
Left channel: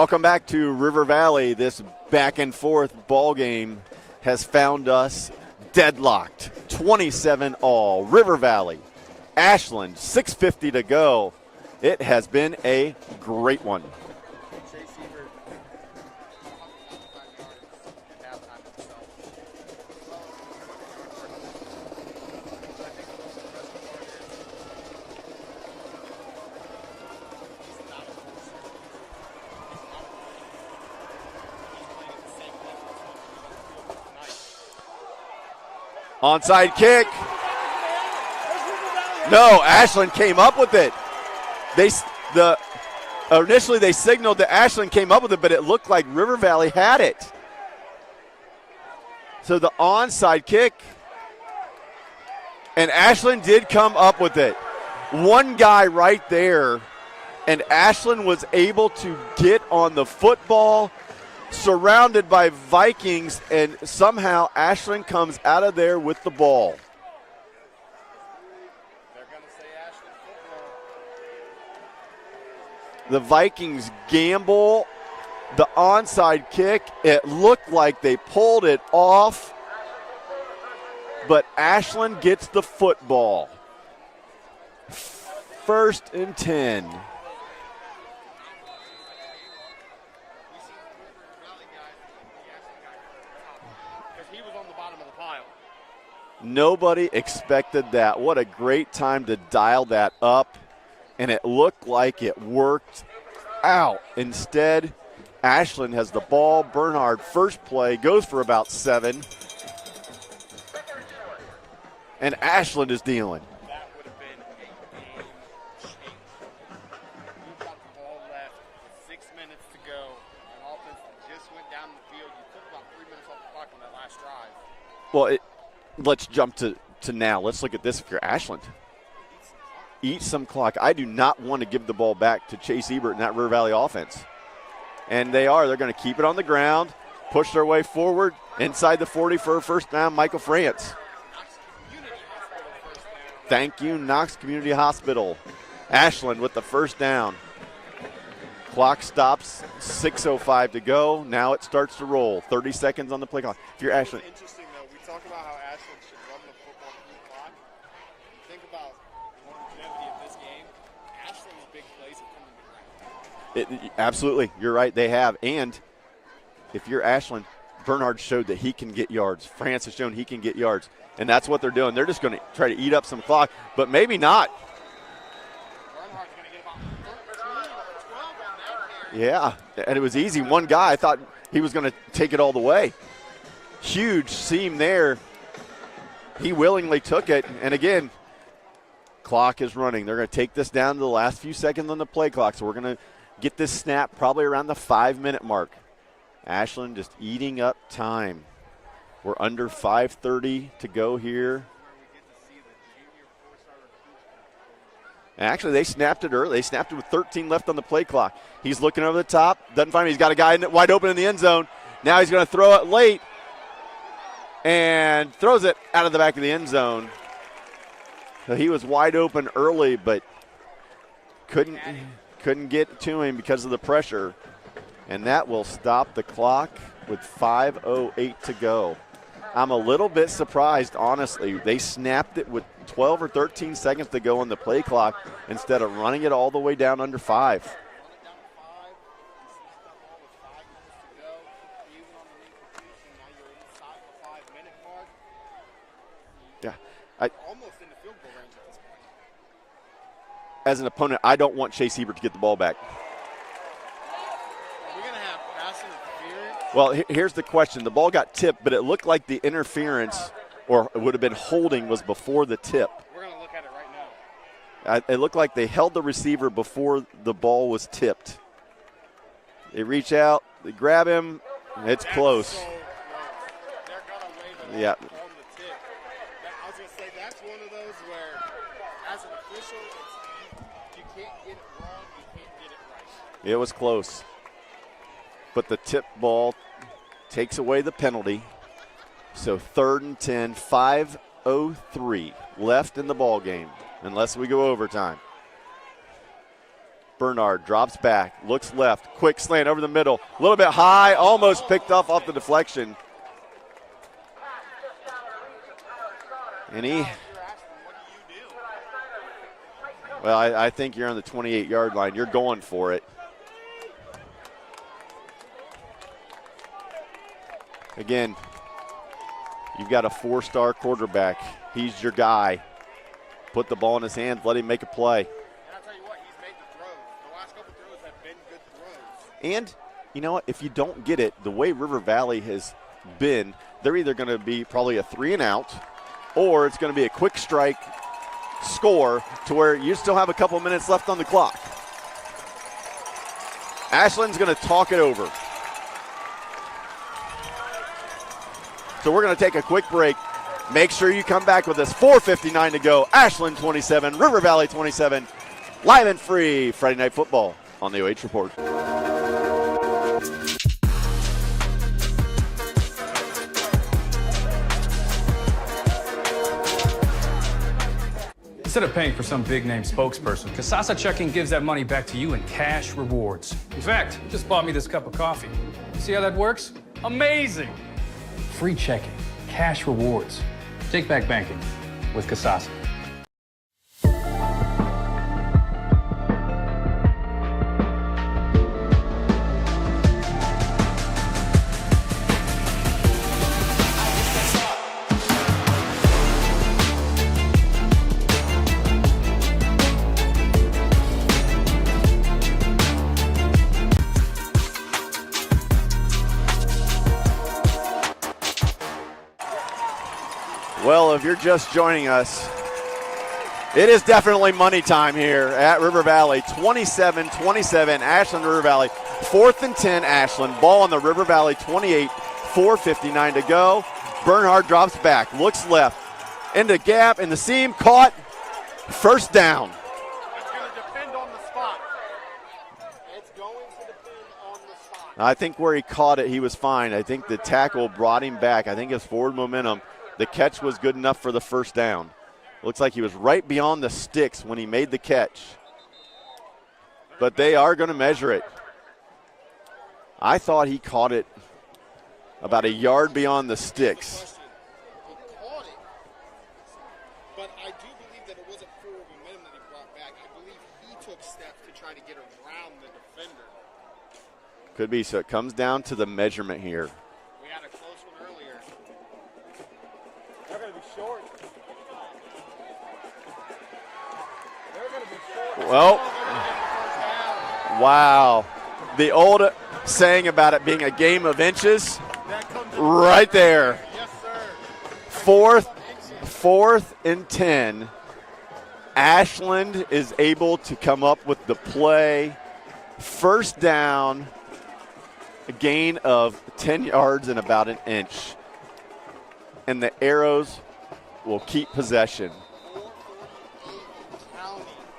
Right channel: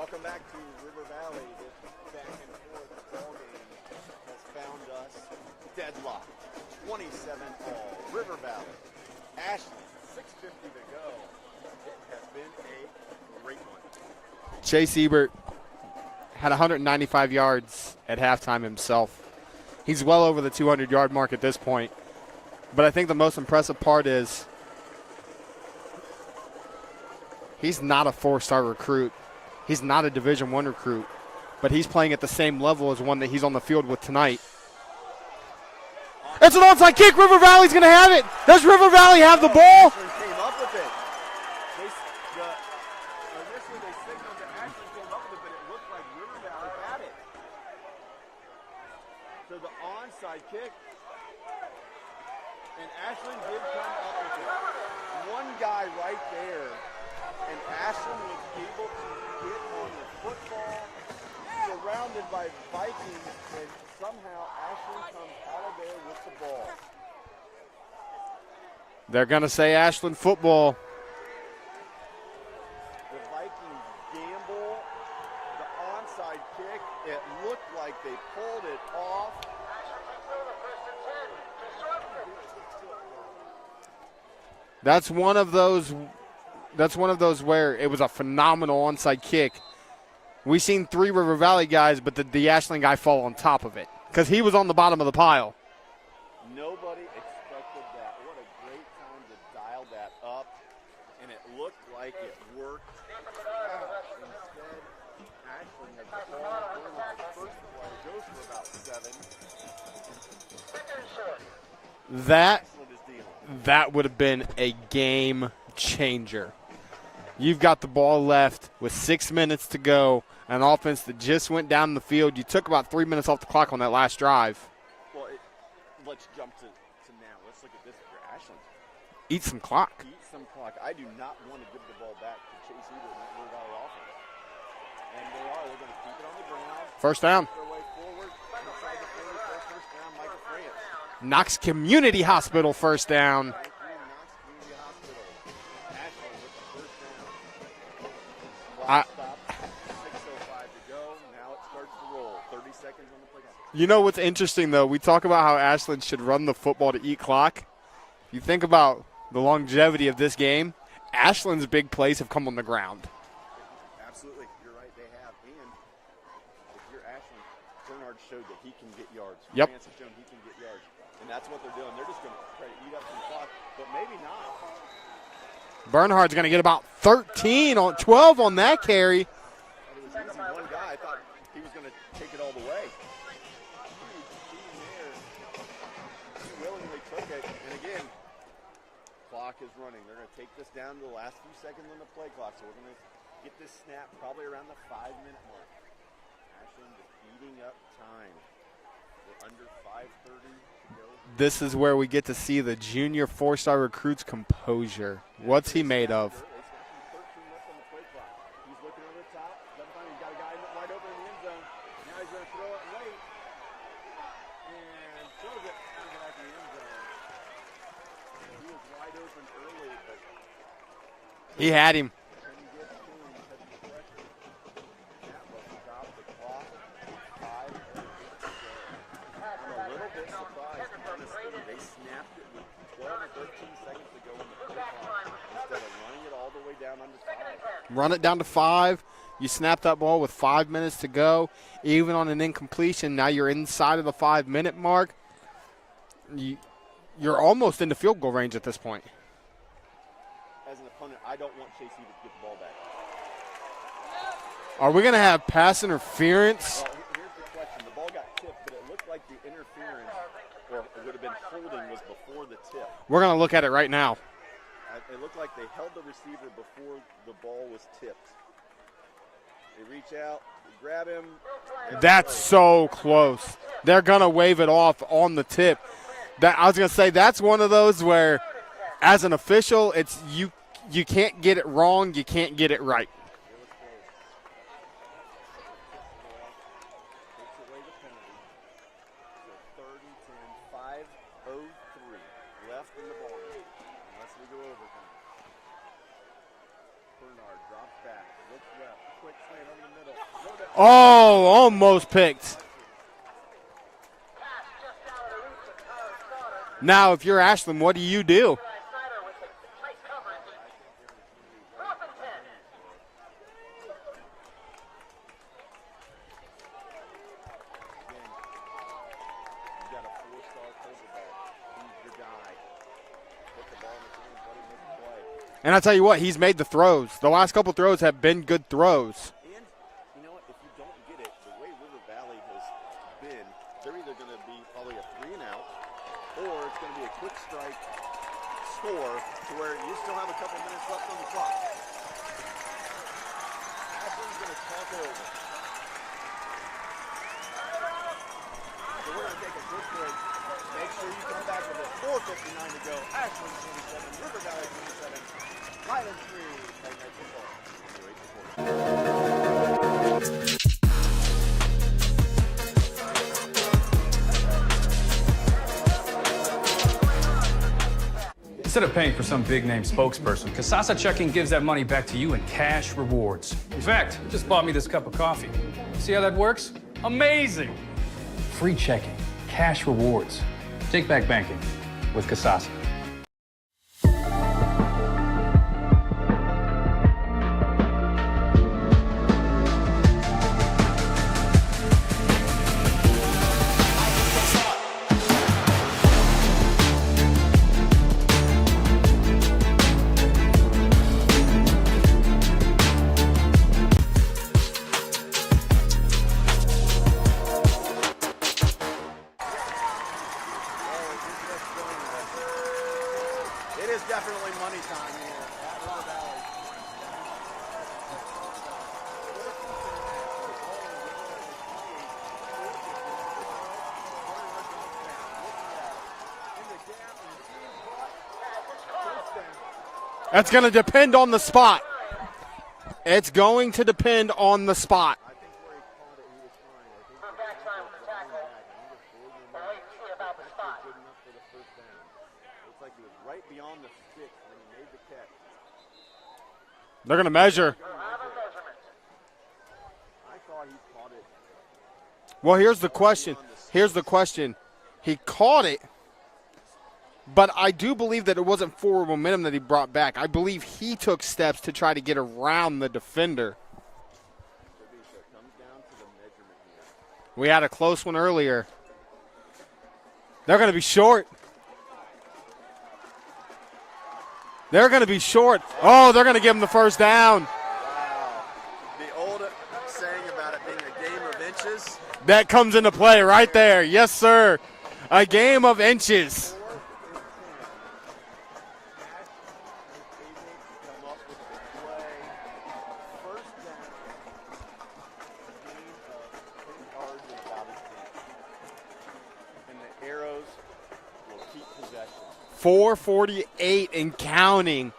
Welcome back to River Valley. This back and forth ball game has found us deadlocked. 27 all. River Valley, Ashland, 6:50 to go. It has been a great one. Chase Ebert had 195 yards at halftime himself. He's well over the 200-yard mark at this point. But I think the most impressive part is he's not a four-star recruit. He's not a Division I recruit. But he's playing at the same level as one that he's on the field with tonight. Onside It's an onside kick. River Valley's going to have it. Does River Valley have the ball? No, Ashland came up with it. Initially they signaled that Ashland came up with it, but it looked like River Valley had it. So the onside kick, and Ashland did come up with it. One guy right there, and Ashland was able to get on the football, surrounded by Vikings, and somehow Ashland comes out of there with the ball. They're going to say Ashland football. The Vikings gamble the onside kick. It looked like they pulled it off, but Ashland gets the football. That's one of those. 1st and 10. That's one of those where it was a phenomenal onside kick. We've seen 3 River Valley guys, but the Ashland guy fall on top of it because he was on the bottom of the pile. Nobody expected that. What a great time to dial that up, and it looked like it worked out. Instead, Ashland has the ball. Bernhard, first play, goes for about 7. And Ashland is dealing. That would have been a game changer. You've got the ball left with 6 minutes to go, an offense that just went down the field. You took about 3 minutes off the clock on that last drive. Well, let's jump to now. Let's look at this if you're Ashland. Eat some clock. Eat some clock. I do not want to give the ball back to Chase Ebert and that River Valley offense. And they are. They're going to keep it on the ground. First down. Push their way forward inside the 40 for a first down. Michael France. Knox Community Hospital first down. Thank you, Knox Community Hospital. Ashland with the first down. Clock stops, 6:05 to go. Now it starts to roll. 30 seconds on the play clock. You know what's interesting, though? We talk about how Ashland should run the football to eat clock. You think about the longevity of this game. Ashland's big plays have come on the ground. Absolutely. You're right. They have. And if you're Ashland, Bernhard showed that he can get yards. Yep. France has shown he can get yards. And that's what they're doing. They're just going to try to eat up some clock, but maybe not. Bernhard's going to get about 12 on that carry. Yeah, and it was easy. One guy, I thought he was going to take it all the way. Huge seam there. He willingly took it. And again, clock is running. They're going to take this down to the last few seconds on the play clock. So we're going to get this snap probably around the 5-minute mark. Ashland just eating up time. We're under 5:30 to go here. This is where we get to see the junior 4-star recruit's composure. Actually, they snapped it early. They snapped it with 13 left on the play clock. He's looking over the top. Doesn't find him. He's got a guy wide open in the end zone. Now he's going to throw it late and throws it out of the back of the end zone. So he was wide open early, but he had him. Couldn't get to him because of the pressure. And that will stop the clock with 5:08 to go. I'm a little bit surprised, honestly. They snapped it with 12 or 13 seconds to go on the play clock instead of running it all the way down under 5. Run it down to 5. You snap that ball with 5 minutes to go. Even on an incompletion, now you're inside of the 5-minute mark. You're almost into field goal range at this point. As an opponent, I don't want Chase Ebert to get the ball back. Are we going to have pass interference? Well, here's the question. The ball got tipped, but it looked like the interference, or it would have been holding, was before the tip. We're going to look at it right now. It looked like they held the receiver before the ball was tipped. They reach out, they grab him. That's close. So close. They're going to wave it off on the tip. I was going to say that's one of those where, as an official, it's you can't get it wrong, you can't get it right. It was close. But the tip ball takes away the penalty. So 3rd and 10, 5:03 left in the ball game, unless we go overtime. Bernard drops back, looks left, quick slant over the middle, a little bit high, almost picked off the deflection. And now, if you're Ashland, what do you do? Well, I think you're on the 28-yard line. You're going for it. Again, you've got a 4-star quarterback. He's your guy. Put the ball in his hands, let him make a play. And I tell you what, he's made the throws. The last couple throws have been good throws. And you know what? If you don't get it, the way River Valley has been, they're either going to be probably a 3-and-out, or it's going to be a quick strike score to where you still have a couple minutes left on the clock. Ashland's going to talk it over. So we're going to take a quick break. Make sure you come back with us. 4:59 to go. Ashland 27, River Valley 27. Live and free Friday Night Football on the OH Report. Instead of paying for some big-name spokesperson, Kasasa Checking gives that money back to you in cash rewards. In fact, you just bought me this cup of coffee. See how that works? Amazing! Free checking, cash rewards. Take back banking with Kasasa. Well, if you're just joining us, it is definitely money time here at River Valley. 27-27, Ashland River Valley. 4th and 10, Ashland. Ball on the River Valley 28, 4:59 to go. Bernhard drops back, looks left, into gap, in the seam, caught, first down. That's going to depend on the spot. It's going to depend on the spot. I think where he caught it, he was fine. I think the tackle brought him back. I think his forward momentum, the catch was good enough for the first down. Looks like he was right beyond the sticks when he made the catch. They're going to measure. They are going to measure it. I thought he caught it about here's a yard the question. beyond the sticks. Here's the question. He caught it, but I do believe that it wasn't forward momentum that he brought back. I believe he took steps to try to get around the defender. Could be. So it comes down to the measurement here. We had a close one earlier. They're going to be short. They're going to be short. Well, they're going to give him the first down. Wow. The old saying about it being a game of inches. That comes into play right there. Yes, sir. A game of inches. 4th and 10. Ashland is able to come up with the play. First down, a gain of 10 yards and about an inch. And the Arrows will keep possession. 4:48 and counting,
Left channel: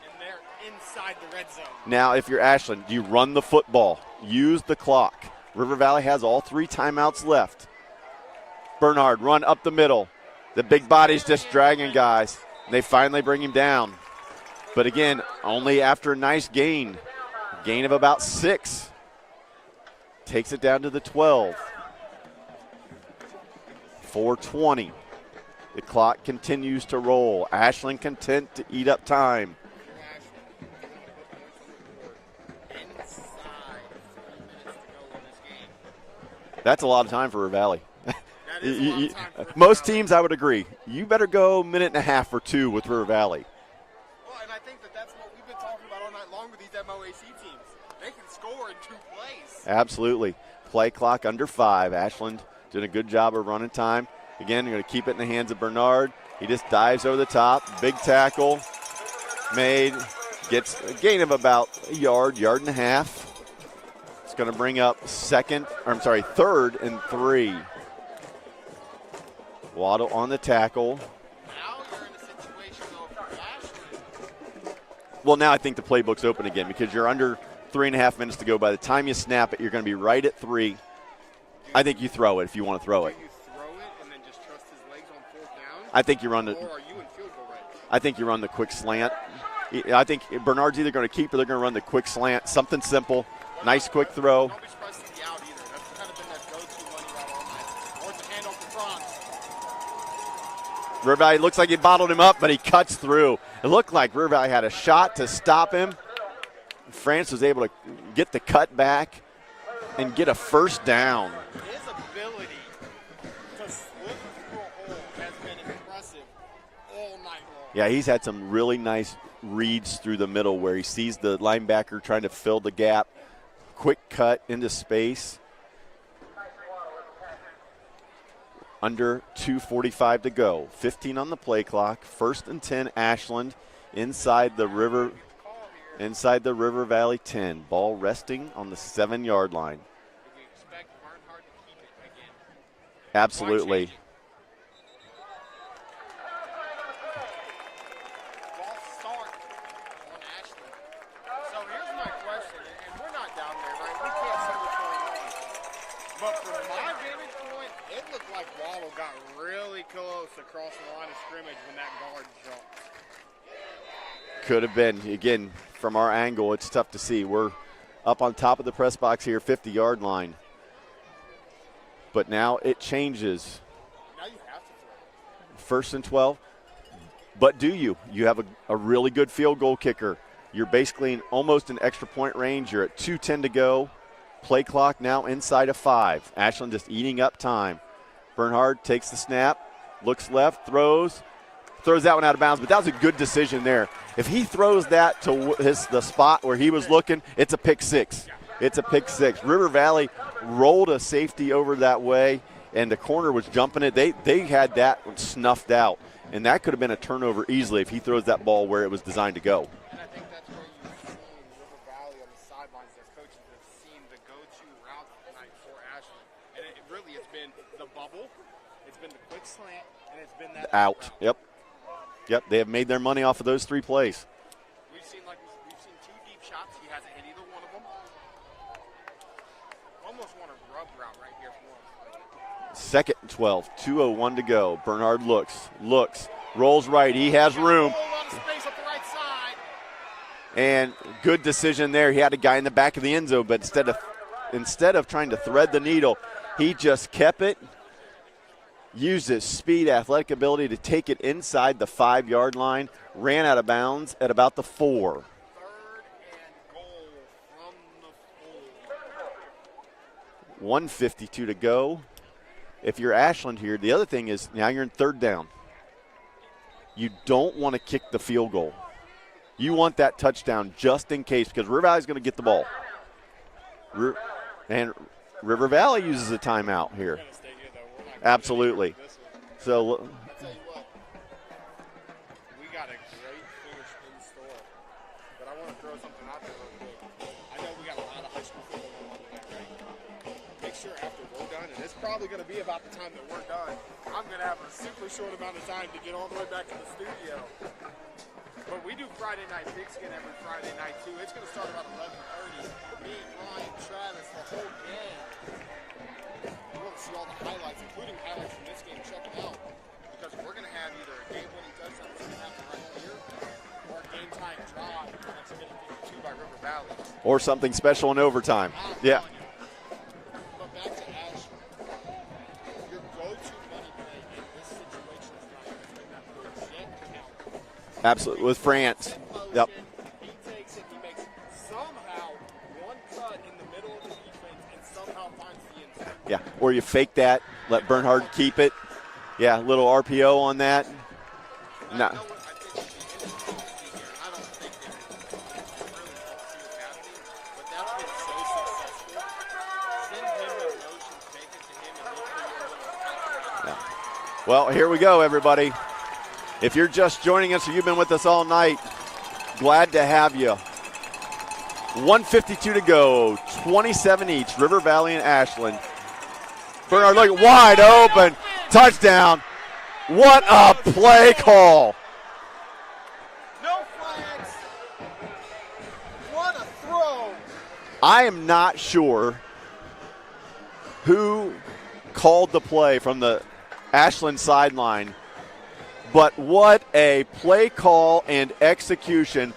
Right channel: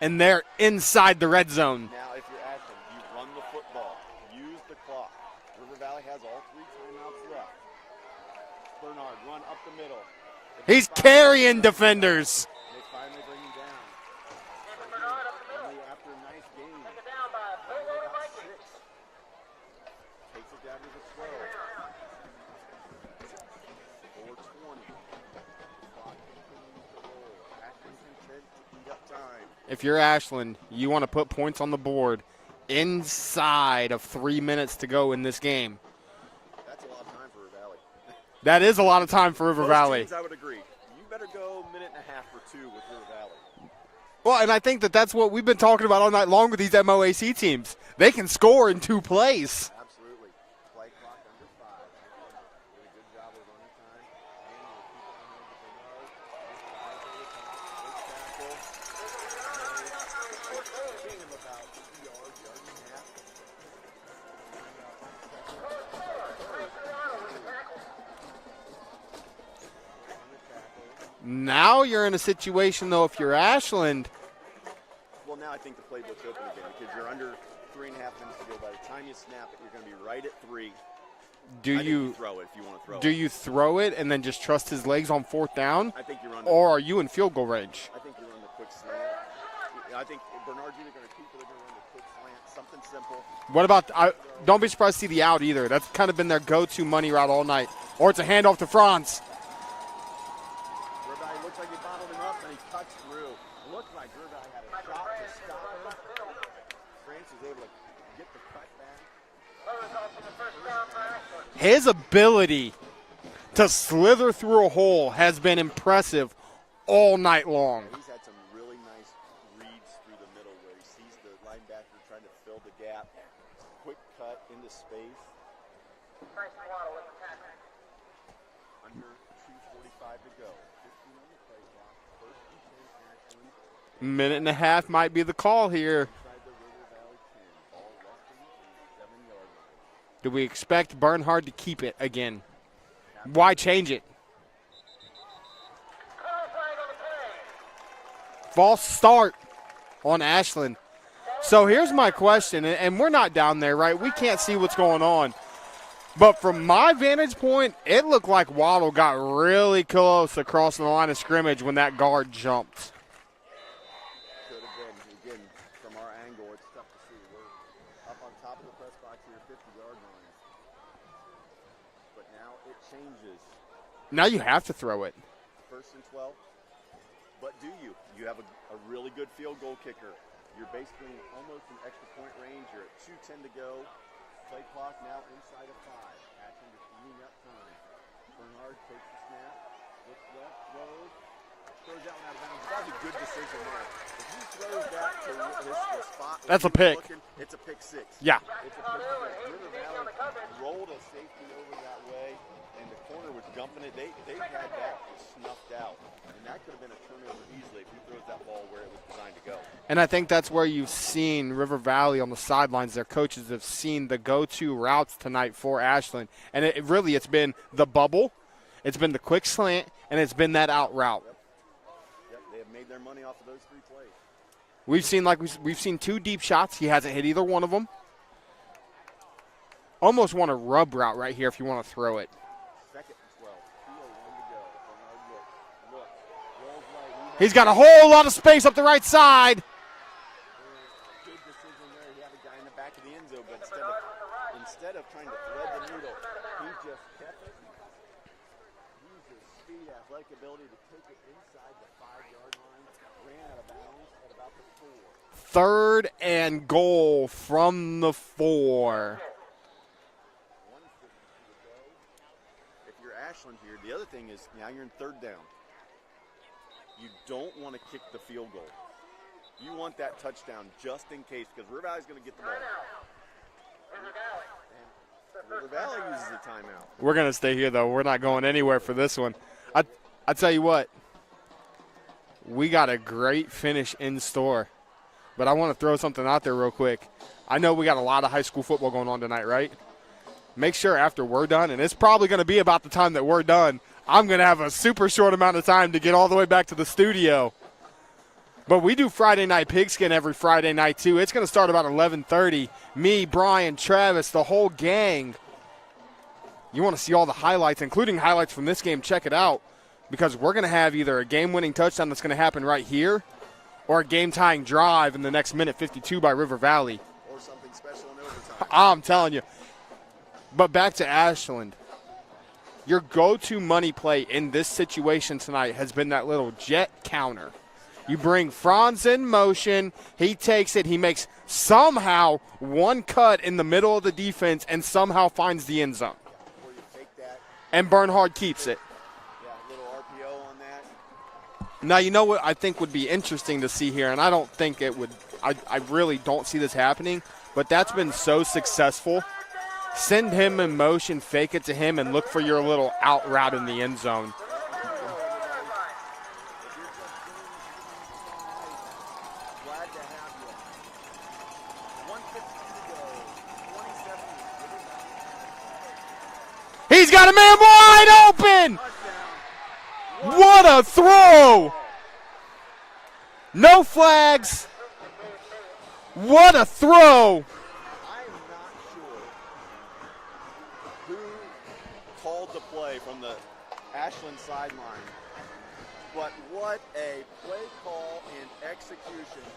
and they're inside the red zone. Now, if you're Ashland, you run the football. Use the clock. River Valley has all 3 timeouts left. Bernhard, run up the middle. The big body's just dragging defenders. guys. They finally bring him down. But again, only after a nice gain. Gain of about 6. Takes it down to the 12. 4:20. The clock continues to roll. Ashland content to eat up time. If you're Ashland, you want to put points on the board inside of 3 minutes to go in this game. That's a lot of time for River Valley. That is a lot of time for River Valley. Most teams, I would agree. You better go a minute and a half or 2 with River Valley. Well, and I think that that's what we've been talking about all night long with these MOAC teams. They can score in 2 plays. Absolutely. Play clock under 5. Ashland doing a good job of running time. Again, you're going to keep it in the hands of Bernhard. He just dives over the top. Big tackle made. Gets a gain of about a yard, yard and a half. It's going to bring up 3rd and 3. Waddle on the tackle. Now you're in a situation, though, if you're Ashland. Well, now I think the playbook's open again because you're under 3.5 minutes to go. By the time you snap it, you're going to be right at 3. I think you throw it if you want to throw it. Do you throw it and then just trust his legs on 4th down? I think you run the. Or are you in field goal range? I think you run the quick slant. I think Bernard's either going to keep or they're going to run the quick slant, something simple. What nice about quick throw? Don't be surprised to see the out either. That's kind of been their go-to money route all night. Or it's a handoff to Franz. River Valley looks like he bottled him up, but he cuts through. It looked like River Valley had a shot to stop him. France was able to get the cut back and get a first down. His ability to slither through a hole has been impressive all night long. Yeah, he's had some really nice reads through the middle where he sees the linebacker trying to fill the gap. Quick cut into space. Under 2:45 to go. 15 on the play clock. 1st and 10 Ashland inside Minute and a the half River. might be the call here. Inside the River Valley 10. Ball resting on the 7-yard line. Do we expect Bernhard to keep it again? Absolutely. Why change it? False start on Ashland. So here's my question, and we're not down there, right? We can't see what's going on. But from my vantage point, it looked like Waddle got really close across the line of scrimmage when that guard jumped. Could have been. Again, from our angle, it's tough to see. We're up on top of the press box here, 50-yard line. But now it changes. Now you have to throw it. 1st and 12. But do you? You have a really good field goal kicker. You're basically almost in extra point range. You're at 2:10 to go. Play clock now inside of 5. Ashland just eating up time. Bernhard takes the snap, looks left, throws that one out of bounds. But that was a good decision there. If he throws that to the spot where That's he a was pick. looking, it's a pick 6. Yeah. It's a pick 6. River Valley rolled a safety over that way, and the corner was jumping it. They had that snuffed out. And that could have been a turnover easily if he throws that ball where it was designed to go. And I think that's where you've seen River Valley on the sidelines. Their coaches have seen the go-to routes tonight for Ashland. And it's been the bubble, it's been the quick slant, and it's been that out route. Yep, they have made their money off of those 3 plays. We've seen 2 deep shots. He hasn't hit either one of them. Almost want a rub route right here if you want to throw it. 2nd and 12, 2:01 to go. Bernhard looks, rolls right. He's got room. a whole lot of space up the right side. And good decision there. He had a guy in the back of the end zone, but instead of trying to thread the needle, he just kept it, used his speed, athletic ability to take it inside the 5-yard line, ran out of bounds at about the 4. 3rd and goal from the 4. 1:52 to go. If you're Ashland here, the other thing is now you're in 3rd down. You don't want to kick the field goal. You want that touchdown just in case, because River Valley's going to get the ball. And River Valley uses a timeout here. We're going to stay here, though. We're not going anywhere for this one. So I tell you what, we got a great finish in store. But I want to throw something out there real quick. I know we got a lot of high school football going on tonight, right? Make sure after we're done, and it's probably going to be about the time that we're done, I'm going to have a super short amount of time to get all the way back to the studio. But we do Friday Night Pigskin every Friday night, too. It's going to start about 11:30. Me, Brian, Travis, the whole gang. You want to see all the highlights, including highlights from this game, check it out. Because we're going to have either a game-winning touchdown that's going to happen right here or a game-tying drive in the next minute 52 by River Valley. or something special in overtime. I'm telling you. But back to Ashland. Your go-to money play in this situation tonight has been that little jet counter. Absolutely. You bring With Franz France. in motion. Yep. He takes it. He makes somehow one cut in the middle of the defense and somehow finds the end zone. Yeah, or you fake that, let And Bernhard keep keeps it. Yeah, little RPO on that. Now, Yeah. you know what I think would be interesting to see here, and I don't think it would – I really don't see this happening, but that's been so successful. Send him in motion, fake it to him, and look for your little out route in the end zone. Well, here we go, everybody. If you're just joining us or you've been with us all night, glad to have you. 1:52 to go, 27 each, River Valley and Ashland. He's Bernhard got a man wide open. Touchdown. What What a a play throw. call. No flags. What a throw. I am not sure who called the play from the Ashland sideline, But what a play call and execution.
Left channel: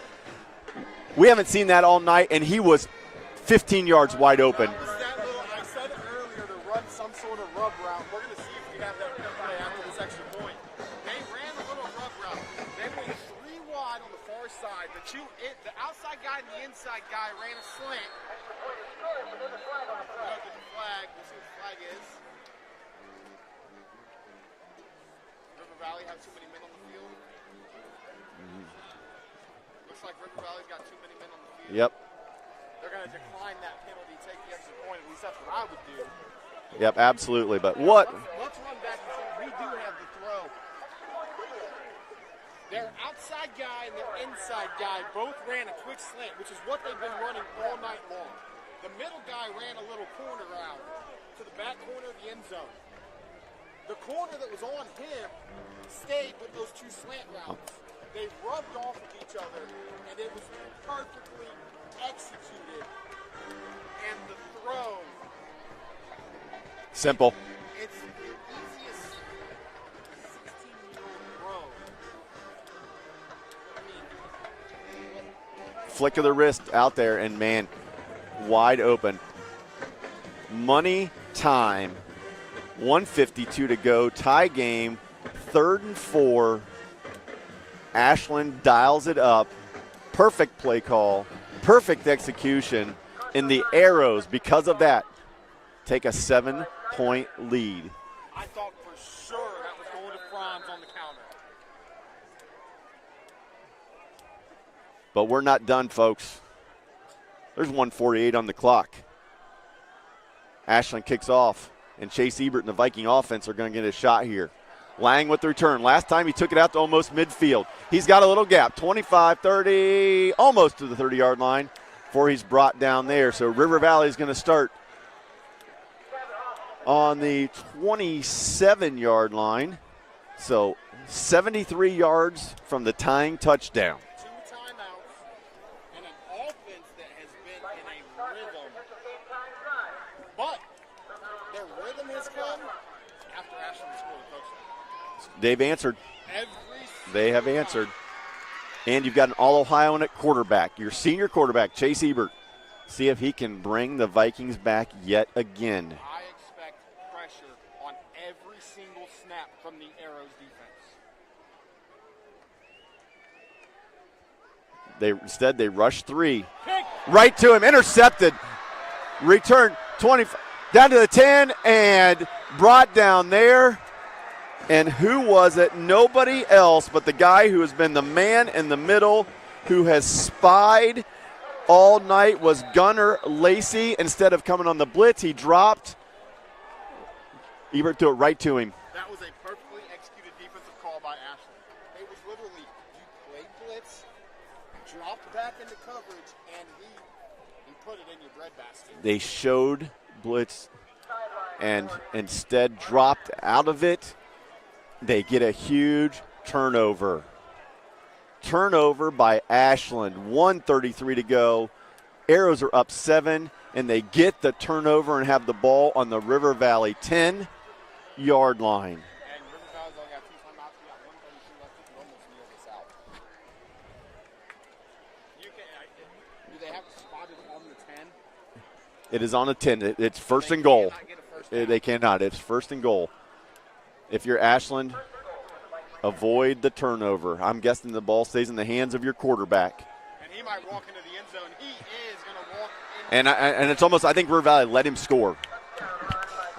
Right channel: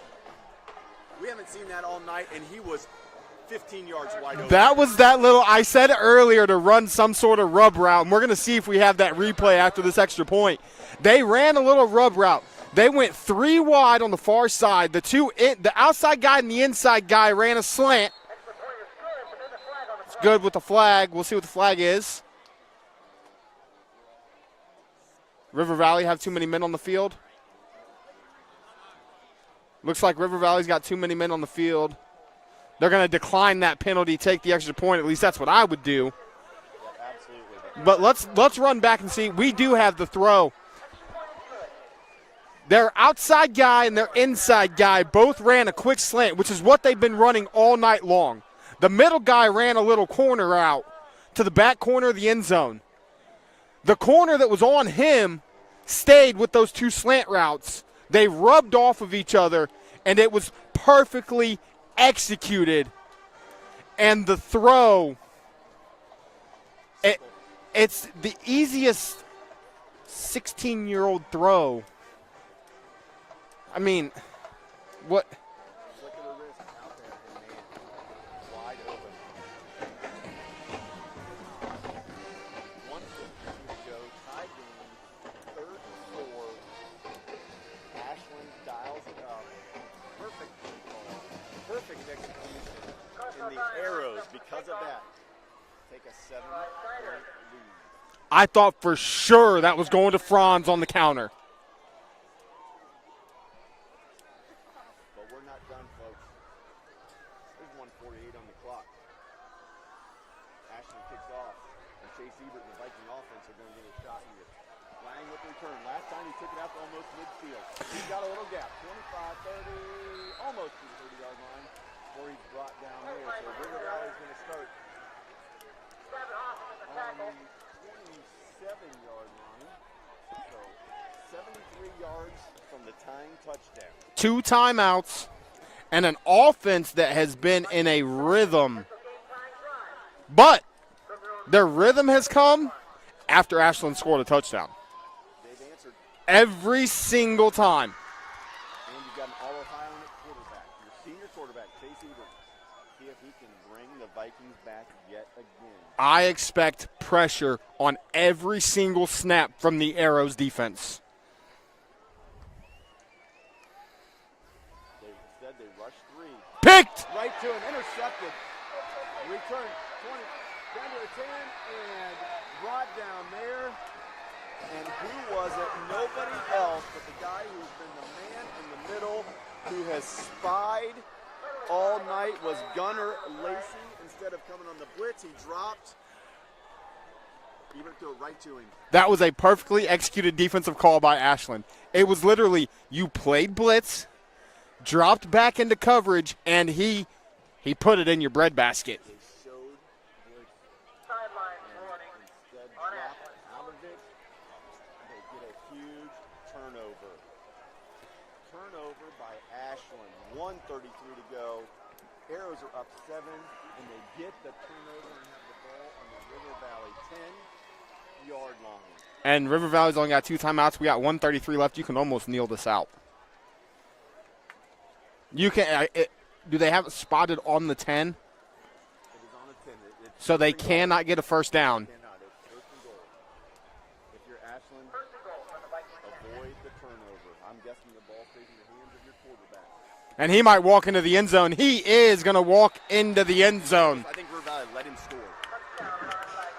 We haven't seen that all night, and he was 15 yards wide open. That was that little, I said it earlier, to run some sort of rub route, and we're going to see if we have that replay after this extra point. They ran a little rub route. They went 3 wide on the far side. The outside guy and the inside guy ran a slant. It's good with the flag. We'll see what the flag is. River Valley have too many men on the field. Looks like River Valley's got too many men on the field. Yep. They're going to decline that penalty, take the extra point. At least that's what I would do. Yep, absolutely. But let's run back and see. We do have the throw. Their outside guy and their inside guy both ran a quick slant, which is what they've been running all night long. The middle guy ran a little corner out to the back corner of the end zone. The corner that was on him stayed with those 2 slant routes. They rubbed off of each other, and it was perfectly executed. And the throw, simple. It's the easiest 16-year-old throw. I mean, what? Flick of the wrist out there, and man, wide open. Money time. 1:52 to go. Tie game. 3rd and 4. Ashland dials it up. Perfect play call. Perfect execution. And the Arrows, because of that, take a 7-point lead. I thought for sure that was going to Franz on the counter. But we're not done, folks. There's 1:48 on the clock. Ashland kicks off, and Chase Ebert and the Viking offense are going to get a shot here. Lang with the return. Last time he took it out to almost midfield. He's got a little gap, 25, 30, almost to the 30-yard line before he's brought down there. So River Valley is going to start on the 27-yard line. So 73 yards from the tying touchdown. 2 timeouts and an offense that has been in a rhythm. But their rhythm has come after Ashland scored a touchdown. They've answered. Every single time. And you've got an All-Ohioan at quarterback, your senior quarterback, Chase Ebert. See if he can bring the Vikings back yet again. I expect pressure on every single snap from the Arrows defense. Instead, they rushed 3. Picked! Right to him, intercepted. Return 20, down to the 10, and brought down there. And who was it? Nobody else but the guy who has been the man in the middle, who has spied all night, was Gunnar Lacey. Instead of coming on the blitz, he dropped. Ebert threw it right to him. That was a perfectly executed defensive call by Ashland. It was literally, you played blitz, dropped back into coverage, and he put it in your breadbasket. They showed blitz and instead dropped out of it. They get a huge turnover. Turnover by Ashland. 1:33 to go. Arrows are up 7, and they get the turnover and have the ball on the River Valley 10-yard line. And River Valley's only got 2 timeouts. We got 1:33 left. You can almost kneel this out. You can. Do they have it spotted on the 10? It is on the 10. It's so first they and goal. cannot get a first down. They cannot. It's first and goal. If you're Ashland, avoid the turnover. I'm guessing the ball stays in the hands of your quarterback. And he might walk into the end zone. He is going to walk into the end zone. And it's almost, I think River Valley let him score.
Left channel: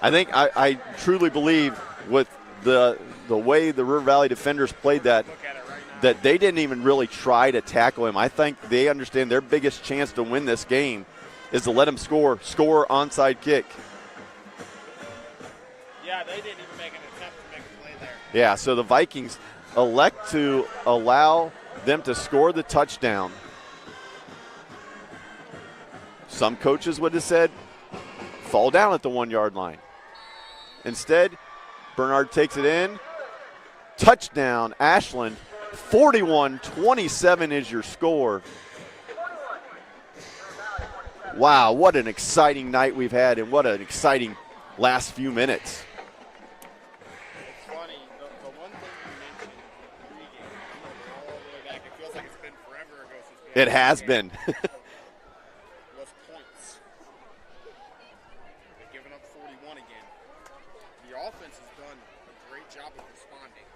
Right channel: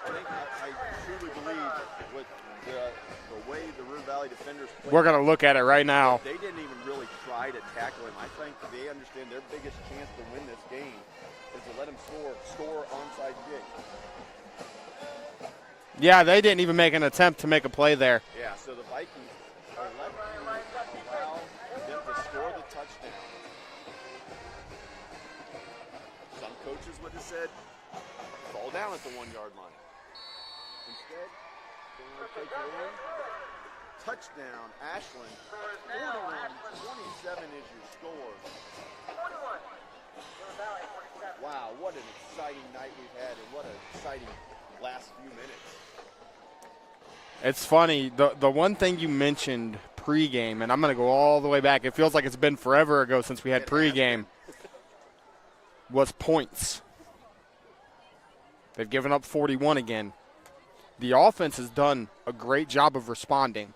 I truly believe with the way the River Valley defenders played, we're going to look at it right now, that they didn't even really try to tackle him. I think they understand their biggest chance to win this game is to let him score onside kick. Yeah, they didn't even make an attempt to make a play there. Yeah, so the Vikings elect to allow them to score the touchdown. Some coaches would have said, fall down at the 1-yard line. Instead, Bernard takes it in. Touchdown, Ashland. 41-27 is your score. Wow, what an exciting night we've had, and what an exciting last few minutes. It's funny, the one thing you mentioned pregame, and I'm going to go all the way back. It feels like it's been forever ago since we had pregame. It has been. Was points. They've given up 41 again. The offense has done a great job of responding,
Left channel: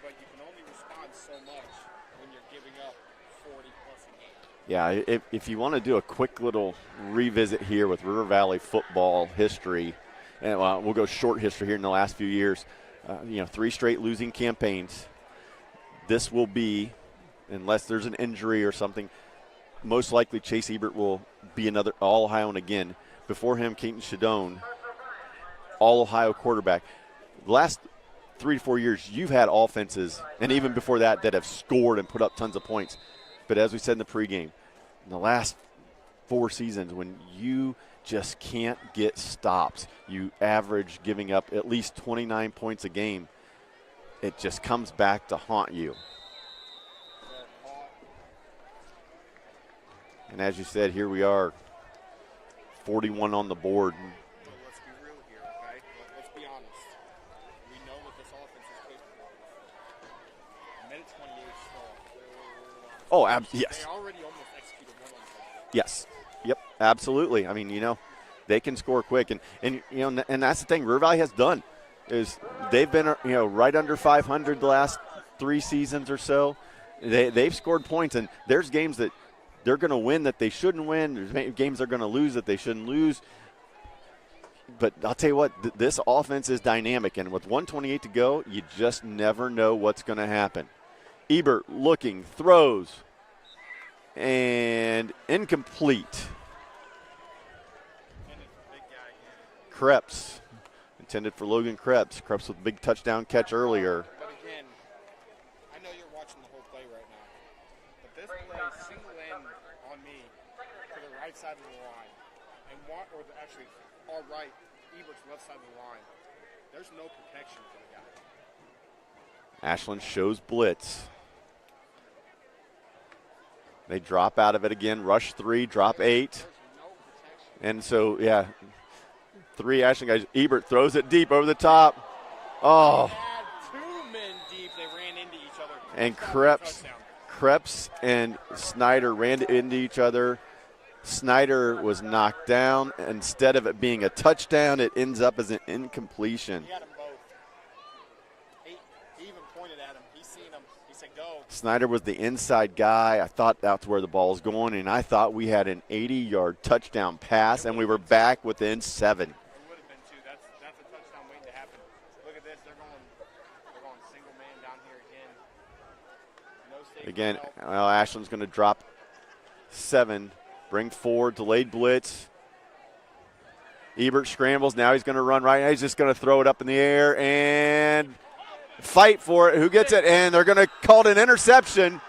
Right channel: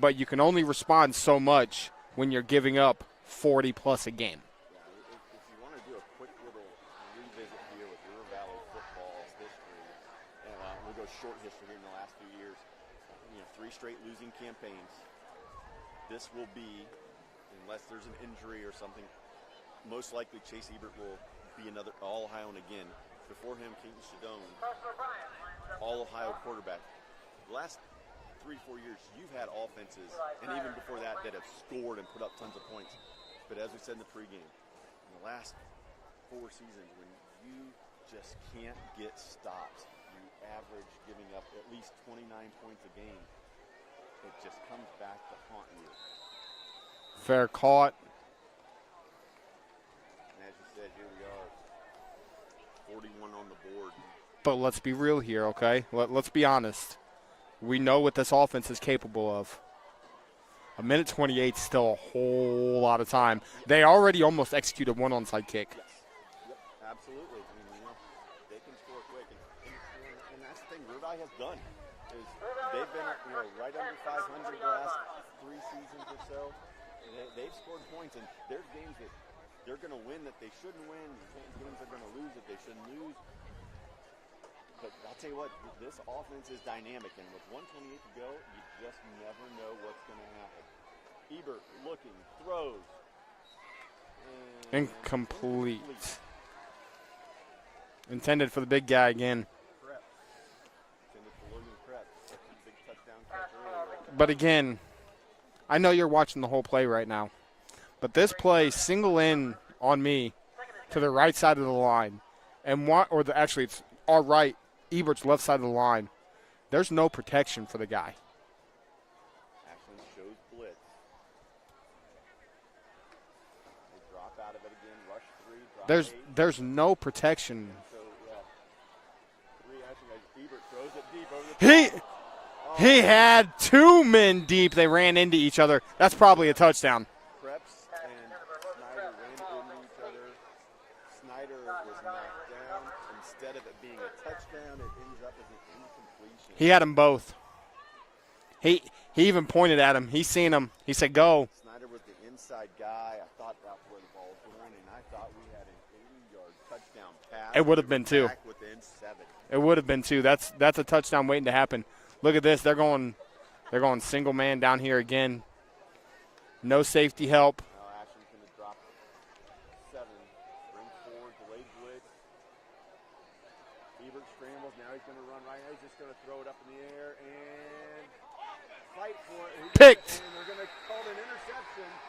but you can only respond so much when you're giving up 40-plus a game. Yeah, if you want to do a quick little revisit here with River Valley football history, and we'll go short history here in the last few years, 3 straight losing campaigns. This will be, unless there's an injury or something, most likely Chase Ebert will be another All-Ohioan again. Before him, Keaton Shadone, All-Ohio quarterback. The last 3 to 4 years, you've had offenses, and even before that have scored and put up tons of points. But as we said in the pregame, in the last 4 seasons, when you just can't get stops, you average giving up at least 29 points a game, it just comes back to haunt you. Fair caught. And as you said, here we are, 41 on the board. But let's be real here, okay? Let's be honest. We know what this offense is capable of. A minute 28 is still a whole lot of time. Yes. They already almost executed one onside kick. Yes. Yep, absolutely. I mean, they can score quick. And that's the thing River Valley has done is they've been, right under 500 the last 3 seasons or so. They've scored points, and there's games that they're going to win that they shouldn't win. There's games they're going to lose that they shouldn't lose. But I'll tell you what, this offense is dynamic, and with 1:28 to go, you just never know what's going to happen. Ebert looking, throws, and incomplete. Intended for the big guy again. Krebs, intended for Logan Krebs. Krebs with a big touchdown catch earlier. But again, I know you're watching the whole play right now, but this play, single in on me to the right side of the line, and actually it's our right, Ebert's left side of the line. There's no protection for the guy. Ashland shows blitz. They drop out of it again, rush 3, drop 8. There's no protection. And so, 3 Ashland guys. Ebert throws it deep over the top. He had 2 men deep. They ran into each other. That's probably a touchdown. Krebs and Snyder ran into each other. Snyder was knocked down. Instead of it being a touchdown, it ends up as an incompletion. He had them both. He even pointed at him. He seen him. He said, go. Snyder was the inside guy. I thought that's where the ball was going, and I thought we had an 80-yard touchdown pass, and we were back within 7. It would have been 2. That's a touchdown waiting to happen. Look at this. They're going single man down here again. No safety help. Well, Ashland's going to drop 7. Bring 4, delayed blitz. Ebert scrambles. Now he's going to run right. He's just going to throw it up in the air and fight for it. Who gets it? And they're going to call it an interception.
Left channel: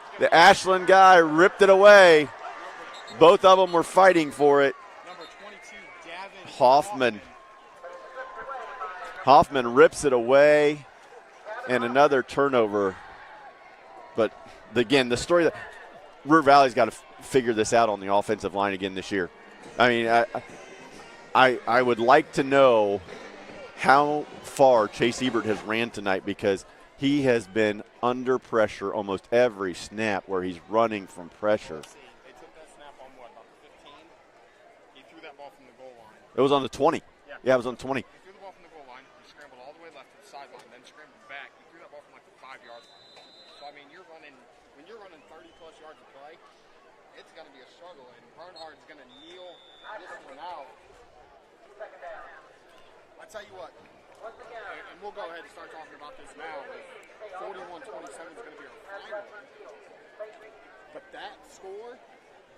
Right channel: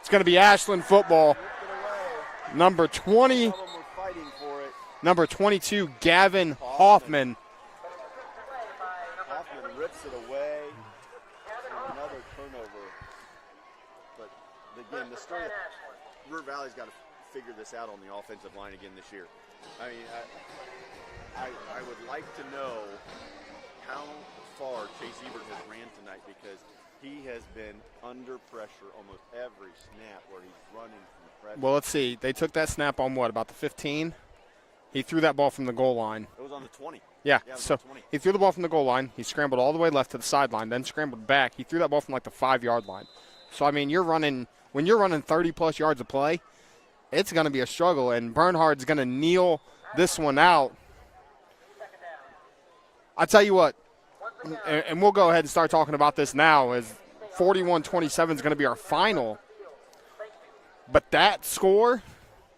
It's going to be Ashland guy ripped it away. Number 20. Both of them were fighting for it. Number 22, Gavin Hoffman. Hoffman rips it away, and another turnover. But again, the story that River Valley's got to figure this out on the offensive line again this year. I mean, I would like to know how far Chase Ebert has ran tonight, because he has been under pressure almost every snap where he's running from pressure. Well, let's see. They took that snap on about the 15? He threw that ball from the goal line. It was on the 20. Yeah, it was on the 20. He threw the ball from the goal line. He scrambled all the way left to the sideline, then scrambled back. He threw that ball from like the 5-yard line. So, I mean, when you're running 30-plus yards of play, it's going to be a struggle, and Bernhard's going to kneel this one out. I tell you what, and we'll go ahead and start talking about this now, as 41-27 is going to be our final. But that score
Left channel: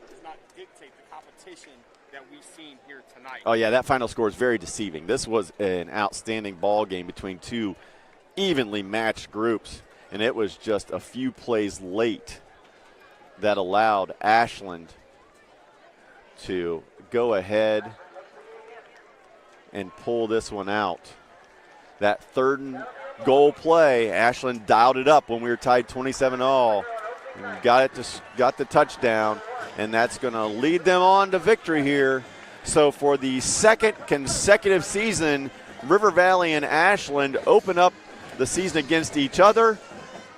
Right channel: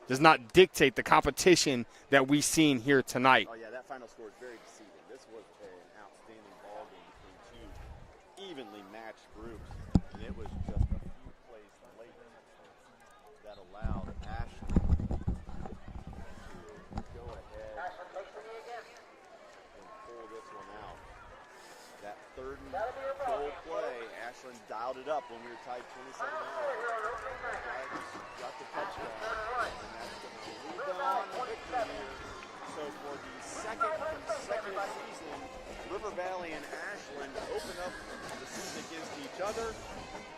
does not dictate the competition that we've seen here tonight. Oh, yeah, that final score is very deceiving. This was an outstanding ball game between 2 evenly matched groups, and it was just a few plays late that allowed Ashland to go ahead and pull this one out. That 3rd and goal play, Ashland dialed it up when we were tied 27-all. Got the touchdown, and that's going to lead them on to victory here. So for the 2nd consecutive season, River Valley and Ashland open up the season against each other,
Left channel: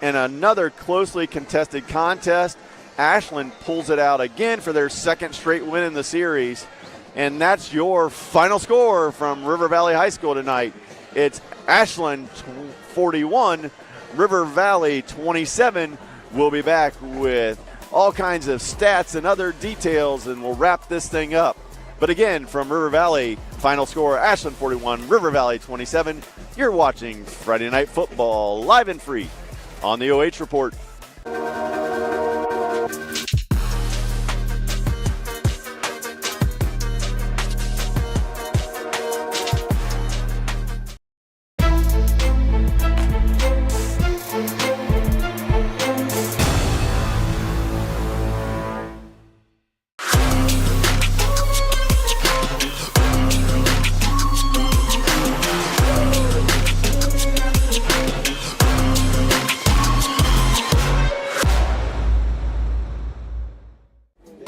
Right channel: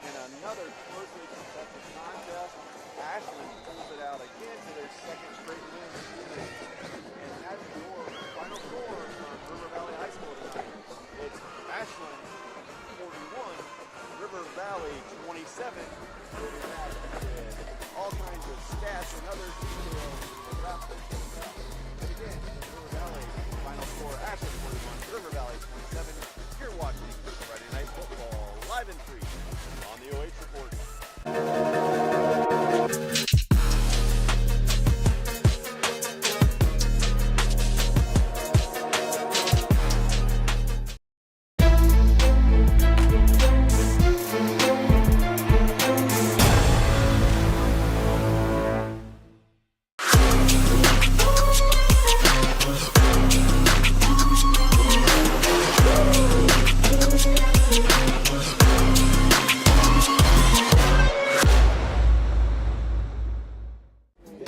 and another closely contested contest. Ashland pulls it out again for their second straight win in the series. And that's your final score from River Valley High School tonight. It's Ashland 41, River Valley 27. We'll be back with all kinds of stats and other details, and we'll wrap this thing up. But again, from River Valley, final score, Ashland 41, River Valley 27. You're watching Friday Night Football live and free on the OH Report.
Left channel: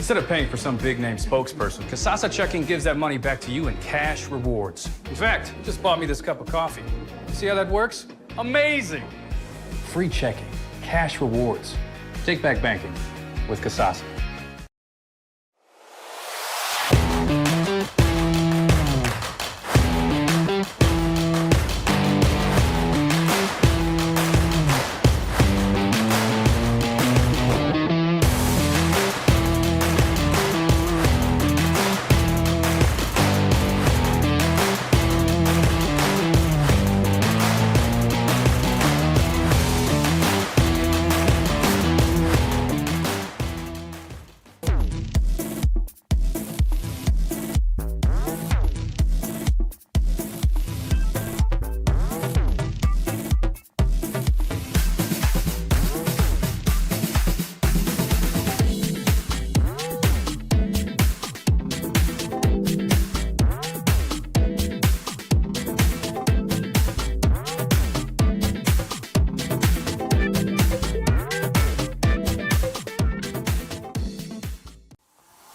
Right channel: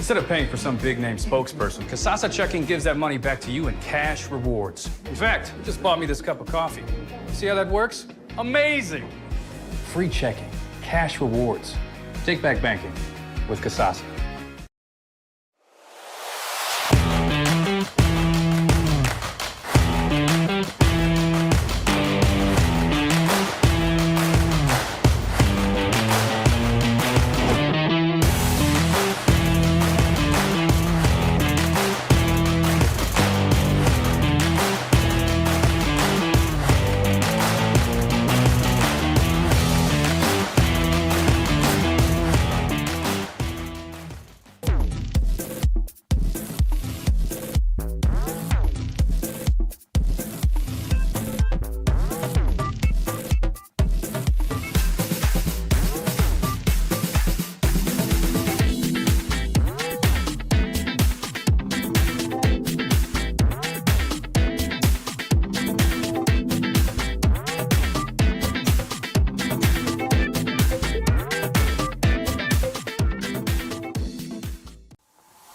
Instead of paying for some big-name spokesperson, Kasasa Checking gives that money back to you in cash rewards. In fact, you just bought me this cup of coffee. See how that works? Amazing! Free checking, cash rewards. Take back banking with Kasasa.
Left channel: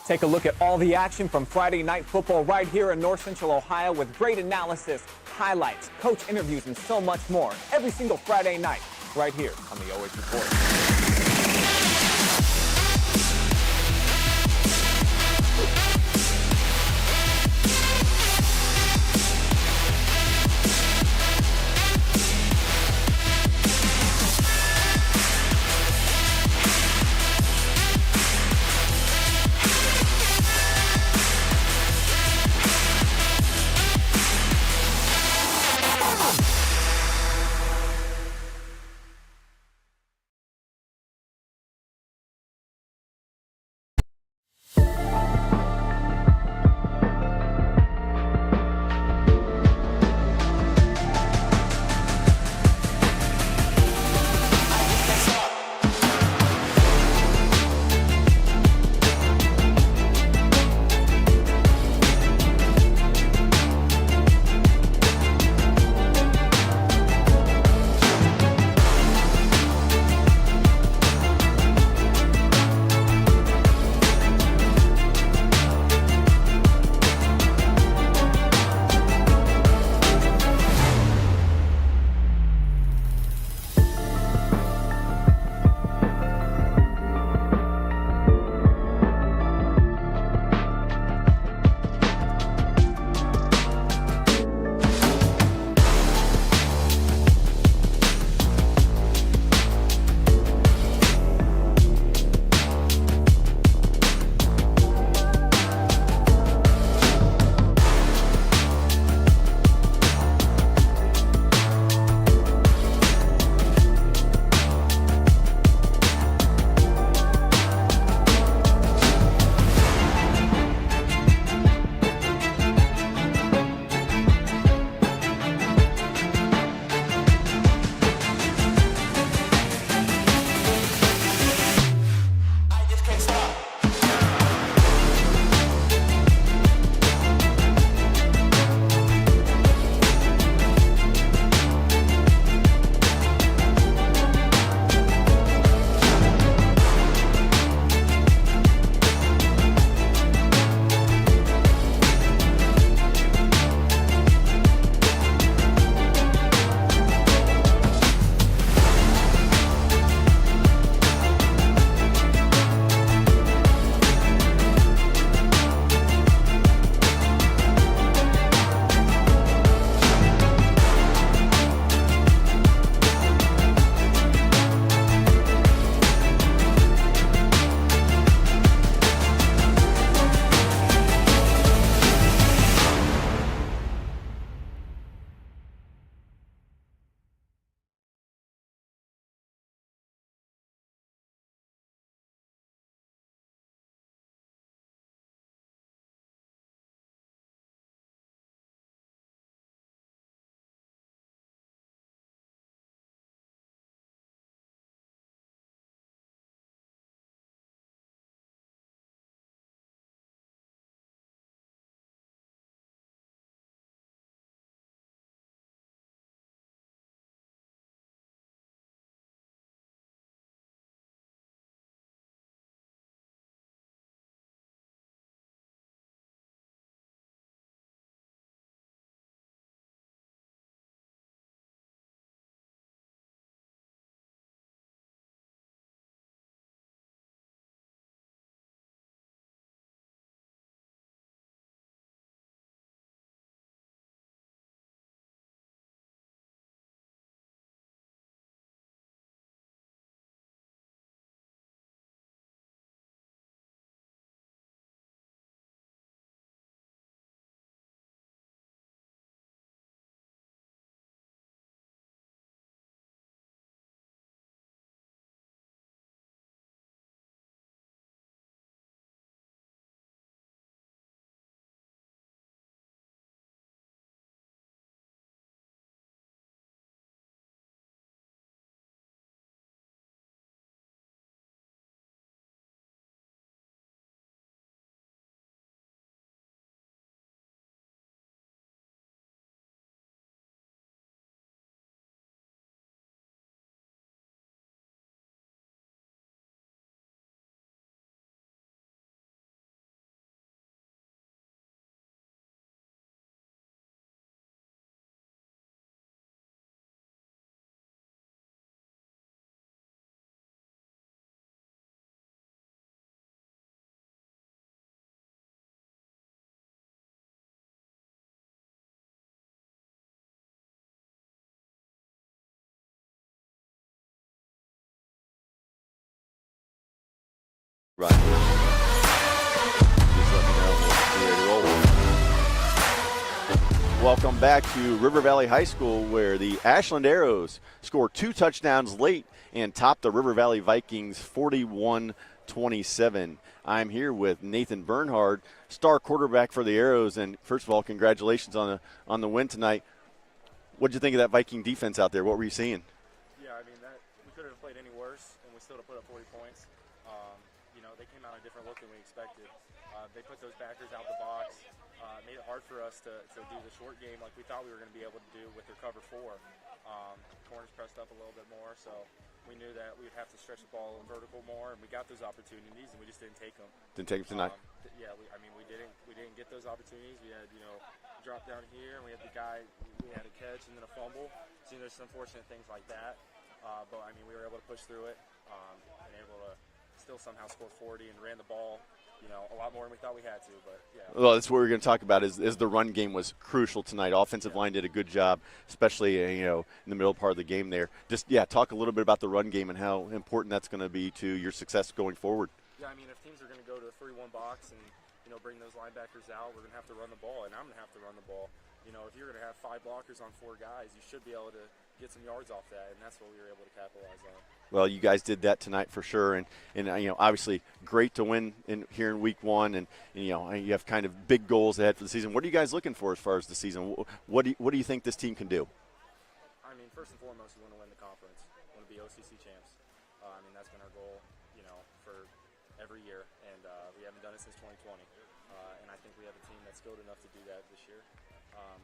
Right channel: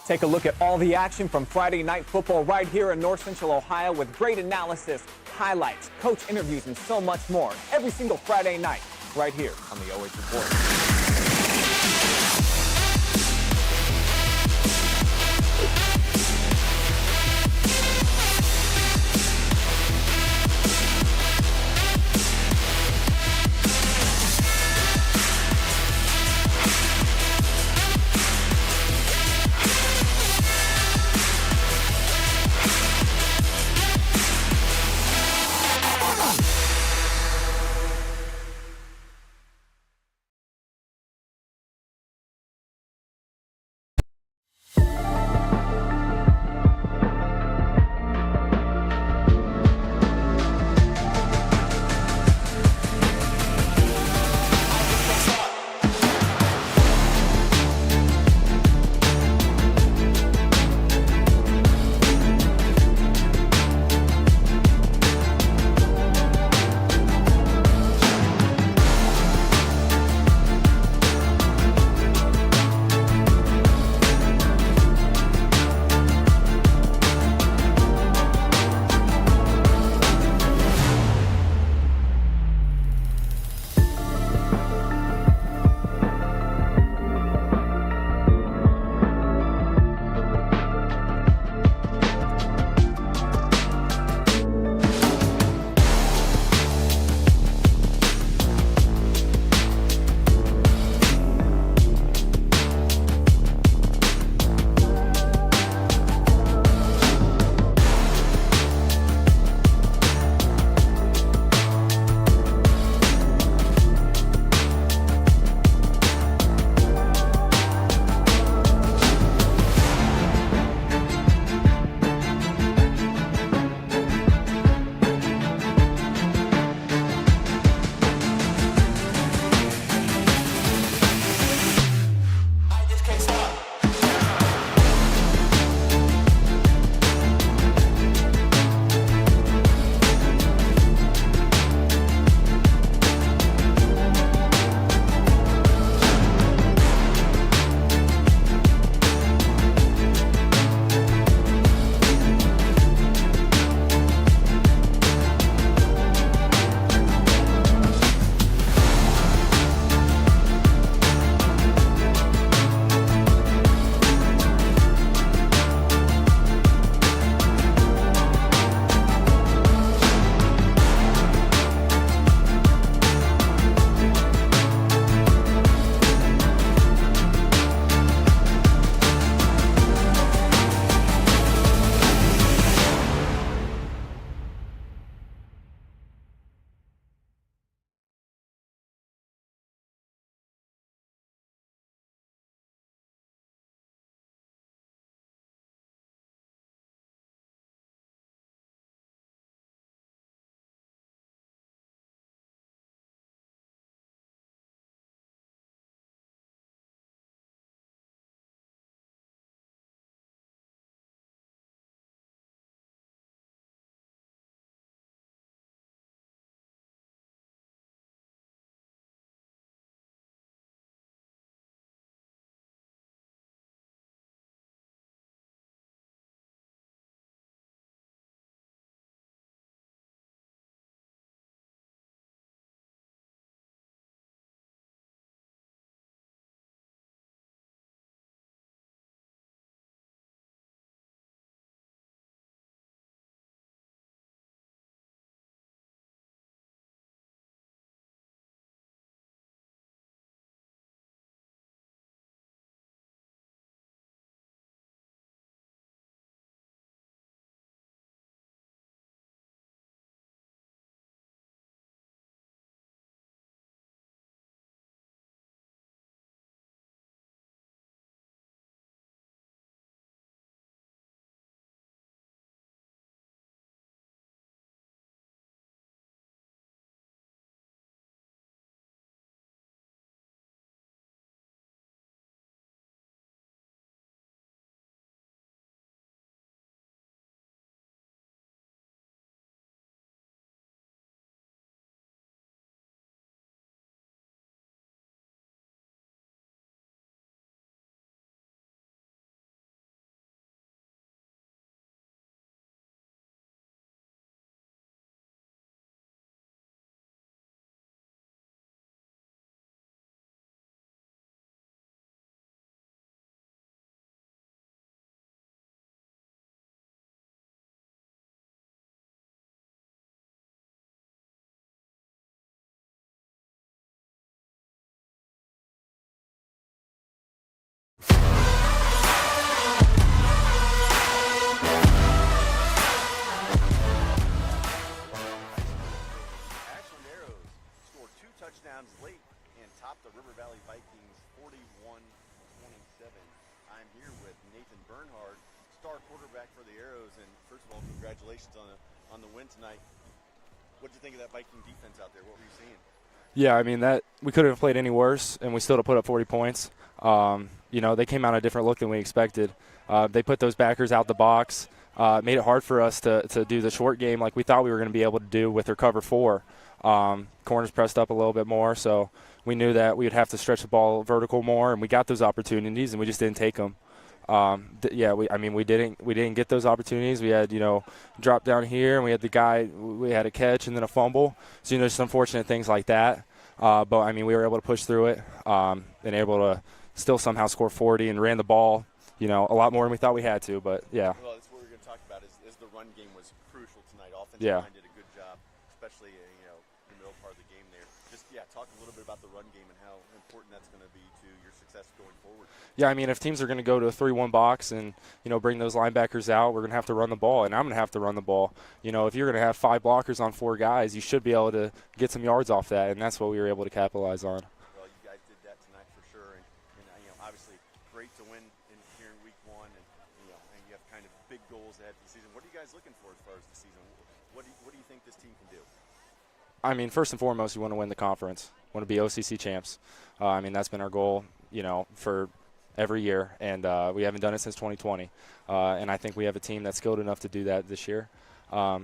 Take a look at all the action from Friday Night Football right here in North Central Ohio with great analysis, highlights, coach interviews, and so much more every single Friday night right here on the OH Report. Right. Welcome back to River Valley High School, where the Ashland Arrows scored 2 touchdowns late and topped the River Valley Vikings 41-27. I'm here with Nathan Bernhard, star quarterback for the Arrows, and first of all, congratulations on the win tonight. What did you think of that Viking defense out there? What were you seeing? Yeah, I mean, that we couldn't have played any worse, and we still have put up 40 points. You know, they came out a different look than we expected. They put those backers out the box, made it hard for us to do the short game like we thought we were going to be able to do with their cover 4. Corners pressed up a little bit more, so we knew that we would have to stretch the ball vertical more, and we got those opportunities, and we just didn't take them. Yeah, we didn't get those opportunities. We had, drop down here, and we had the guy, we had a catch and then a fumble. So, just unfortunate things like that. But, I mean, we were able to push through it and able to still somehow score 40 and ran the ball, a lot more than we thought we had to, but yeah. Well, that's what we're going to talk about is the run game was crucial tonight. Offensive line did a good job, especially, in the middle part of the game there. Just, talk a little bit about the run game and how important that's going to be to your success going forward. Yeah, I mean, if teams are going to go to a 3-1 box and, bring those linebackers out, we're going to have to run the ball, and I'm going to have to run the ball. If you're going to have 5 blockers on 4 guys, you should be able to get some yards off that, and that's what we were able to capitalize on. Well, you guys did that tonight for sure, and obviously great to win here in week 1, and you have kind of big goals ahead for the season. What are you guys looking for as far as the season? What do you think this team can do? I mean, first and foremost, you want to win the conference. Want to be OCC champs. I mean, that's been our goal, for every year, and we haven't done it since 2020. And I think we have a team that's skilled enough to do that this year. I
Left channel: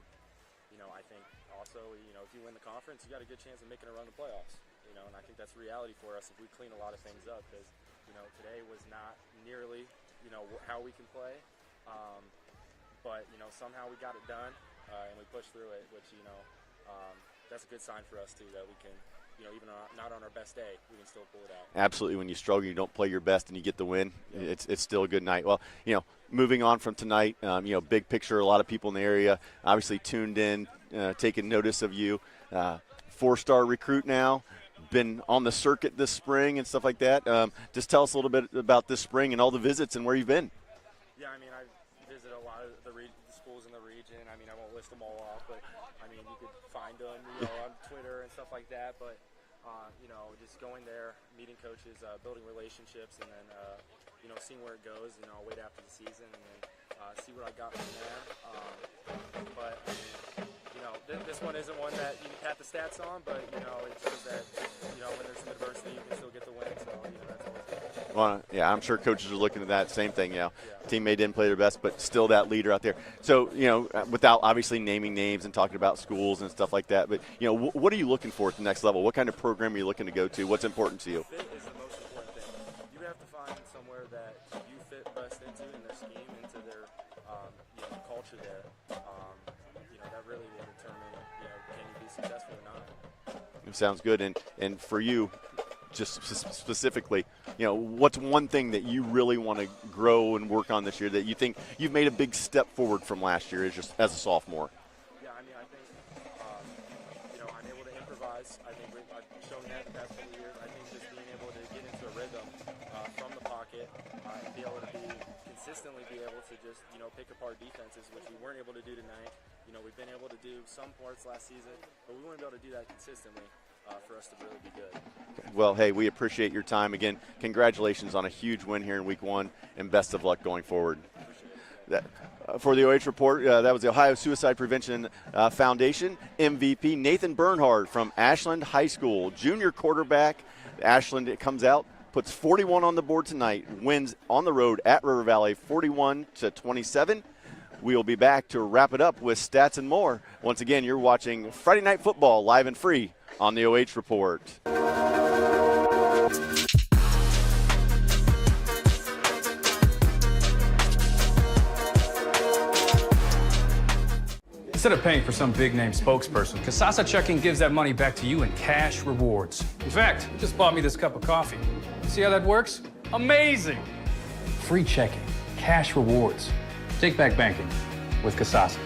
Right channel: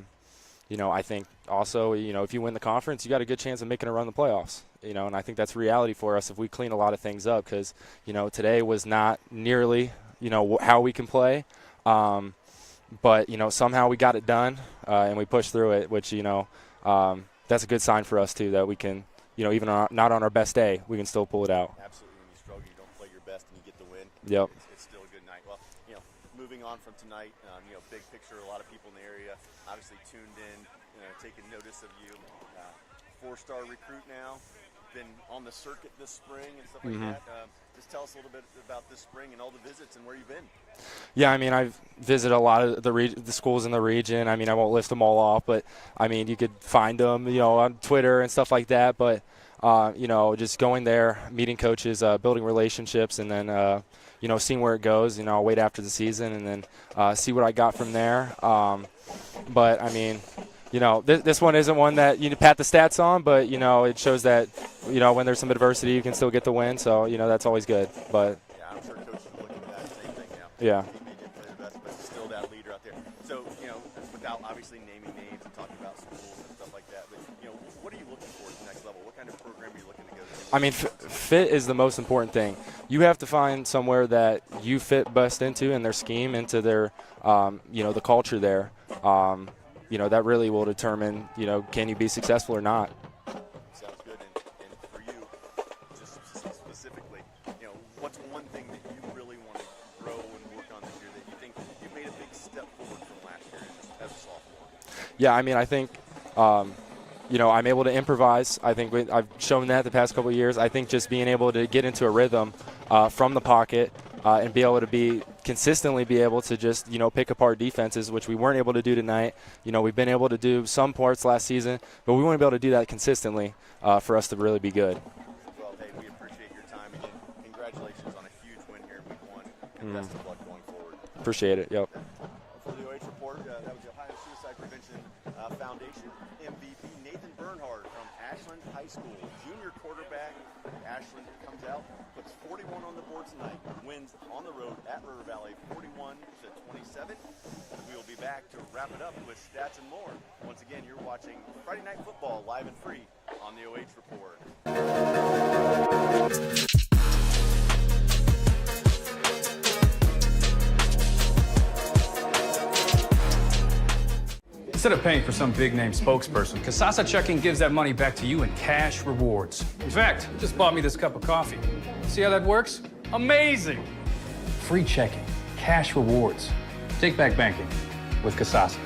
think also, if you win the conference, you got a good chance of making a run in the playoffs. And I think that's reality for us if we clean a lot of things up, because, today was not nearly, how we can play. But, somehow we got it done and we pushed through it, which, that's a good sign for us, too, that we can, even not on our best day, we can still pull it out. Absolutely. When you struggle, you don't play your best and you get the win. Yep. It's still a good night. Well, moving on from tonight, big picture, a lot of people in the area obviously tuned in, taking notice of you. 4-star recruit now, been on the circuit this spring and stuff like that. Just tell us a little bit about this spring and all the visits and where you've been. Yeah, I mean, I've visited a lot of the schools in the region. I mean, I won't list them all off, but, I mean, you could find them, on Twitter and stuff like that. But, just going there, meeting coaches, building relationships, and then, seeing where it goes. I'll wait after the season and then see what I got from there. But, I mean, this one isn't one that you pat the stats on, but, it shows that, when there's some adversity, you can still get the win. So, that's always good. But yeah, I'm sure coaches are looking at that same thing, Yeah. Teammate didn't play their best, but still that leader out there. So, without obviously naming names and talking about schools and stuff like that, but, what are you looking for at the next level? What kind of program are you looking to go to? What's important to you? Fit is the most important thing. You have to find somewhere that you fit best into in their scheme, into their, the culture there. That really will determine, can you be successful or not. Sounds good. And for you, just specifically, what's one thing that you really want to grow and work on this year that you think you've made a big step forward from last year as a sophomore? Yeah, I mean, I think, I'm able to improvise. I think I've shown that the past couple of years. I think just being able to get into a rhythm from the pocket and be able to consistently be able to just, pick apart defenses, which we weren't able to do tonight. We've been able to do some parts last season, but we want to be able to do that consistently for us to really be good. Well, hey, we appreciate your time. Again, congratulations on a huge win here in week 1, and best of luck going forward. Appreciate it. Yep. For the OH Report, that was the Ohio Suicide Prevention Foundation MVP Nathan Bernhard from Ashland High School, junior quarterback. Ashland comes out, puts 41 on the board tonight, wins on the road at River Valley 41-27. We will be back to wrap it up with stats and more. Once again, you're watching Friday Night Football live and free on the OH Report. Instead of paying for some big-name spokesperson, Kasasa Checking gives that money back to you in cash rewards. In fact, you just bought me this cup of coffee. See how that works? Amazing! Free checking, cash rewards. Take back banking with Kasasa.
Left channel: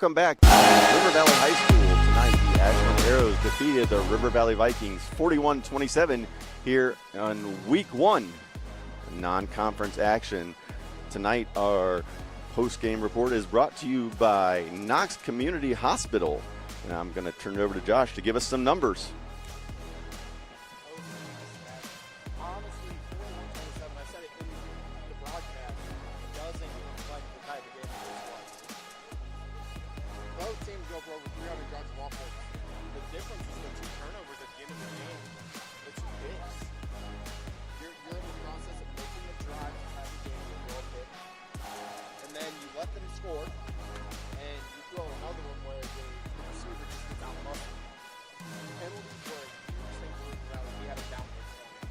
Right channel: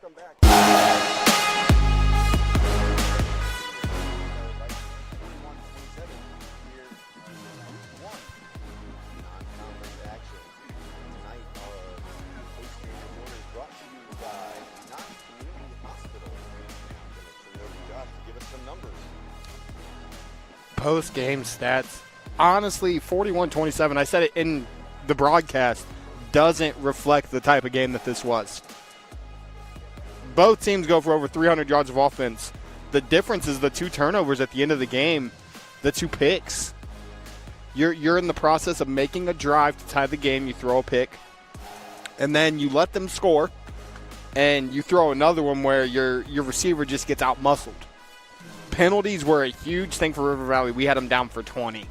Welcome back to River Valley High School. Tonight, the Ashland Arrows defeated the River Valley Vikings 41-27 here on week 1 non-conference action. Tonight, our post-game report is brought to you by Knox Community Hospital. And I'm going to turn it over to Josh to give us some numbers. Post-game stats. Honestly, 41-27, I said it in the broadcast, doesn't reflect the type of game that this was. Both teams go for over 300 yards of offense. The difference is the 2 turnovers at the end of the game, the 2 picks. You're in the process of making a drive to tie the game. You throw a pick, and then you let them score, and you throw another one where your receiver just gets out-muscled. Penalties were a huge thing for River Valley. We had them down for 20.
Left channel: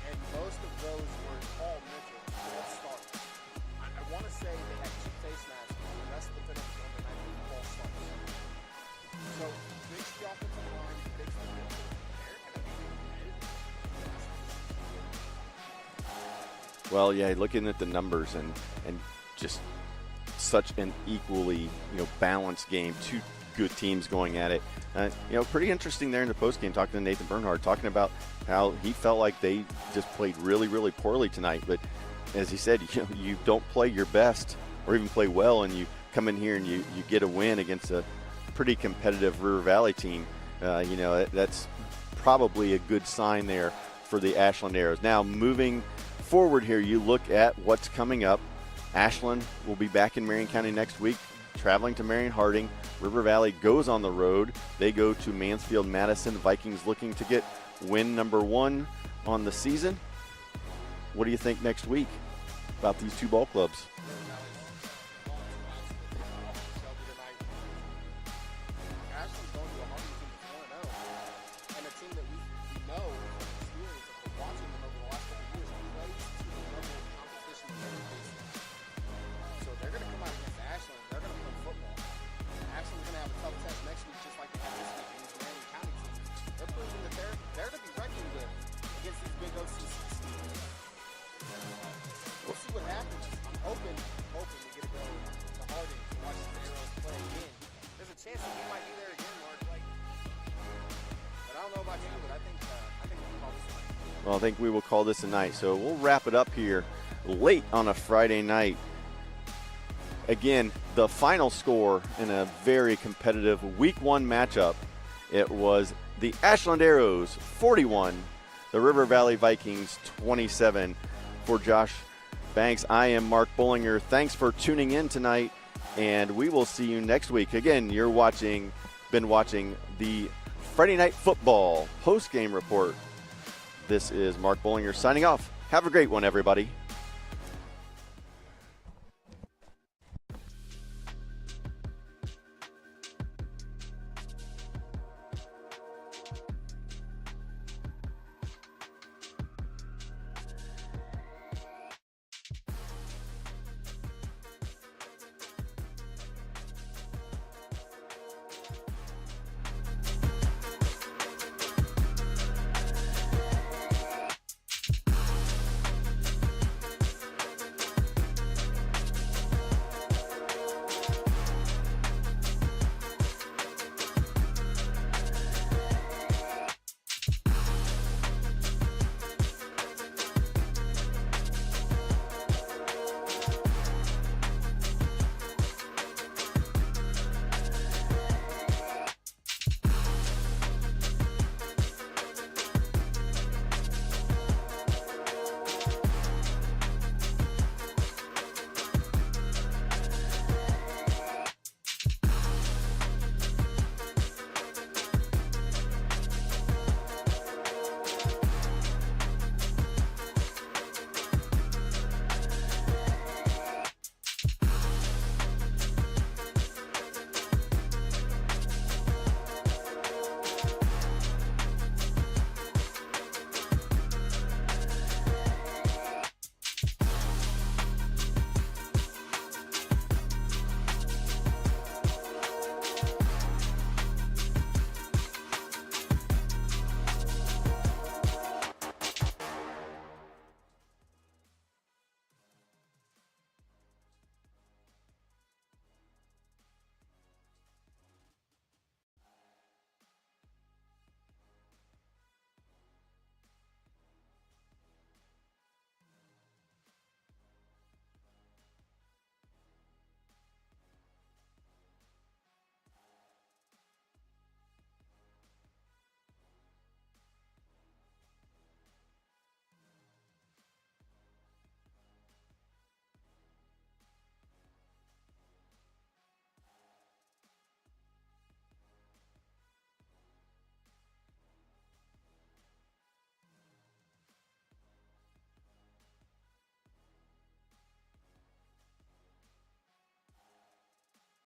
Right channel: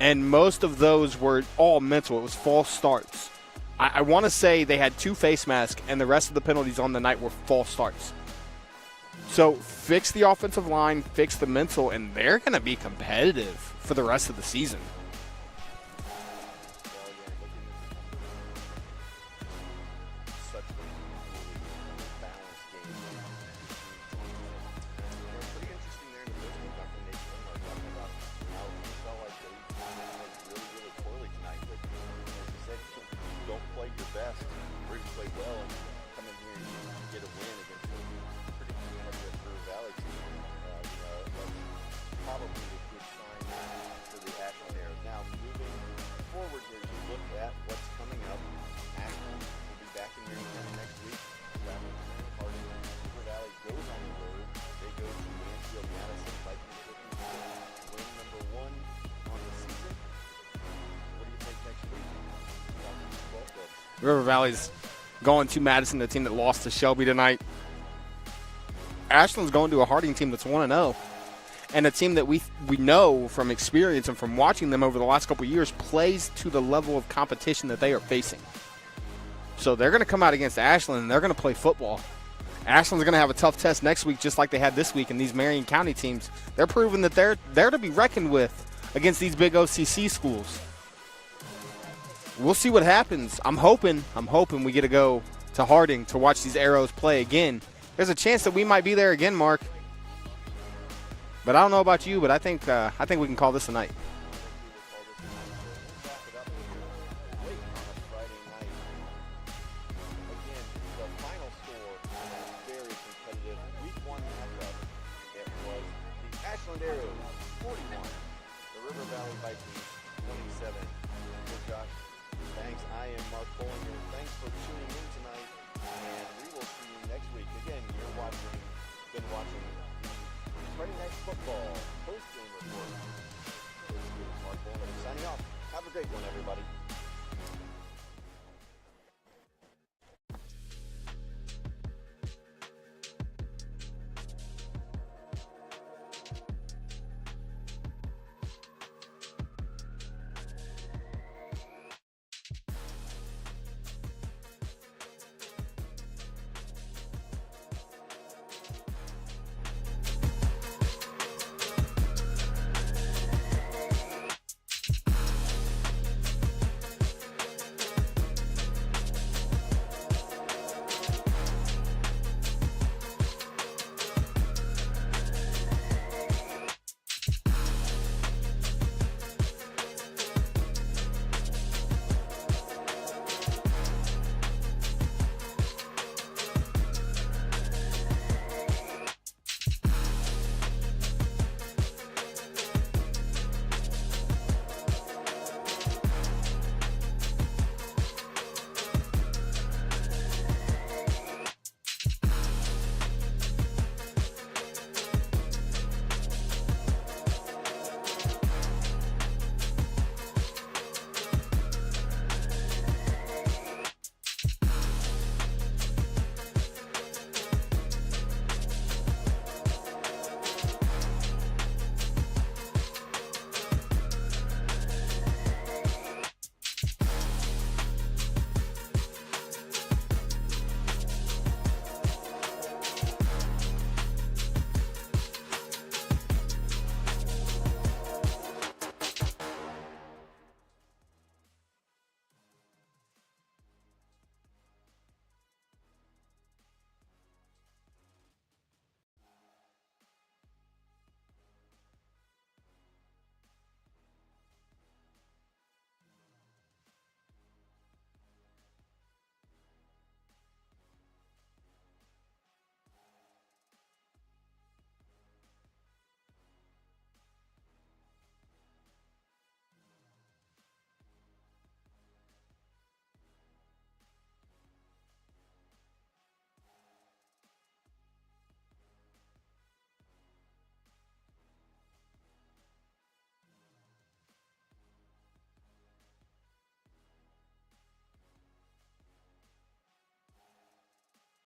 And most of those were all mental. It was false starts. I want to say they had 2 face masks, and the rest of the penalties on the night were false starts. So fix the offensive line, fix the mental, and they're going to be competitive for the rest of the season. Well, yeah, looking at the numbers and just such an equally balanced game, 2 good teams going at it. Pretty interesting there in the postgame, talking to Nathan Bernhard, talking about how he felt like they just played really, really poorly tonight. But as he said, you don't play your best or even play well, and you come in here and you get a win against a pretty competitive River Valley team. That's probably a good sign there for the Ashland Arrows. Now, moving forward here, you look at what's coming up. Ashland will be back in Marion County next week, traveling to Marion Harding. River Valley goes on the road. They go to Mansfield Madison. Vikings looking to get win number 1 on the season. What do you think next week about these 2 ball clubs? River Valley's going to Madison, the team that lost to Shelby tonight. Ashland's going to a Harding team that's 1-0. And a team that we know from experience and from watching them over the last couple of years plays to the level of competition that they are facing. So they're going to come out against Ashland, and they're going to play football. Ashland's going to have a tough test next week, just like they had this week, and these Marion County teams, they're proving that they're to be reckoned with against these big OCC schools. We'll see what happens. I'm hoping we get to go to Harding to watch these Arrows play again. There's a chance that we might be there again, Mark. But I don't know about you, but I think we can call this a night. Well, I think we will call this a night. So we'll wrap it up here late on a Friday night. Again, the final score in a very competitive Week 1 matchup, it was the Ashland Arrows 41, the River Valley Vikings 27. For Josh Banks, I am Mark Bollinger. Thanks for tuning in tonight, and we will see you next week. Again, you're been watching the Friday Night Football post-game report. This is Mark Bollinger signing off. Have a great one, everybody.